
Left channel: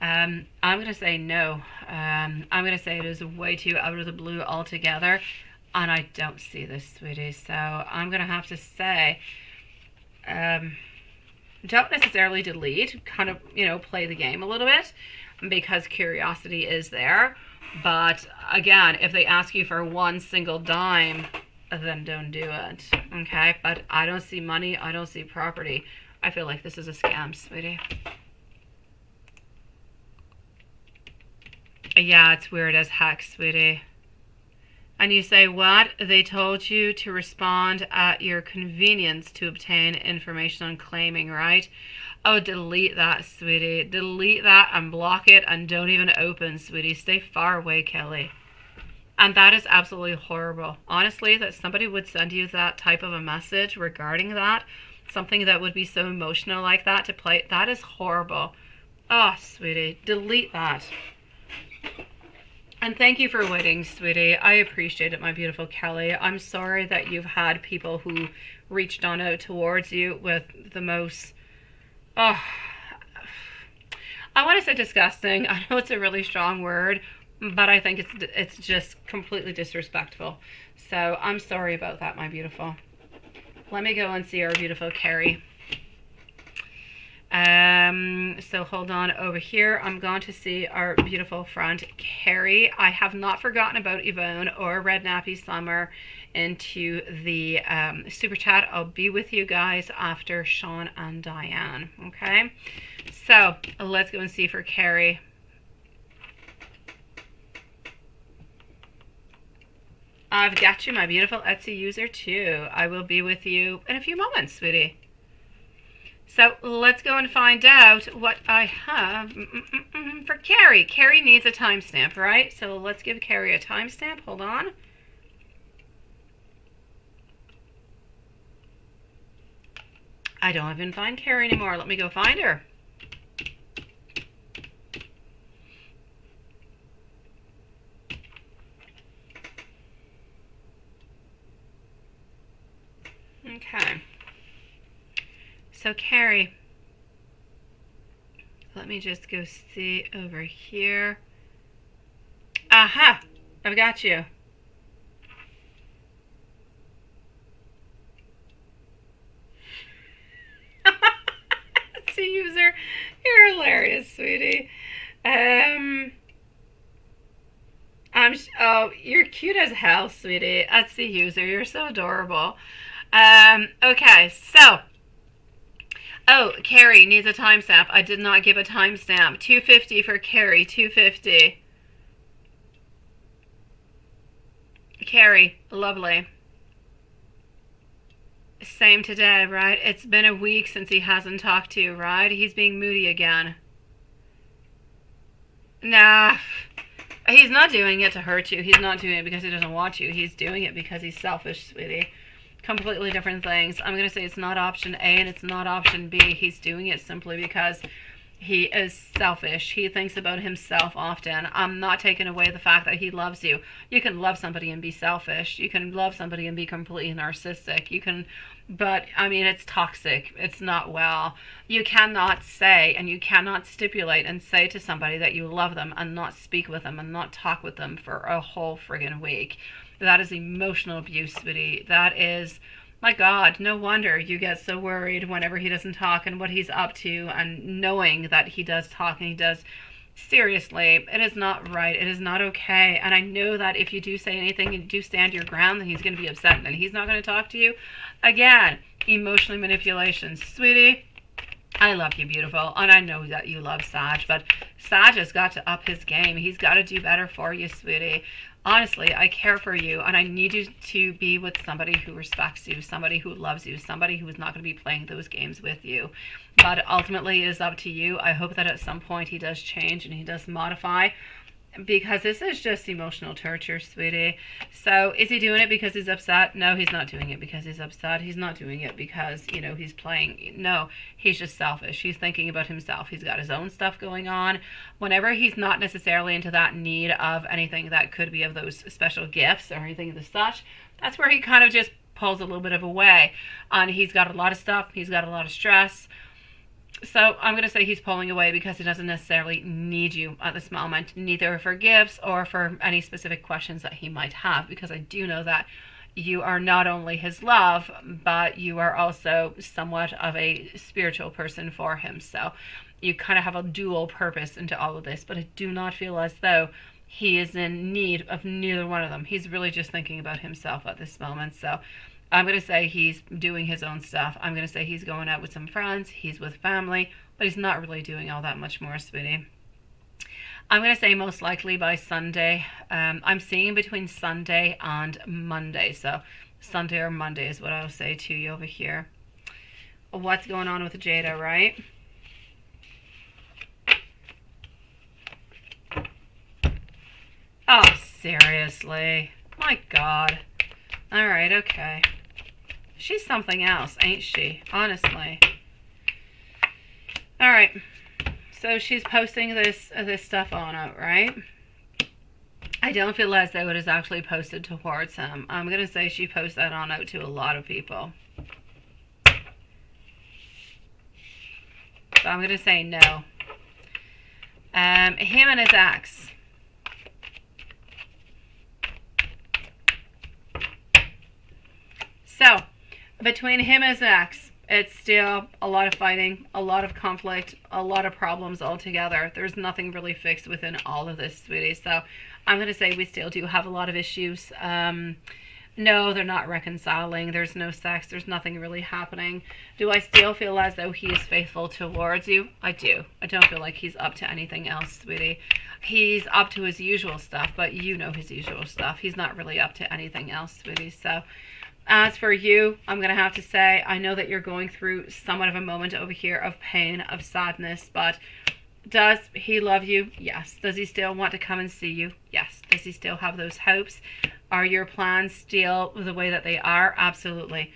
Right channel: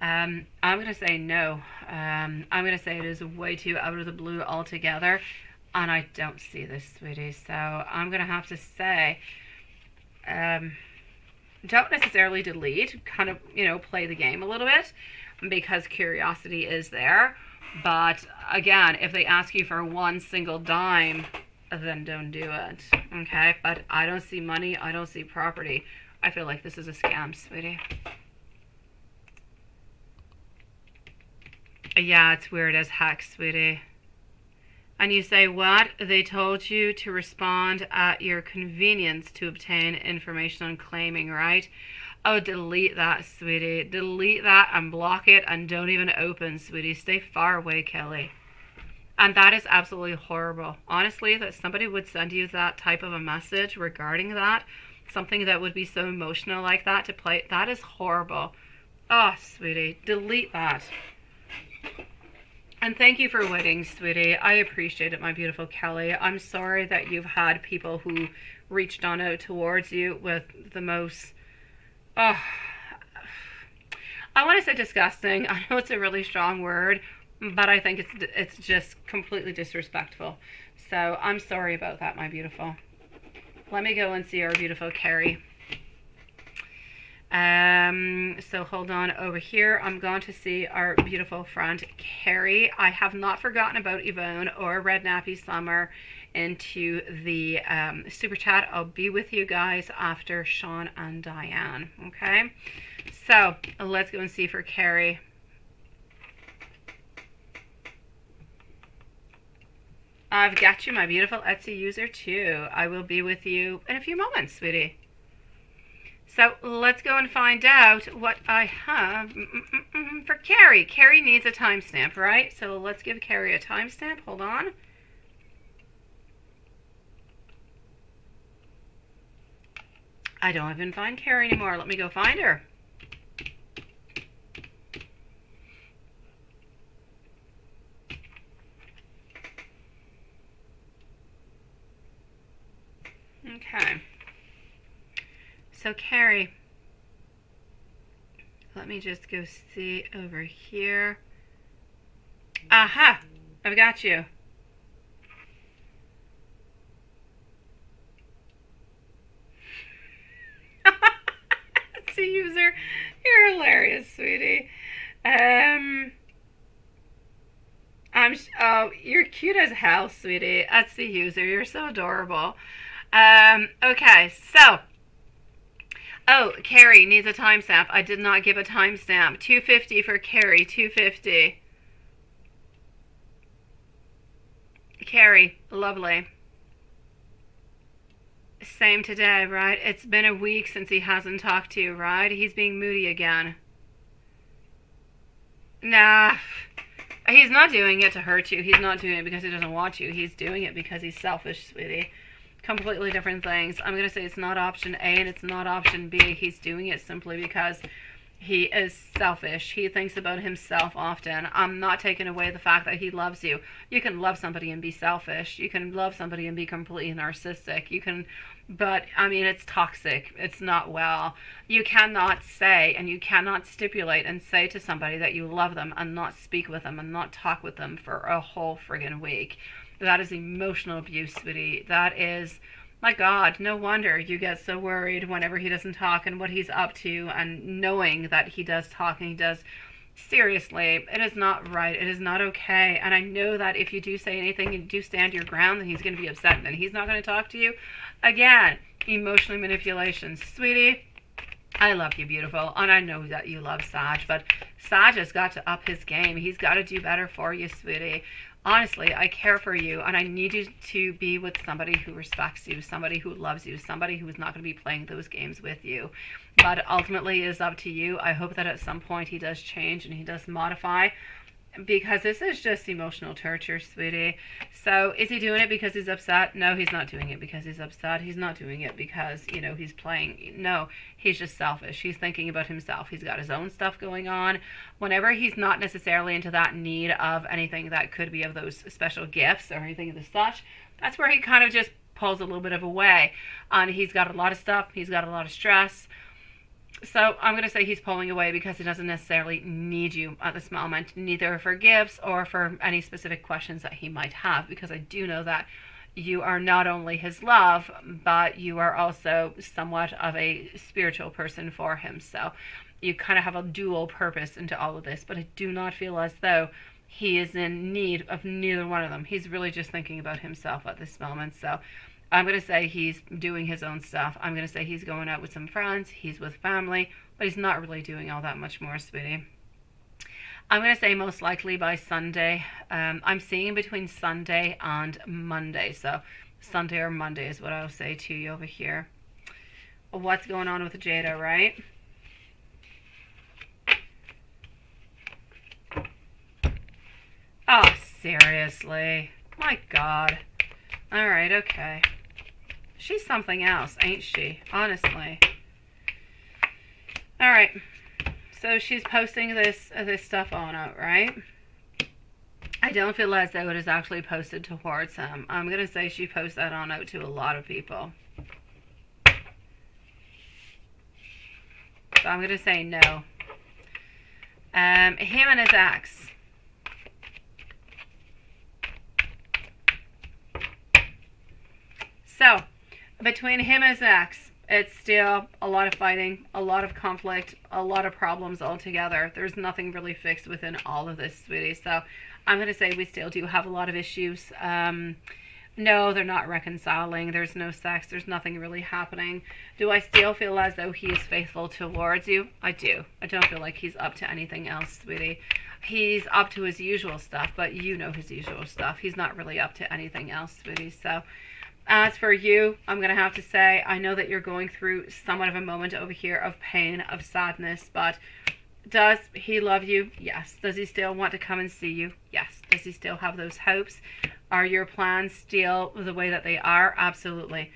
I'm going to say no. I'm going to say it is way too out of the blue altogether. And I don't see this, sweetie. So I'm going to have to say, don't necessarily delete. Kind of, you know, play the game a little bit. Because curiosity is there. But again, if they ask you for one single dime, then don't do it. Okay? But I don't see money. I don't see property. I feel like this is a scam, sweetie. Yeah, it's weird as heck, sweetie. And you say, what? They told you to respond at your convenience to obtain information on claiming, right? Oh, delete that, sweetie. Delete that and block it and don't even open, sweetie. Stay far away, Kelly. And that is absolutely horrible. Honestly, that somebody would send you that type of a message regarding that, something that would be so emotional like that to play, that is horrible. Oh, sweetie, delete that. And thank you for waiting, sweetie. I appreciate it, my beautiful Kelly. I'm sorry that you've had people who reached on out towards you with the most, oh, I want to say disgusting. I know it's a really strong word, but I think it's just completely disrespectful. So I'm sorry about that, my beautiful. Let me go and see our beautiful Carrie. So hold on over here. I'm going to see our beautiful friend Carrie. I have not forgotten about Yvonne or Red Nappy Summer into the super chat. I'll be with you guys after Sean and Diane. Okay, so let's go and see for Carrie. I've got you, my beautiful Etsy user too. I will be with you in a few moments, sweetie. So let's go and find out what I have for Carrie. Carrie needs a timestamp, right? So let's give Carrie a timestamp. Hold on. I don't even find Carrie anymore. Let me go find her. Okay. So Carrie, let me just go see over here. Aha! I've got you. Etsy user, you're hilarious, sweetie. Oh, you're cute as hell, sweetie. Etsy user, you're so adorable. Okay, so. Oh, Carrie needs a timestamp. I did not give a timestamp. 250 for Carrie, 250. Carrie, lovely. Same today, right? It's been a week since he hasn't talked to you, right? He's being moody again. Nah, he's not doing it to hurt you. He's not doing it because he doesn't want you. He's doing it because he's selfish, sweetie. Completely different things. I'm going to say it's not option A and it's not option B. He's doing it simply because he is selfish. He thinks about himself often. I'm not taking away the fact that he loves you. You can love somebody and be selfish. You can love somebody and be completely narcissistic. You can, but I mean, it's toxic. It's not well. You cannot say and you cannot stipulate and say to somebody that you love them and not speak with them and not talk with them for a whole friggin' week. That is emotional abuse, sweetie. That is, my God, no wonder you get so worried whenever he doesn't talk and what he's up to, and knowing that he does talk and he does. Seriously, it is not right. It is not okay. And I know that if you do say anything and do stand your ground, then he's going to be upset and he's not going to talk to you. Again, emotional manipulation. Sweetie, I love you, beautiful. And I know that you love Sag, but Sag has got to up his game. He's got to do better for you, sweetie. Honestly, I care for you, and I need you to be with somebody who respects you, somebody who loves you, somebody who is not going to be playing those games with you. But ultimately, it is up to you. I hope that at some point he does change and he does modify, because this is just emotional torture, sweetie. So is he doing it because he's upset? No, he's not doing it because he's upset. He's not doing it because, you know, he's playing. No, he's just selfish. He's thinking about himself. He's got his own stuff going on. Whenever he's not necessarily into that need of anything that could be of those special gifts or anything of the such, that's where he kind of just pulls a little bit of away. And he's got a lot of stuff. He's got a lot of stress. So I'm going to say he's pulling away because he doesn't necessarily need you at this moment, neither for gifts or for any specific questions that he might have, because I do know that you are not only his love, but you are also somewhat of a spiritual person for him. So you kind of have a dual purpose into all of this, but I do not feel as though he is in need of neither one of them. He's really just thinking about himself at this moment. So I'm going to say he's doing his own stuff. I'm going to say he's going out with some friends. He's with family, but he's not really doing all that much more, sweetie. I'm going to say most likely by Sunday. I'm seeing between Sunday and Monday. So Sunday or Monday is what I'll say to you over here. What's going on with Jada, right? Oh, seriously. My God. Alright, okay. She's something else, ain't she? Honestly. Alright. So she's posting this stuff on it, right? I don't feel as though it is actually posted towards him. I'm going to say she posts that on out to a lot of people. So I'm going to say no. Him and his ex. So, between him and his ex, it's still a lot of fighting, a lot of conflict, a lot of problems altogether. There's nothing really fixed within all of this, sweetie. So, I'm going to say we still do have a lot of issues. No, they're not reconciling. There's no sex. There's nothing really happening. Do I still feel as though he is faithful towards you? I do. I don't feel like he's up to anything else, sweetie. He's up to his usual stuff, but you know his usual stuff. He's not really up to anything else, sweetie. So, as for you, I'm going to have to say, I know that you're going through somewhat of a moment over here of pain, of sadness, but does he love you? Yes. Does he still want to come and see you? Yes. Does he still have those hopes? Are your plans still the way that they are? Absolutely.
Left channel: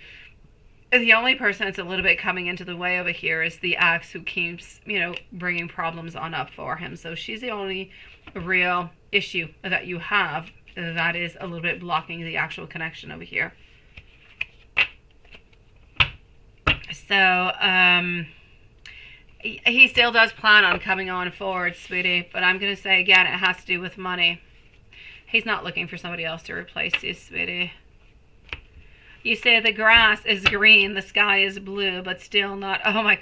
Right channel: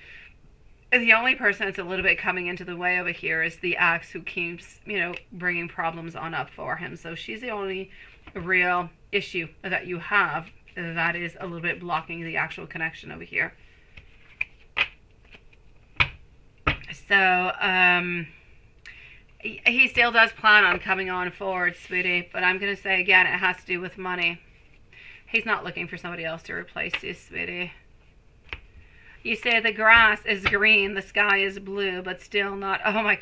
The only person that's a little bit coming into the way over here is the ex who keeps, bringing problems on up for him. So she's the only real issue that you have that is a little bit blocking the actual connection over here. So, he still does plan on coming on forward, sweetie. But I'm going to say, again, it has to do with money. He's not looking for somebody else to replace you, sweetie. You say the grass is green, the sky is blue, but still not... Oh, my...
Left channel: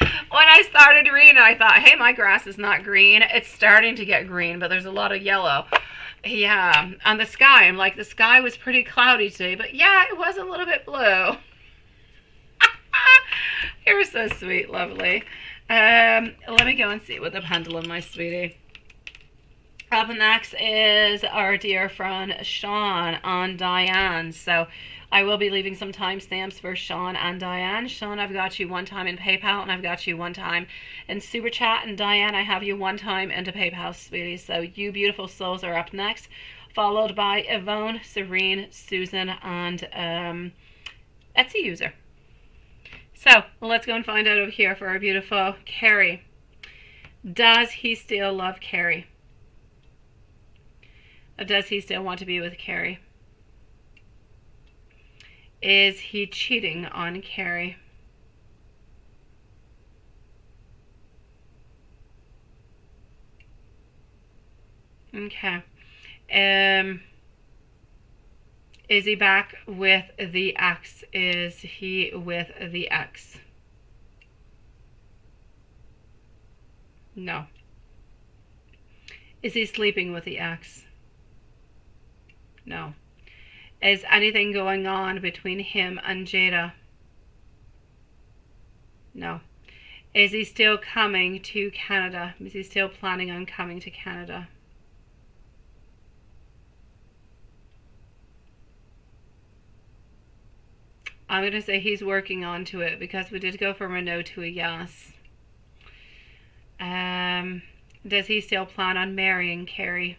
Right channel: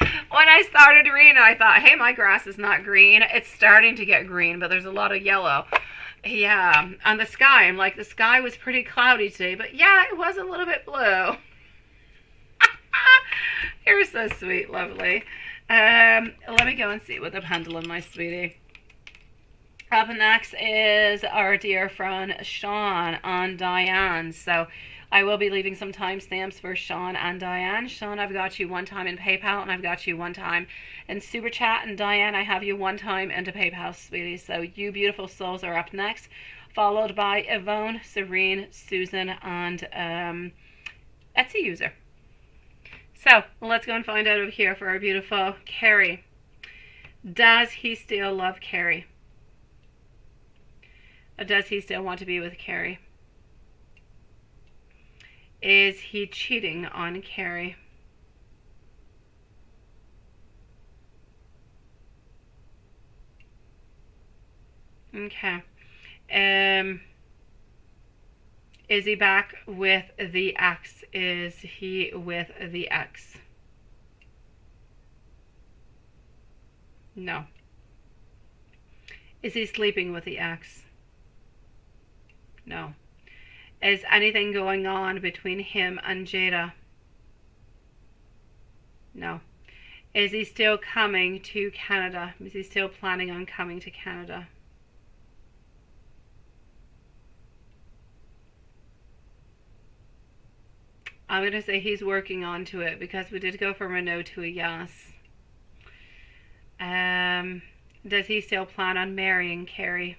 When I started reading, I thought, hey, my grass is not green. It's starting to get green, but there's a lot of yellow. Yeah, on the sky, I'm like, the sky was pretty cloudy today, but yeah, it was a little bit blue. You're so sweet, lovely. Let me go and see what the pendulum, my sweetie. Up next is our dear friend Sean on Diane. So I will be leaving some timestamps for Sean and Diane. Sean, I've got you one time in PayPal, and I've got you one time in Super Chat. And Diane, I have you one time into PayPal, sweetie. So you beautiful souls are up next, followed by Yvonne, Serene, Susan, and Etsy user. So let's go and find out over here for our beautiful Carrie. Does he still love Carrie? Or does he still want to be with Carrie? Is he cheating on Carrie? Okay. Is he back with the ex? Is he with the ex? No. Is he sleeping with the ex? No. Is anything going on between him and Jada? No. Is he still coming to Canada? Is he still planning on coming to Canada? I'm going to say he's working on to it because we did go from a no to a yes. Does he still plan on marrying Carrie?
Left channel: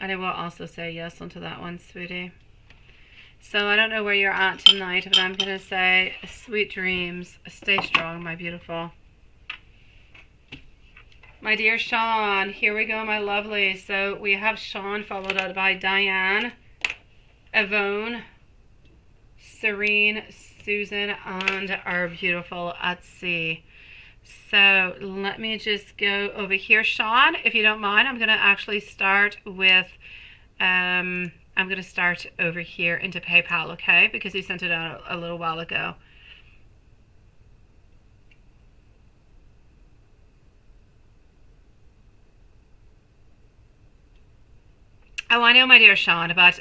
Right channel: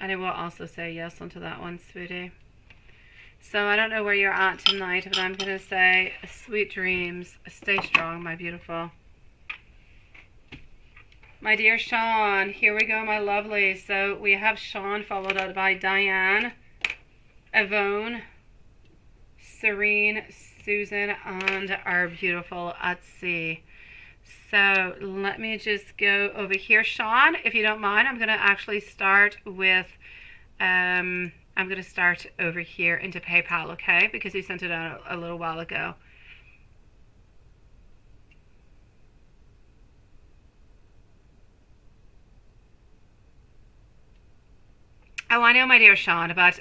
And I will also say yes onto that one, sweetie. So I don't know where you're at tonight, but I'm going to say sweet dreams. Stay strong, my beautiful. My dear Sean, here we go, my lovely. So we have Sean followed out by Diane, Yvonne, Serene, Susan, and our beautiful Etsy. So let me just go over here. Sean, if you don't mind, I'm going to actually start with, I'm going to start over here into PayPal, okay? Because you sent it out a little while ago. Oh, I know, my dear Sean, but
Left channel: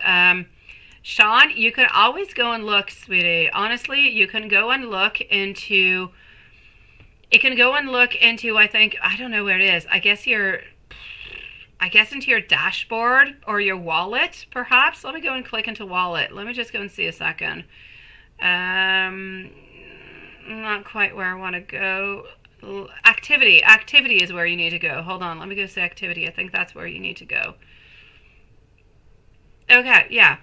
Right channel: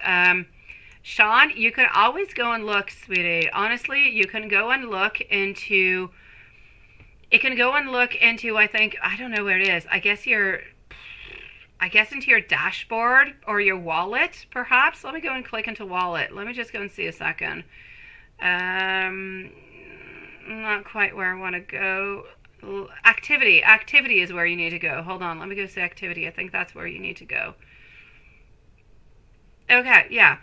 Sean, you can always go and look, sweetie. Honestly, you can go and look into It can go and look into, I think, I don't know where it is. I guess into your dashboard or your wallet, perhaps. Let me go and click into wallet. Let me just go and see a second. Not quite where I want to go. Activity. Activity is where you need to go. Hold on. Let me go say activity. I think that's where you need to go. Okay, yeah.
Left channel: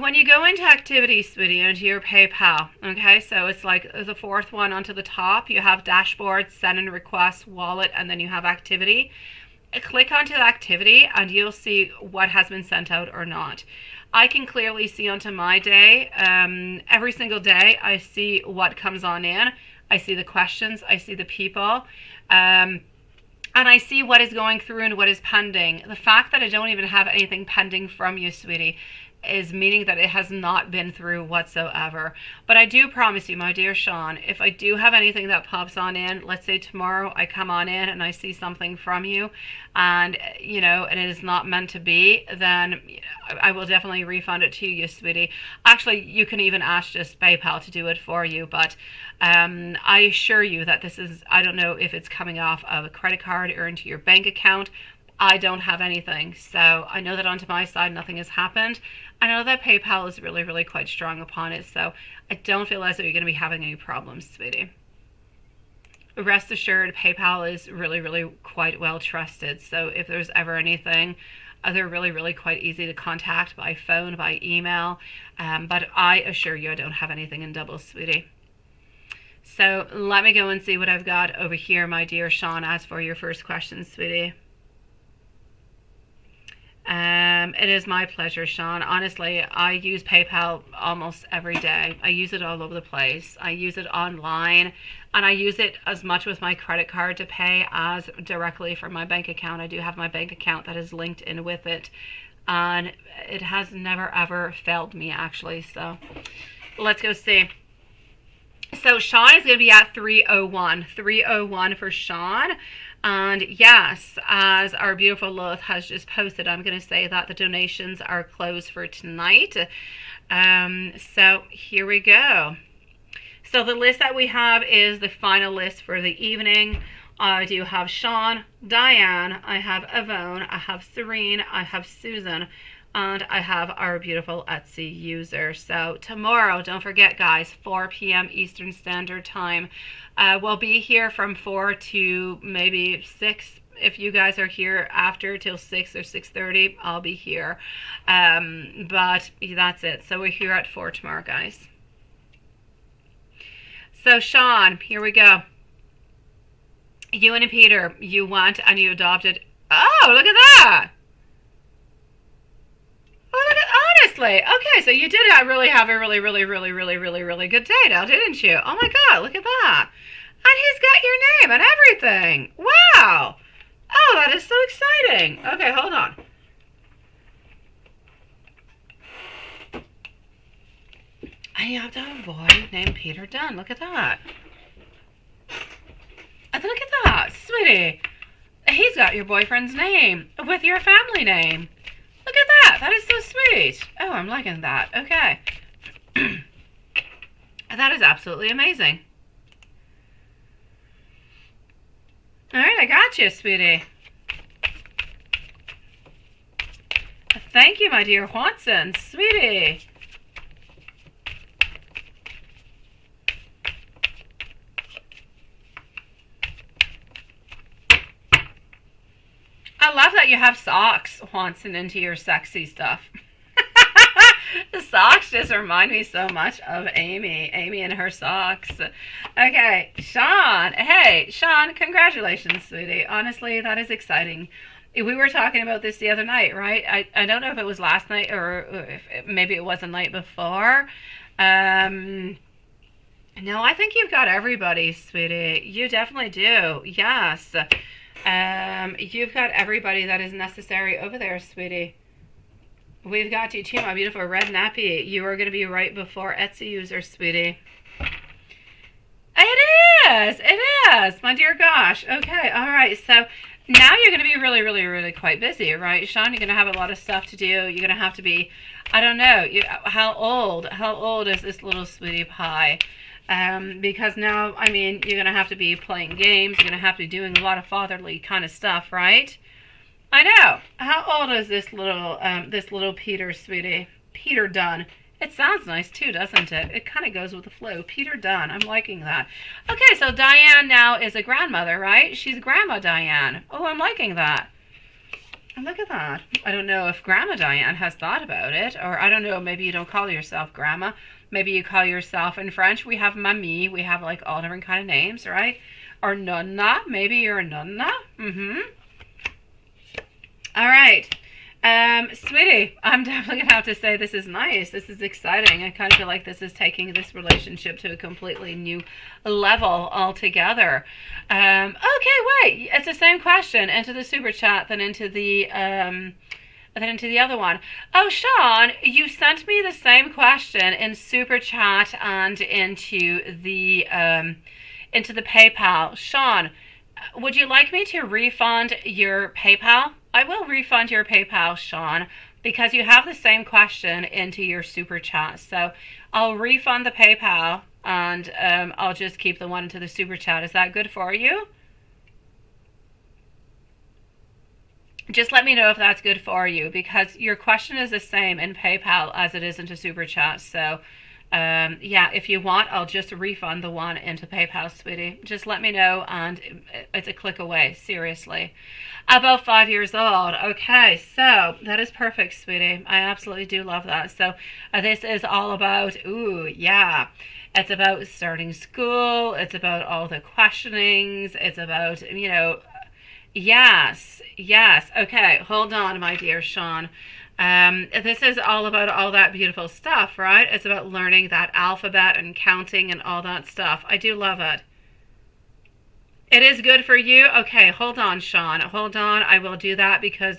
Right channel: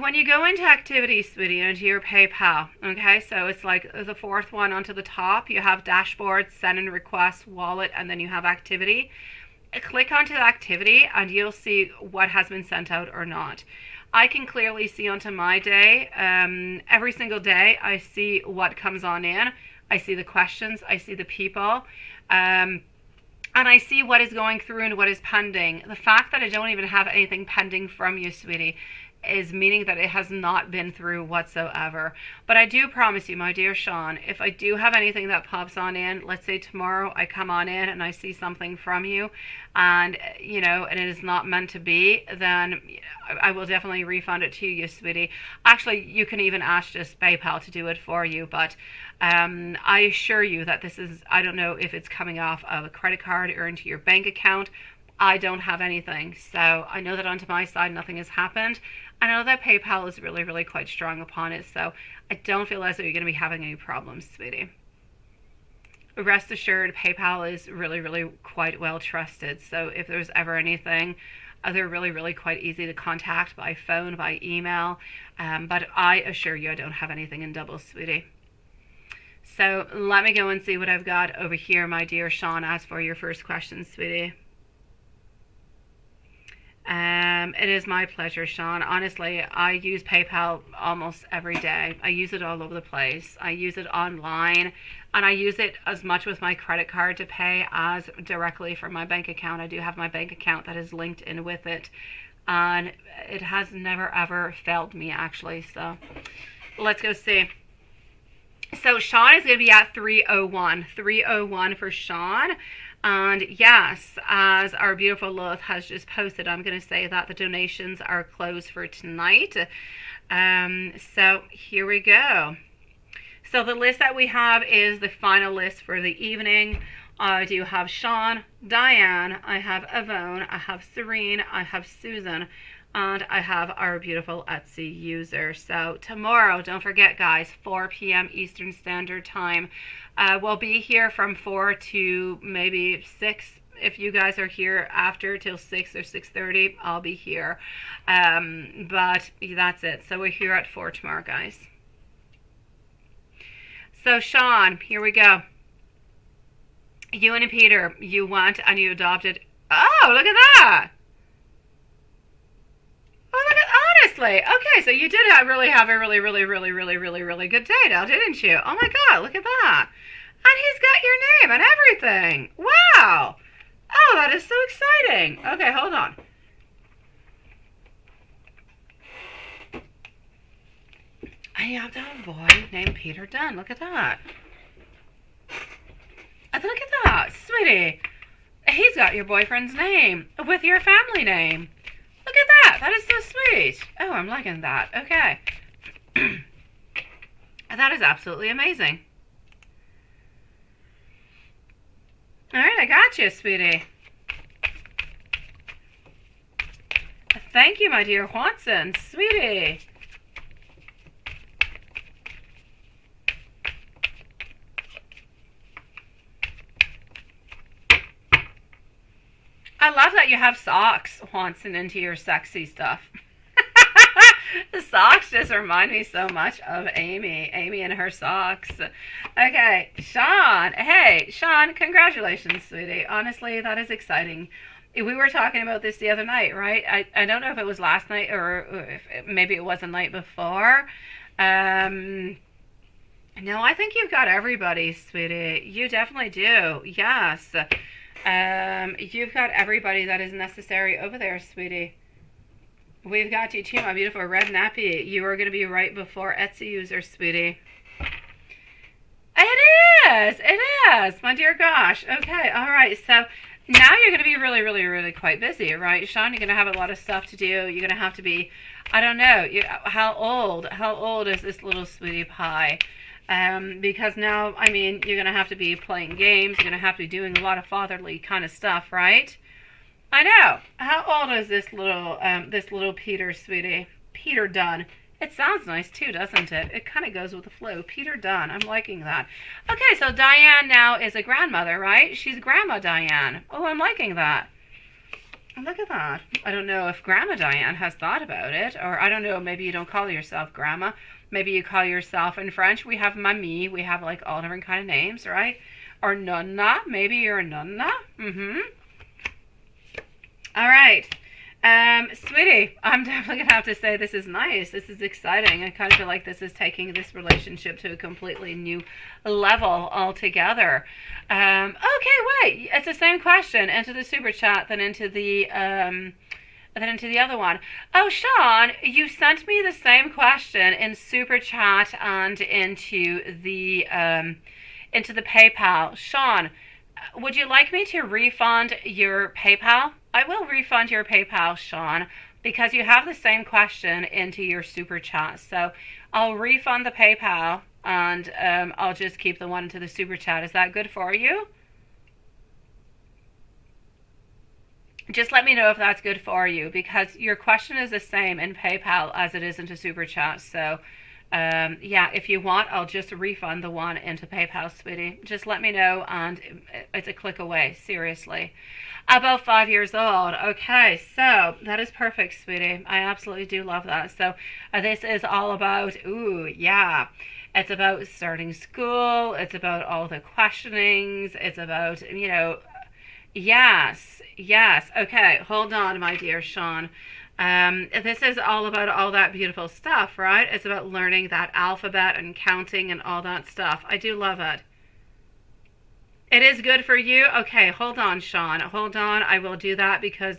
When you go into activity, sweetie, into your PayPal, okay, so it's like the fourth one onto the top. You have dashboard, send and request, wallet, and then you have activity. Click onto the activity and you'll see what has been sent out or not. I can clearly see onto my day, every single day I see what comes on in. I see the questions, I see the people, and I see what is going through and what is pending. The fact that I don't even have anything pending from you, sweetie, is meaning that it has not been through whatsoever. But I do promise you, my dear Sean, if I do have anything that pops on in, let's say tomorrow I come on in and I see something from you and, you know, and it is not meant to be, then I will definitely refund it to you, sweetie. Actually, you can even ask just PayPal to do it for you, but I assure you that this is, I don't know if it's coming off of a credit card or into your bank account. I don't have anything. So I know that onto my side, nothing has happened. I know that PayPal is really, really quite strong upon it. So I don't feel as though you're going to be having any problems, sweetie. Rest assured, PayPal is really, really quite well trusted. So if there's ever anything, they're really, really quite easy to contact by phone, by email. But I assure you, I don't have anything in double, sweetie. So let me go and see what I've got over here, my dear Sean, as for your first question, sweetie. It is my pleasure, Sean. Honestly, I use PayPal almost every day. I use it all over the place. I use it online, and I use it as much with my credit card to pay as directly from my bank account. I do have my bank account that is linked in with it, and it has never ever failed me, actually. So let's go see. So Sean is going to be at 301. 301 for Sean. And yes, as our beautiful Lilith has just posted, I'm going to say that the donations are closed for tonight. So here we go. So the list that we have is the final list for the evening. I do have Sean, Diane, I have Yvonne, I have Serene, I have Susan, and I have our beautiful Etsy user. So tomorrow, don't forget guys, 4 p.m. Eastern Standard Time. We'll be here from 4 to maybe 6. If you guys are here after till 6 or 6:30, I'll be here. But that's it. So we're here at 4 tomorrow, guys. So Sean, here we go. You and Peter, you went and you adopted. Oh, look at that. Oh, look at, honestly. Okay, so you did really have a really good day now, didn't you? Oh my God, look at that. And he's got your name and everything. Wow. Oh, that is so exciting. Okay, hold on. And you have to have a boy named Peter Dunn. Look at that. And look at that, sweetie. He's got your boyfriend's name with your family name. Look at that. That is so sweet. Oh, I'm liking that. Okay. That is absolutely amazing. All right, I got you, sweetie. Thank you, my dear Watson. Sweetie. I love that you have socks, Watson, into your sexy stuff. The socks just remind me so much of Amy. Amy and her socks. Okay, Sean. Hey, Sean, congratulations, sweetie. Honestly, that is exciting. We were talking about this the other night, right? I don't know if it was last night or if maybe it was the night before. No, I think you've got everybody, sweetie. You definitely do. Yes. You've got everybody that is necessary over there, sweetie. We've got you too, my beautiful red nappy. You are going to be right before Etsy user, sweetie. It is, my dear gosh. Okay, all right. So now you're going to be really quite busy, right, Sean? You're going to have a lot of stuff to do. You're going to have to be, I don't know, how old is this little sweetie pie? Because now, I mean, you're going to have to be playing games. You're going to have to be doing a lot of fatherly kind of stuff, right? I know. How old is this little Peter, sweetie? Peter Dunn. It sounds nice too, doesn't it? It kind of goes with the flow. Peter Dunn. I'm liking that. Okay, so Diane now is a grandmother, right? She's Grandma Diane. Oh, I'm liking that. Look at that. I don't know if Grandma Diane has thought about it, or I don't know, maybe you don't call yourself Grandma. Maybe you call yourself, in French, we have Mamie. We have like all different kind of names, right? Or Nonna. Maybe you're a Nonna. All right. Sweetie, I'm definitely going to have to say this is nice. This is exciting. I kind of feel like this is taking this relationship to a completely new level altogether. Okay, wait. It's the same question into the super chat than into the other one. Oh, Sean, you sent me the same question in super chat and into the PayPal. Sean, would you like me to refund your PayPal? I will refund your PayPal, Sean, because you have the same question into your super chat. So I'll refund the PayPal and I'll just keep the one into the super chat. Is that good for you? Just let me know if that's good for you, because your question is the same in PayPal as it is into super chat. So yeah, if you want, I'll just refund the one into PayPal, sweetie. Just let me know, and it's a click away. Seriously. About 5 years old. Okay, so that is perfect, sweetie. I absolutely do love that. So this is all about, ooh, yeah. It's about starting school. It's about all the questionings. It's about, you know, yes. Okay, hold on, my dear Sean. This is all about all that beautiful stuff, right? It's about learning that alphabet and counting and all that stuff. I do love it. It is good for you? Okay, hold on, Sean. Hold on. I will do that because,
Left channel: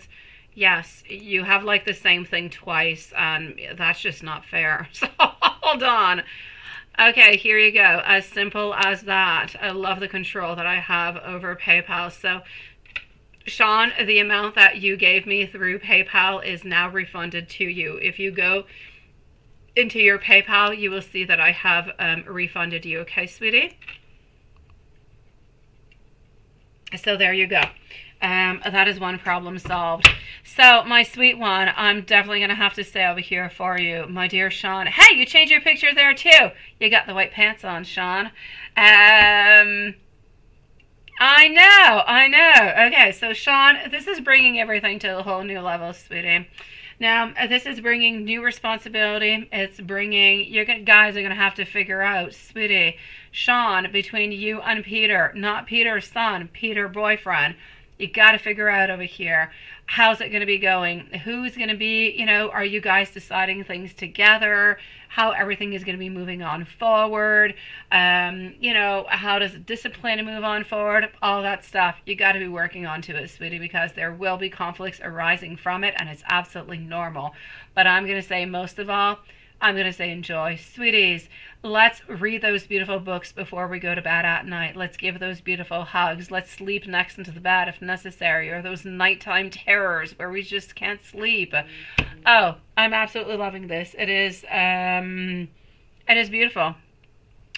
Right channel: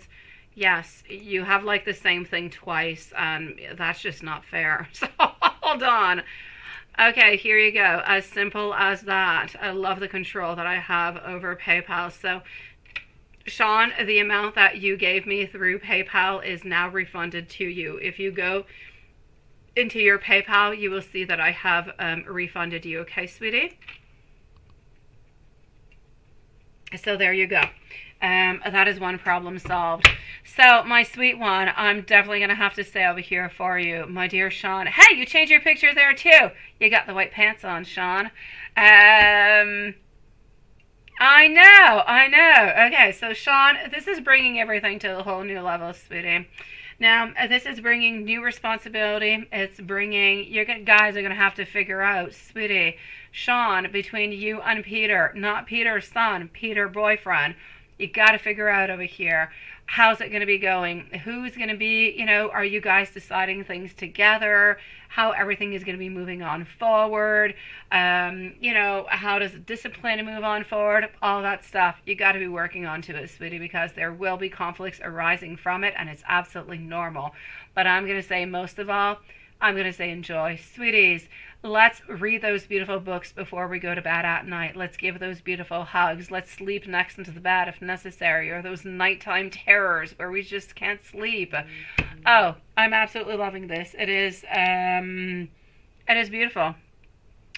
yes, you have like the same thing twice, and that's just not fair. So hold on. Okay, here you go. As simple as that. I love the control that I have over PayPal. So, Sean, the amount that you gave me through PayPal is now refunded to you. If you go into your PayPal, you will see that I have refunded you. Okay, sweetie? So there you go. That is one problem solved. So, my sweet one, I'm definitely going to have to stay over here for you, my dear Sean. Hey, you changed your picture there too. You got the white pants on, Sean. I know. Okay, so Sean, this is bringing everything to a whole new level, sweetie. Now, this is bringing new responsibility. It's bringing, you guys are going to have to figure out, sweetie, Sean, between you and Peter, not Peter's son, Peter boyfriend, you got to figure out over here, how's it going to be going? Who's going to be, you know, are you guys deciding things together? How everything is going to be moving on forward? You know, how does discipline move on forward? All that stuff. You got to be working onto it, sweetie, because there will be conflicts arising from it, and it's absolutely normal. But I'm going to say, most of all, I'm going to say enjoy. Sweeties, let's read those beautiful books before we go to bed at night. Let's give those beautiful hugs. Let's sleep next into the bed if necessary, or those nighttime terrors where we just can't sleep. Oh, I'm absolutely loving this. It is beautiful.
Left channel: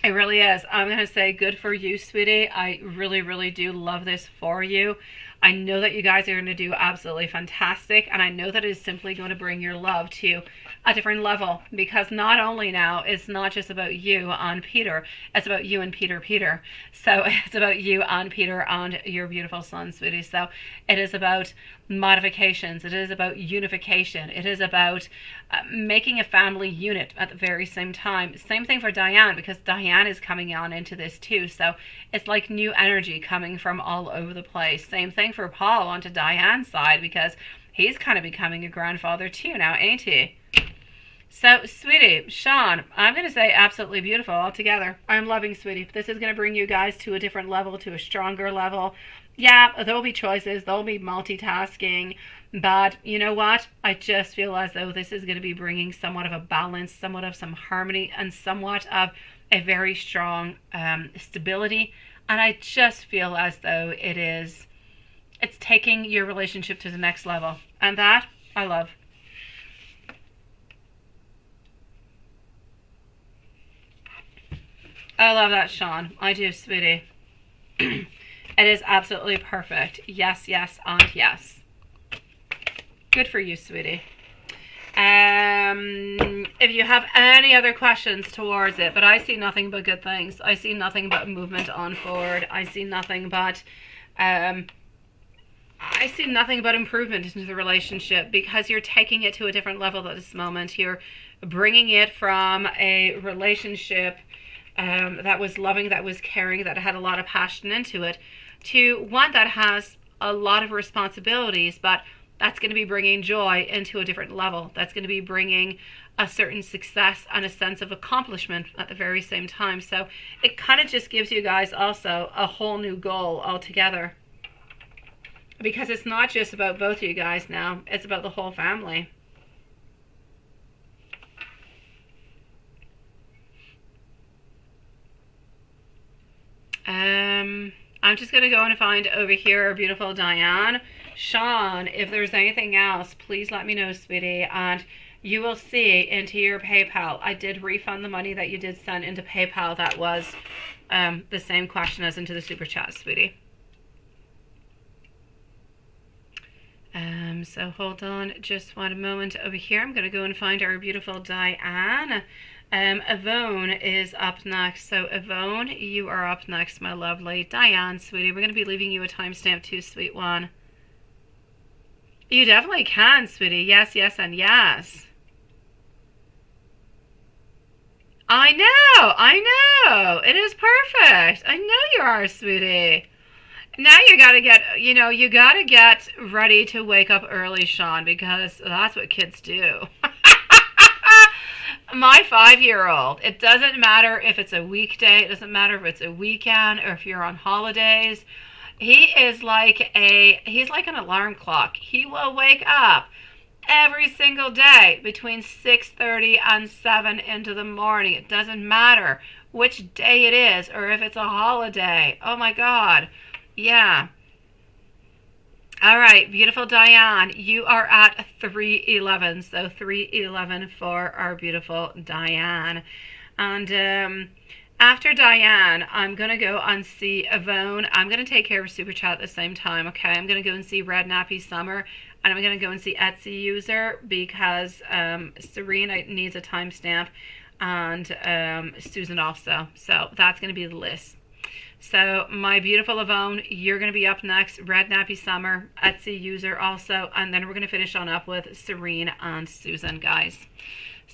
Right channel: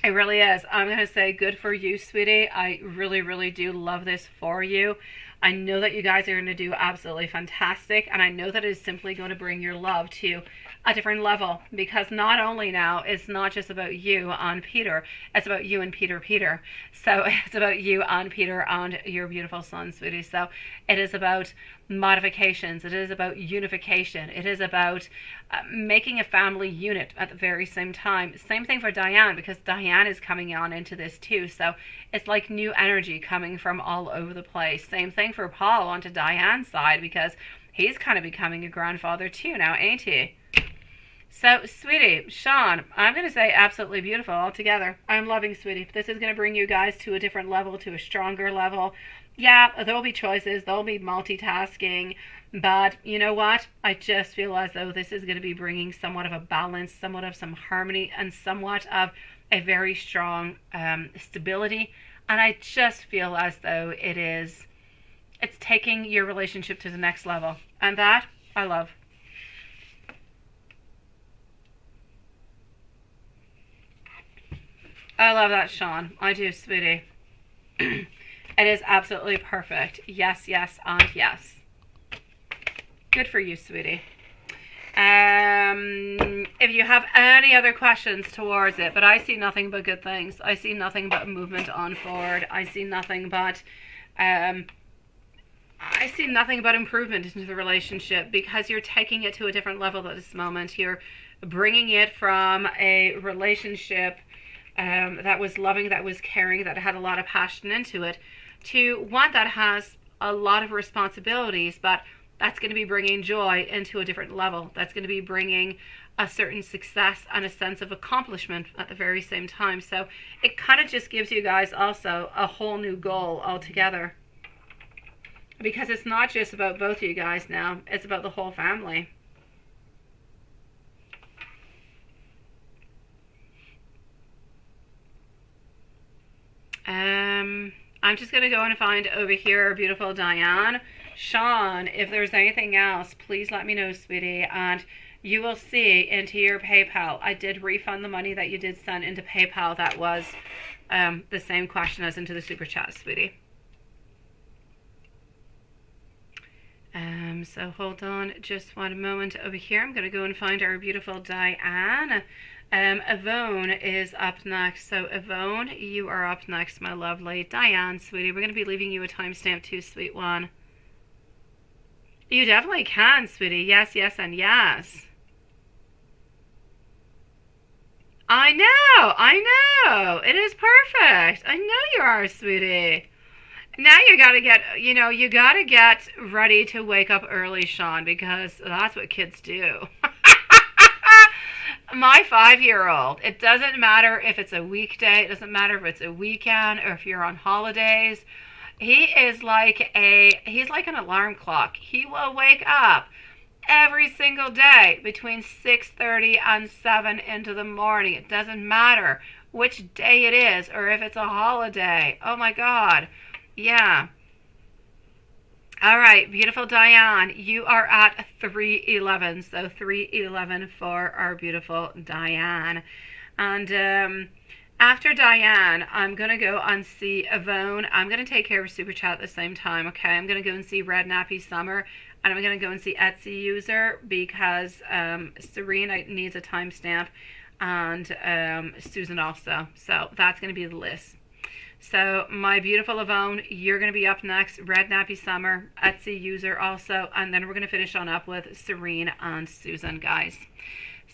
It really is. I'm going to say good for you, sweetie. I really, really do love this for you. I know that you guys are going to do absolutely fantastic, and I know that it is simply going to bring your love to a different level, because not only now, it's not just about you and Peter, it's about you and Peter. So it's about you and Peter and your beautiful son, sweetie. So it is about modifications. It is about unification. It is about making a family unit at the very same time. Same thing for Diane, because Diane is coming on into this too. So it's like new energy coming from all over the place. Same thing for Paul onto Diane's side, because he's kind of becoming a grandfather too now, ain't he? So, sweetie, Sean, I'm going to say absolutely beautiful altogether. I'm loving, sweetie. This is going to bring you guys to a different level, to a stronger level. Yeah, there'll be choices. There'll be multitasking. But you know what? I just feel as though this is going to be bringing somewhat of a balance, somewhat of some harmony, and somewhat of a very strong stability. And I just feel as though it's taking your relationship to the next level. And that, I love. I love that, Sean. I do, sweetie. It is absolutely perfect. Yes, yes, and yes. Good for you, sweetie. If you have any other questions towards it, but I see nothing but good things. I see nothing but movement on forward. I see nothing but improvement into the relationship, because you're taking it to a different level at this moment. You're bringing it from a relationship that was loving, that was caring, that had a lot of passion into it, to one that has a lot of responsibilities, but that's going to be bringing joy into a different level. That's going to be bringing a certain success and a sense of accomplishment at the very same time. So it kind of just gives you guys also a whole new goal altogether, because it's not just about both of you guys now. It's about the whole family. I'm just going to go and find over here our beautiful Diane. Sean, if there's anything else, please let me know, sweetie. And you will see into your PayPal. I did refund the money that you did send into PayPal. That was the same question as into the super chat, sweetie. So hold on just one moment over here. I'm going to go and find our beautiful Diane. Yvonne is up next. So Yvonne, you are up next, my lovely. Diane, sweetie, we're going to be leaving you a timestamp too, sweet one. You definitely can, sweetie. Yes, yes, and yes. I know. It is perfect. I know you are, sweetie. Now you gotta get ready to wake up early, Sean, because that's what kids do. My 5-year-old, it doesn't matter if it's a weekday, it doesn't matter if it's a weekend or if you're on holidays. He's like an alarm clock. He will wake up every single day between 6:30 and 7 into the morning. It doesn't matter which day it is or if it's a holiday. Oh my God. Yeah. All right, beautiful Diane, you are at 311. So 311 for our beautiful Diane. And after Diane, I'm going to go and see Yvonne. I'm going to take care of Super Chat at the same time, okay? I'm going to go and see Red Nappy Summer, and I'm going to go and see Etsy User, because Serena needs a timestamp, and Susan also. So that's going to be the list. So my beautiful Yvonne, you're going to be up next. Red Nappy Summer, Etsy User also, and then we're going to finish on up with Serene and Susan, guys.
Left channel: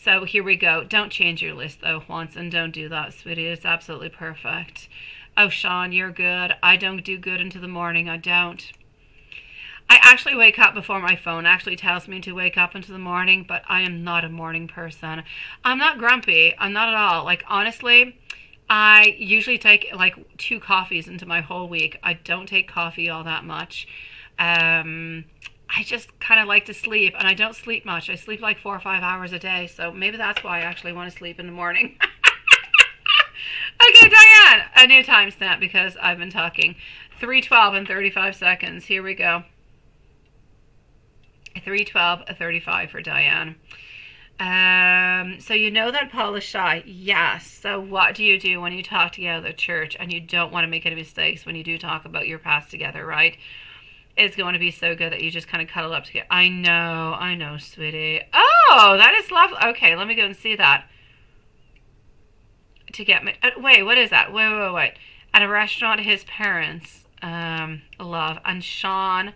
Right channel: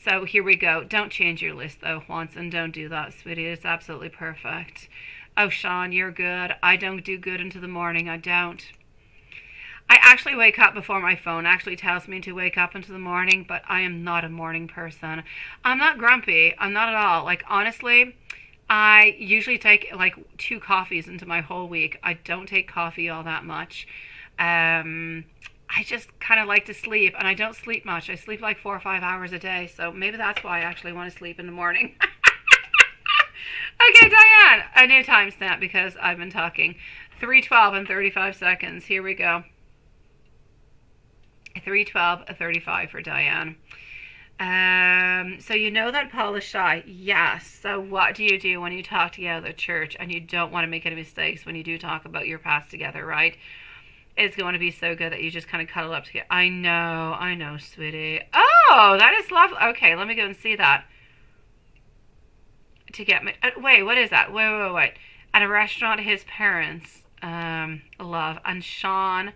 So here we go. Don't change your list though once, and don't do that, sweetie. It's absolutely perfect. Oh, Sean, you're good. I don't do good into the morning. I don't. I actually wake up before my phone actually tells me to wake up into the morning, but I am not a morning person. I'm not grumpy. I'm not at all. Like, honestly, I usually take like 2 coffees into my whole week. I don't take coffee all that much. I just kind of like to sleep, and I don't sleep much. I sleep like 4 or 5 hours a day, so maybe that's why I actually want to sleep in the morning. Okay, Diane, a new timestamp because I've been talking. 3:12 and 35 seconds. Here we go. 3:12:35 for Diane. So you know that Paul is shy. Yes. So what do you do when you talk together at church and you don't want to make any mistakes when you do talk about your past together, right? It's going to be so good that you just kind of cuddle up together. I know, sweetie. Oh, that is lovely. Okay, let me go and see that. To get me. Wait, what is that? Wait. At a restaurant, his parents love, and Sean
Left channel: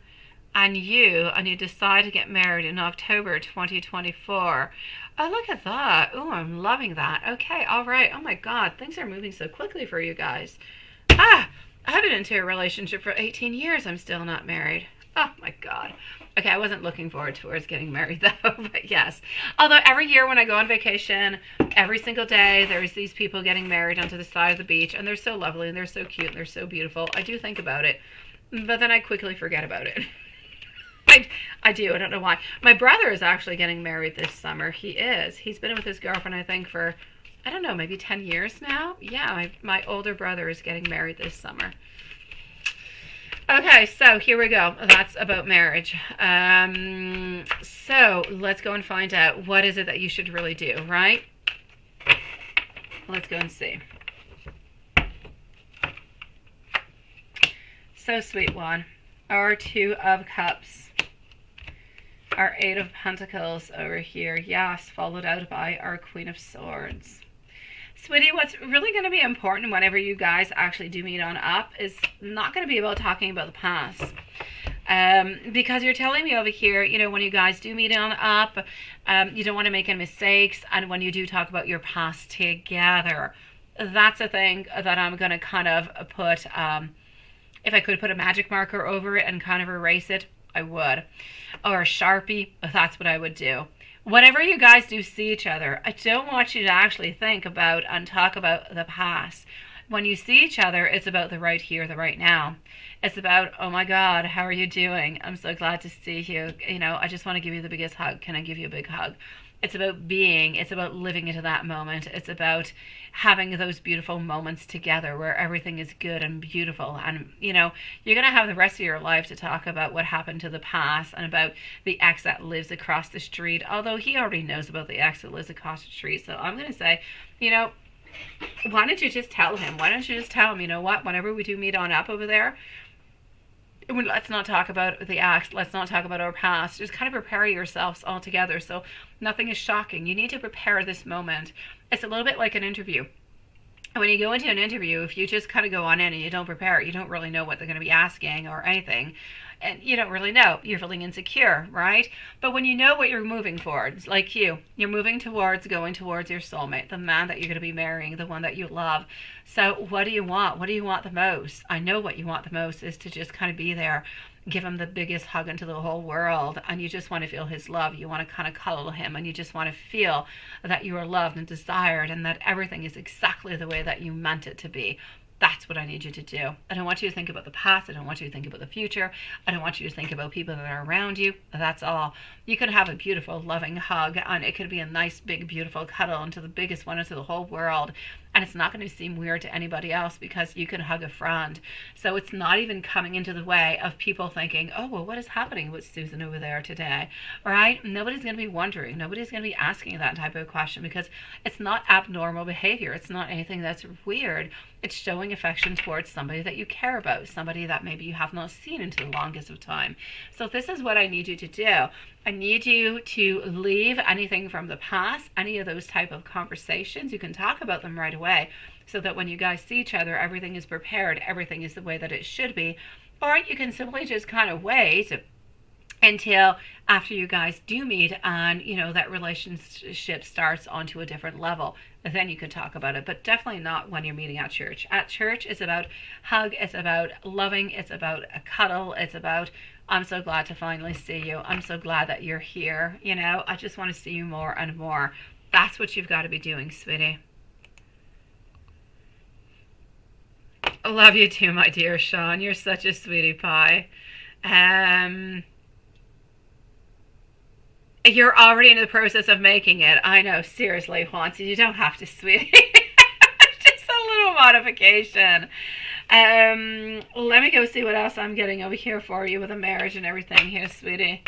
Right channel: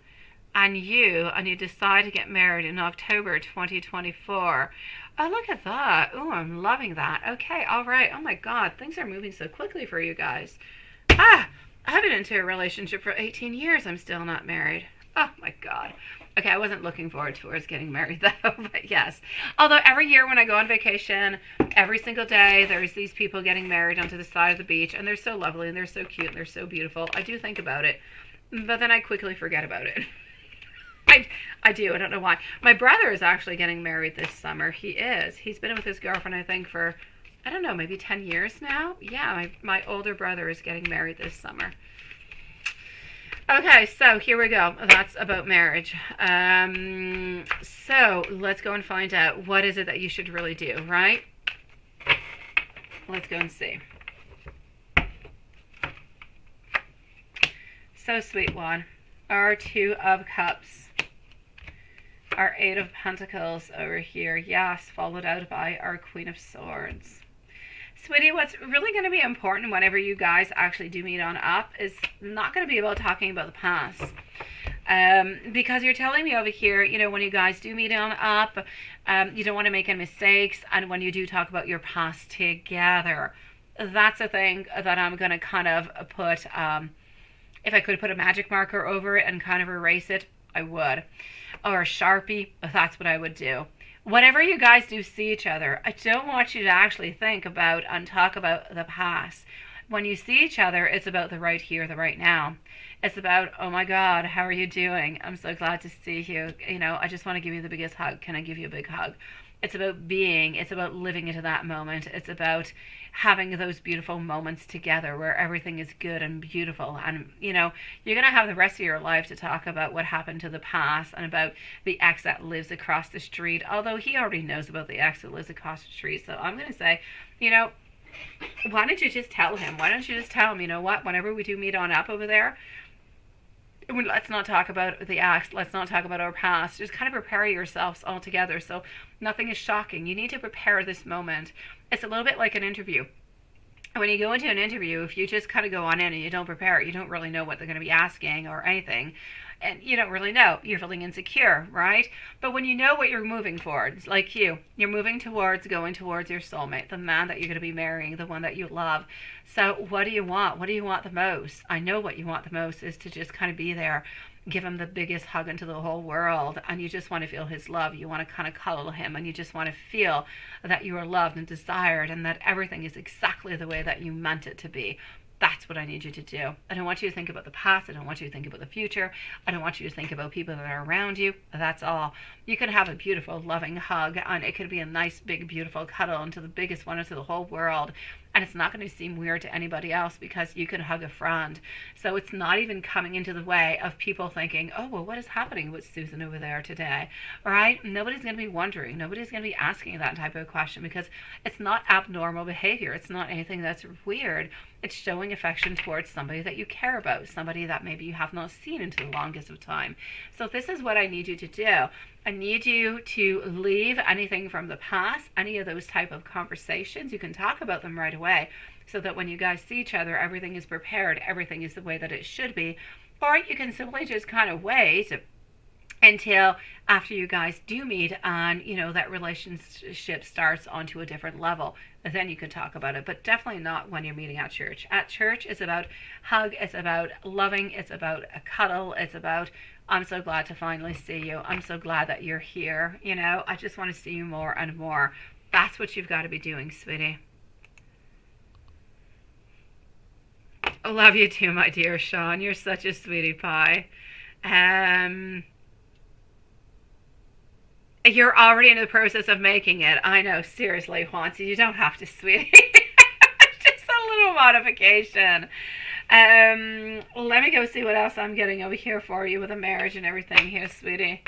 and you decide to get married in October 2024. Oh, look at that. Oh, I'm loving that. Okay, all right. Oh my God, things are moving so quickly for you guys. I've been into a relationship for 18 years. I'm still not married. Oh my God. Okay, I wasn't looking forward towards getting married though, but yes. Although every year when I go on vacation, every single day, there's these people getting married onto the side of the beach, and they're so lovely, and they're so cute, and they're so beautiful. I do think about it, but then I quickly forget about it. I do. I don't know why. My brother is actually getting married this summer. He is. He's been with his girlfriend, I think, for, I don't know, maybe 10 years now. Yeah, my older brother is getting married this summer. Okay, so here we go. That's about marriage. So let's go and find out what is it that you should really do, right? Let's go and see. So sweet one. Our Two of Cups. Our Eight of Pentacles over here. Yes, followed out by our Queen of Swords. Sweetie, what's really going to be important whenever you guys actually do meet on up is not going to be about talking about the past. Because you're telling me over here, you know, when you guys do meet on up, you don't want to make any mistakes. And when you do talk about your past together, that's a thing that I'm going to kind of put, if I could put a magic marker over it and kind of erase it, I would. Or a Sharpie, that's what I would do. Whenever you guys do see each other, I don't want you to actually think about and talk about the past. When you see each other, it's about the right here, the right now. It's about, oh my God, how are you doing? I'm so glad to see you. You know, I just want to give you the biggest hug. Can I give you a big hug? It's about being. It's about living into that moment. It's about having those beautiful moments together where everything is good and beautiful. And, you know, you're going to have the rest of your life to talk about what happened to the past and about the ex that lives across the street. Although he already knows about the ex that lives across the street. So I'm going to say, you know, why don't you just tell him? Why don't you just tell him, you know what, whenever we do meet on up over there, let's not talk about the ex. Let's not talk about our past. Just kind of prepare yourselves all together so nothing is shocking. You need to prepare this moment. It's a little bit like an interview. When you go into an interview, if you just kind of go on in and you don't prepare, you don't really know what they're going to be asking or anything. And you don't really know. You're feeling insecure, right? But when you know what you're moving towards, like you're moving towards going towards your soulmate, the man that you're going to be marrying, the one that you love. So what do you want? What do you want the most? I know what you want the most is to just kind of be there, give him the biggest hug into the whole world, and you just want to feel his love. You want to kind of cuddle him, and you just want to feel that you are loved and desired and that everything is exactly the way that you meant it to be. That's what I need you to do. I don't want you to think about the past. I don't want you to think about the future. I don't want you to think about people that are around you. That's all. You could have a beautiful, loving hug, and it could be a nice, big, beautiful cuddle into the biggest one into the whole world. And it's not going to seem weird to anybody else because you can hug a friend. So it's not even coming into the way of people thinking, oh, well, what is happening with Susan over there today? All right? Nobody's going to be wondering. Nobody's going to be asking that type of question because it's not abnormal behavior. It's not anything that's weird. It's showing affection towards somebody that you care about, somebody that maybe you have not seen into the longest of time. So this is what I need you to do. I need you to leave anything from the past, any of those type of conversations. You can talk about them right away so that when you guys see each other, everything is prepared, everything is the way that it should be. Or you can simply just kind of wait until after you guys do meet and, you know, that relationship starts onto a different level. Then you can talk about it, but definitely not when you're meeting at church. At church, it's about hug, it's about loving, it's about a cuddle, it's about, I'm so glad to finally see you. I'm so glad that you're here. You know, I just want to see you more and more. That's what you've got to be doing, sweetie. I love you too, my dear Sean. You're such a sweetie pie. You're already in the process of making it. I know, seriously, Haunty, you don't have to, sweetie. Just a little modification. Let me go see what else I'm getting over here for you with a marriage and everything here, sweetie.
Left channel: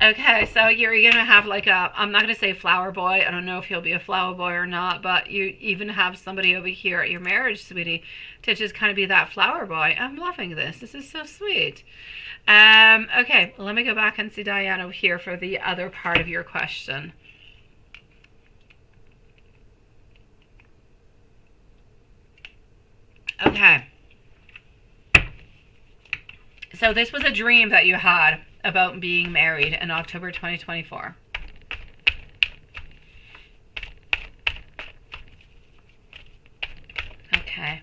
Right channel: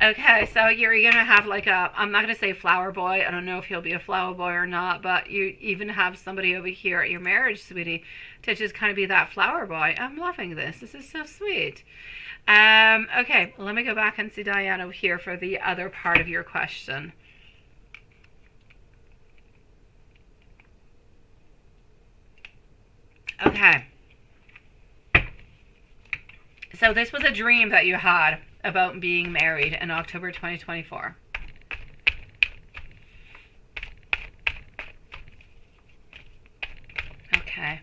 Okay, so you're going to have like a, I'm not going to say flower boy. I don't know if he'll be a flower boy or not, but you even have somebody over here at your marriage, sweetie, to just kind of be that flower boy. I'm loving this. This is so sweet. Okay, let me go back and see Diane over here for the other part of your question. Okay. So this was a dream that you had about being married in October 2024. Okay.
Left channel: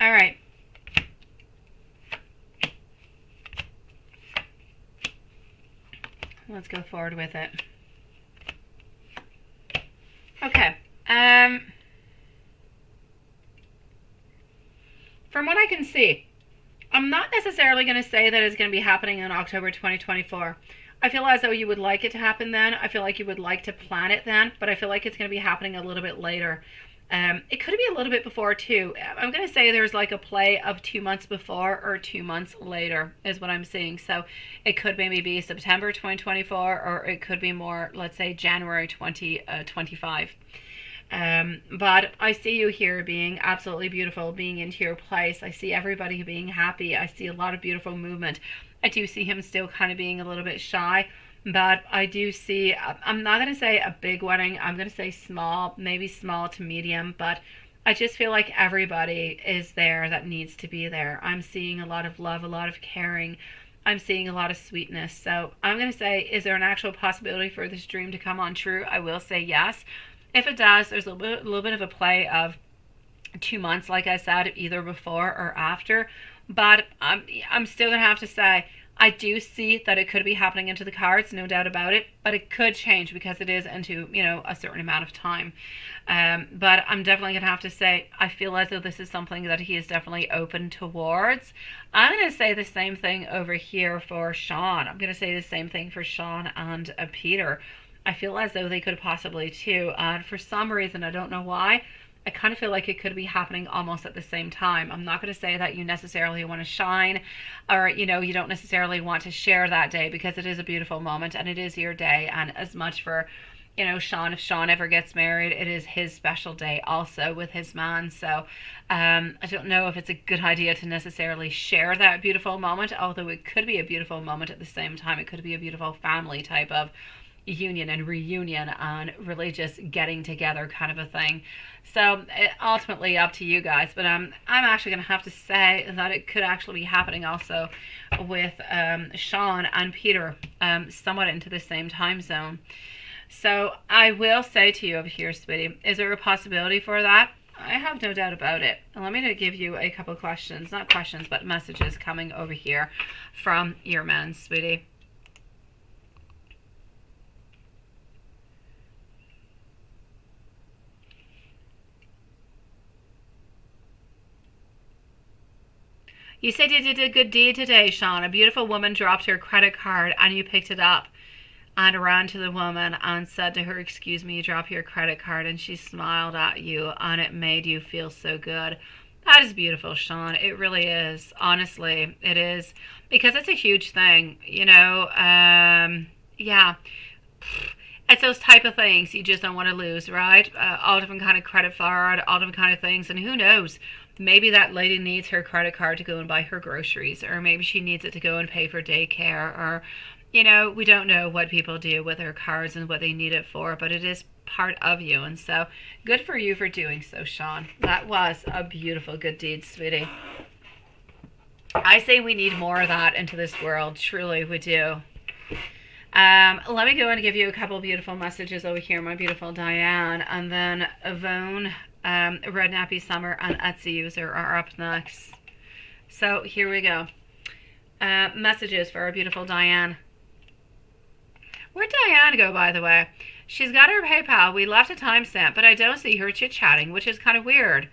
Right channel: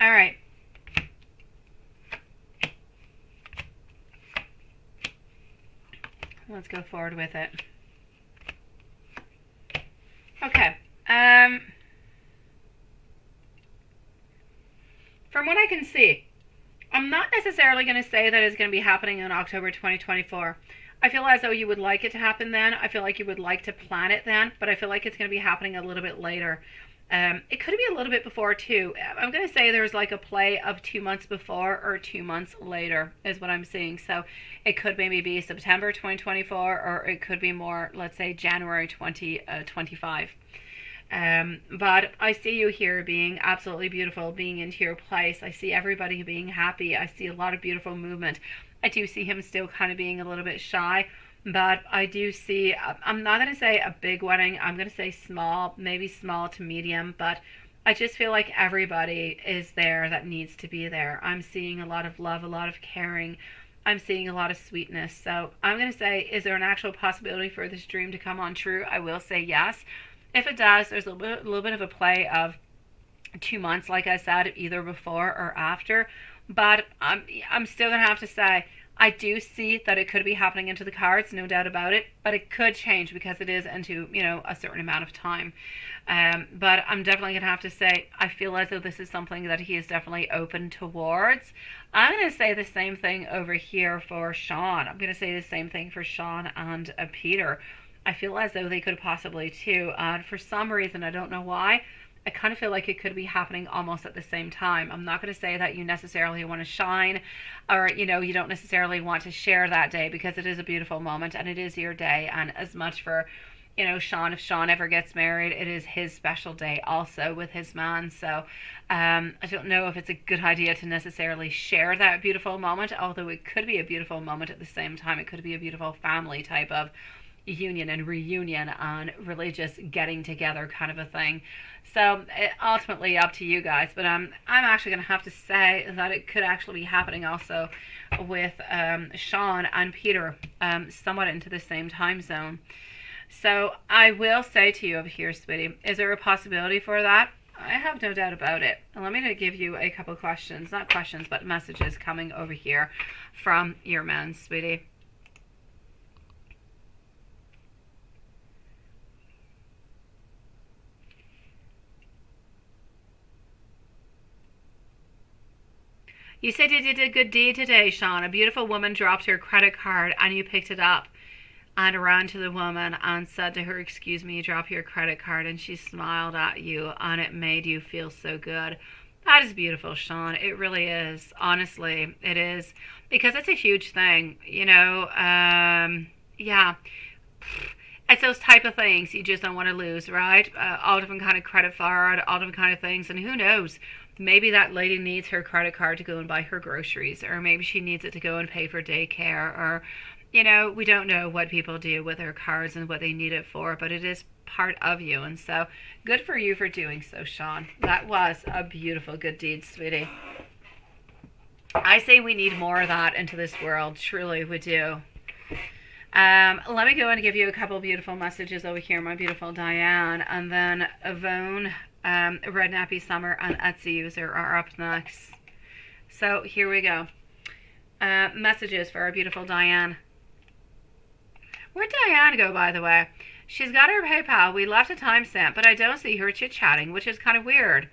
All right. Let's go forward with it. Okay. From what I can see, I'm not necessarily going to say that it's going to be happening in October 2024. I feel as though you would like it to happen then. I feel like you would like to plan it then, but I feel like it's going to be happening a little bit later. It could be a little bit before too. I'm going to say there's like a play of 2 months before or 2 months later is what I'm seeing. So it could maybe be September 2024, or it could be more, let's say January 2025. But I see you here being absolutely beautiful, being into your place. I see everybody being happy. I see a lot of beautiful movement. I do see him still kind of being a little bit shy, but I do see, I'm not going to say a big wedding. I'm going to say small, maybe small to medium, but I just feel like everybody is there that needs to be there. I'm seeing a lot of love, a lot of caring. I'm seeing a lot of sweetness. So I'm going to say, is there an actual possibility for this dream to come on true? I will say yes. If it does, there's a little bit of a play of 2 months, like I said, either before or after. But I'm still going to have to say, I do see that it could be happening into the cards, no doubt about it. But it could change because it is into, a certain amount of time. But I'm definitely going to have to say, I feel as though this is something that he is definitely open towards. I'm going to say the same thing over here for Sean. I'm going to say the same thing for Sean and Peter. I feel as though they could possibly too. For some reason, I don't know why, I kind of feel like it could be happening almost at the same time. I'm not going to say that you necessarily want to shine, or, you don't necessarily want to share that day, because it is a beautiful moment and it is your day. And as much for, Sean, if Sean ever gets married, it is his special day also with his man. So I don't know if it's a good idea to necessarily share that beautiful moment, although it could be a beautiful moment at the same time. It could be a beautiful family type of union and reunion and religious getting together kind of a thing. So ultimately up to you guys, but I'm actually going to have to say that it could actually be happening also with Sean and Peter somewhat into the same time zone. So I will say to you over here, sweetie, is there a possibility for that? I have no doubt about it. And let me give you a couple questions, not questions, but messages coming over here from your man, sweetie. You said you did a good deed today, Sean. A beautiful woman dropped her credit card and you picked it up and ran to the woman and said to her, "Excuse me, you dropped your credit card," and she smiled at you and it made you feel so good. That is beautiful, Sean. It really is. Honestly, it is. Because it's a huge thing, yeah. It's those type of things you just don't want to lose, right? All different kind of credit card, all different kind of things. And who knows? Maybe that lady needs her credit card to go and buy her groceries, or maybe she needs it to go and pay for daycare, or, we don't know what people do with their cards and what they need it for, but it is part of you. And so good for you for doing so, Sean. That was a beautiful good deed, sweetie. I say we need more of that into this world. Truly, we do. Let me go and give you a couple beautiful messages over here, my beautiful Diane, and then Yvonne, Red Nappy Summer, and Etsy User are up next. So here we go. Messages for our beautiful Diane. Where'd Diane go, by the way? She's got her PayPal. We left a timestamp, but I don't see her chit-chatting, which is kind of weird.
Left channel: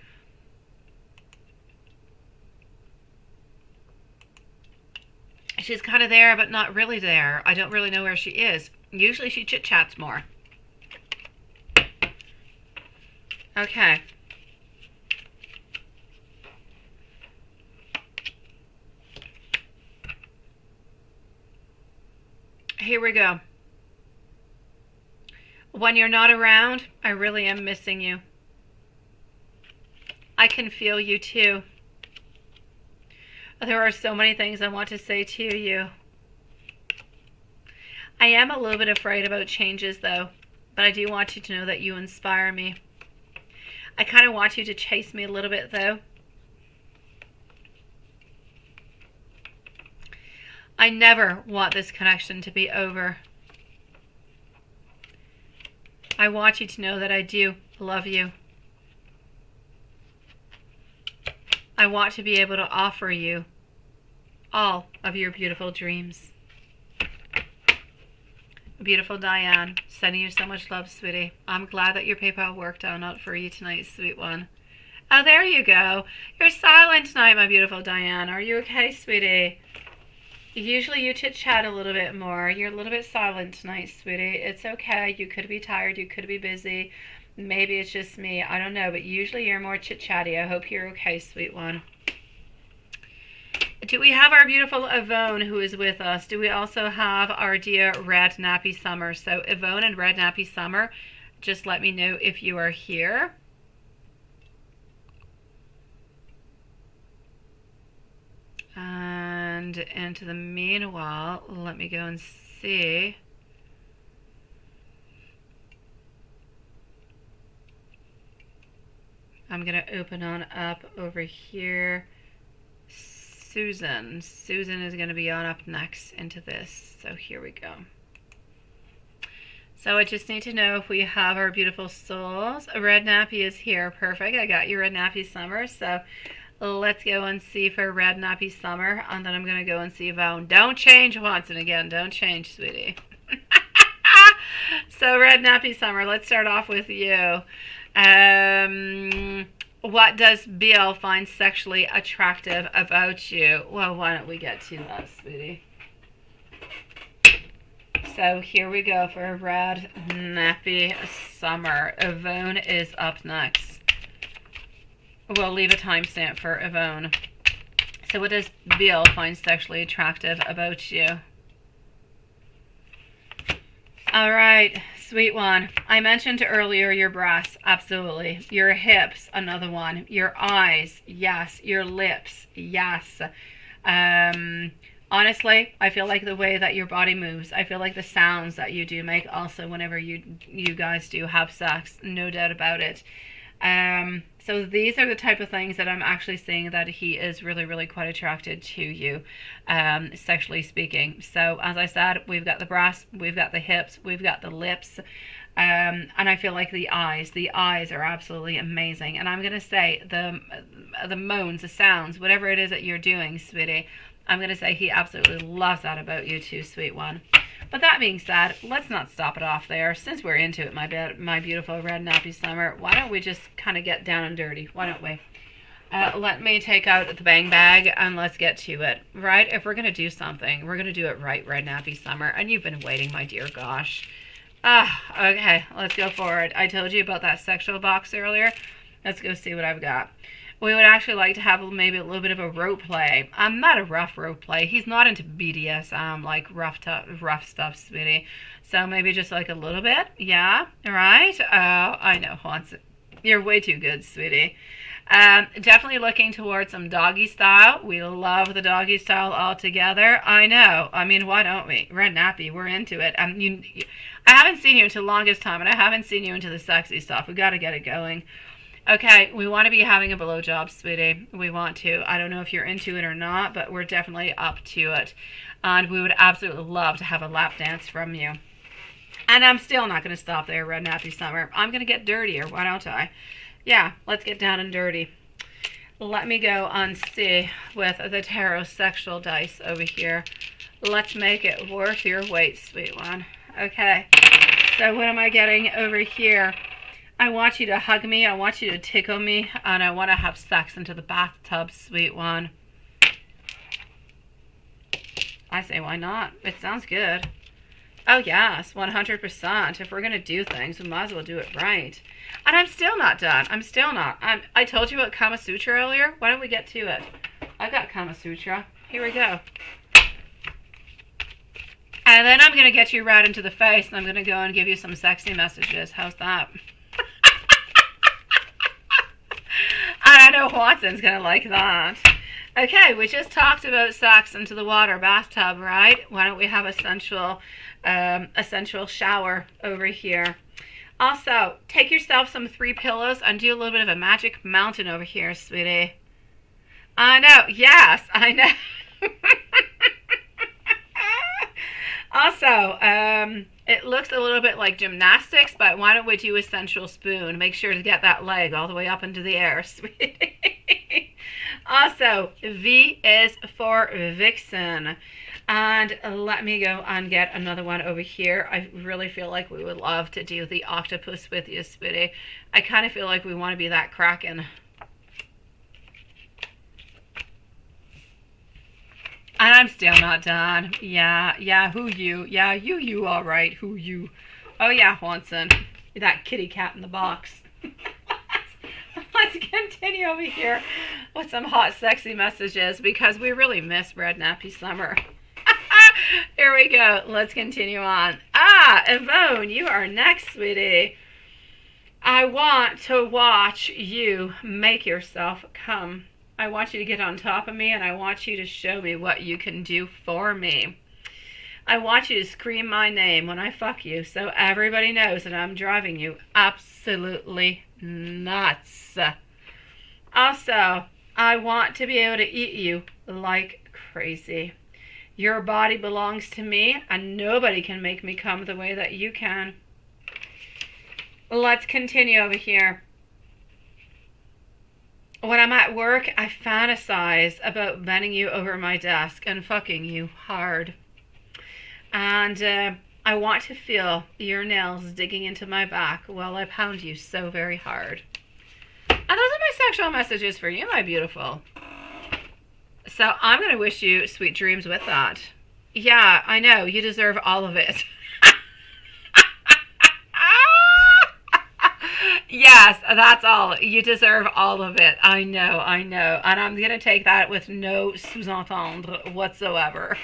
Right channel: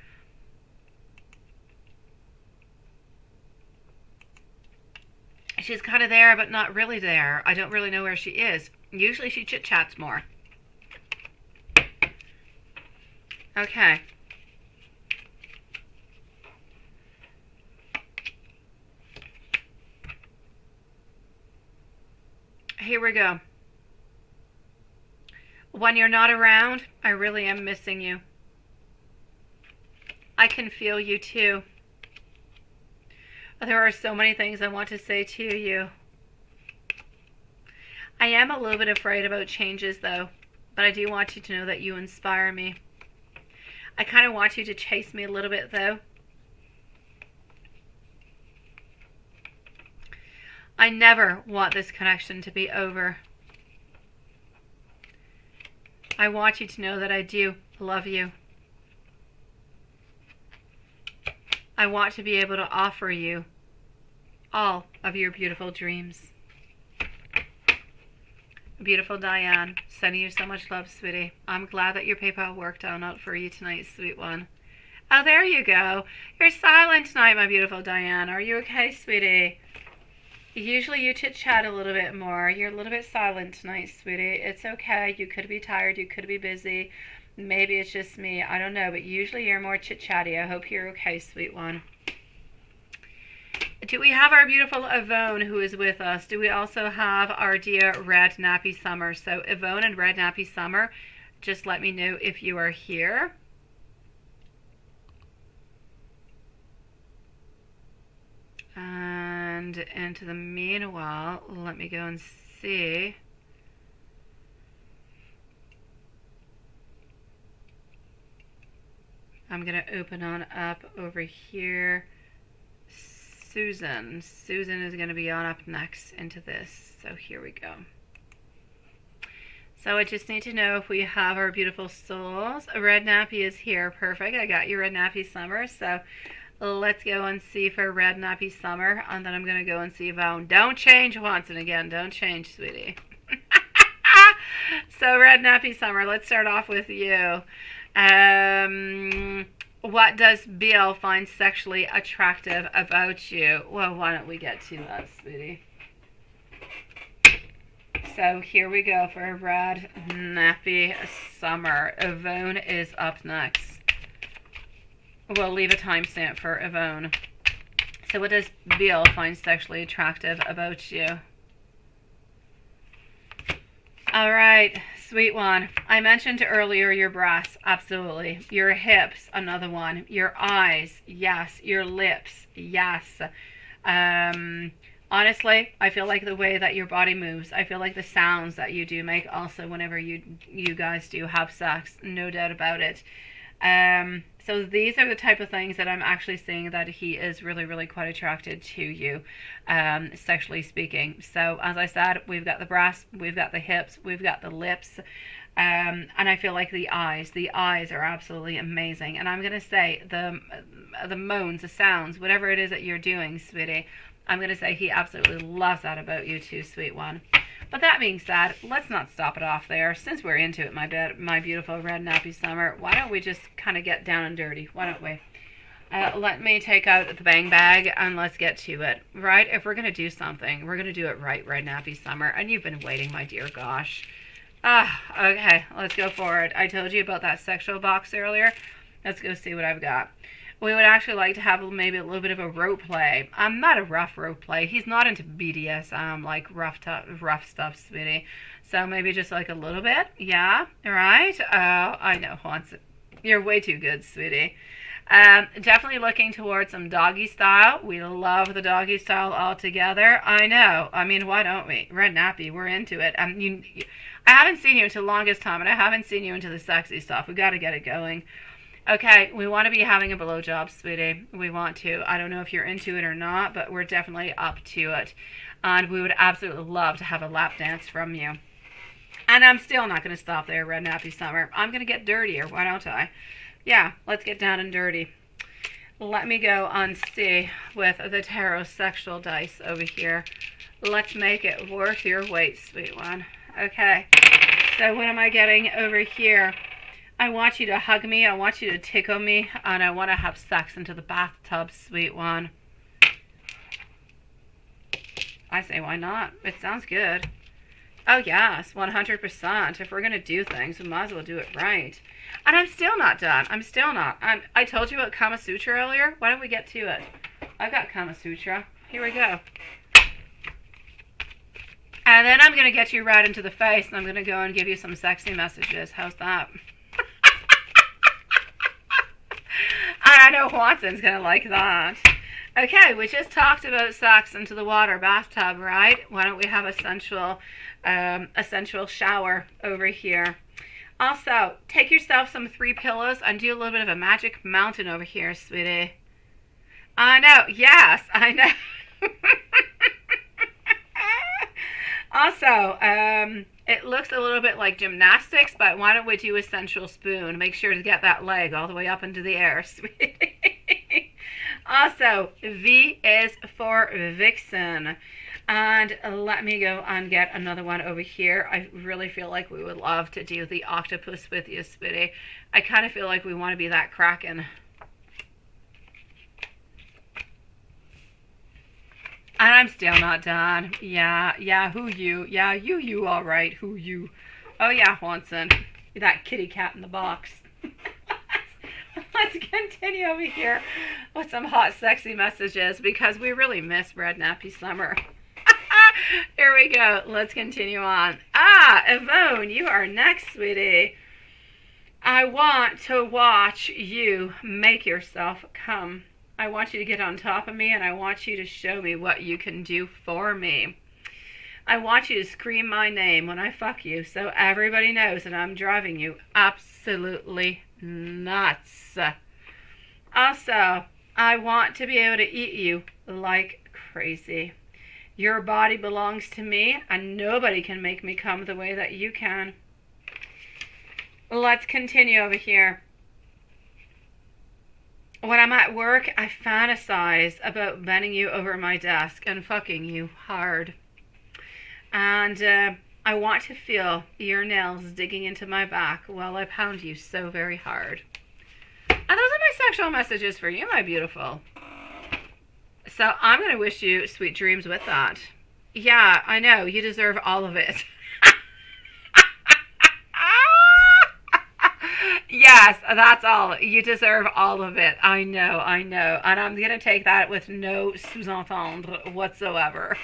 She's kind of there, but not really there. I don't really know where she is. Usually she chit-chats more. Okay. Here we go. When you're not around, I really am missing you. I can feel you too. There are so many things I want to say to you. I am a little bit afraid about changes though, but I do want you to know that you inspire me. I kind of want you to chase me a little bit though. I never want this connection to be over. I want you to know that I do love you. I want to be able to offer you all of your beautiful dreams. Beautiful Diane, sending you so much love, sweetie. I'm glad that your PayPal worked out for you tonight, sweet one. Oh, there you go. You're silent tonight, my beautiful Diane. Are you okay, sweetie? Usually you chit-chat a little bit more. You're a little bit silent tonight, sweetie. It's okay. You could be tired. You could be busy. Maybe it's just me. I don't know, but usually you're more chit-chatty. I hope you're okay, sweet one. Do we have our beautiful Yvonne who is with us? Do we also have our dear Red Nappy Summer? So Yvonne and Red Nappy Summer, just let me know if you are here. And into the meanwhile, let me go and see. I'm going to open on up over here. Susan. Susan is going to be on up next into this. So here we go. So I just need to know if we have our beautiful souls. Red Nappy is here. Perfect. I got you, Red Nappy Summer. So let's go and see for Red Nappy Summer. And then I'm going to go and see Yvonne. Don't change once and again. Don't change, sweetie. So Red Nappy Summer, let's start off with you. What does Bill find sexually attractive about you? Well, why don't we get to that, sweetie? So here we go for Red Nappy Summer. Yvonne is up next. We'll leave a timestamp for Yvonne. So what does Bill find sexually attractive about you? All right, sweet one. I mentioned earlier your breasts, absolutely. Your hips, another one. Your eyes, yes. Your lips, yes. Honestly, I feel like the way that your body moves, I feel like the sounds that you do make also whenever you guys do have sex, no doubt about it. So these are the type of things that I'm actually seeing that he is really, really quite attracted to you, sexually speaking. So as I said, we've got the breasts, we've got the hips, we've got the lips, and I feel like the eyes are absolutely amazing. And I'm going to say the moans, the sounds, whatever it is that you're doing, sweetie, I'm going to say he absolutely loves that about you too, sweet one. But that being said, let's not stop it off there. Since we're into it, my beautiful Red Nappy Summer, why don't we just kind of get down and dirty? Why don't we? Let me take out the bang bag and let's get to it, right? If we're going to do something, we're going to do it right, Red Nappy Summer. And you've been waiting, my dear gosh. Okay, let's go forward. I told you about that sexual box earlier. Let's go see what I've got. We would actually like to have maybe a little bit of a rope play. Not a rough rope play. He's not into BDSM, like rough stuff, sweetie. So maybe just like a little bit. Yeah, right? I know, Hans. You're way too good, sweetie. Definitely looking towards some doggy style. We love the doggy style altogether. I know. I mean, why don't we? Red Nappy, we're into it. I haven't seen you until the longest time, and I haven't seen you into the sexy stuff. We got to get it going. Okay, we want to be having a blowjob, sweetie. We want to. I don't know if you're into it or not, but we're definitely up to it. And we would absolutely love to have a lap dance from you. And I'm still not going to stop there, Red Nappy Summer. I'm going to get dirtier, why don't I? Yeah, let's get down and dirty. Let me go and see with the tarot sexual dice over here. Let's make it worth your weight, sweet one. Okay, so what am I getting over here? I want you to hug me, I want you to tickle me, and I want to have sex into the bathtub, sweet one. I say, why not? It sounds good. Oh, yes, 100%. If we're going to do things, we might as well do it right. And I'm still not done. I'm still not. I told you about Kama Sutra earlier. Why don't we get to it? I got Kama Sutra. Here we go. And then I'm going to get you right into the face, and I'm going to go and give you some sexy messages. How's that? I know Watson's going to like that. Okay, we just talked about sex into the water bathtub, right? Why don't we have a sensual shower over here? Also, take yourself some 3 pillows and do a little bit of a magic mountain over here, sweetie. I know. Yes, I know. Also, it looks a little bit like gymnastics, but why don't we do a sensual spoon? Make sure to get that leg all the way up into the air, sweetie. Also, V is for Vixen. And let me go and get another one over here. I really feel like we would love to do the octopus with you, sweetie. I kind of feel like we want to be that Kraken. And I'm still not done. Yeah, who you? Yeah, you, all right. Who you? Oh, yeah, Swanson. that kitty cat in the box. Let's continue over here with some hot, sexy messages because we really miss Red Nappy Summer. Here we go. Let's continue on. Yvonne, you are next, sweetie. I want to watch you make yourself come. I want you to get on top of me, and I want you to show me what you can do for me. I want you to scream my name when I fuck you so everybody knows that I'm driving you absolutely nuts. Also, I want to be able to eat you like crazy. Your body belongs to me, and nobody can make me come the way that you can. Let's continue over here. When I'm at work, I fantasize about bending you over my desk and fucking you hard. And I want to feel your nails digging into my back while I pound you so very hard. And those are my sexual messages for you, my beautiful. So I'm going to wish you sweet dreams with that. Yeah, I know. You deserve all of it. Yes, that's all. You deserve all of it. I know. And I'm going to take that with no sous-entendre whatsoever.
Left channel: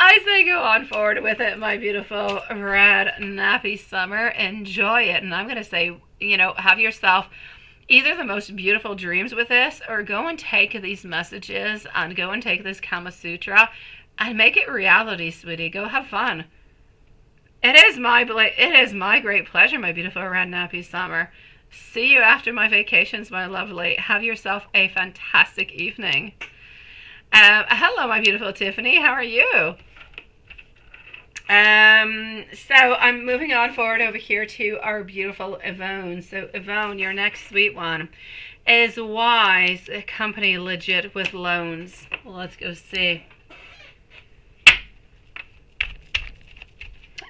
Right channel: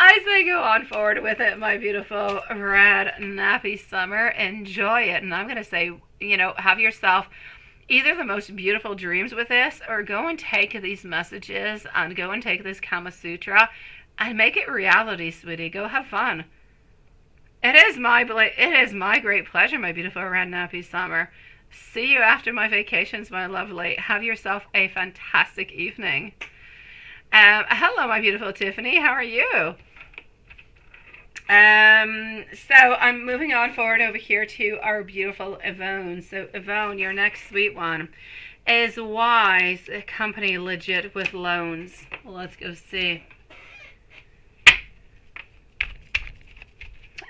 I say go on forward with it, my beautiful Red Nappy Summer. Enjoy it. And I'm going to say, have yourself either the most beautiful dreams with this, or go and take these messages and go and take this Kama Sutra and make it reality, sweetie. Go have fun. It is my great pleasure, my beautiful Red Nappy Summer. See you after my vacations, my lovely. Have yourself a fantastic evening. Hello, my beautiful Tiffany. How are you? So I'm moving on forward over here to our beautiful Yvonne. So Yvonne, your next sweet one is wise, company legit with loans. Well, let's go see.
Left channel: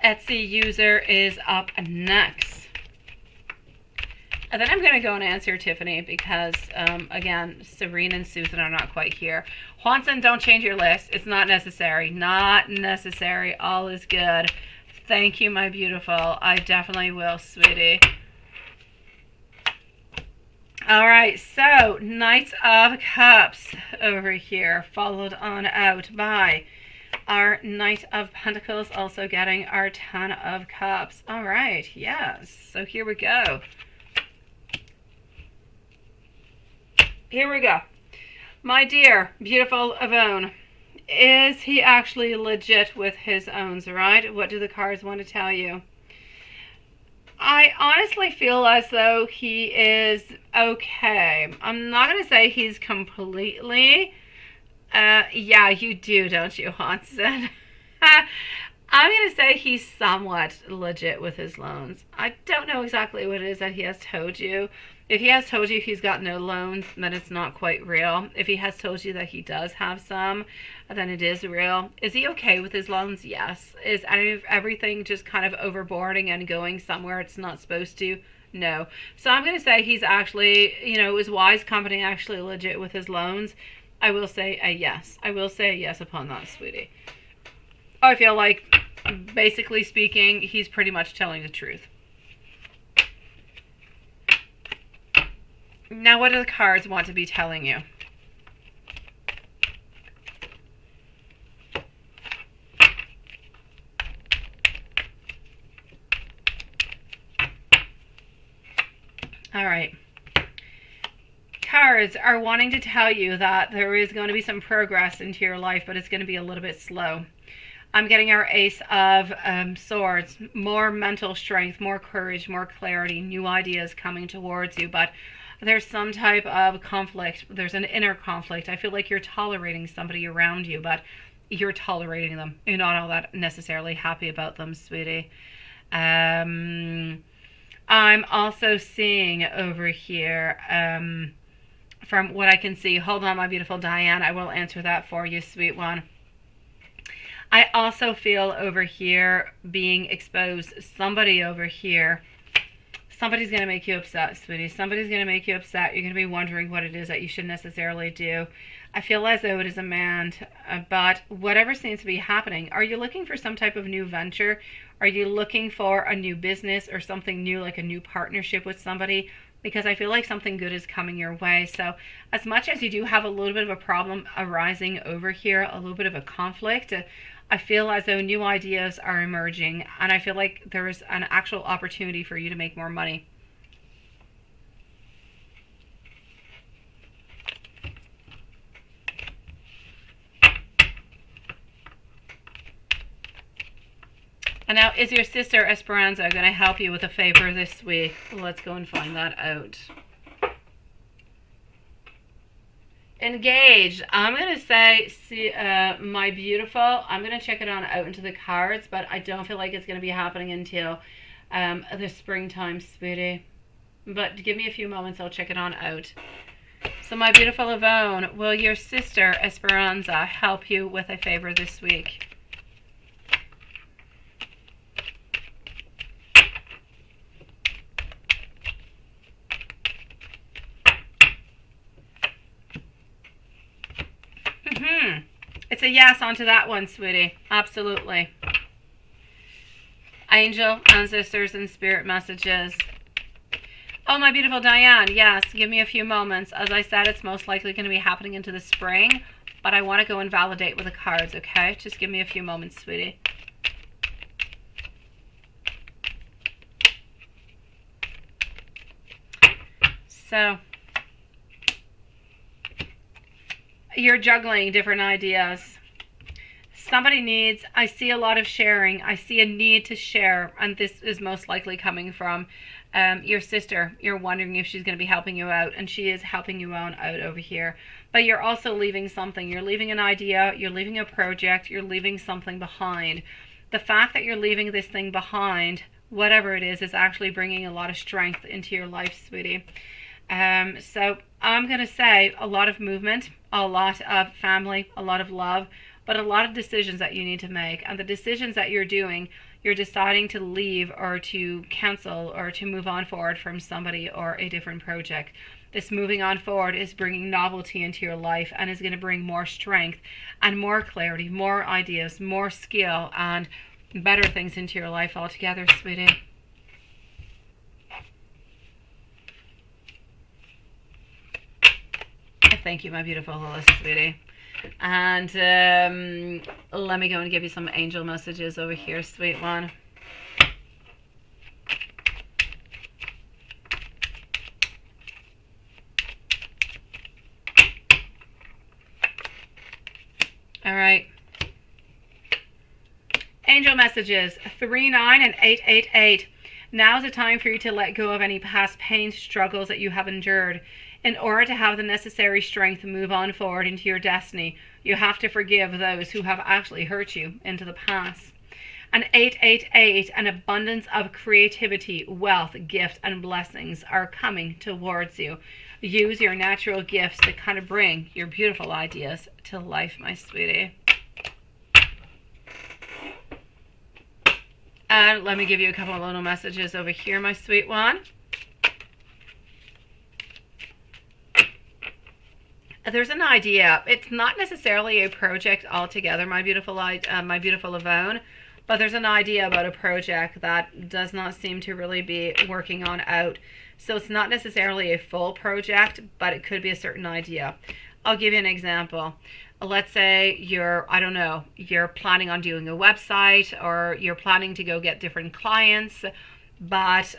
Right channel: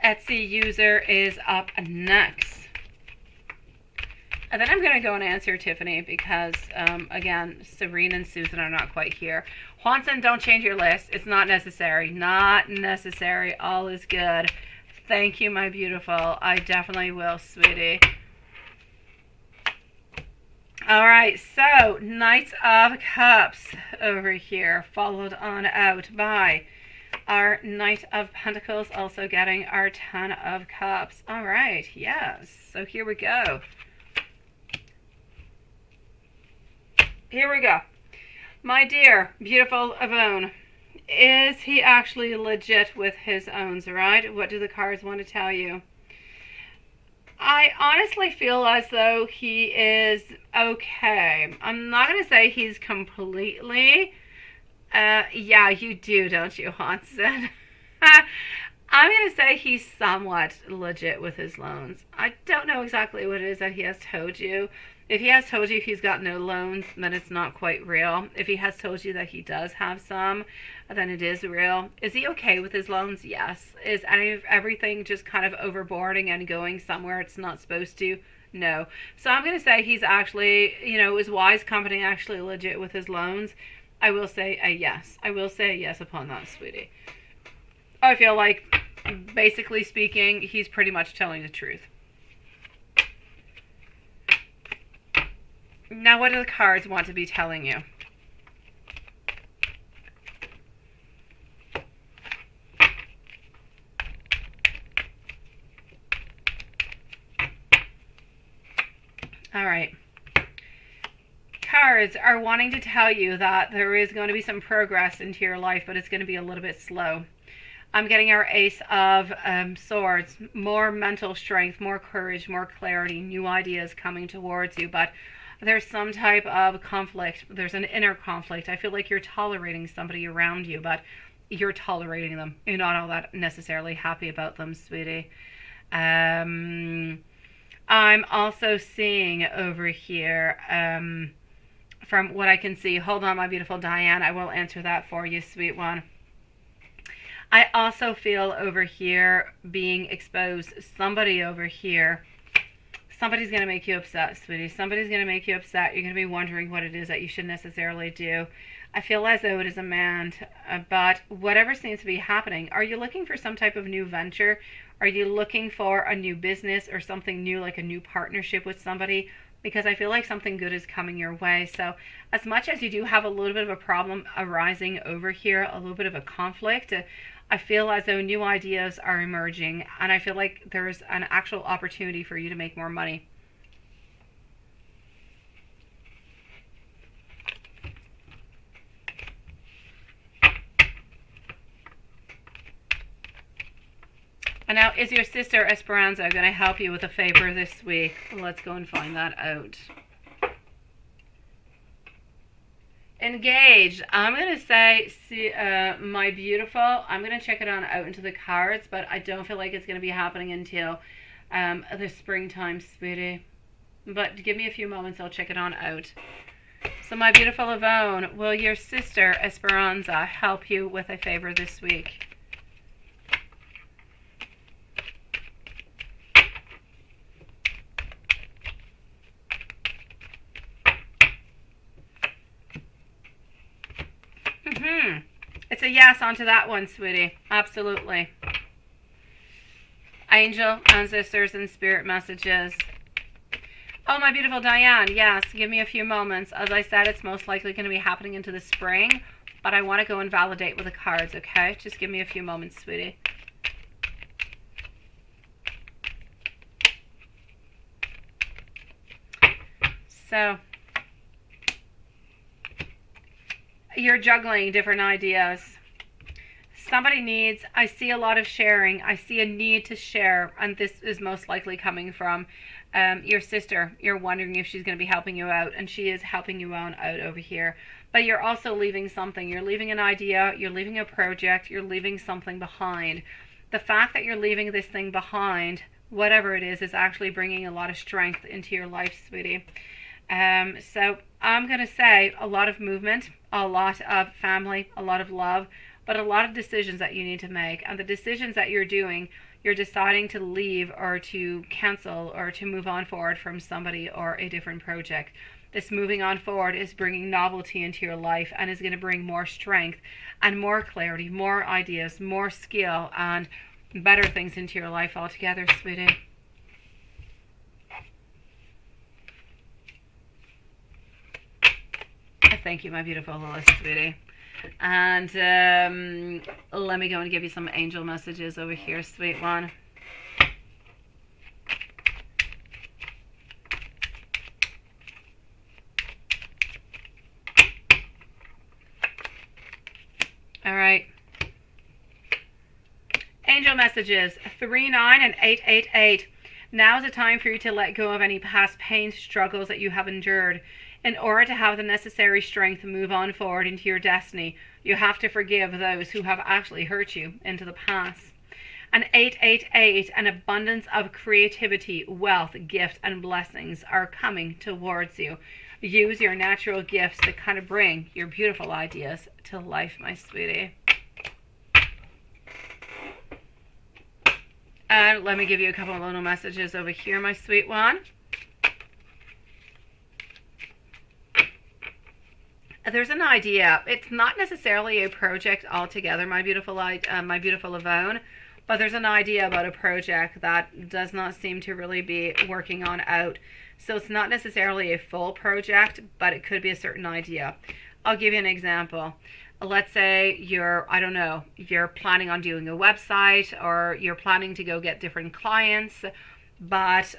Etsy user is up next. And then I'm going to go and answer Tiffany because, again, Serene and Susan are not quite here. Juanson, don't change your list. It's not necessary. Not necessary. All is good. Thank you, my beautiful. I definitely will, sweetie. All right, so Knights of Cups over here, followed on out by our Knight of Pentacles, also getting our Ten of Cups. All right, yes. So here we go. Here we go. My dear, beautiful Yvonne, is he actually legit with his owns, right? What do the cards want to tell you? I honestly feel as though he is okay. I'm not going to say he's completely. Yeah, you do, don't you, Hanson? I'm going to say he's somewhat legit with his loans. I don't know exactly what it is that he has told you. If he has told you he's got no loans, then it's not quite real. If he has told you that he does have some, then it is real. Is he okay with his loans? Yes. Is everything just kind of overboarding and going somewhere it's not supposed to? No. So I'm going to say he's actually, is Wise Company actually legit with his loans? I will say a yes. I will say a yes upon that, sweetie. I feel like, basically speaking, he's pretty much telling the truth. Now, what do the cards want to be telling you? All right. Cards are wanting to tell you that there is going to be some progress into your life, but it's going to be a little bit slow. I'm getting our Ace of Swords, more mental strength, more courage, more clarity, new ideas coming towards you, but there's some type of conflict. There's an inner conflict. I feel like you're tolerating somebody around you, but you're tolerating them. You're not all that necessarily happy about them, sweetie. I'm also seeing over here, from what I can see, hold on, my beautiful Diane, I will answer that for you, sweet one. I also feel over here being exposed. Somebody over here, somebody's going to make you upset, sweetie. Somebody's going to make you upset. You're going to be wondering what it is that you should necessarily do. I feel as though it is a man, but whatever seems to be happening, are you looking for some type of new venture? Are you looking for a new business or something new, like a new partnership with somebody? Because I feel like something good is coming your way. So as much as you do have a little bit of a problem arising over here, a little bit of a conflict, I feel as though new ideas are emerging, and I feel like there's an actual opportunity for you to make more money. And now, is your sister Esperanza going to help you with a favor this week? Let's go and find that out. Engaged. I'm going to say, see, my beautiful, I'm going to check it on out into the cards, but I don't feel like it's going to be happening until the springtime, sweetie. But give me a few moments, I'll check it on out. So my beautiful Yvonne, will your sister Esperanza help you with a favor this week? It's a yes onto that one, sweetie. Absolutely. Angel, ancestors, and spirit messages. Oh, my beautiful Diane. Yes, give me a few moments. As I said, it's most likely going to be happening into the spring, but I want to go and validate with the cards, okay? Just give me a few moments, sweetie. So, you're juggling different ideas. Somebody needs, I see a lot of sharing. I see a need to share, and this is most likely coming from your sister. You're wondering if she's going to be helping you out, and she is helping you out over here. But you're also leaving something. You're leaving an idea. You're leaving a project. You're leaving something behind. The fact that you're leaving this thing behind, whatever it is actually bringing a lot of strength into your life, sweetie. So I'm going to say a lot of movement, a lot of family, a lot of love, but a lot of decisions that you need to make. And the decisions that you're doing, you're deciding to leave or to cancel or to move on forward from somebody or a different project. This moving on forward is bringing novelty into your life and is going to bring more strength and more clarity, more ideas, more skill, and better things into your life altogether, sweetie. Thank you, my beautiful Lois, sweetie. And let me go and give you some angel messages over here, sweet one. All right. Angel messages 3, 9, and 8, 8, 8. Now is the time for you to let go of any past pain, struggles that you have endured. In order to have the necessary strength to move on forward into your destiny, you have to forgive those who have actually hurt you into the past. And 888, an abundance of creativity, wealth, gift, and blessings are coming towards you. Use your natural gifts to kind of bring your beautiful ideas to life, my sweetie. And let me give you a couple of little messages over here, my sweet one. There's an idea. It's not necessarily a project altogether, my beautiful Yvonne, but there's an idea about a project that does not seem to really be working on out. So it's not necessarily a full project, but it could be a certain idea. I'll give you an example. Let's say you're planning on doing a website, or you're planning to go get different clients, but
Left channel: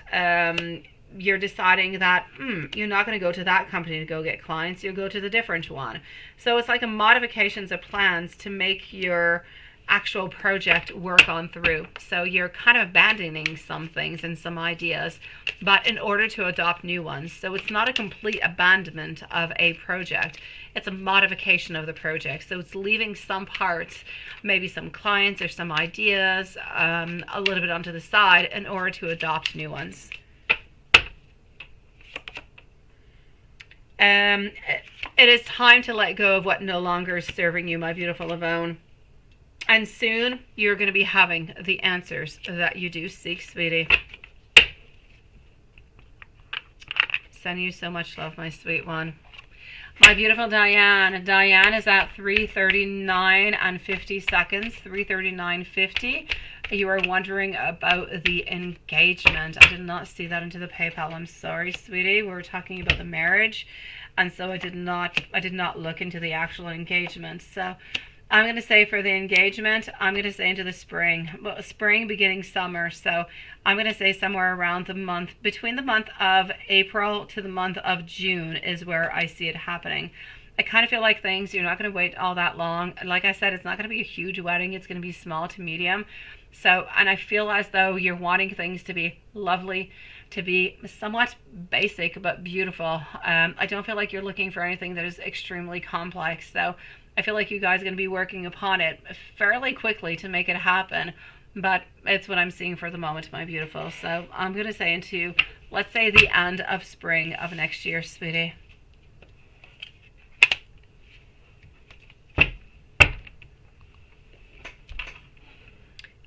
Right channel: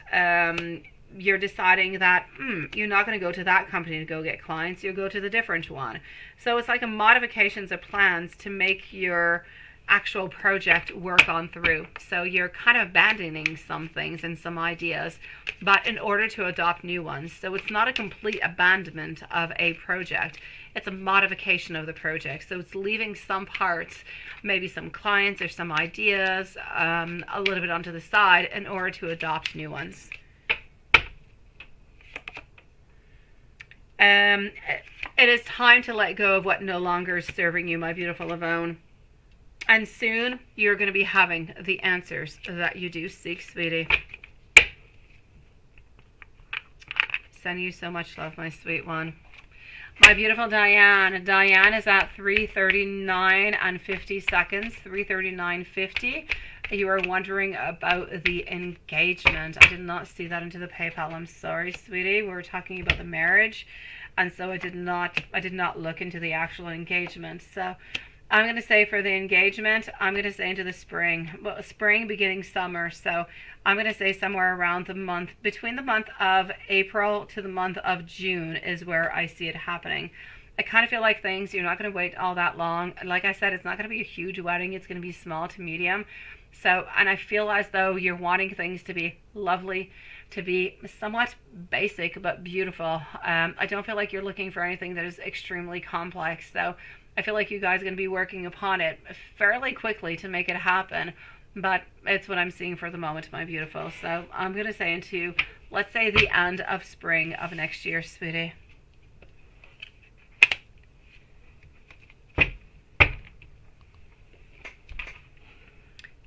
you're deciding that you're not going to go to that company to go get clients, you'll go to the different one. So it's like a modifications of plans to make your actual project work on through. So you're kind of abandoning some things and some ideas, but in order to adopt new ones. So it's not a complete abandonment of a project, it's a modification of the project. So it's leaving some parts, maybe some clients or some ideas, a little bit onto the side in order to adopt new ones. It is time to let go of what no longer is serving you, my beautiful Yvonne. And soon you're going to be having the answers that you do seek, sweetie. Sending you so much love, my sweet one. My beautiful Diane. Diane is at 3:39 and 50 seconds. 3:39:50. You were wondering about the engagement. I did not see that into the PayPal. I'm sorry, sweetie. We were talking about the marriage, and so I did not look into the actual engagement. So I'm going to say for the engagement, I'm going to say into the spring. Well, spring beginning summer. So I'm going to say somewhere around the month, between the month of April to the month of June is where I see it happening. I kind of feel like you're not going to wait all that long. Like I said, it's not going to be a huge wedding. It's going to be small to medium. So, and I feel as though you're wanting things to be lovely, to be somewhat basic but beautiful. I don't feel like you're looking for anything that is extremely complex. So I feel like you guys are going to be working upon it fairly quickly to make it happen. But it's what I'm seeing for the moment, my beautiful. So I'm going to say into, let's say, the end of spring of next year, sweetie.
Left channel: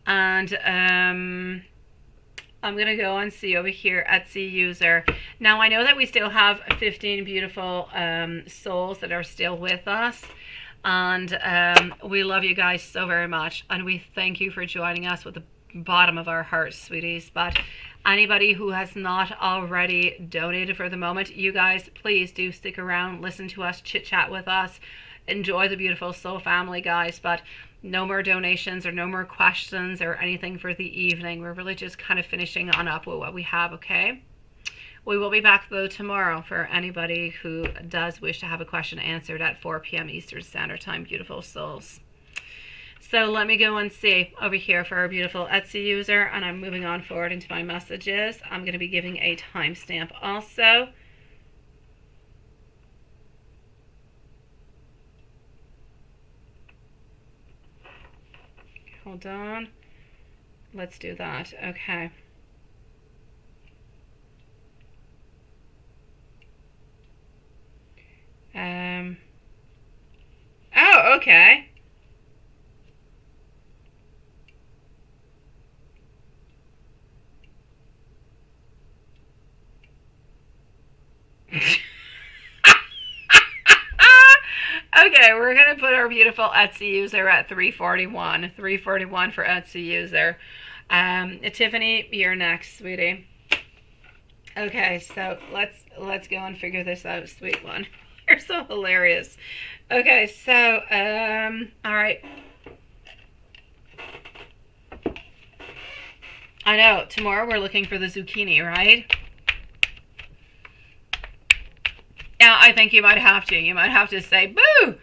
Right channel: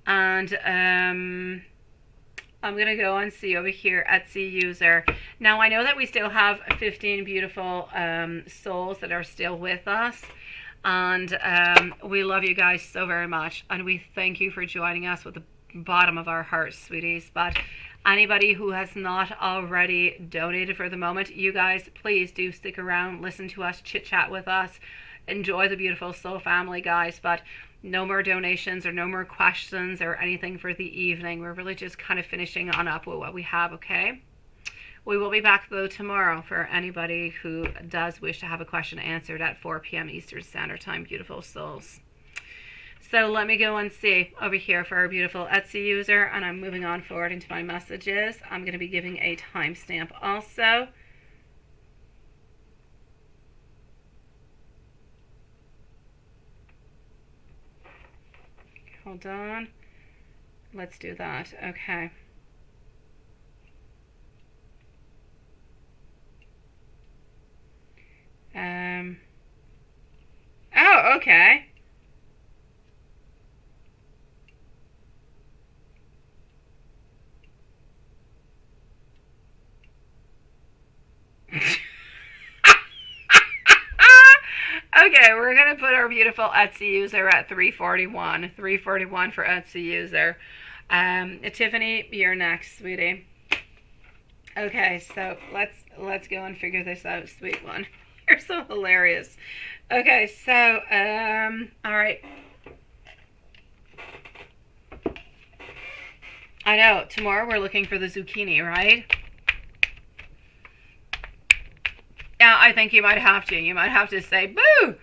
And I'm going to go and see over here, Etsy user. Now, I know that we still have 15 beautiful souls that are still with us. And we love you guys so very much. And we thank you for joining us with the bottom of our hearts, sweeties. But anybody who has not already donated for the moment, you guys, please do stick around, listen to us, chit-chat with us. Enjoy the beautiful soul family, guys. But no more donations or no more questions or anything for the evening. We're really just kind of finishing on up with what we have, okay? We will be back, though, tomorrow for anybody who does wish to have a question answered at 4 p.m. Eastern Standard Time, beautiful souls. So let me go and see over here for our beautiful Etsy user, and I'm moving on forward into my messages. I'm going to be giving a timestamp also. Hold on. Let's do that. Okay. Oh, okay. Okay, we're going to put our beautiful Etsy user at 341. 341 for Etsy user. Tiffany, you're next, sweetie. Okay, so let's go and figure this out, sweet one. You're so hilarious. Okay, so, all right. I know, tomorrow we're looking for the zucchini, right? Yeah, I think you might have to. You might have to say, boo!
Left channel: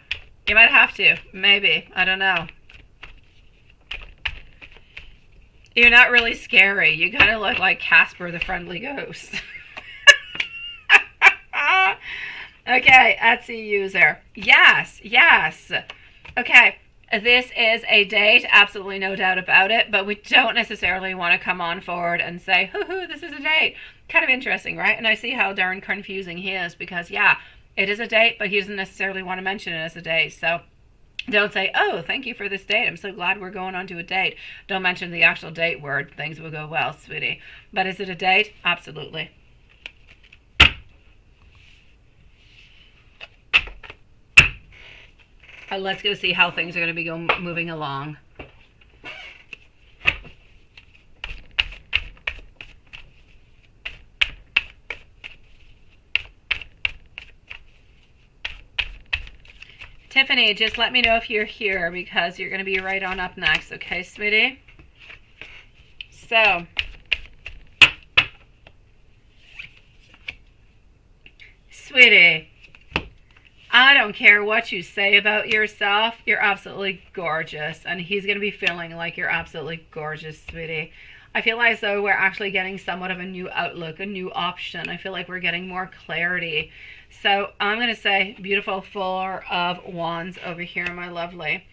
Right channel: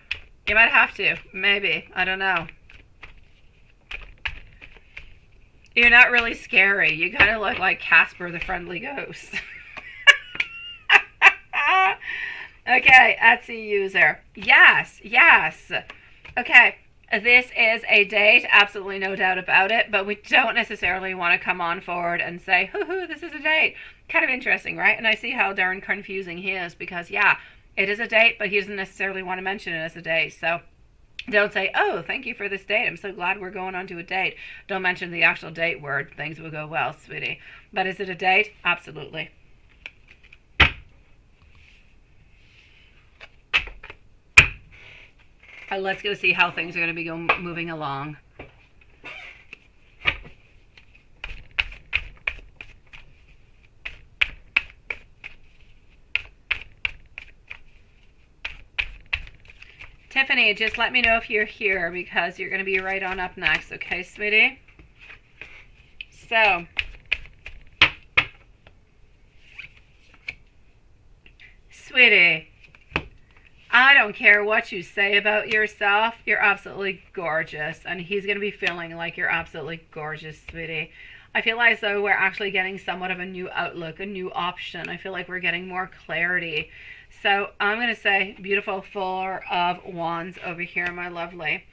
You might have to. Maybe. I don't know. You're not really scary. You kind of look like Casper the Friendly Ghost. Okay, Etsy user. Yes, yes. Okay, this is a date. Absolutely no doubt about it. But we don't necessarily want to come on forward and say, hoo-hoo, this is a date. Kind of interesting, right? And I see how darn confusing he is because, yeah, it is a date, but he doesn't necessarily want to mention it as a date. So don't say, oh, thank you for this date. I'm so glad we're going on to a date. Don't mention the actual date word. Things will go well, sweetie. But is it a date? Absolutely. Let's go see how things are going to be moving along. Tiffany, just let me know if you're here because you're going to be right on up next, okay, sweetie? So, sweetie, I don't care what you say about yourself. You're absolutely gorgeous, and he's going to be feeling like you're absolutely gorgeous, sweetie. I feel as though we're actually getting somewhat of a new outlook, a new option. I feel like we're getting more clarity. So I'm going to say beautiful Four of Wands over here, my lovely.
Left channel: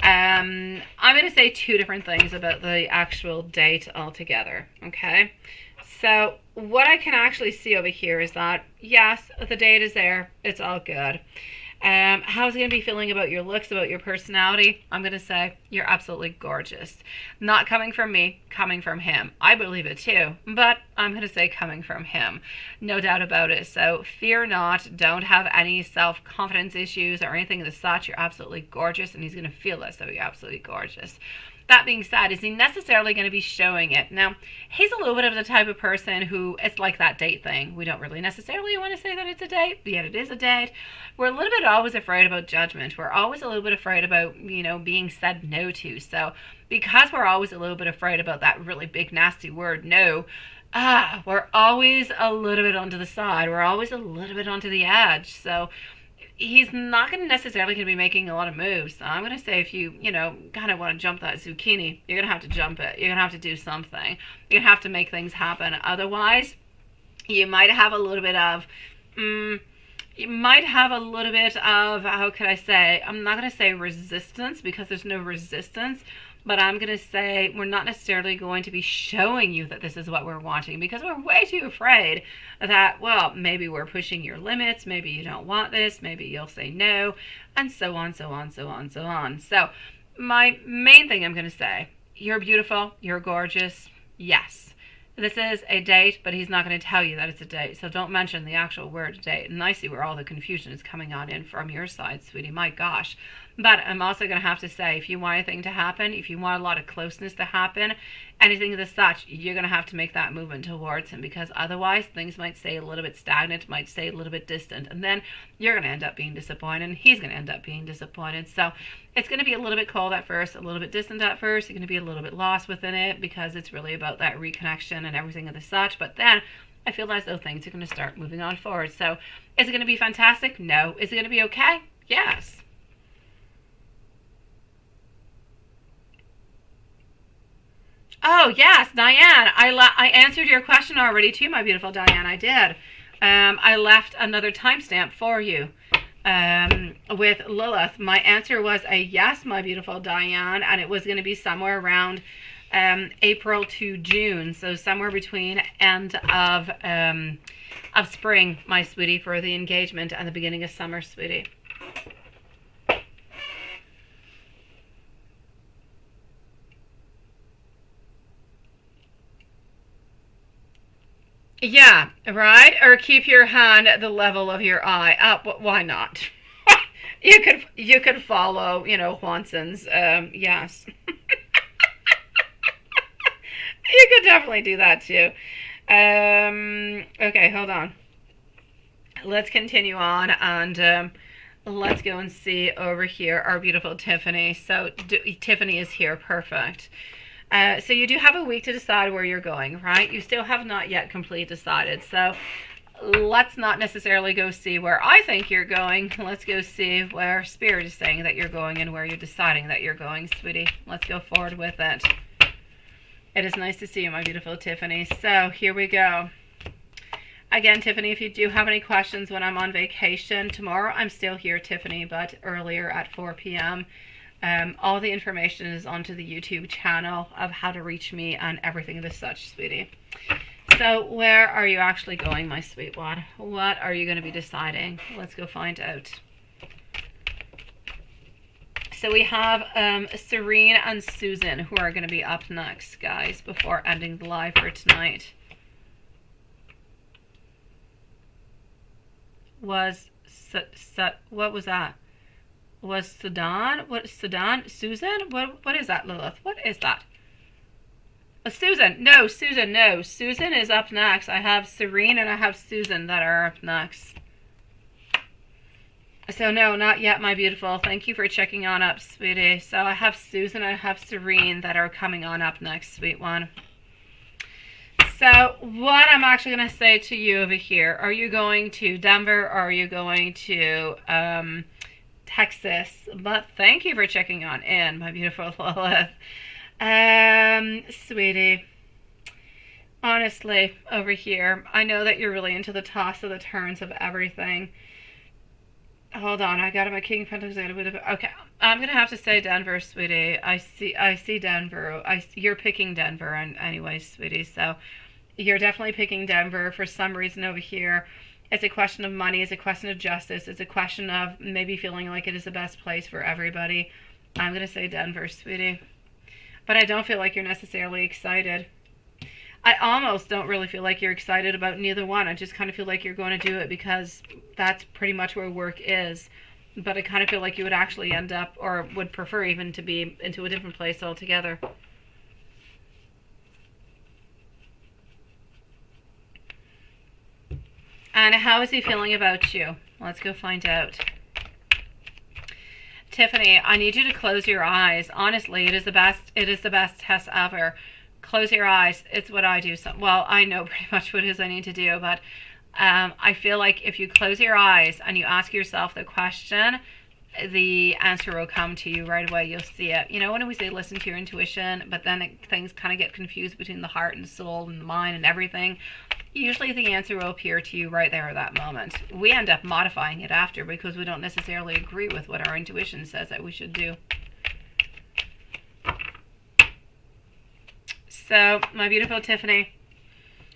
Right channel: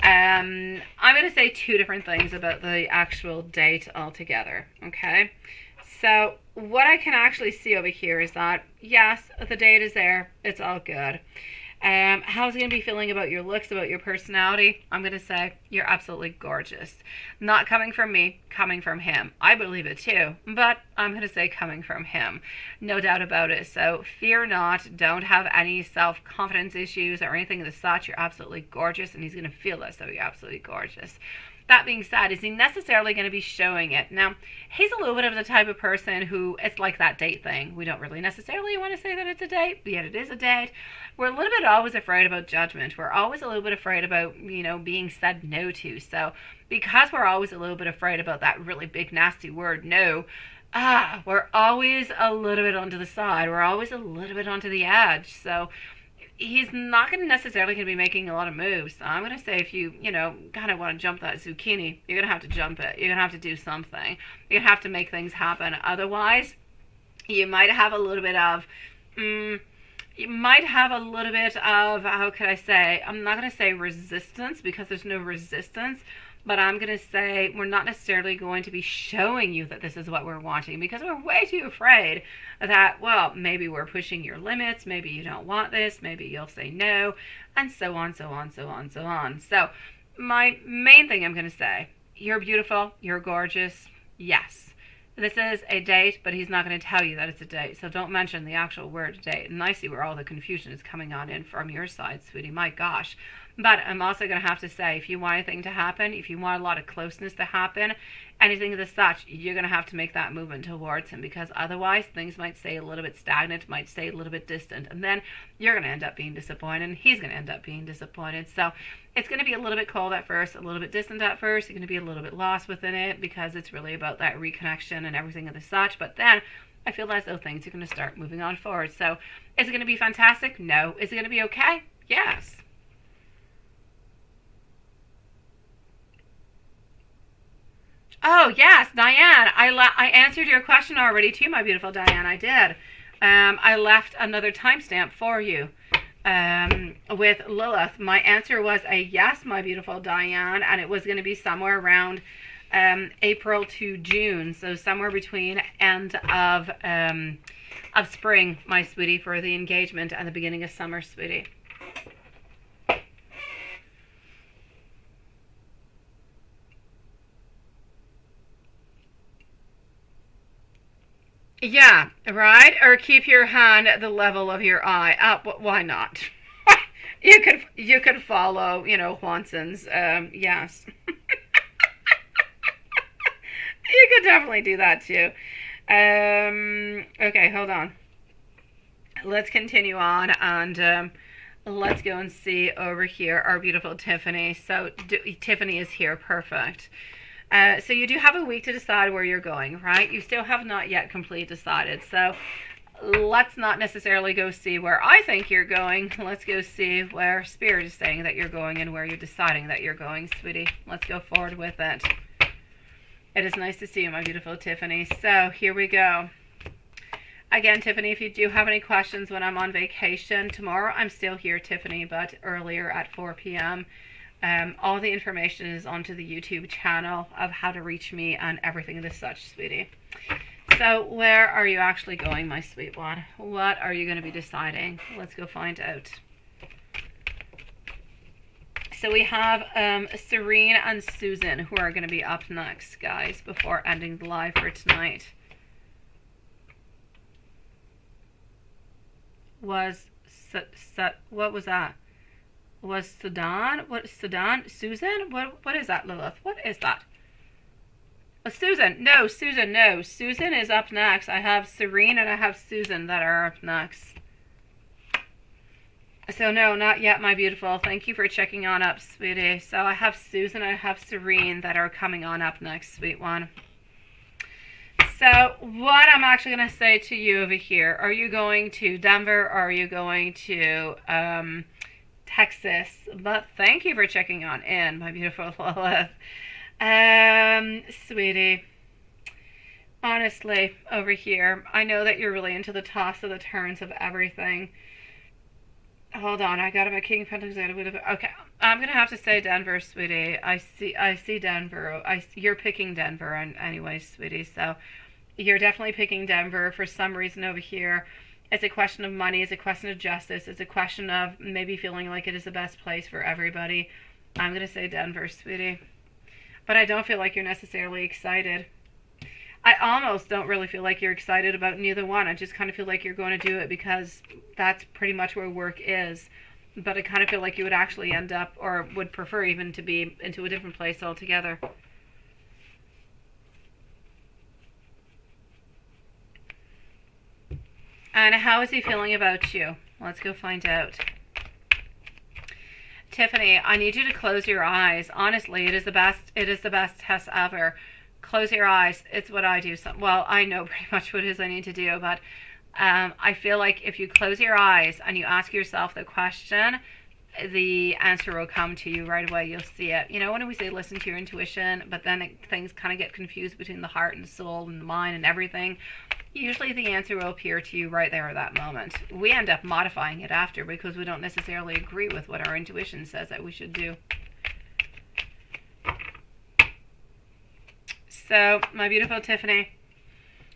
I'm going to say two different things about the actual date altogether, okay? So what I can actually see over here is that, yes, the date is there. It's all good. How's he going to be feeling about your looks, about your personality? I'm going to say you're absolutely gorgeous. Not coming from me, coming from him. I believe it too, but I'm going to say coming from him. No doubt about it. So fear not. Don't have any self-confidence issues or anything of the such. You're absolutely gorgeous, and he's going to feel it, so you're absolutely gorgeous. That being said, is he necessarily going to be showing it? Now, he's a little bit of the type of person who, it's like that date thing. We don't really necessarily want to say that it's a date, but yet it is a date. We're a little bit always afraid about judgment. We're always a little bit afraid about, being said no to. So because we're always a little bit afraid about that really big, nasty word, no, we're always a little bit onto the side. We're always a little bit onto the edge. So he's not going to necessarily be making a lot of moves. So I'm going to say if you, kind of want to jump that zucchini, you're going to have to jump it. You're going to have to do something. You're going to have to make things happen. Otherwise, you might have a little bit of, how could I say, I'm not going to say resistance because there's no resistance, but I'm going to say we're not necessarily going to be showing you that this is what we're wanting because we're way too afraid that, well, maybe we're pushing your limits, maybe you don't want this, maybe you'll say no, and so on, so on, so on, so on. So my main thing I'm going to say, you're beautiful, you're gorgeous, yes. This is a date, but he's not going to tell you that it's a date, so don't mention the actual word date. And I see where all the confusion is coming on in from your side, sweetie, my gosh. But I'm also going to have to say, if you want anything to happen, if you want a lot of closeness to happen, anything of the such, you're going to have to make that movement towards him because otherwise things might stay a little bit stagnant, might stay a little bit distant, and then you're going to end up being disappointed, and he's going to end up being disappointed. So it's going to be a little bit cold at first, a little bit distant at first. You're going to be a little bit lost within it because it's really about that reconnection and everything of the such. But then I feel as though things are going to start moving on forward. So is it going to be fantastic? No. Is it going to be okay? Yes. Oh, yes, Diane. I answered your question already too, my beautiful Diane. I did. I left another timestamp for you with Lilith. My answer was a yes, my beautiful Diane, and it was going to be somewhere around April to June, so somewhere between end of spring, my sweetie, for the engagement and the beginning of summer, sweetie. Yeah, right? Or keep your hand at the level of your eye. Why not? You could follow, Juanson's, yes. You could definitely do that too. Okay, hold on. Let's continue on and let's go and see over here our beautiful Tiffany. So Tiffany is here, perfect. So you do have a week to decide where you're going, right? You still have not yet completely decided. So let's not necessarily go see where I think you're going. Let's go see where Spirit is saying that you're going and where you're deciding that you're going, sweetie. Let's go forward with it. It is nice to see you, my beautiful Tiffany. So here we go. Again, Tiffany, if you do have any questions when I'm on vacation, tomorrow I'm still here, Tiffany, but earlier at 4 p.m. All the information is onto the YouTube channel of how to reach me and everything of the such, sweetie. So where are you actually going, my sweet one? What are you going to be deciding? Let's go find out. So we have Serene and Susan who are going to be up next, guys, before ending the live for tonight. What was that? Was Sudan? What, Sudan? Susan? What is that, Lilith? What is that? Susan. No, Susan, no. Susan is up next. I have Serene and I have Susan that are up next. So no, not yet, my beautiful. Thank you for checking on up, sweetie. So I have Susan and I have Serene that are coming on up next, sweet one. So what I'm actually going to say to you over here, are you going to Denver or are you going to Texas? But thank you for checking on in, my beautiful Lilith. Sweetie, honestly, over here, I know that you're really into the toss of the turns of everything. Hold on, I got my King of Pentacles. Okay, I'm gonna have to say Denver, sweetie. I see Denver. You're picking Denver, and anyway, sweetie. So you're definitely picking Denver for some reason over here. It's a question of money. It's a question of justice. It's a question of maybe feeling like it is the best place for everybody. I'm going to say Denver, sweetie. But I don't feel like you're necessarily excited. I almost don't really feel like you're excited about neither one. I just kind of feel like you're going to do it because that's pretty much where work is. But I kind of feel like you would actually end up, or would prefer even, to be into a different place altogether. And how is he feeling about you? Let's go find out. Tiffany, I need you to close your eyes. Honestly, it is the best test ever. Close your eyes. It's what I do. Well, I know pretty much what it is I need to do, but I feel like if you close your eyes and you ask yourself the question, the answer will come to you right away. You'll see it. You know, when we say listen to your intuition, but then things kind of get confused between the heart and soul and the mind and everything, usually the answer will appear to you right there at that moment. We end up modifying it after because we don't necessarily agree with what our intuition says that we should do. So, my beautiful Tiffany,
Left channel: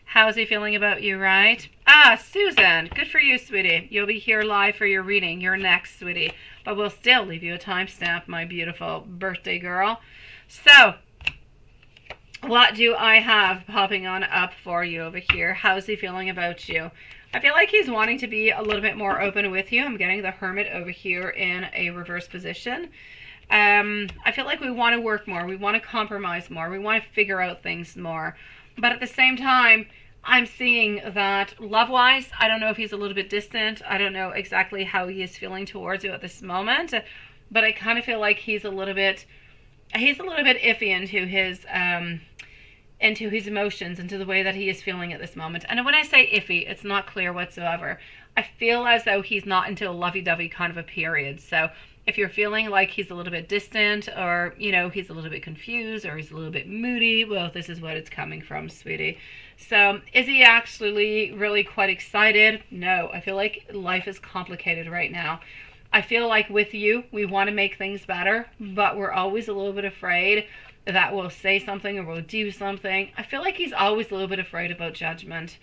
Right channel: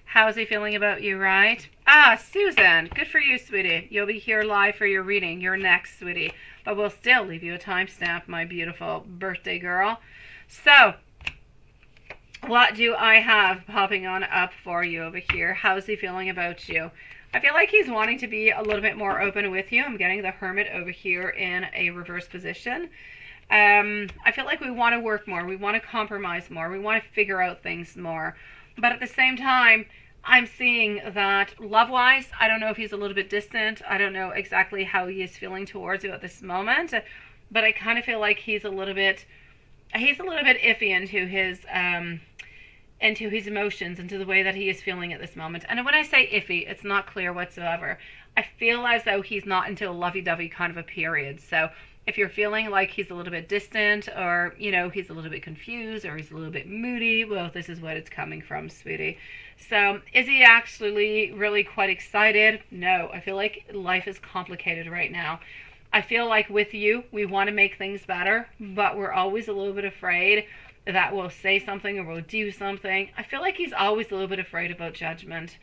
how's he feeling about you, right? Ah, Susan, good for you, sweetie. You'll be here live for your reading. You're next, sweetie. But we'll still leave you a timestamp, my beautiful birthday girl. So, what do I have popping on up for you over here? How's he feeling about you? I feel like he's wanting to be a little bit more open with you. I'm getting the Hermit over here in a reverse position. I feel like we want to work more. We want to compromise more. We want to figure out things more. But at the same time, I'm seeing that love-wise, I don't know if he's a little bit distant. I don't know exactly how he is feeling towards you at this moment. But I kind of feel like he's a little bit iffy into his emotions, into the way that he is feeling at this moment. And when I say iffy, it's not clear whatsoever. I feel as though he's not into a lovey-dovey kind of a period. So if you're feeling like he's a little bit distant, or, you know, he's a little bit confused, or he's a little bit moody, well, this is what it's coming from, sweetie. So is he actually really quite excited? No, I feel like life is complicated right now. I feel like with you, we want to make things better, but we're always a little bit afraid that we'll say something or we'll do something. I feel like he's always a little bit afraid about judgment.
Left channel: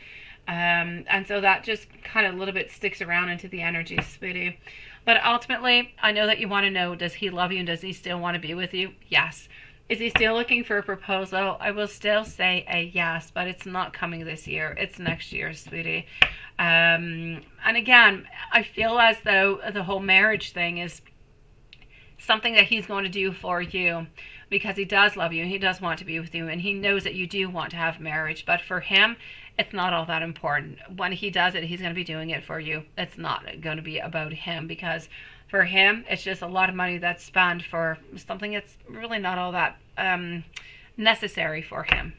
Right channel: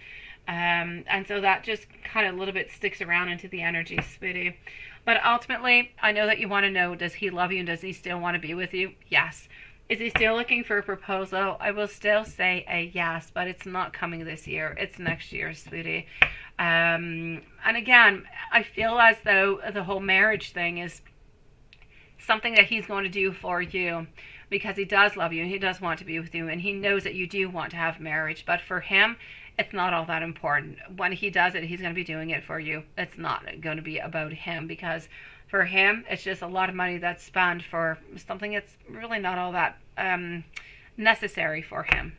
And so that just kind of a little bit sticks around into the energy, sweetie. But ultimately, I know that you want to know, does he love you and does he still want to be with you? Yes. Is he still looking for a proposal? I will still say a yes, but it's not coming this year. It's next year, sweetie. And again, I feel as though the whole marriage thing is something that he's going to do for you, because he does love you and he does want to be with you, and he knows that you do want to have marriage. But for him, it's not all that important. When he does it, he's going to be doing it for you. It's not going to be about him, because for him, it's just a lot of money that's spent for something that's really not all that necessary for him.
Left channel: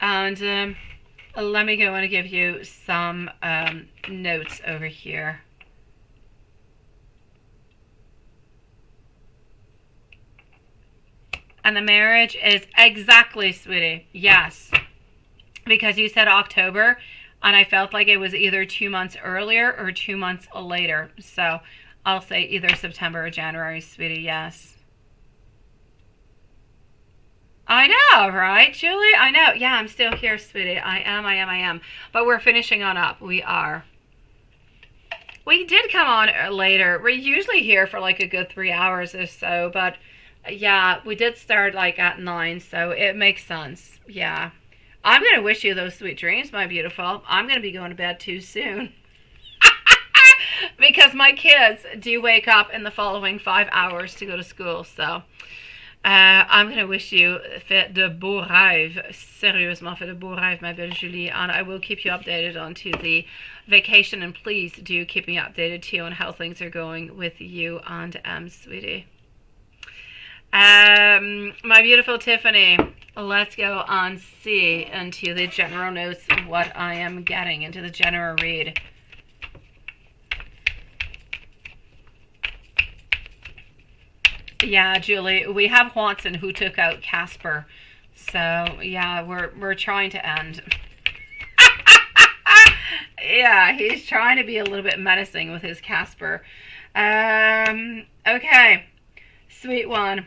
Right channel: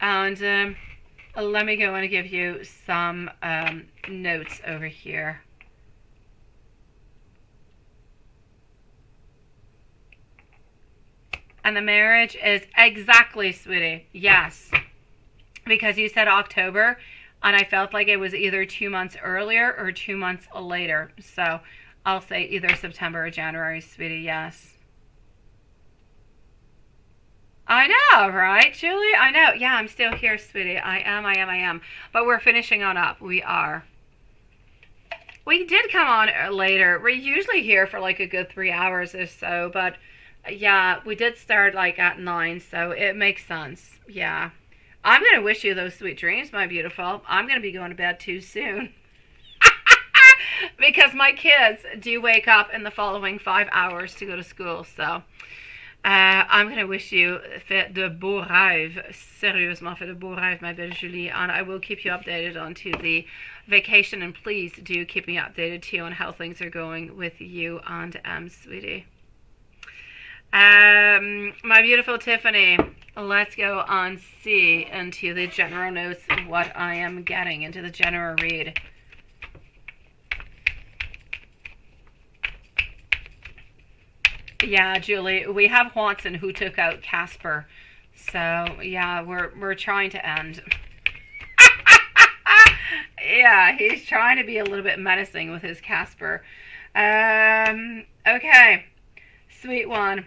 And let me go and give you some notes over here. And the marriage is exactly, sweetie, yes. Because you said October, and I felt like it was either 2 months earlier or 2 months later. So I'll say either September or January, sweetie, yes. I know, right, Julie? I know. Yeah, I'm still here, sweetie. I am. But we're finishing on up. We are. We did come on later. We're usually here for like a good 3 hours or so, but yeah, we did start like at 9, so it makes sense. Yeah. I'm going to wish you those sweet dreams, my beautiful. I'm going to be going to bed too soon. Because my kids do wake up in the following 5 hours to go to school, so I'm going to wish you fait de beaux rêves. Sérieusement, fait de beaux rêves, ma belle Julie. And I will keep you updated onto the vacation, and please do keep me updated too on how things are going with you and sweetie. My beautiful Tiffany, let's go and see into the general notes what I am getting into the general read. Yeah, Julie, we have Watson who took out Casper, so yeah, we're trying to end. Yeah, he's trying to be a little bit menacing with his Casper. Okay, sweet one.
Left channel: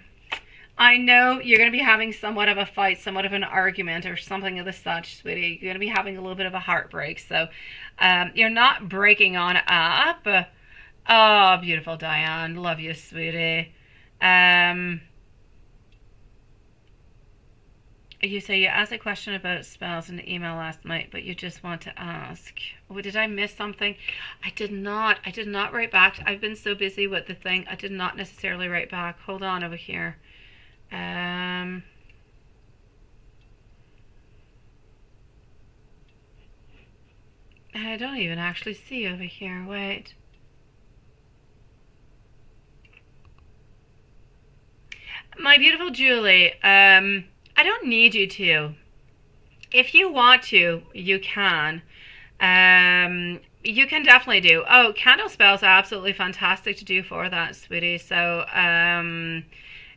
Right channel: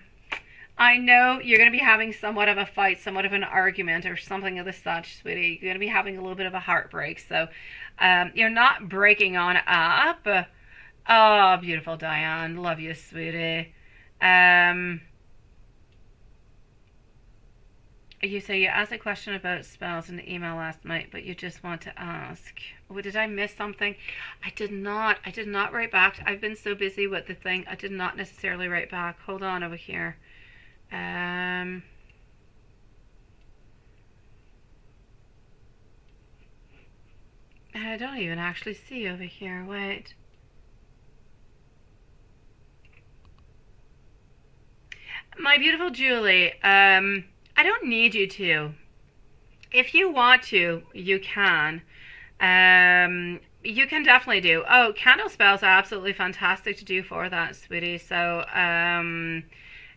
I know you're going to be having somewhat of a fight, somewhat of an argument, or something of the such, sweetie. You're going to be having a little bit of a heartbreak. So you're not breaking on up. Oh, beautiful Diane. Love you, sweetie. Um, you say you asked a question about spells in the email last night, but you just want to ask. Oh, did I miss something? I did not. I did not write back. I've been so busy with the thing. I did not necessarily write back. Hold on over here. Um, I don't even actually see over here. Wait. My beautiful Julie, I don't need you to. If you want to, you can. You can definitely do. Oh, candle spells are absolutely fantastic to do for that, sweetie. So,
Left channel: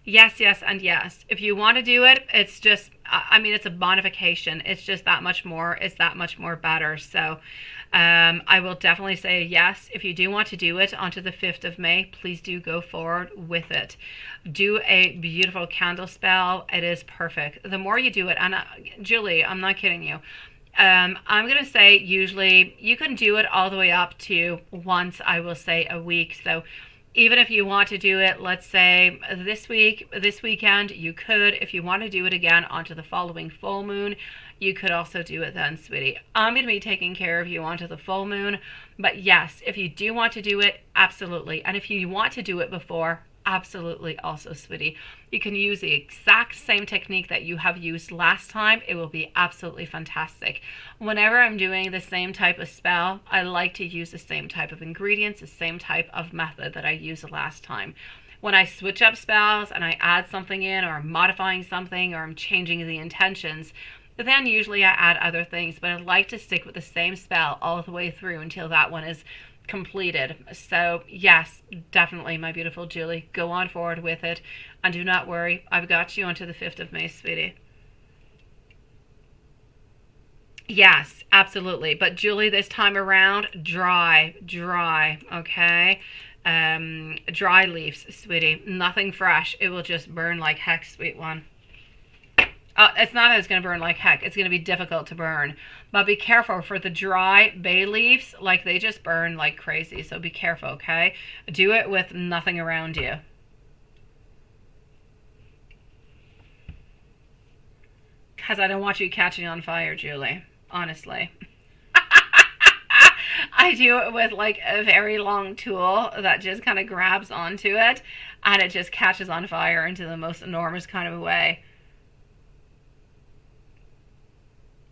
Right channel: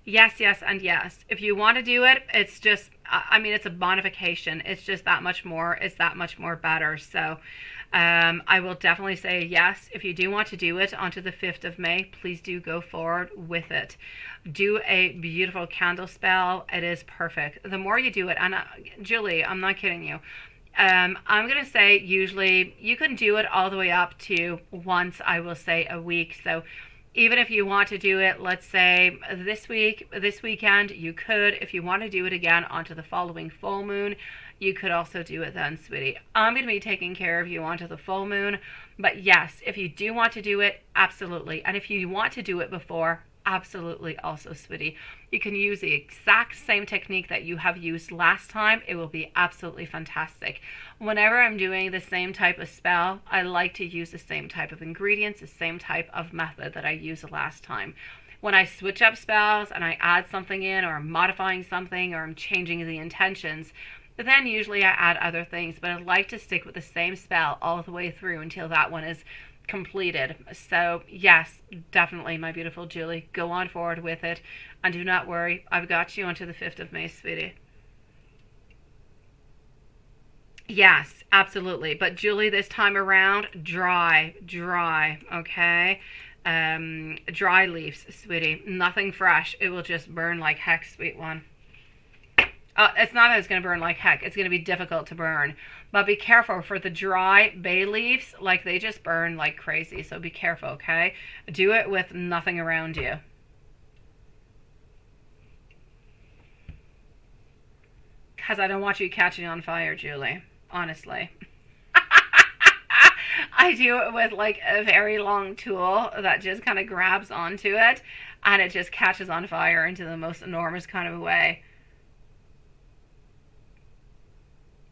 yes, yes, and yes. If you want to do it, it's just, I mean, it's a bonification. It's just that much more. It's that much more better. So, I will definitely say yes. If you do want to do it onto the 5th of May, please do go forward with it. Do a beautiful candle spell. It is perfect. The more you do it, and Julie, I'm not kidding you. I'm going to say usually you can do it all the way up to once, I will say, a week. So even if you want to do it, let's say this week, this weekend, you could. If you want to do it again onto the following full moon, you could also do it then, sweetie. I'm going to be taking care of you onto the full moon. But yes, if you do want to do it, absolutely. And if you want to do it before, absolutely also, sweetie. You can use the exact same technique that you have used last time. It will be absolutely fantastic. Whenever I'm doing the same type of spell, I like to use the same type of ingredients, the same type of method that I used last time. When I switch up spells and I add something in, or I'm modifying something, or I'm changing the intentions, then usually I add other things, but I like to stick with the same spell all the way through until that one is completed. So yes, definitely, my beautiful Julie, go on forward with it, and do not worry, I've got you until the 5th of May, sweetie. Yes, absolutely. But Julie, this time around, dry, okay? Dry leaves, sweetie. Nothing fresh. It will just burn like heck, sweet one. It's not that it's going to burn like heck. It's going to be difficult to burn. But be careful for the dry bay leaves. Like, they just burn like crazy. So be careful, okay? Do it with nothing around you. Because I don't want you catching on fire, Julie. Honestly. I do it with like a very long tool that just kind of grabs onto it. And it just catches on fire into the most enormous kind of a way.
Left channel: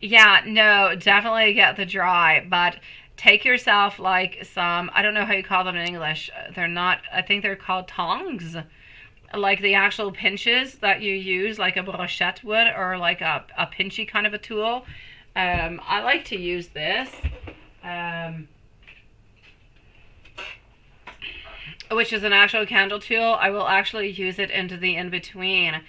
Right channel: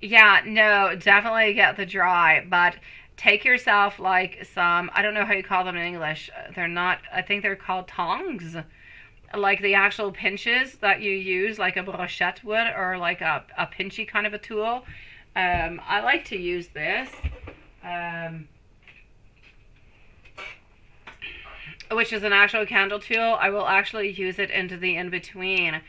Yeah, no, definitely get the dry, but take yourself like some, I don't know how you call them in English. They're not, I think they're called tongs. Like the actual pinches that you use, like a brochette would, or like a pinchy kind of a tool. I like to use this, which is an actual candle tool. I will actually use it into the in-between,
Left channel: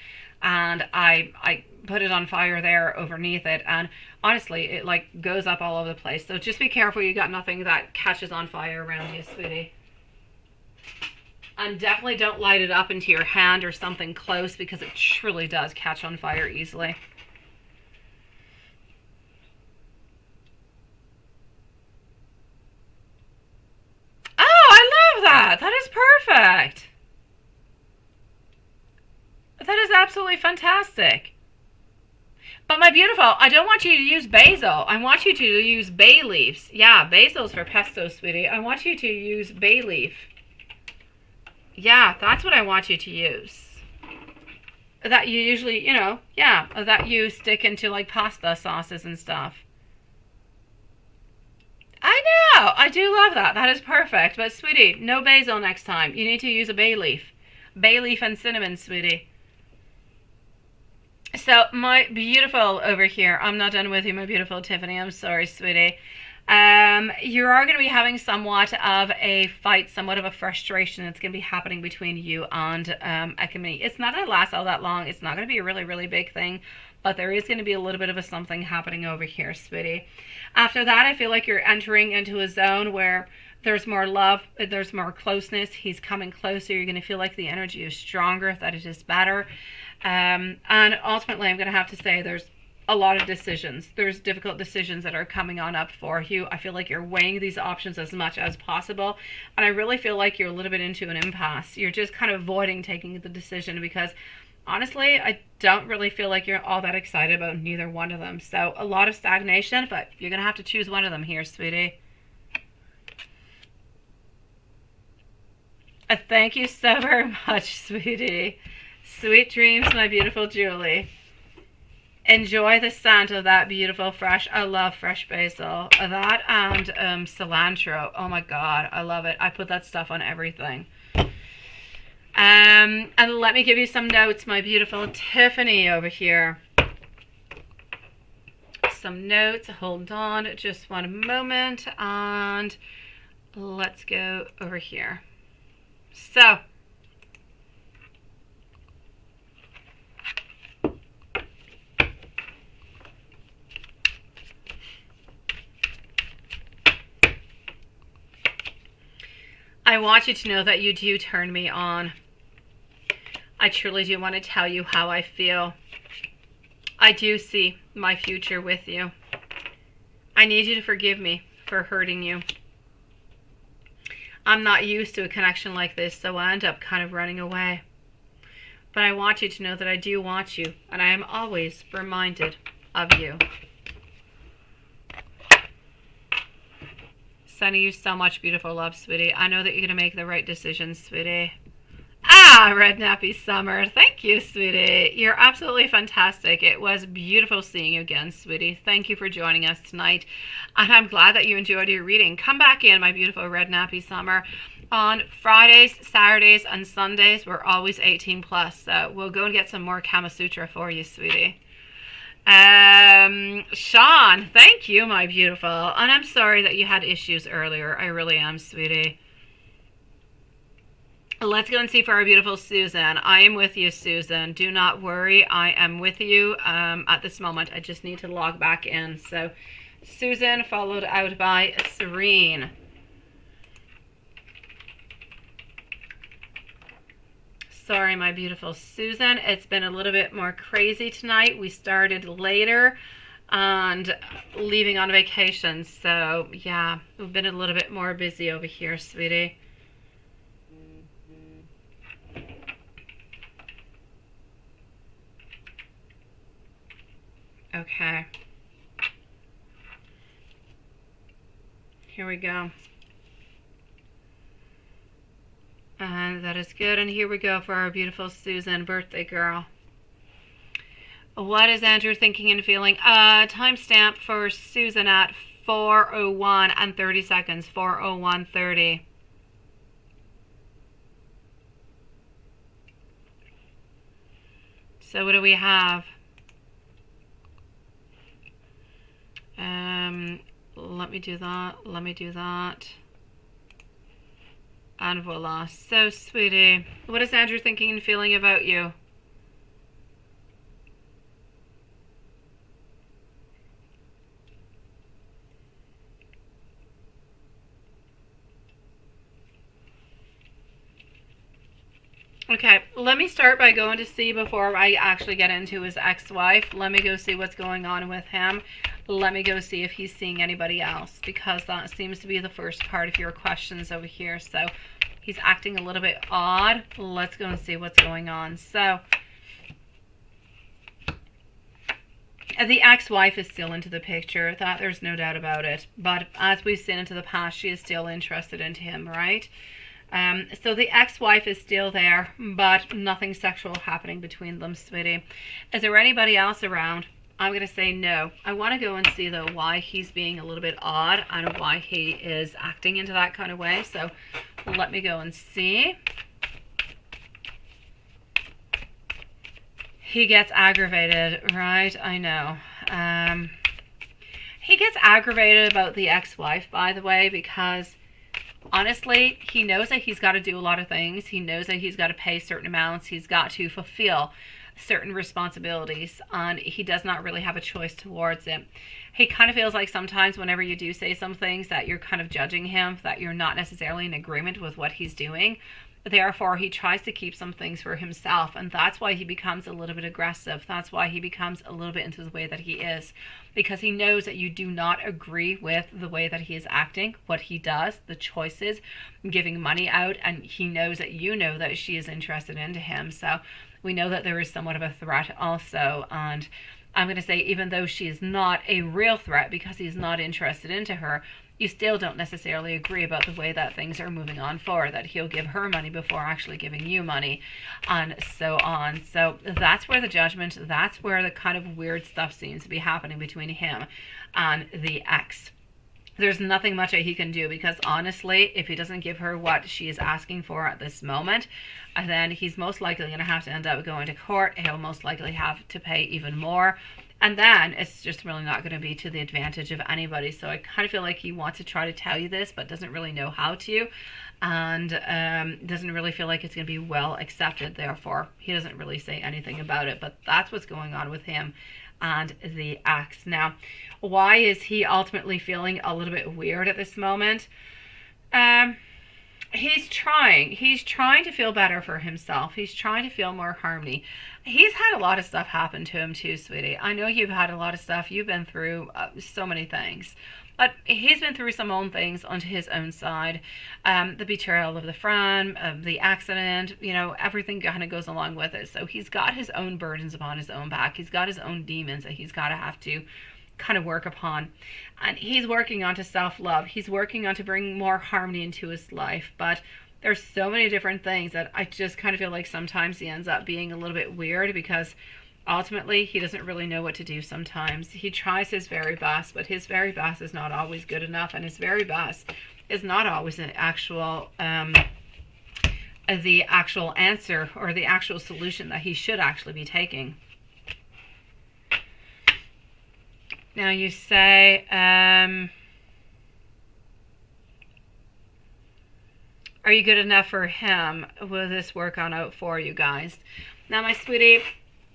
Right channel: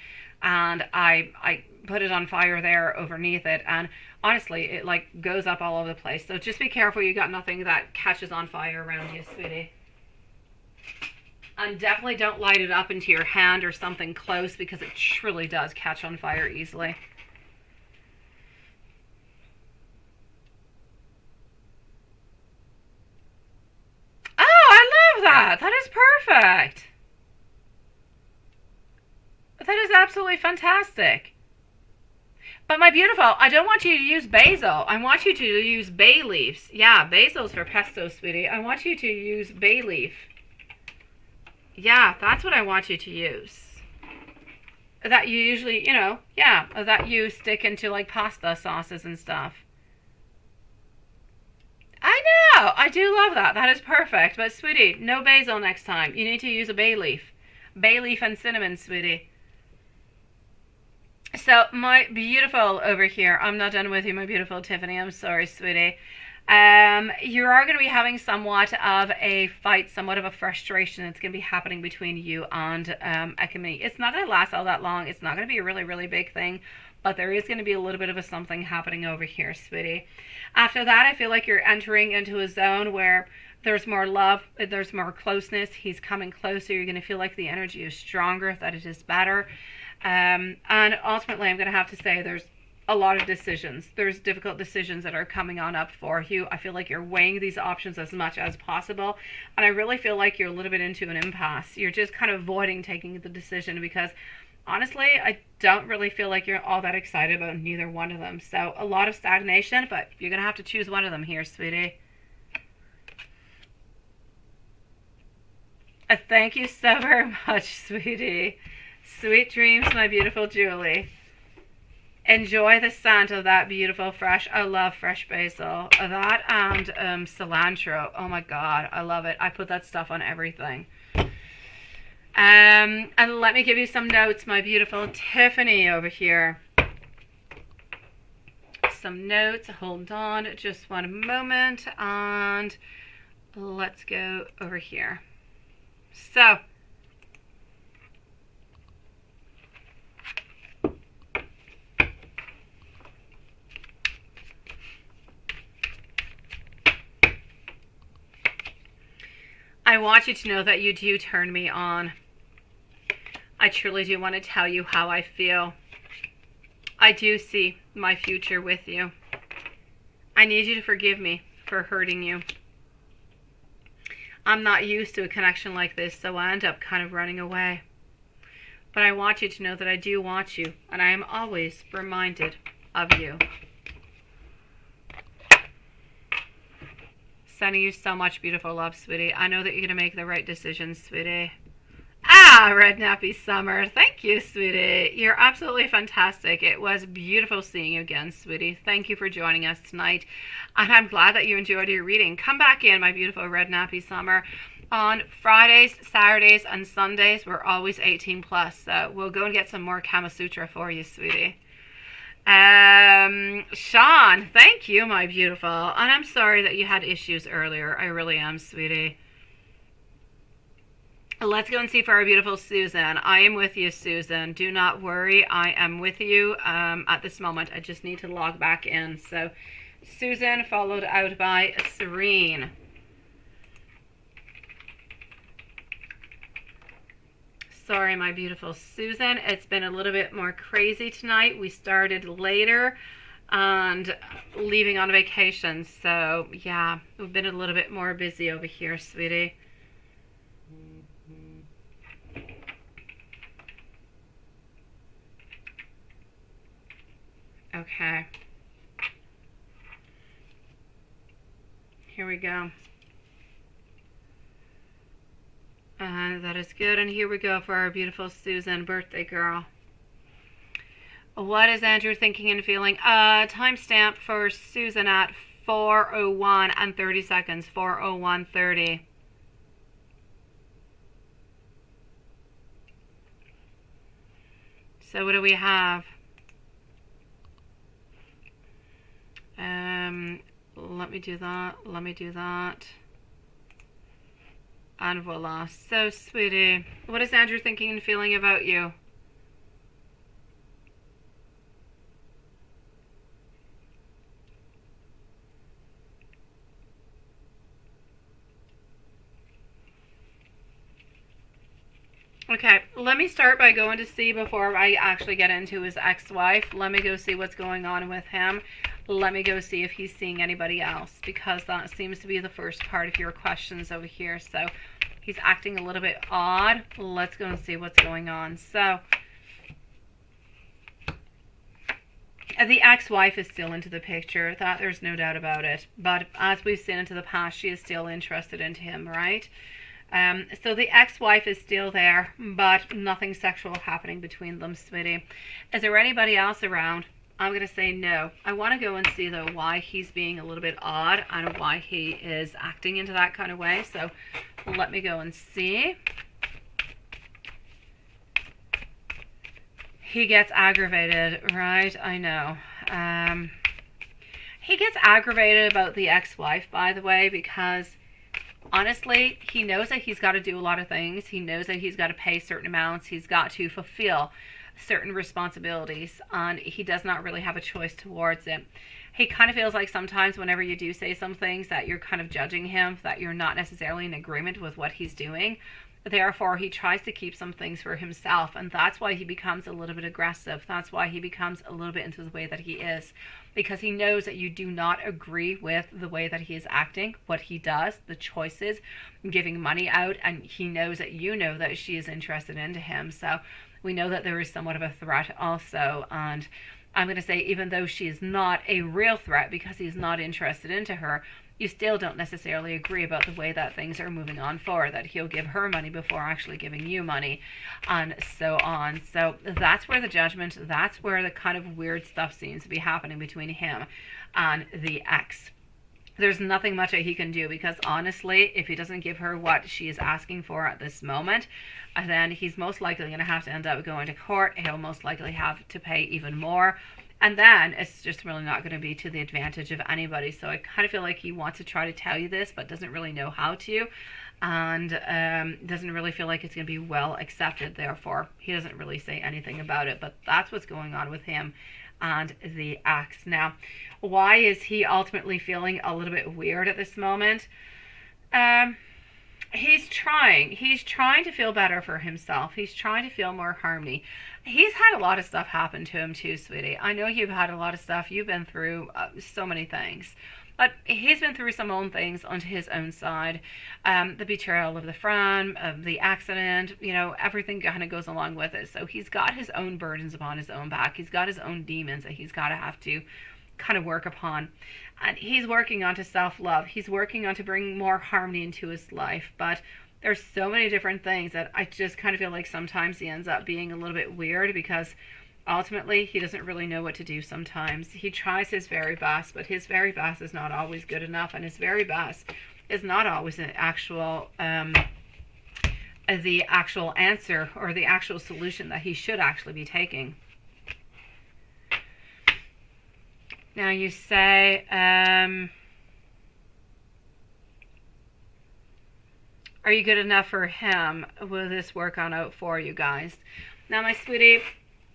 and I put it on fire there underneath it, and honestly it like goes up all over the place. So just be careful you got nothing that catches on fire around you, sweetie. And definitely don't light it up into your hand or something close, because it truly does catch on fire easily. Oh, I love that. That is perfect. That is absolutely fantastic. But my beautiful, I don't want you to use basil. I want you to use bay leaves. Yeah, basil's for pesto, sweetie. I want you to use bay leaf. Yeah, that's what I want you to use. That you usually, yeah, that you stick into like pasta sauces and stuff. I know, I do love that. That is perfect. But sweetie, no basil next time. You need to use a bay leaf. Bay leaf and cinnamon, sweetie. So my beautiful over here, I'm not done with you, my beautiful Tiffany. I'm sorry, sweetie. You are going to be having somewhat of a fight, somewhat of a frustration that's going to be happening between you and Ekami. It's not going to last all that long. It's not going to be a really, really big thing, but there is going to be a little bit of a something happening over here, sweetie. After that, I feel like you're entering into a zone where there's more love, there's more closeness. He's coming closer. You're going to feel like the energy is stronger, that it is better. And ultimately, I'm going to have to say there's a lot of decisions. There's difficult decisions that are coming on up for you. I feel like you're weighing these options as much as possible. And I really feel like you're a little bit into an impasse. You're just kind of avoiding taking the decision because honestly, I don't really feel like you're all that excited about neither one of them. So a lot of stagnation, but you're going to have to choose one of them here, sweetie. Thank you so very much, sweetie. Sweet dreams, my beautiful Julie. Enjoy the scent of that beautiful fresh, I love fresh basil. That and cilantro. Oh my God, I love it. I put that stuff on everything. And let me give you some notes, my beautiful Tiffany over here. Some notes, hold on just one moment, and let's go over here. So, I want you to know that you do turn me on. I truly do want to tell you how I feel. I do see my future with you. I need you to forgive me for hurting you. I'm not used to a connection like this, so I end up kind of running away. But I want you to know that I do want you, and I am always reminded of you. Sending you so much beautiful love, sweetie. I know that you're going to make the right decisions, sweetie. Ah, Red Nappy Summer. Thank you, sweetie. You're absolutely fantastic. It was beautiful seeing you again, sweetie. Thank you for joining us tonight. And I'm glad that you enjoyed your reading. Come back in, my beautiful Red Nappy Summer. On Fridays, Saturdays, and Sundays, we're always 18 plus. So we'll go and get some more Kama Sutra for you, sweetie. Sean, thank you, my beautiful. And I'm sorry that you had issues earlier. I really am, sweetie. Let's go and see for our beautiful Susan. I am with you, Susan. Do not worry. I am with you at this moment. I just need to log back in. So, Susan followed out by Serene. Sorry, my beautiful Susan. It's been a little bit more crazy tonight. We started later and leaving on vacation. So, yeah, we've been a little bit more busy over here, sweetie. Okay. Here we go. That is good. And here we go for our beautiful Susan, birthday girl. What is Andrew thinking and feeling? Timestamp for Susan at 4:01 and 30 seconds. 4:01:30. So what do we have? Let me do that. Let me do that. And voila. So, sweetie, what is Andrew thinking and feeling about you? Okay, let me start by going to see before I actually get into his ex-wife. Let me go see what's going on with him. Let me go see if he's seeing anybody else, because that seems to be the first part of your questions over here. So he's acting a little bit odd. Let's go and see what's going on. So the ex-wife is still into the picture. That there's no doubt about it. But as we've seen into the past, she is still interested into him, right? So the ex-wife is still there, but nothing sexual happening between them, sweetie. Is there anybody else around? I'm going to say no. I want to go and see, though, why he's being a little bit odd and why he is acting into that kind of way. So let me go and see. He gets aggravated, right? I know. He gets aggravated about the ex-wife, by the way, because honestly, he knows that he's got to do a lot of things. He knows that he's got to pay certain amounts. He's got to fulfill certain responsibilities, and he does not really have a choice towards it. He kind of feels like sometimes whenever you do say some things that you're kind of judging him, that you're not necessarily in agreement with what he's doing. Therefore, he tries to keep some things for himself, and that's why he becomes a little bit aggressive. That's why he becomes a little bit into the way that he is, because he knows that you do not agree with the way that he is acting, what he does, the choices, giving money out, and he knows that you know that she is interested into him. So we know that there is somewhat of a threat also, and I'm going to say, even though she is not a real threat because he's not interested into her, you still don't necessarily agree about the way that things are moving on forward, that he'll give her money before actually giving you money, and so on. So that's where the judgment, that's where the kind of weird stuff seems to be happening between him and the ex. There's nothing much that he can do, because honestly, if he doesn't give her what she is asking for at this moment, then he's most likely going to have to end up going to court. He'll most likely have to pay even more. And then it's just really not going to be to the advantage of anybody. So I kind of feel like he wants to try to tell you this, but doesn't really know how to. And doesn't really feel like it's going to be well accepted. Therefore, he doesn't really say anything about it. But that's what's going on with him and the ex. Now, why is he ultimately feeling a little bit weird at this moment? He's trying to feel better for himself. He's trying to feel more harmony. He's had a lot of stuff happen to him too, sweetie. I know you've had a lot of stuff. You've been through so many things. But he's been through some own things onto his own side. The betrayal of the friend, of the accident, you know, everything kind of goes along with it. So he's got his own burdens upon his own back. He's got his own demons that he's got to have to kind of work upon. And he's working on to self-love. He's working on to bring more harmony into his life. But there's so many different things that I just kind of feel like sometimes he ends up being a little bit weird, because ultimately he doesn't really know what to do sometimes. He tries his very best, but his very best is not always good enough, and his very best is not always an actual the actual answer or the actual solution that he should actually be taking. Now you say, are you good enough for him? Will this work on out for you guys? Now, my sweetie,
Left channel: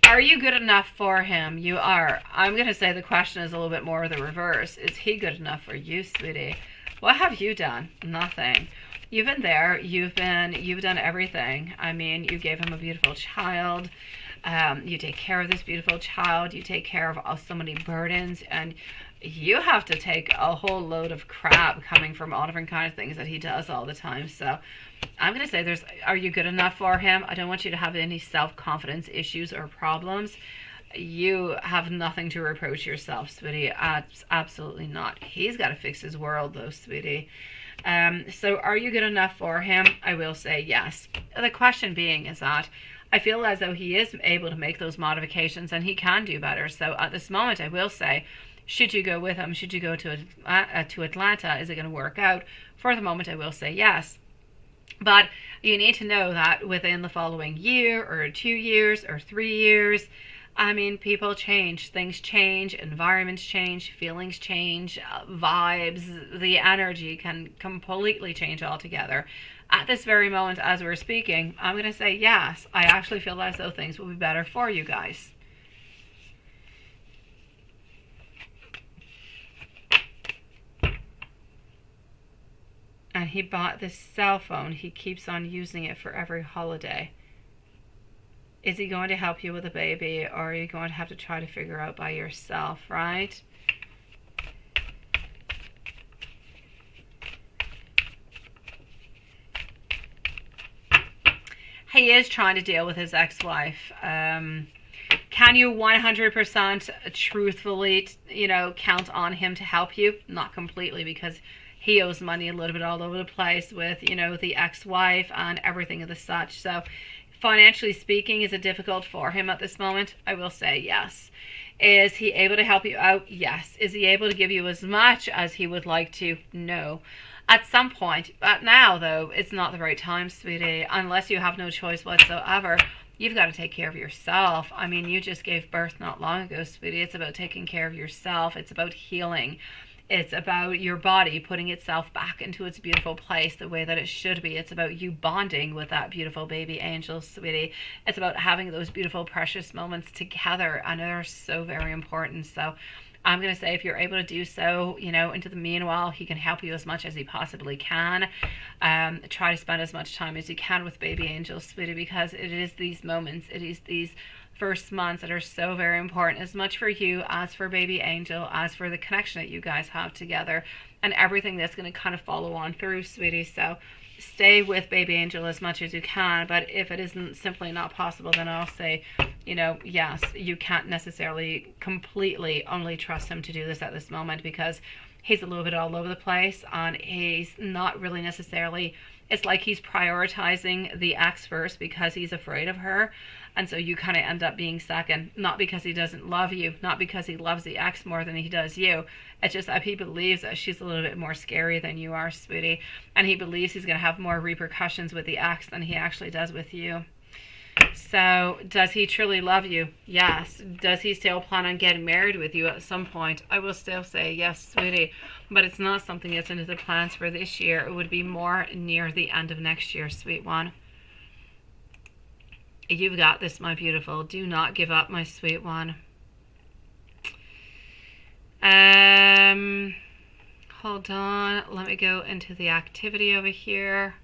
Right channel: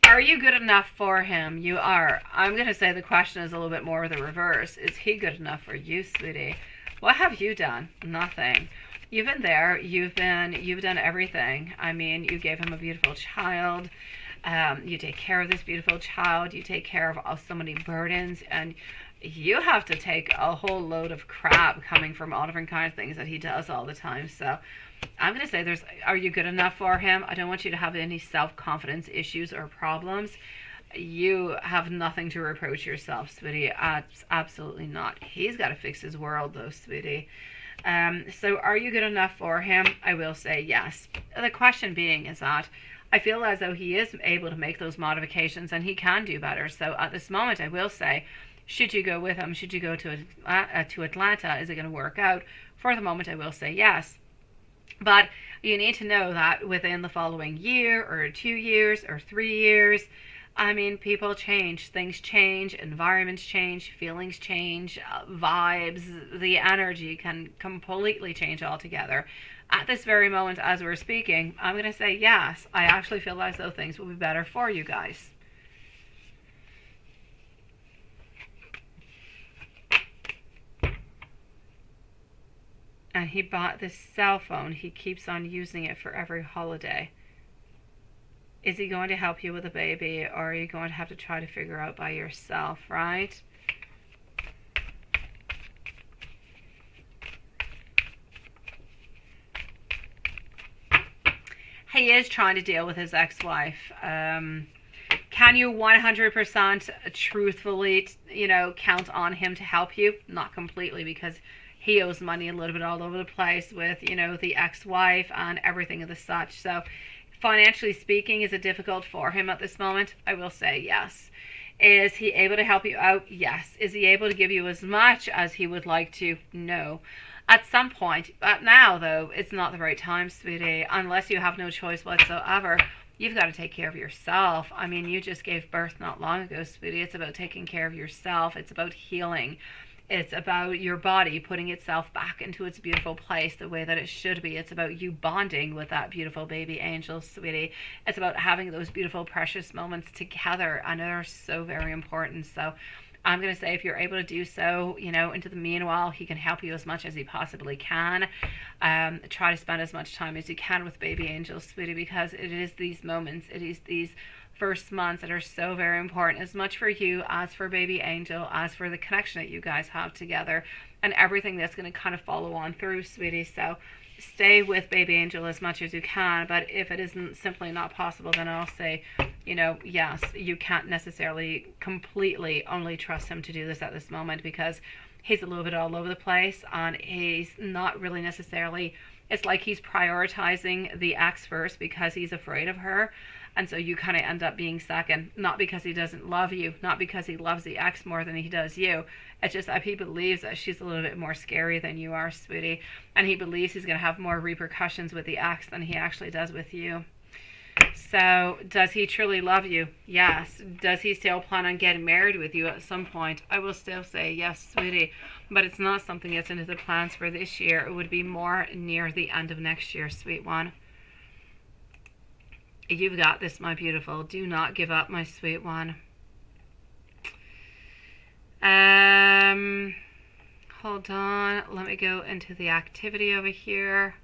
are you good enough for him? You are. I'm going to say the question is a little bit more the reverse. Is he good enough for you, sweetie? What have you done? Nothing. You've been there. You've done everything. I mean, you gave him a beautiful child. You take care of this beautiful child. You take care of so many burdens, and you have to take a whole load of crap coming from all different kinds of things that he does all the time. So I'm going to say are you good enough for him? I don't want you to have any self-confidence issues or problems. You have nothing to reproach yourself, sweetie. Absolutely not. He's got to fix his world, though, sweetie. So are you good enough for him? I will say yes. The question being is that I feel as though he is able to make those modifications, and he can do better. So at this moment, I will say, should you go with him? Should you go to Atlanta? Is it going to work out? For the moment, I will say yes. But you need to know that within the following year or 2 years or 3 years, I mean, people change, things change, environments change, feelings change, vibes, the energy can completely change altogether. At this very moment, as we're speaking, I'm going to say yes. I actually feel as though things will be better for you guys. And he bought this cell phone. He keeps on using it for every holiday. Is he going to help you with a baby, or are you going to have to try to figure out by yourself, right? He is trying to deal with his ex-wife. Can you 100% truthfully, count on him to help you? Not completely, because he owes money a little bit all over the place with, the ex-wife and everything of the such. So financially speaking, is it difficult for him at this moment? I will say yes. Is he able to help you out? Yes. Is he able to give you as much as he would like to? No. At some point, but now though, it's not the right time, sweetie. Unless you have no choice whatsoever, you've got to take care of yourself. I mean, you just gave birth not long ago, sweetie. It's about taking care of yourself. It's about healing. It's about your body putting itself back into its beautiful place the way that it should be. It's about you bonding with that beautiful baby angel, sweetie. It's about having those beautiful, precious moments together, and they're so very important. So I'm going to say if you're able to do so, you know, into the meanwhile, he can help you as much as he possibly can. Try to spend as much time as you can with baby angel, sweetie, because it is these moments, it is these first months that are so very important, as much for you as for baby angel, as for the connection that you guys have together, and everything that's going to kind of follow on through, sweetie. So stay with baby angel as much as you can, but if it isn't simply not possible, then I'll say, you know, yes, you can't necessarily completely only trust him to do this at this moment, because he's a little bit all over the place, and he's not really necessarily, it's like he's prioritizing the ex first because he's afraid of her. And so you kind of end up being second, not because he doesn't love you, not because he loves the ex more than he does you. It's just that he believes that she's a little bit more scary than you are, sweetie. And he believes he's going to have more repercussions with the ex than he actually does with you. So, does he truly love you? Yes. Does he still plan on getting married with you at some point? I will still say yes, sweetie. But it's not something that's into the plans for this year. It would be more near the end of next year, sweet one. You've got this, my beautiful. Do not give up, my sweet one. Hold on. Let me go into the activity over here.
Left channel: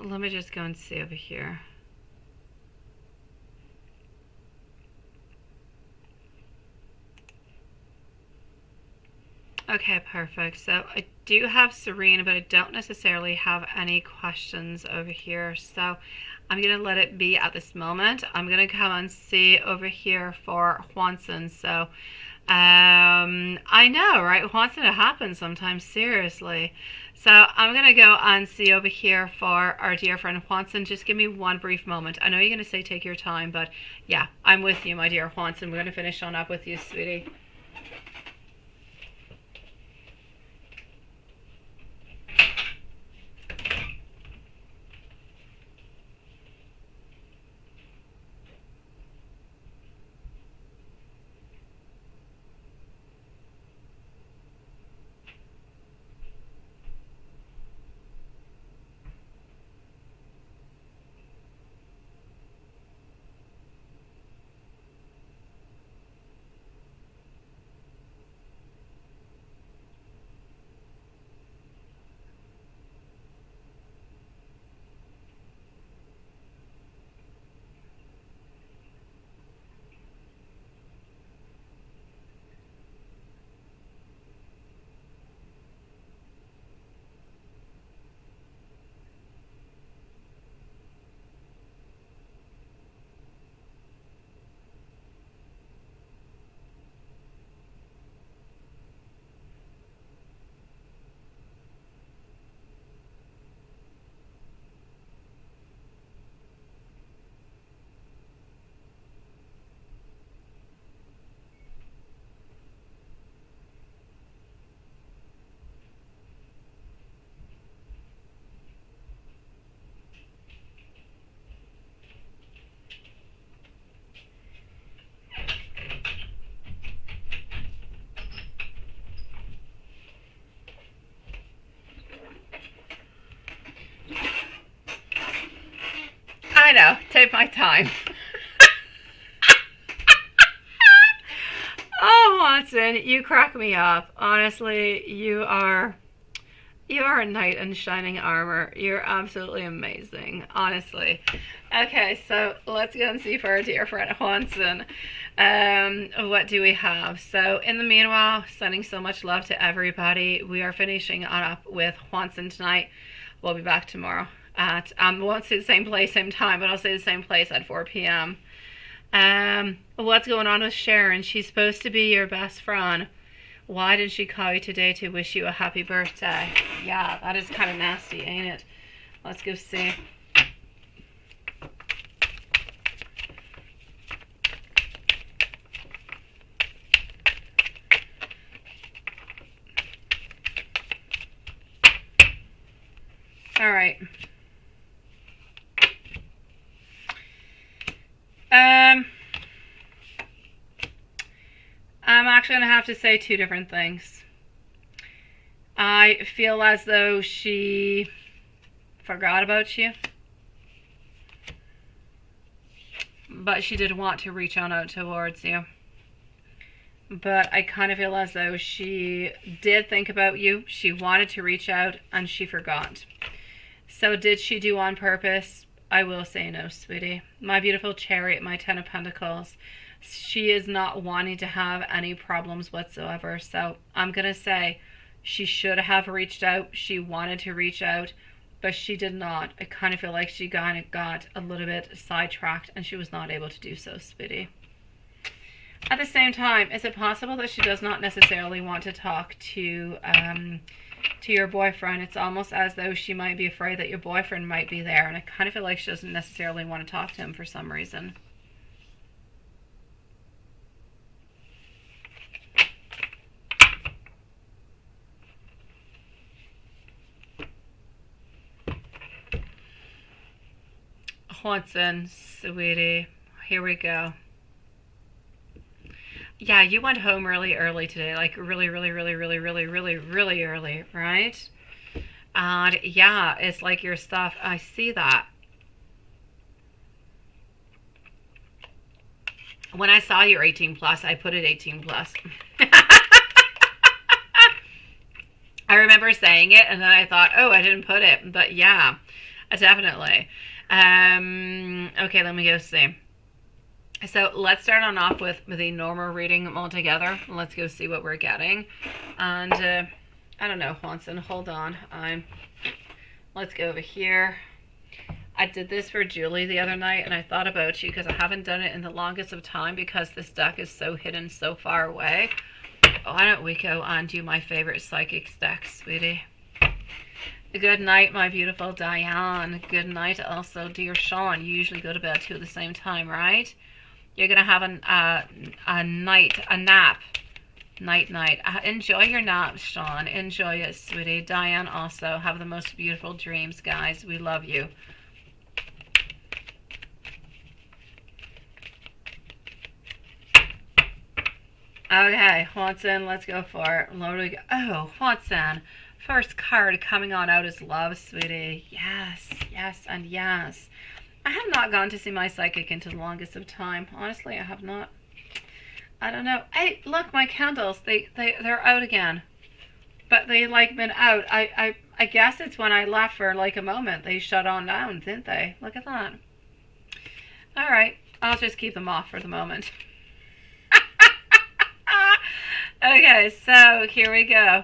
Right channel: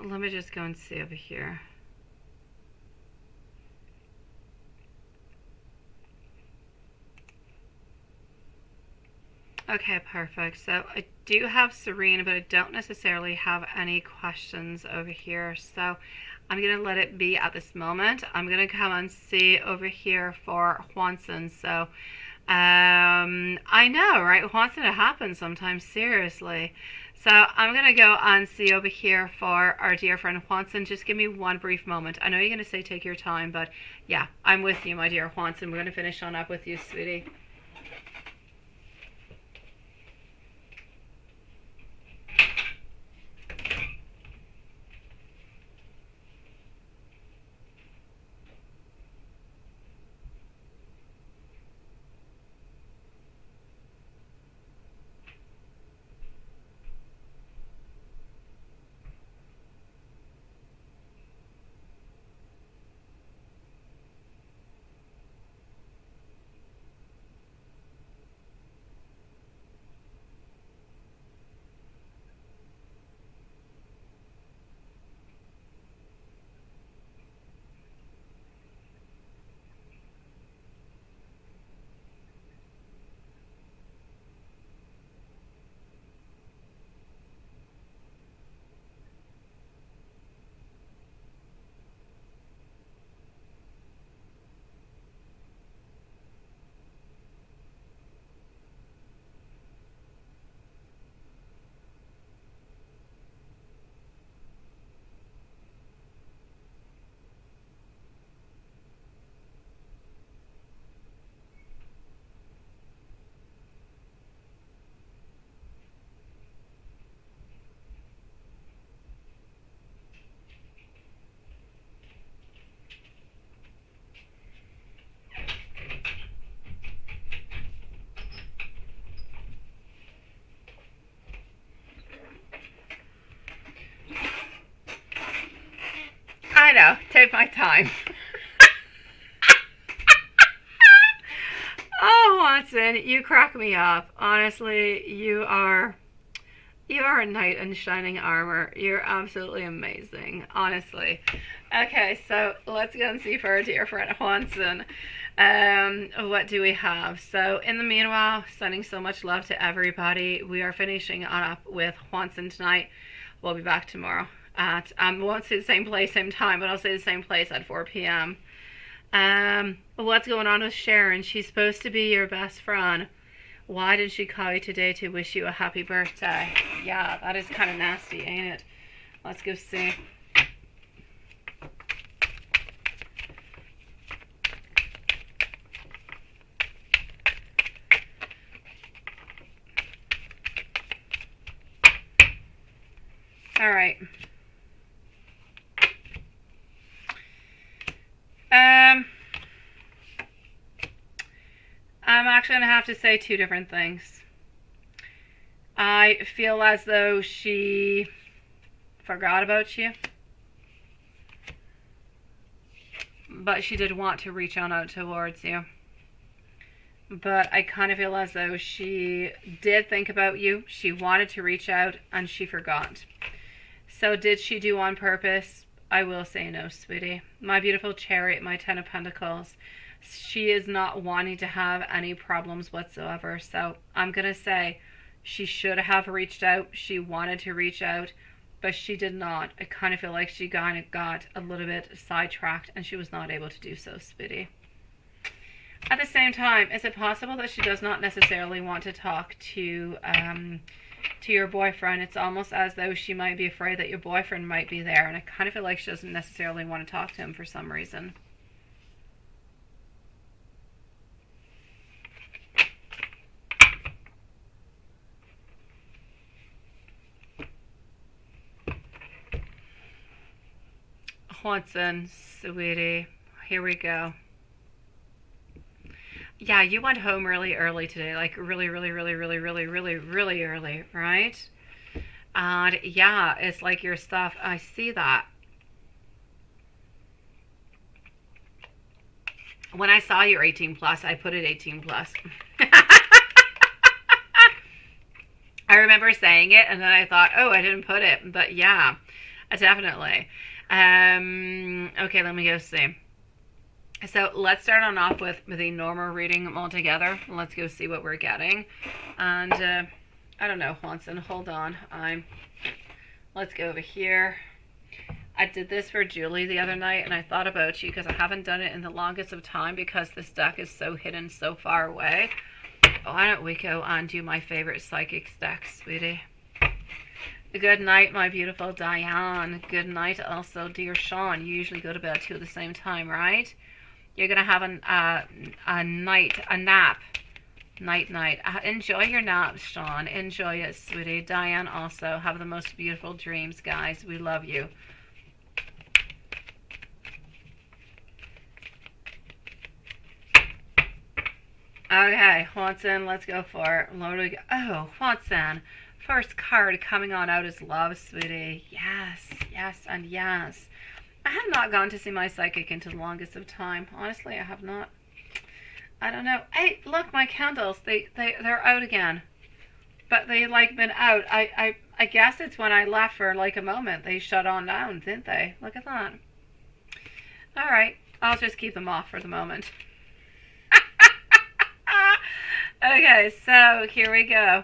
Let me just go and see over here. Okay, perfect. So I do have Serene, but I don't necessarily have any questions over here. So I'm going to let it be at this moment. I'm going to come and see over here for Juanson. So I know, right? Juanson, it happens sometimes, seriously. So I'm going to go and see over here for our dear friend Juanson. Just give me one brief moment. I know you're going to say take your time, but yeah, I'm with you, my dear Juanson. We're going to finish on up with you, sweetie. I know, take my time. Oh, Watson, you crack me up. Honestly, you are a knight in shining armor. You're absolutely amazing, honestly. Okay, so let's go and see for our dear friend Juanson. What do we have? So in the meanwhile, sending so much love to everybody. We are finishing up with Juanson tonight. We'll be back tomorrow at, won't say the same place, same time, but I'll say the same place at 4 p.m. What's going on with Sharon? She's supposed to be your best friend. Why did she call you today to wish you a happy birthday? Yeah, that is kind of nasty, ain't it? Let's go see. All right. I'm actually going to have to say two different things. I feel as though she forgot about you, but she did want to reach on out towards you. But I kind of feel as though she did think about you, she wanted to reach out, and she forgot. So did she do on purpose? I will say no, sweetie. My beautiful Chariot, my Ten of Pentacles, she is not wanting to have any problems whatsoever. So I'm going to say she should have reached out. She wanted to reach out, but she did not. I kind of feel like she got a little bit sidetracked and she was not able to do so, sweetie. At the same time, is it possible that she does not necessarily want to talk to your boyfriend? It's almost as though she might be afraid that your boyfriend might be there, and I kind of feel like she doesn't necessarily want to talk to him for some reason. Watson, sweetie, here we go. Yeah, you went home really early today, like really early, right? And yeah, it's like your stuff, I see that. When I saw your 18 plus, I put it 18 plus. I remember saying it and then I thought, oh, I didn't put it, but yeah, definitely. Okay, let me go see. So let's start on off with the normal reading altogether. Let's go see what we're getting. And I don't know, Watson, hold on. Let's go over here. I did this for Julie the other night, and I thought about you because I haven't done it in the longest of time because this deck is so hidden so far away. Why don't we go and do my favorite psychic deck, sweetie? Good night, my beautiful Diane. Good night also, dear Sean. You usually go to bed too at the same time, right? You're going to have a nap. Night. Enjoy your naps, Sean. Enjoy it, sweetie. Diane also. Have the most beautiful dreams, guys. We love you. Okay, Watson, let's go for it. Lord, we go. Oh, Watson. First card coming on out is love, sweetie. Yes, and yes. I have not gone to see my psychic into the longest of time. Honestly, I have not. I don't know. Hey, look, my candles. They're out again. But they like been out. I guess it's when I left for like a moment. They shut on down, didn't they? Look at that. All right. I'll just keep them off for the moment. Okay, so here we go.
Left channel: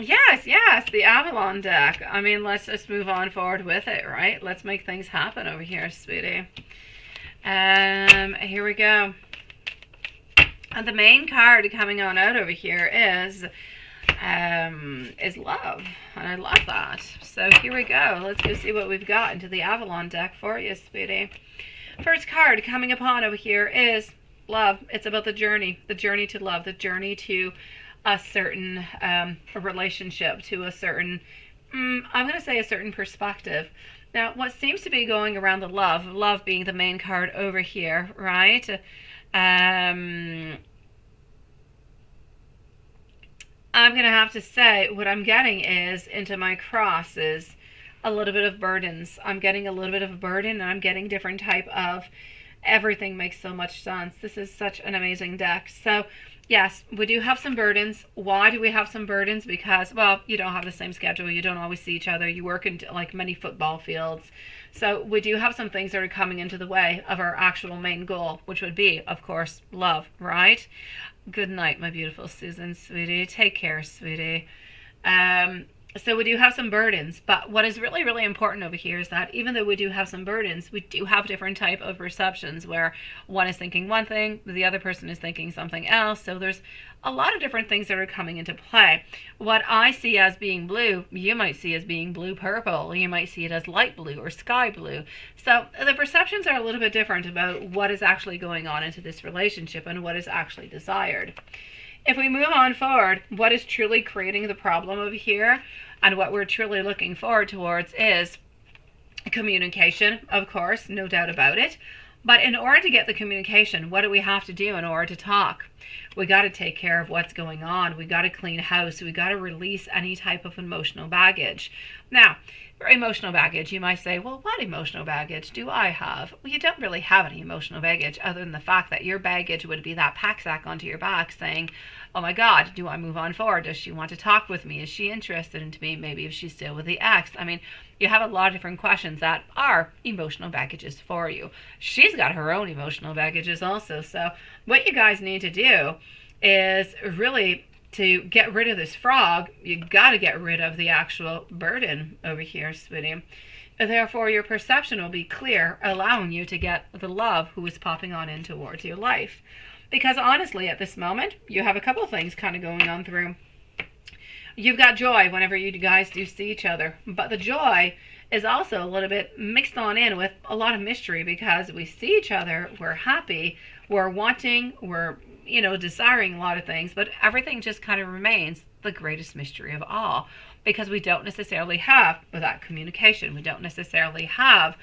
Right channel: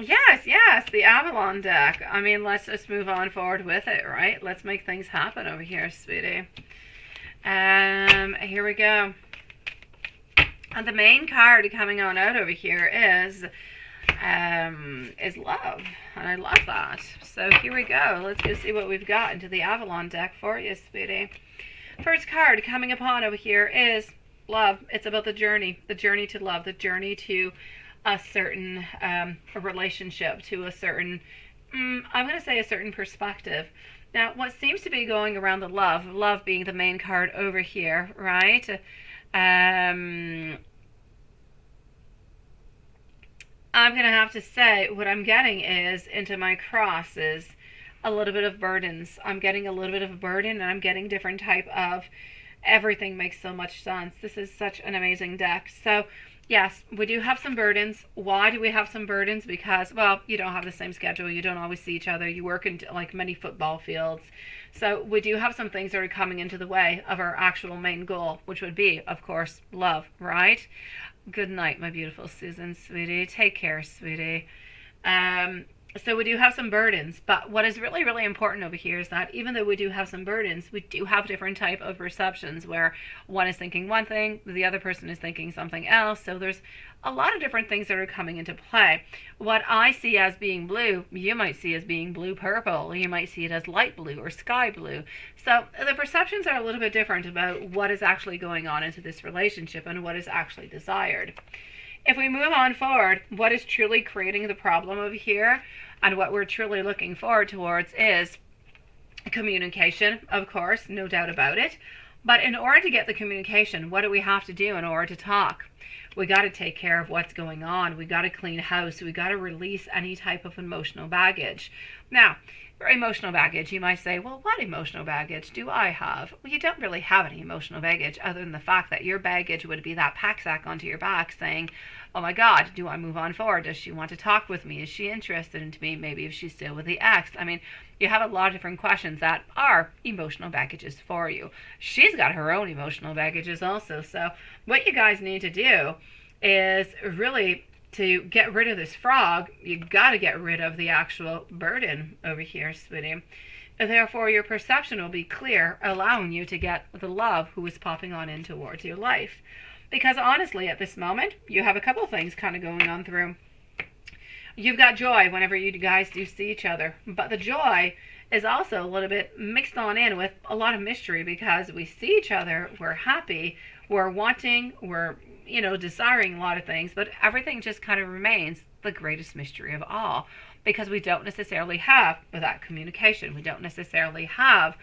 Yes, the Avalon deck. I mean, let's just move on forward with it, right? Let's make things happen over here, sweetie. Here we go. And the main card coming on out over here is love, and I love that. So here we go. Let's go see what we've got into the Avalon deck for you, sweetie. First card coming upon over here is love. It's about the journey to love, the journey to a certain relationship, to a certain, I'm going to say a certain perspective. Now, what seems to be going around the love being the main card over here, right? I'm going to have to say what I'm getting is into my cross is a little bit of burdens. I'm getting a little bit of a burden, and I'm getting different type of everything makes so much sense. This is such an amazing deck. So yes, we do have some burdens. Why do we have some burdens? Because, well, you don't have the same schedule. You don't always see each other. You work in like many football fields. So we do have some things that are coming into the way of our actual main goal, which would be, of course, love, right? Good night, my beautiful Susan, sweetie. Take care, sweetie. So we do have some burdens, but what is really, really important over here is that even though we do have some burdens, we do have different type of perceptions where one is thinking one thing, the other person is thinking something else. So there's a lot of different things that are coming into play. What I see as being blue, you might see as being blue-purple. You might see it as light blue or sky blue. So the perceptions are a little bit different about what is actually going on into this relationship and what is actually desired. If we move on forward, what is truly creating the problem over here and what we're truly looking forward towards is communication, of course, no doubt about it. But in order to get the communication, what do we have to do in order to talk? We got to take care of what's going on. We got to clean house. We got to release any type of emotional baggage. Now, for emotional baggage, you might say, well, what emotional baggage do I have? Well, you don't really have any emotional baggage other than the fact that your baggage would be that pack sack onto your back saying, oh my God, do I move on forward? Does she want to talk with me? Is she interested in me? Maybe if she's still with the ex. I mean, you have a lot of different questions that are emotional baggages for you. She's got her own emotional baggages also. So what you guys need to do is really to get rid of this frog, you got to get rid of the actual burden over here, sweetie. Therefore, your perception will be clear, allowing you to get the love who is popping on in towards your life. Because honestly, at this moment, you have a couple of things kind of going on through. You've got joy whenever you guys do see each other. But the joy is also a little bit mixed on in with a lot of mystery because we see each other, we're happy, we're wanting, we're desiring a lot of things, but everything just kind of remains the greatest mystery of all because we don't necessarily have that communication. We don't necessarily have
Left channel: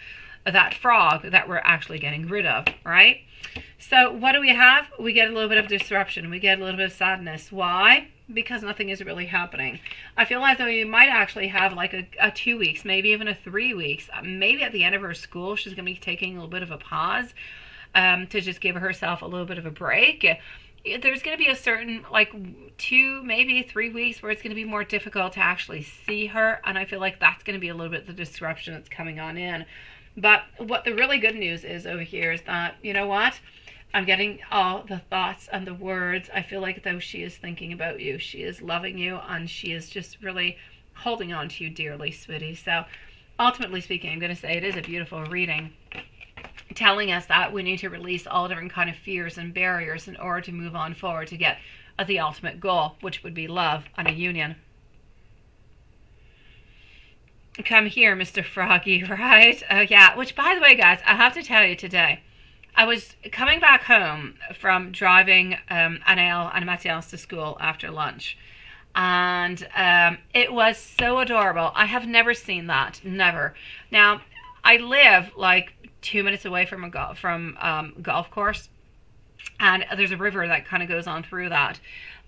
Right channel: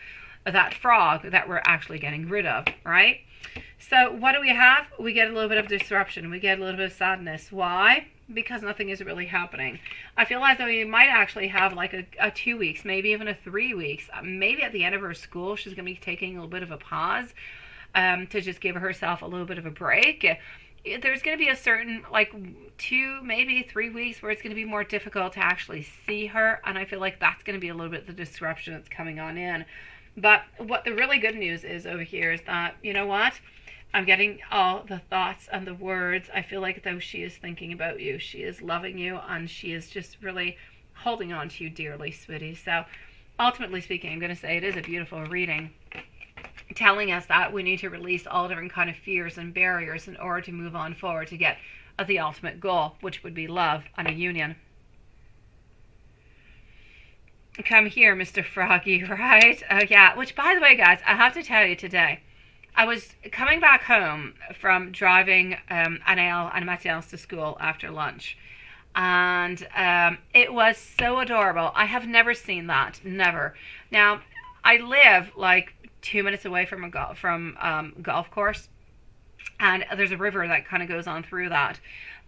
that frog that we're actually getting rid of, right? So what do we have? We get a little bit of disruption. We get a little bit of sadness. Why? Because nothing is really happening. I feel as though you might actually have like a 2 weeks, maybe even a 3 weeks. Maybe at the end of her school, she's going to be taking a little bit of a pause to just give herself a little bit of a break. There's going to be a certain 2, maybe 3 weeks where it's going to be more difficult to actually see her. And I feel like that's going to be a little bit the disruption that's coming on in. But what the really good news is over here is that, you know what? I'm getting all the thoughts and the words. I feel like though she is thinking about you. She is loving you and she is just really holding on to you dearly, sweetie. So ultimately speaking, I'm going to say it is a beautiful reading, telling us that we need to release all different kind of fears and barriers in order to move on forward to get the ultimate goal, which would be love and a union. Come here, Mr. Froggy, right? Oh, yeah. Which, by the way, guys, I have to tell you today, I was coming back home from driving Anael and Matthias to school after lunch. And it was so adorable. I have never seen that. Never. Now, I live like 2 minutes away from golf course. And there's a river that kind of goes on through that.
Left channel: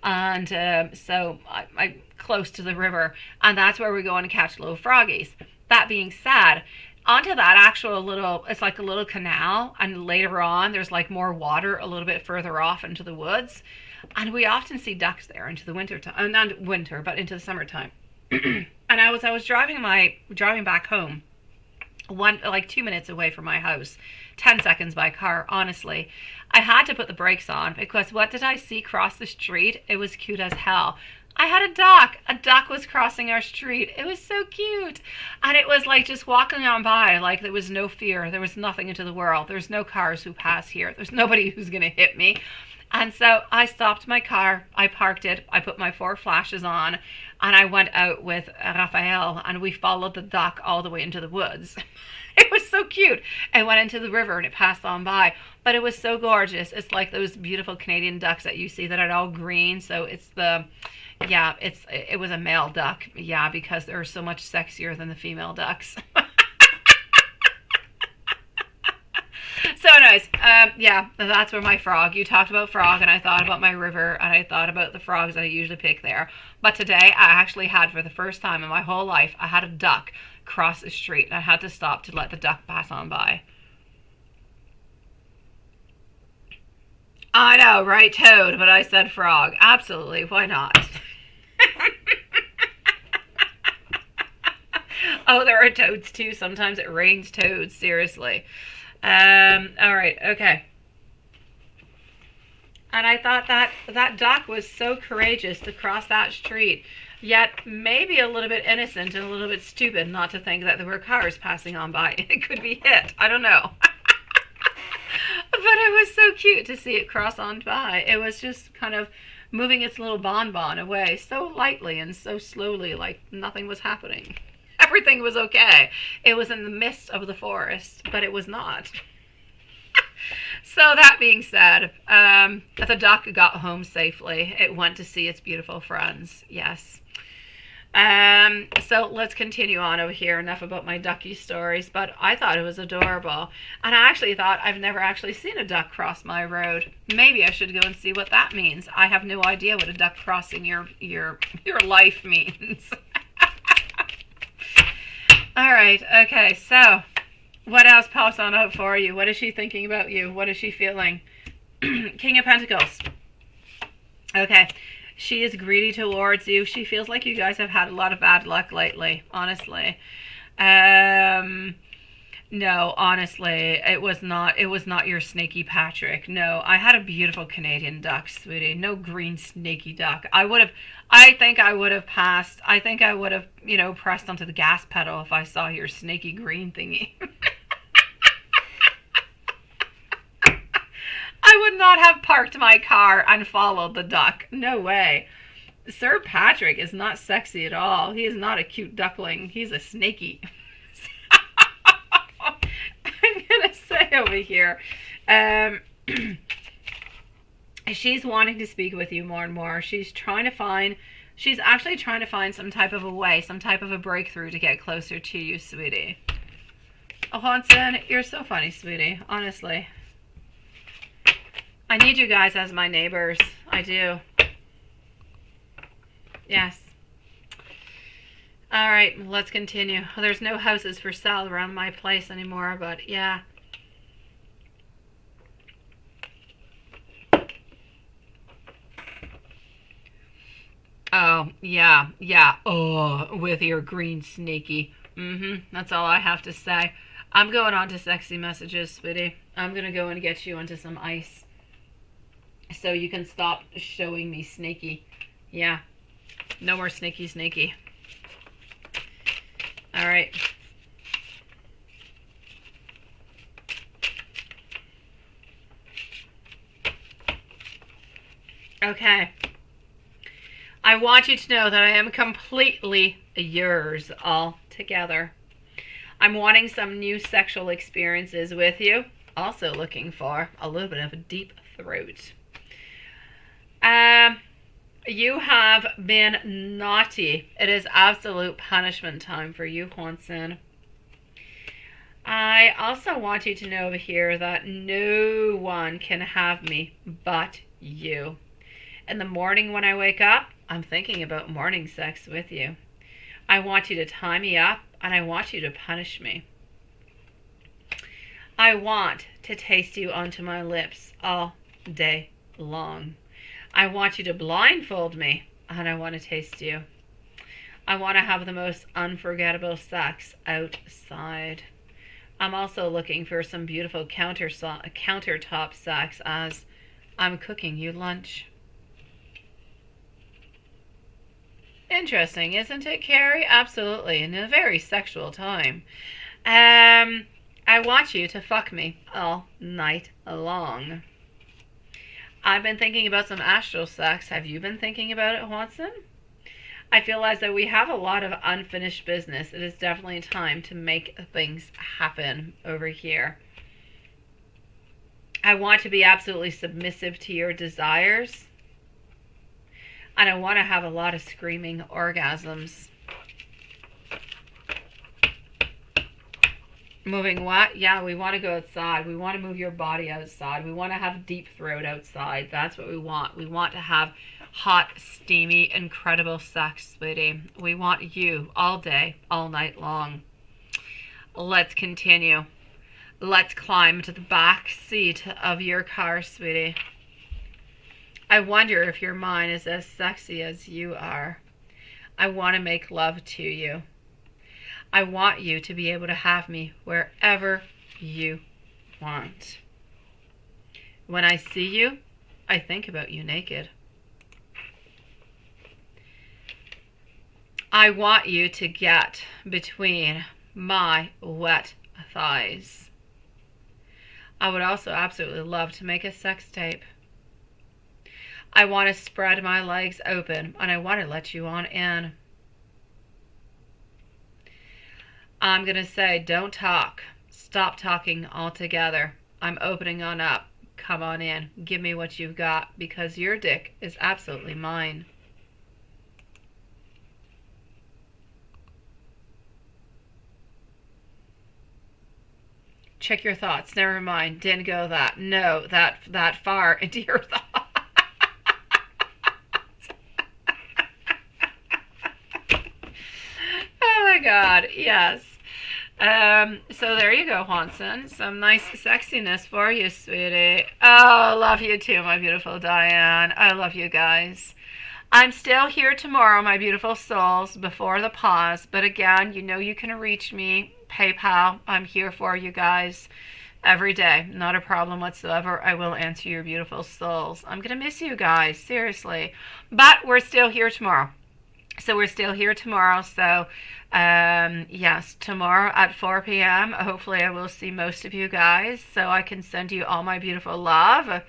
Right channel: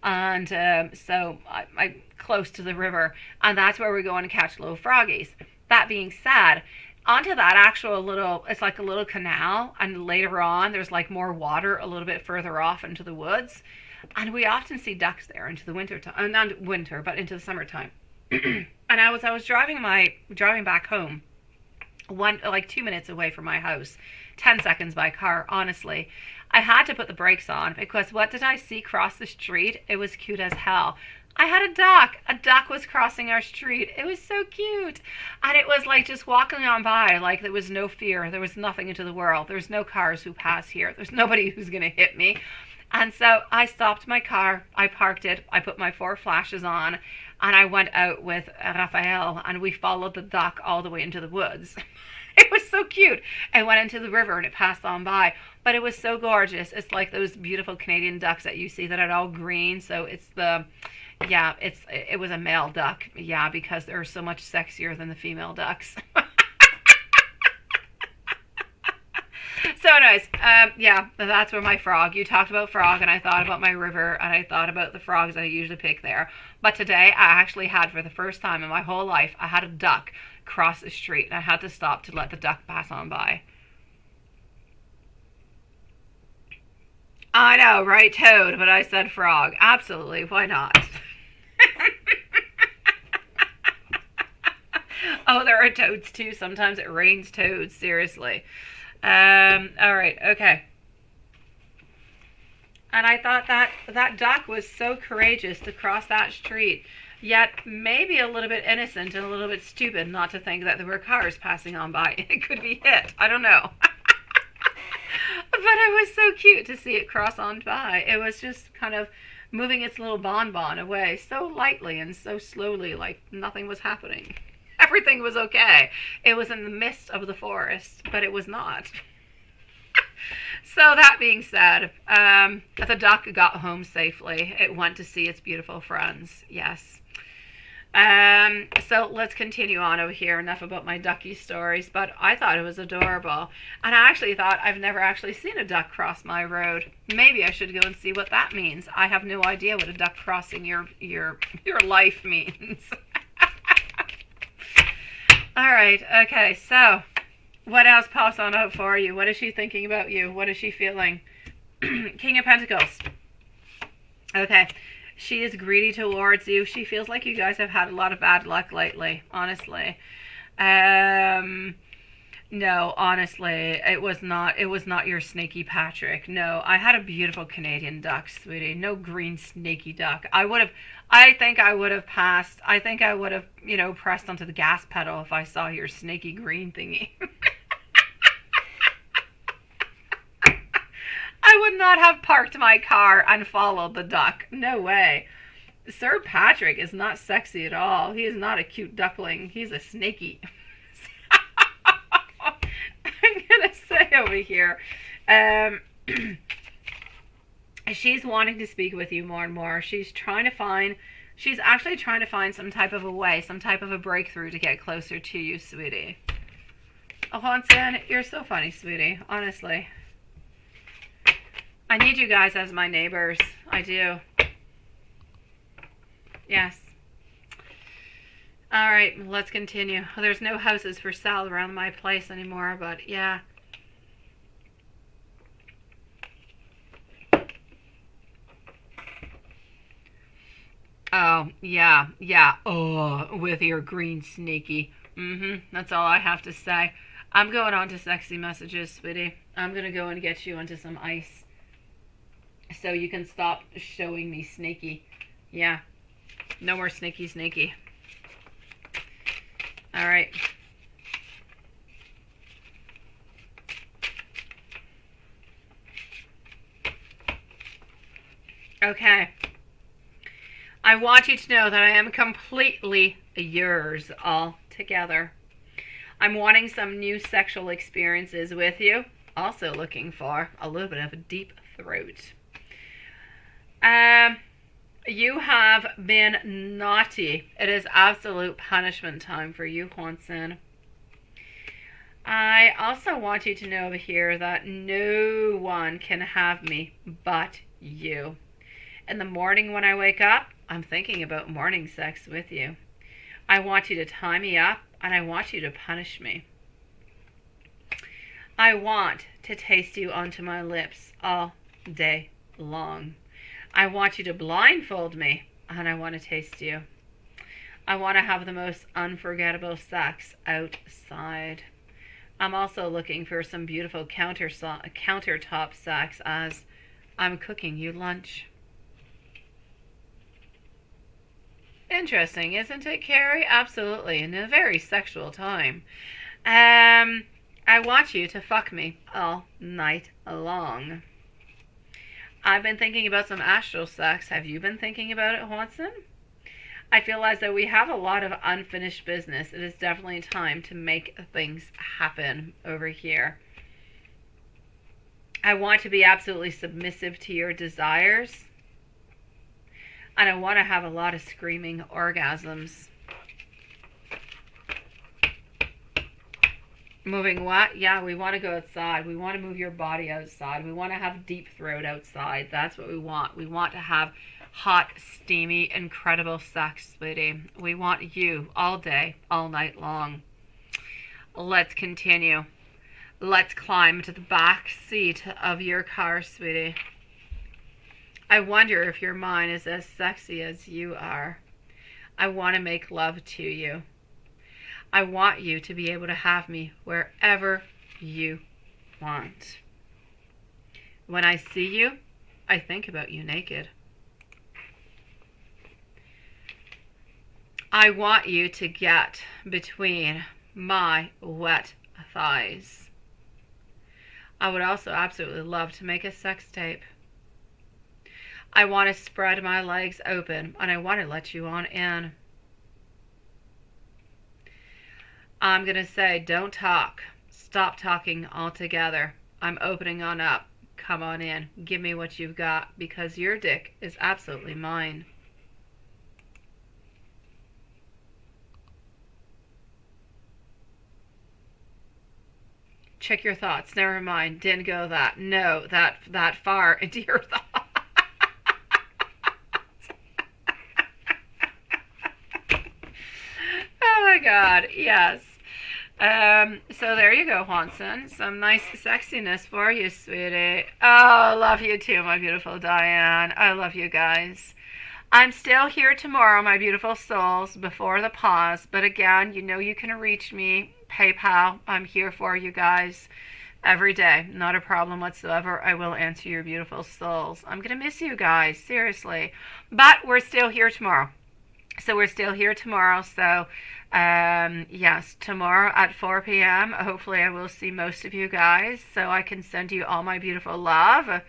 And so I'm close to the river. And that's where we go and catch little froggies. That being said, onto that actual little, it's like a little canal. And later on, there's like more water a little bit further off into the woods. And we often see ducks there into the winter time. Not winter, but into the summertime. And I was driving back home. 2 minutes away from my house, 10 seconds by car. Honestly, I had to put the brakes on because what did I see cross the street? It was cute as hell. I had a duck was crossing our street. It was so cute, and it was like just walking on by like there was no fear, there was nothing into the world, there's no cars who pass here, there's nobody who's gonna hit me. And so I stopped my car, I parked it, I put my 4 flashes on, and I went out with Raphael, and we followed the duck all the way into the woods. It was so cute. I went into the river and it passed on by. But it was so gorgeous. It's like those beautiful Canadian ducks that you see that are all green. So it was a male duck. Yeah, because they're so much sexier than the female ducks. So anyways, that's where my frog. You talked about frog and I thought about my river and I thought about the frogs that I usually pick there. But today I actually had, for the first time in my whole life, I had a duck cross the street and I had to stop to let the duck pass on by. I know, right, toad, but I said frog. Absolutely, why not? Oh, there are toads too. Sometimes it rains toads, seriously. All right, okay. And I thought that duck was so courageous to cross that street, yet maybe a little bit innocent and a little bit stupid not to think that there were cars passing on by. It could be hit. I don't know. But it was so cute to see it cross on by. It was just kind of moving its little bonbon away so lightly and so slowly, like nothing was happening. Everything was okay. It was in the midst of the forest, but it was not. So that being said, the duck got home safely. It went to see its beautiful friends. Yes. So let's continue on over here. Enough about my ducky stories, but I thought it was adorable. And I actually thought I've never actually seen a duck cross my road. Maybe I should go and see what that means. I have no idea what a duck crossing your life means. All right. Okay. So what else pops on out for you? What is she thinking about you? What is she feeling? King of Pentacles. Okay. She is greedy towards you. She feels like you guys have had a lot of bad luck lately, honestly. No, honestly, it was not your snaky Patrick. No, I had a beautiful Canadian duck, sweetie. No green snaky duck. I think I would have passed. I think I would have, pressed onto the gas pedal if I saw your snaky green thingy. I would not have parked my car and followed the duck. No way. Sir Patrick is not sexy at all. He is not a cute duckling. He's a snaky. I'm going to say over here, she's wanting to speak with you more and more. She's actually trying to find some type of a way, some type of a breakthrough to get closer to you, sweetie. Oh, Hanson, you're so funny, sweetie. Honestly. I need you guys as my neighbors. I do. Yes. All right, let's continue. Well, there's no houses for sale around my place anymore, but yeah. Oh, yeah, yeah. Oh, with your green snaky. That's all I have to say. I'm going on to sexy messages, sweetie. I'm going to go and get you onto some ice. So you can stop showing me snaky. Yeah. No more snaky. All right. Okay. I want you to know that I am completely yours altogether. I'm wanting some new sexual experiences with you. Also looking for a little bit of a deep throat. You have been naughty. It is absolute punishment time for you, Hanson. I also want you to know over here that no one can have me but you. In the morning when I wake up, I'm thinking about morning sex with you. I want you to tie me up and I want you to punish me. I want to taste you onto my lips all day long. I want you to blindfold me, and I want to taste you. I want to have the most unforgettable sex outside. I'm also looking for some beautiful countertop sex as I'm cooking you lunch. Interesting, isn't it, Carrie? Absolutely, in a very sexual time. I want you to fuck me all night long. I've been thinking about some astral sex. Have you been thinking about it, Watson? I feel as though we have a lot of unfinished business. It is definitely time to make things happen over here. I want to be absolutely submissive to your desires. And I want to have a lot of screaming orgasms. Moving what? Yeah, we want to go outside. We want to move your body outside. We want to have deep throat outside. That's what we want. We want to have hot, steamy, incredible sex, sweetie. We want you all day, all night long. Let's continue. Let's climb to the back seat of your car, sweetie. I wonder if your mind is as sexy as you are. I want to make love to you. I want you to be able to have me wherever you want. When I see you, I think about you naked. I want you to get between my wet thighs. I would also absolutely love to make a sex tape. I want to spread my legs open and I want to let you on in. I'm going to say, don't talk. Stop talking altogether. I'm opening on up. Come on in. Give me what you've got because your dick is absolutely mine. check your thoughts. Never mind. Didn't go that. No, that far into your thoughts. Oh my God. Yes. So there you go, Juanson. Some nice sexiness for you, sweetie. Oh, love you too, my beautiful Diane. I love you guys. I'm still here tomorrow, my beautiful souls, before the pause. But again, you know you can reach me. PayPal. I'm here for you guys every day. Not a problem whatsoever. I will answer your beautiful souls. I'm going to miss you guys, seriously. But we're still here tomorrow. So yes, tomorrow at 4 p.m. Hopefully I will see most of you guys so I can send you all my beautiful love.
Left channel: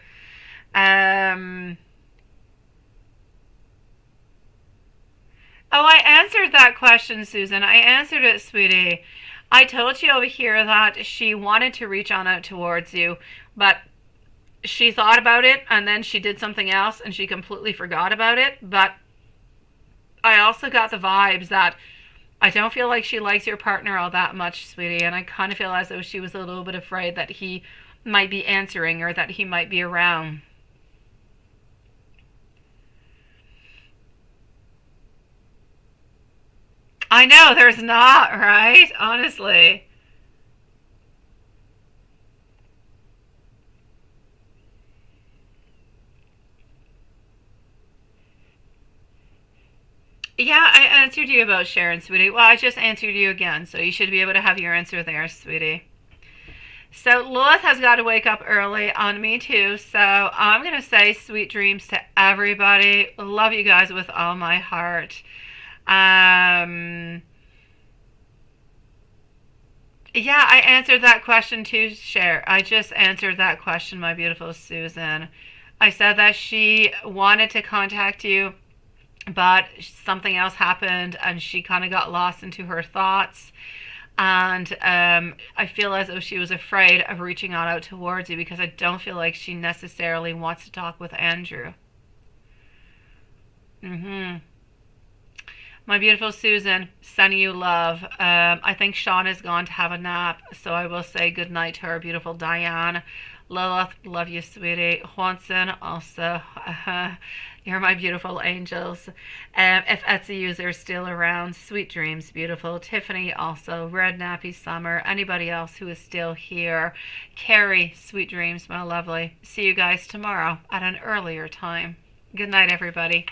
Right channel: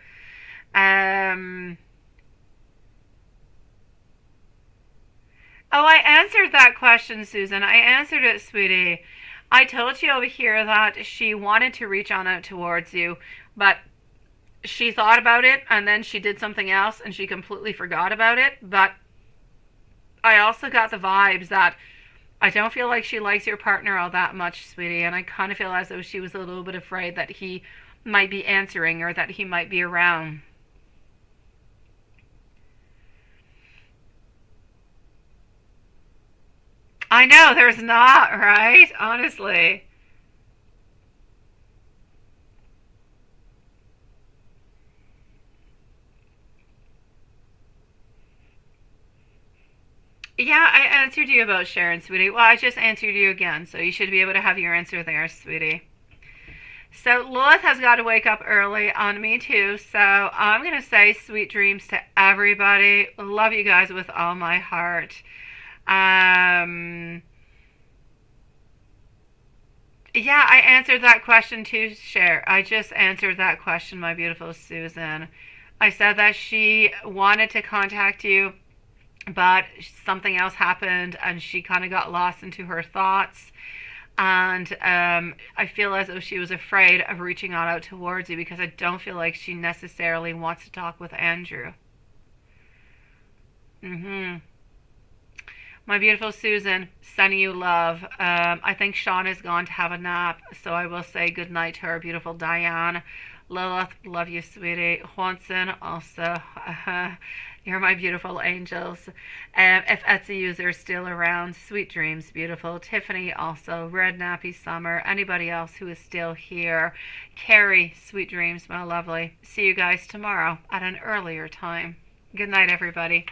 Oh, I answered that question, Susan. I answered it, sweetie. I told you over here that she wanted to reach on out towards you, but she thought about it and then she did something else and she completely forgot about it. But I also got the vibes that I don't feel like she likes your partner all that much, sweetie, and I kind of feel as though she was a little bit afraid that he might be answering or that he might be around. I know, there's not, right? Honestly. Yeah, I answered you about Sharon, sweetie. Well, I just answered you again, so you should be able to have your answer there, sweetie. So Lilith has got to wake up early on me too, so I'm going to say sweet dreams to everybody. Love you guys with all my heart. Um, yeah, I answered that question too, Cher. I just answered that question, my beautiful Susan. I said that she wanted to contact you, but something else happened and she kind of got lost into her thoughts. And I feel as though she was afraid of reaching out towards you because I don't feel like she necessarily wants to talk with Andrew. Mm-hmm. My beautiful Susan, sending you love. I think Sean is gone to have a nap, so I will say good night to our beautiful Diane. Lilith, love you, sweetie. Juanson, also, you're my beautiful angels. If Etsy user is still around, sweet dreams, beautiful. Tiffany, also, Red Nappy Summer. Anybody else who is still here. Carrie, sweet dreams, my lovely. See you guys tomorrow at an earlier time. Good night, everybody.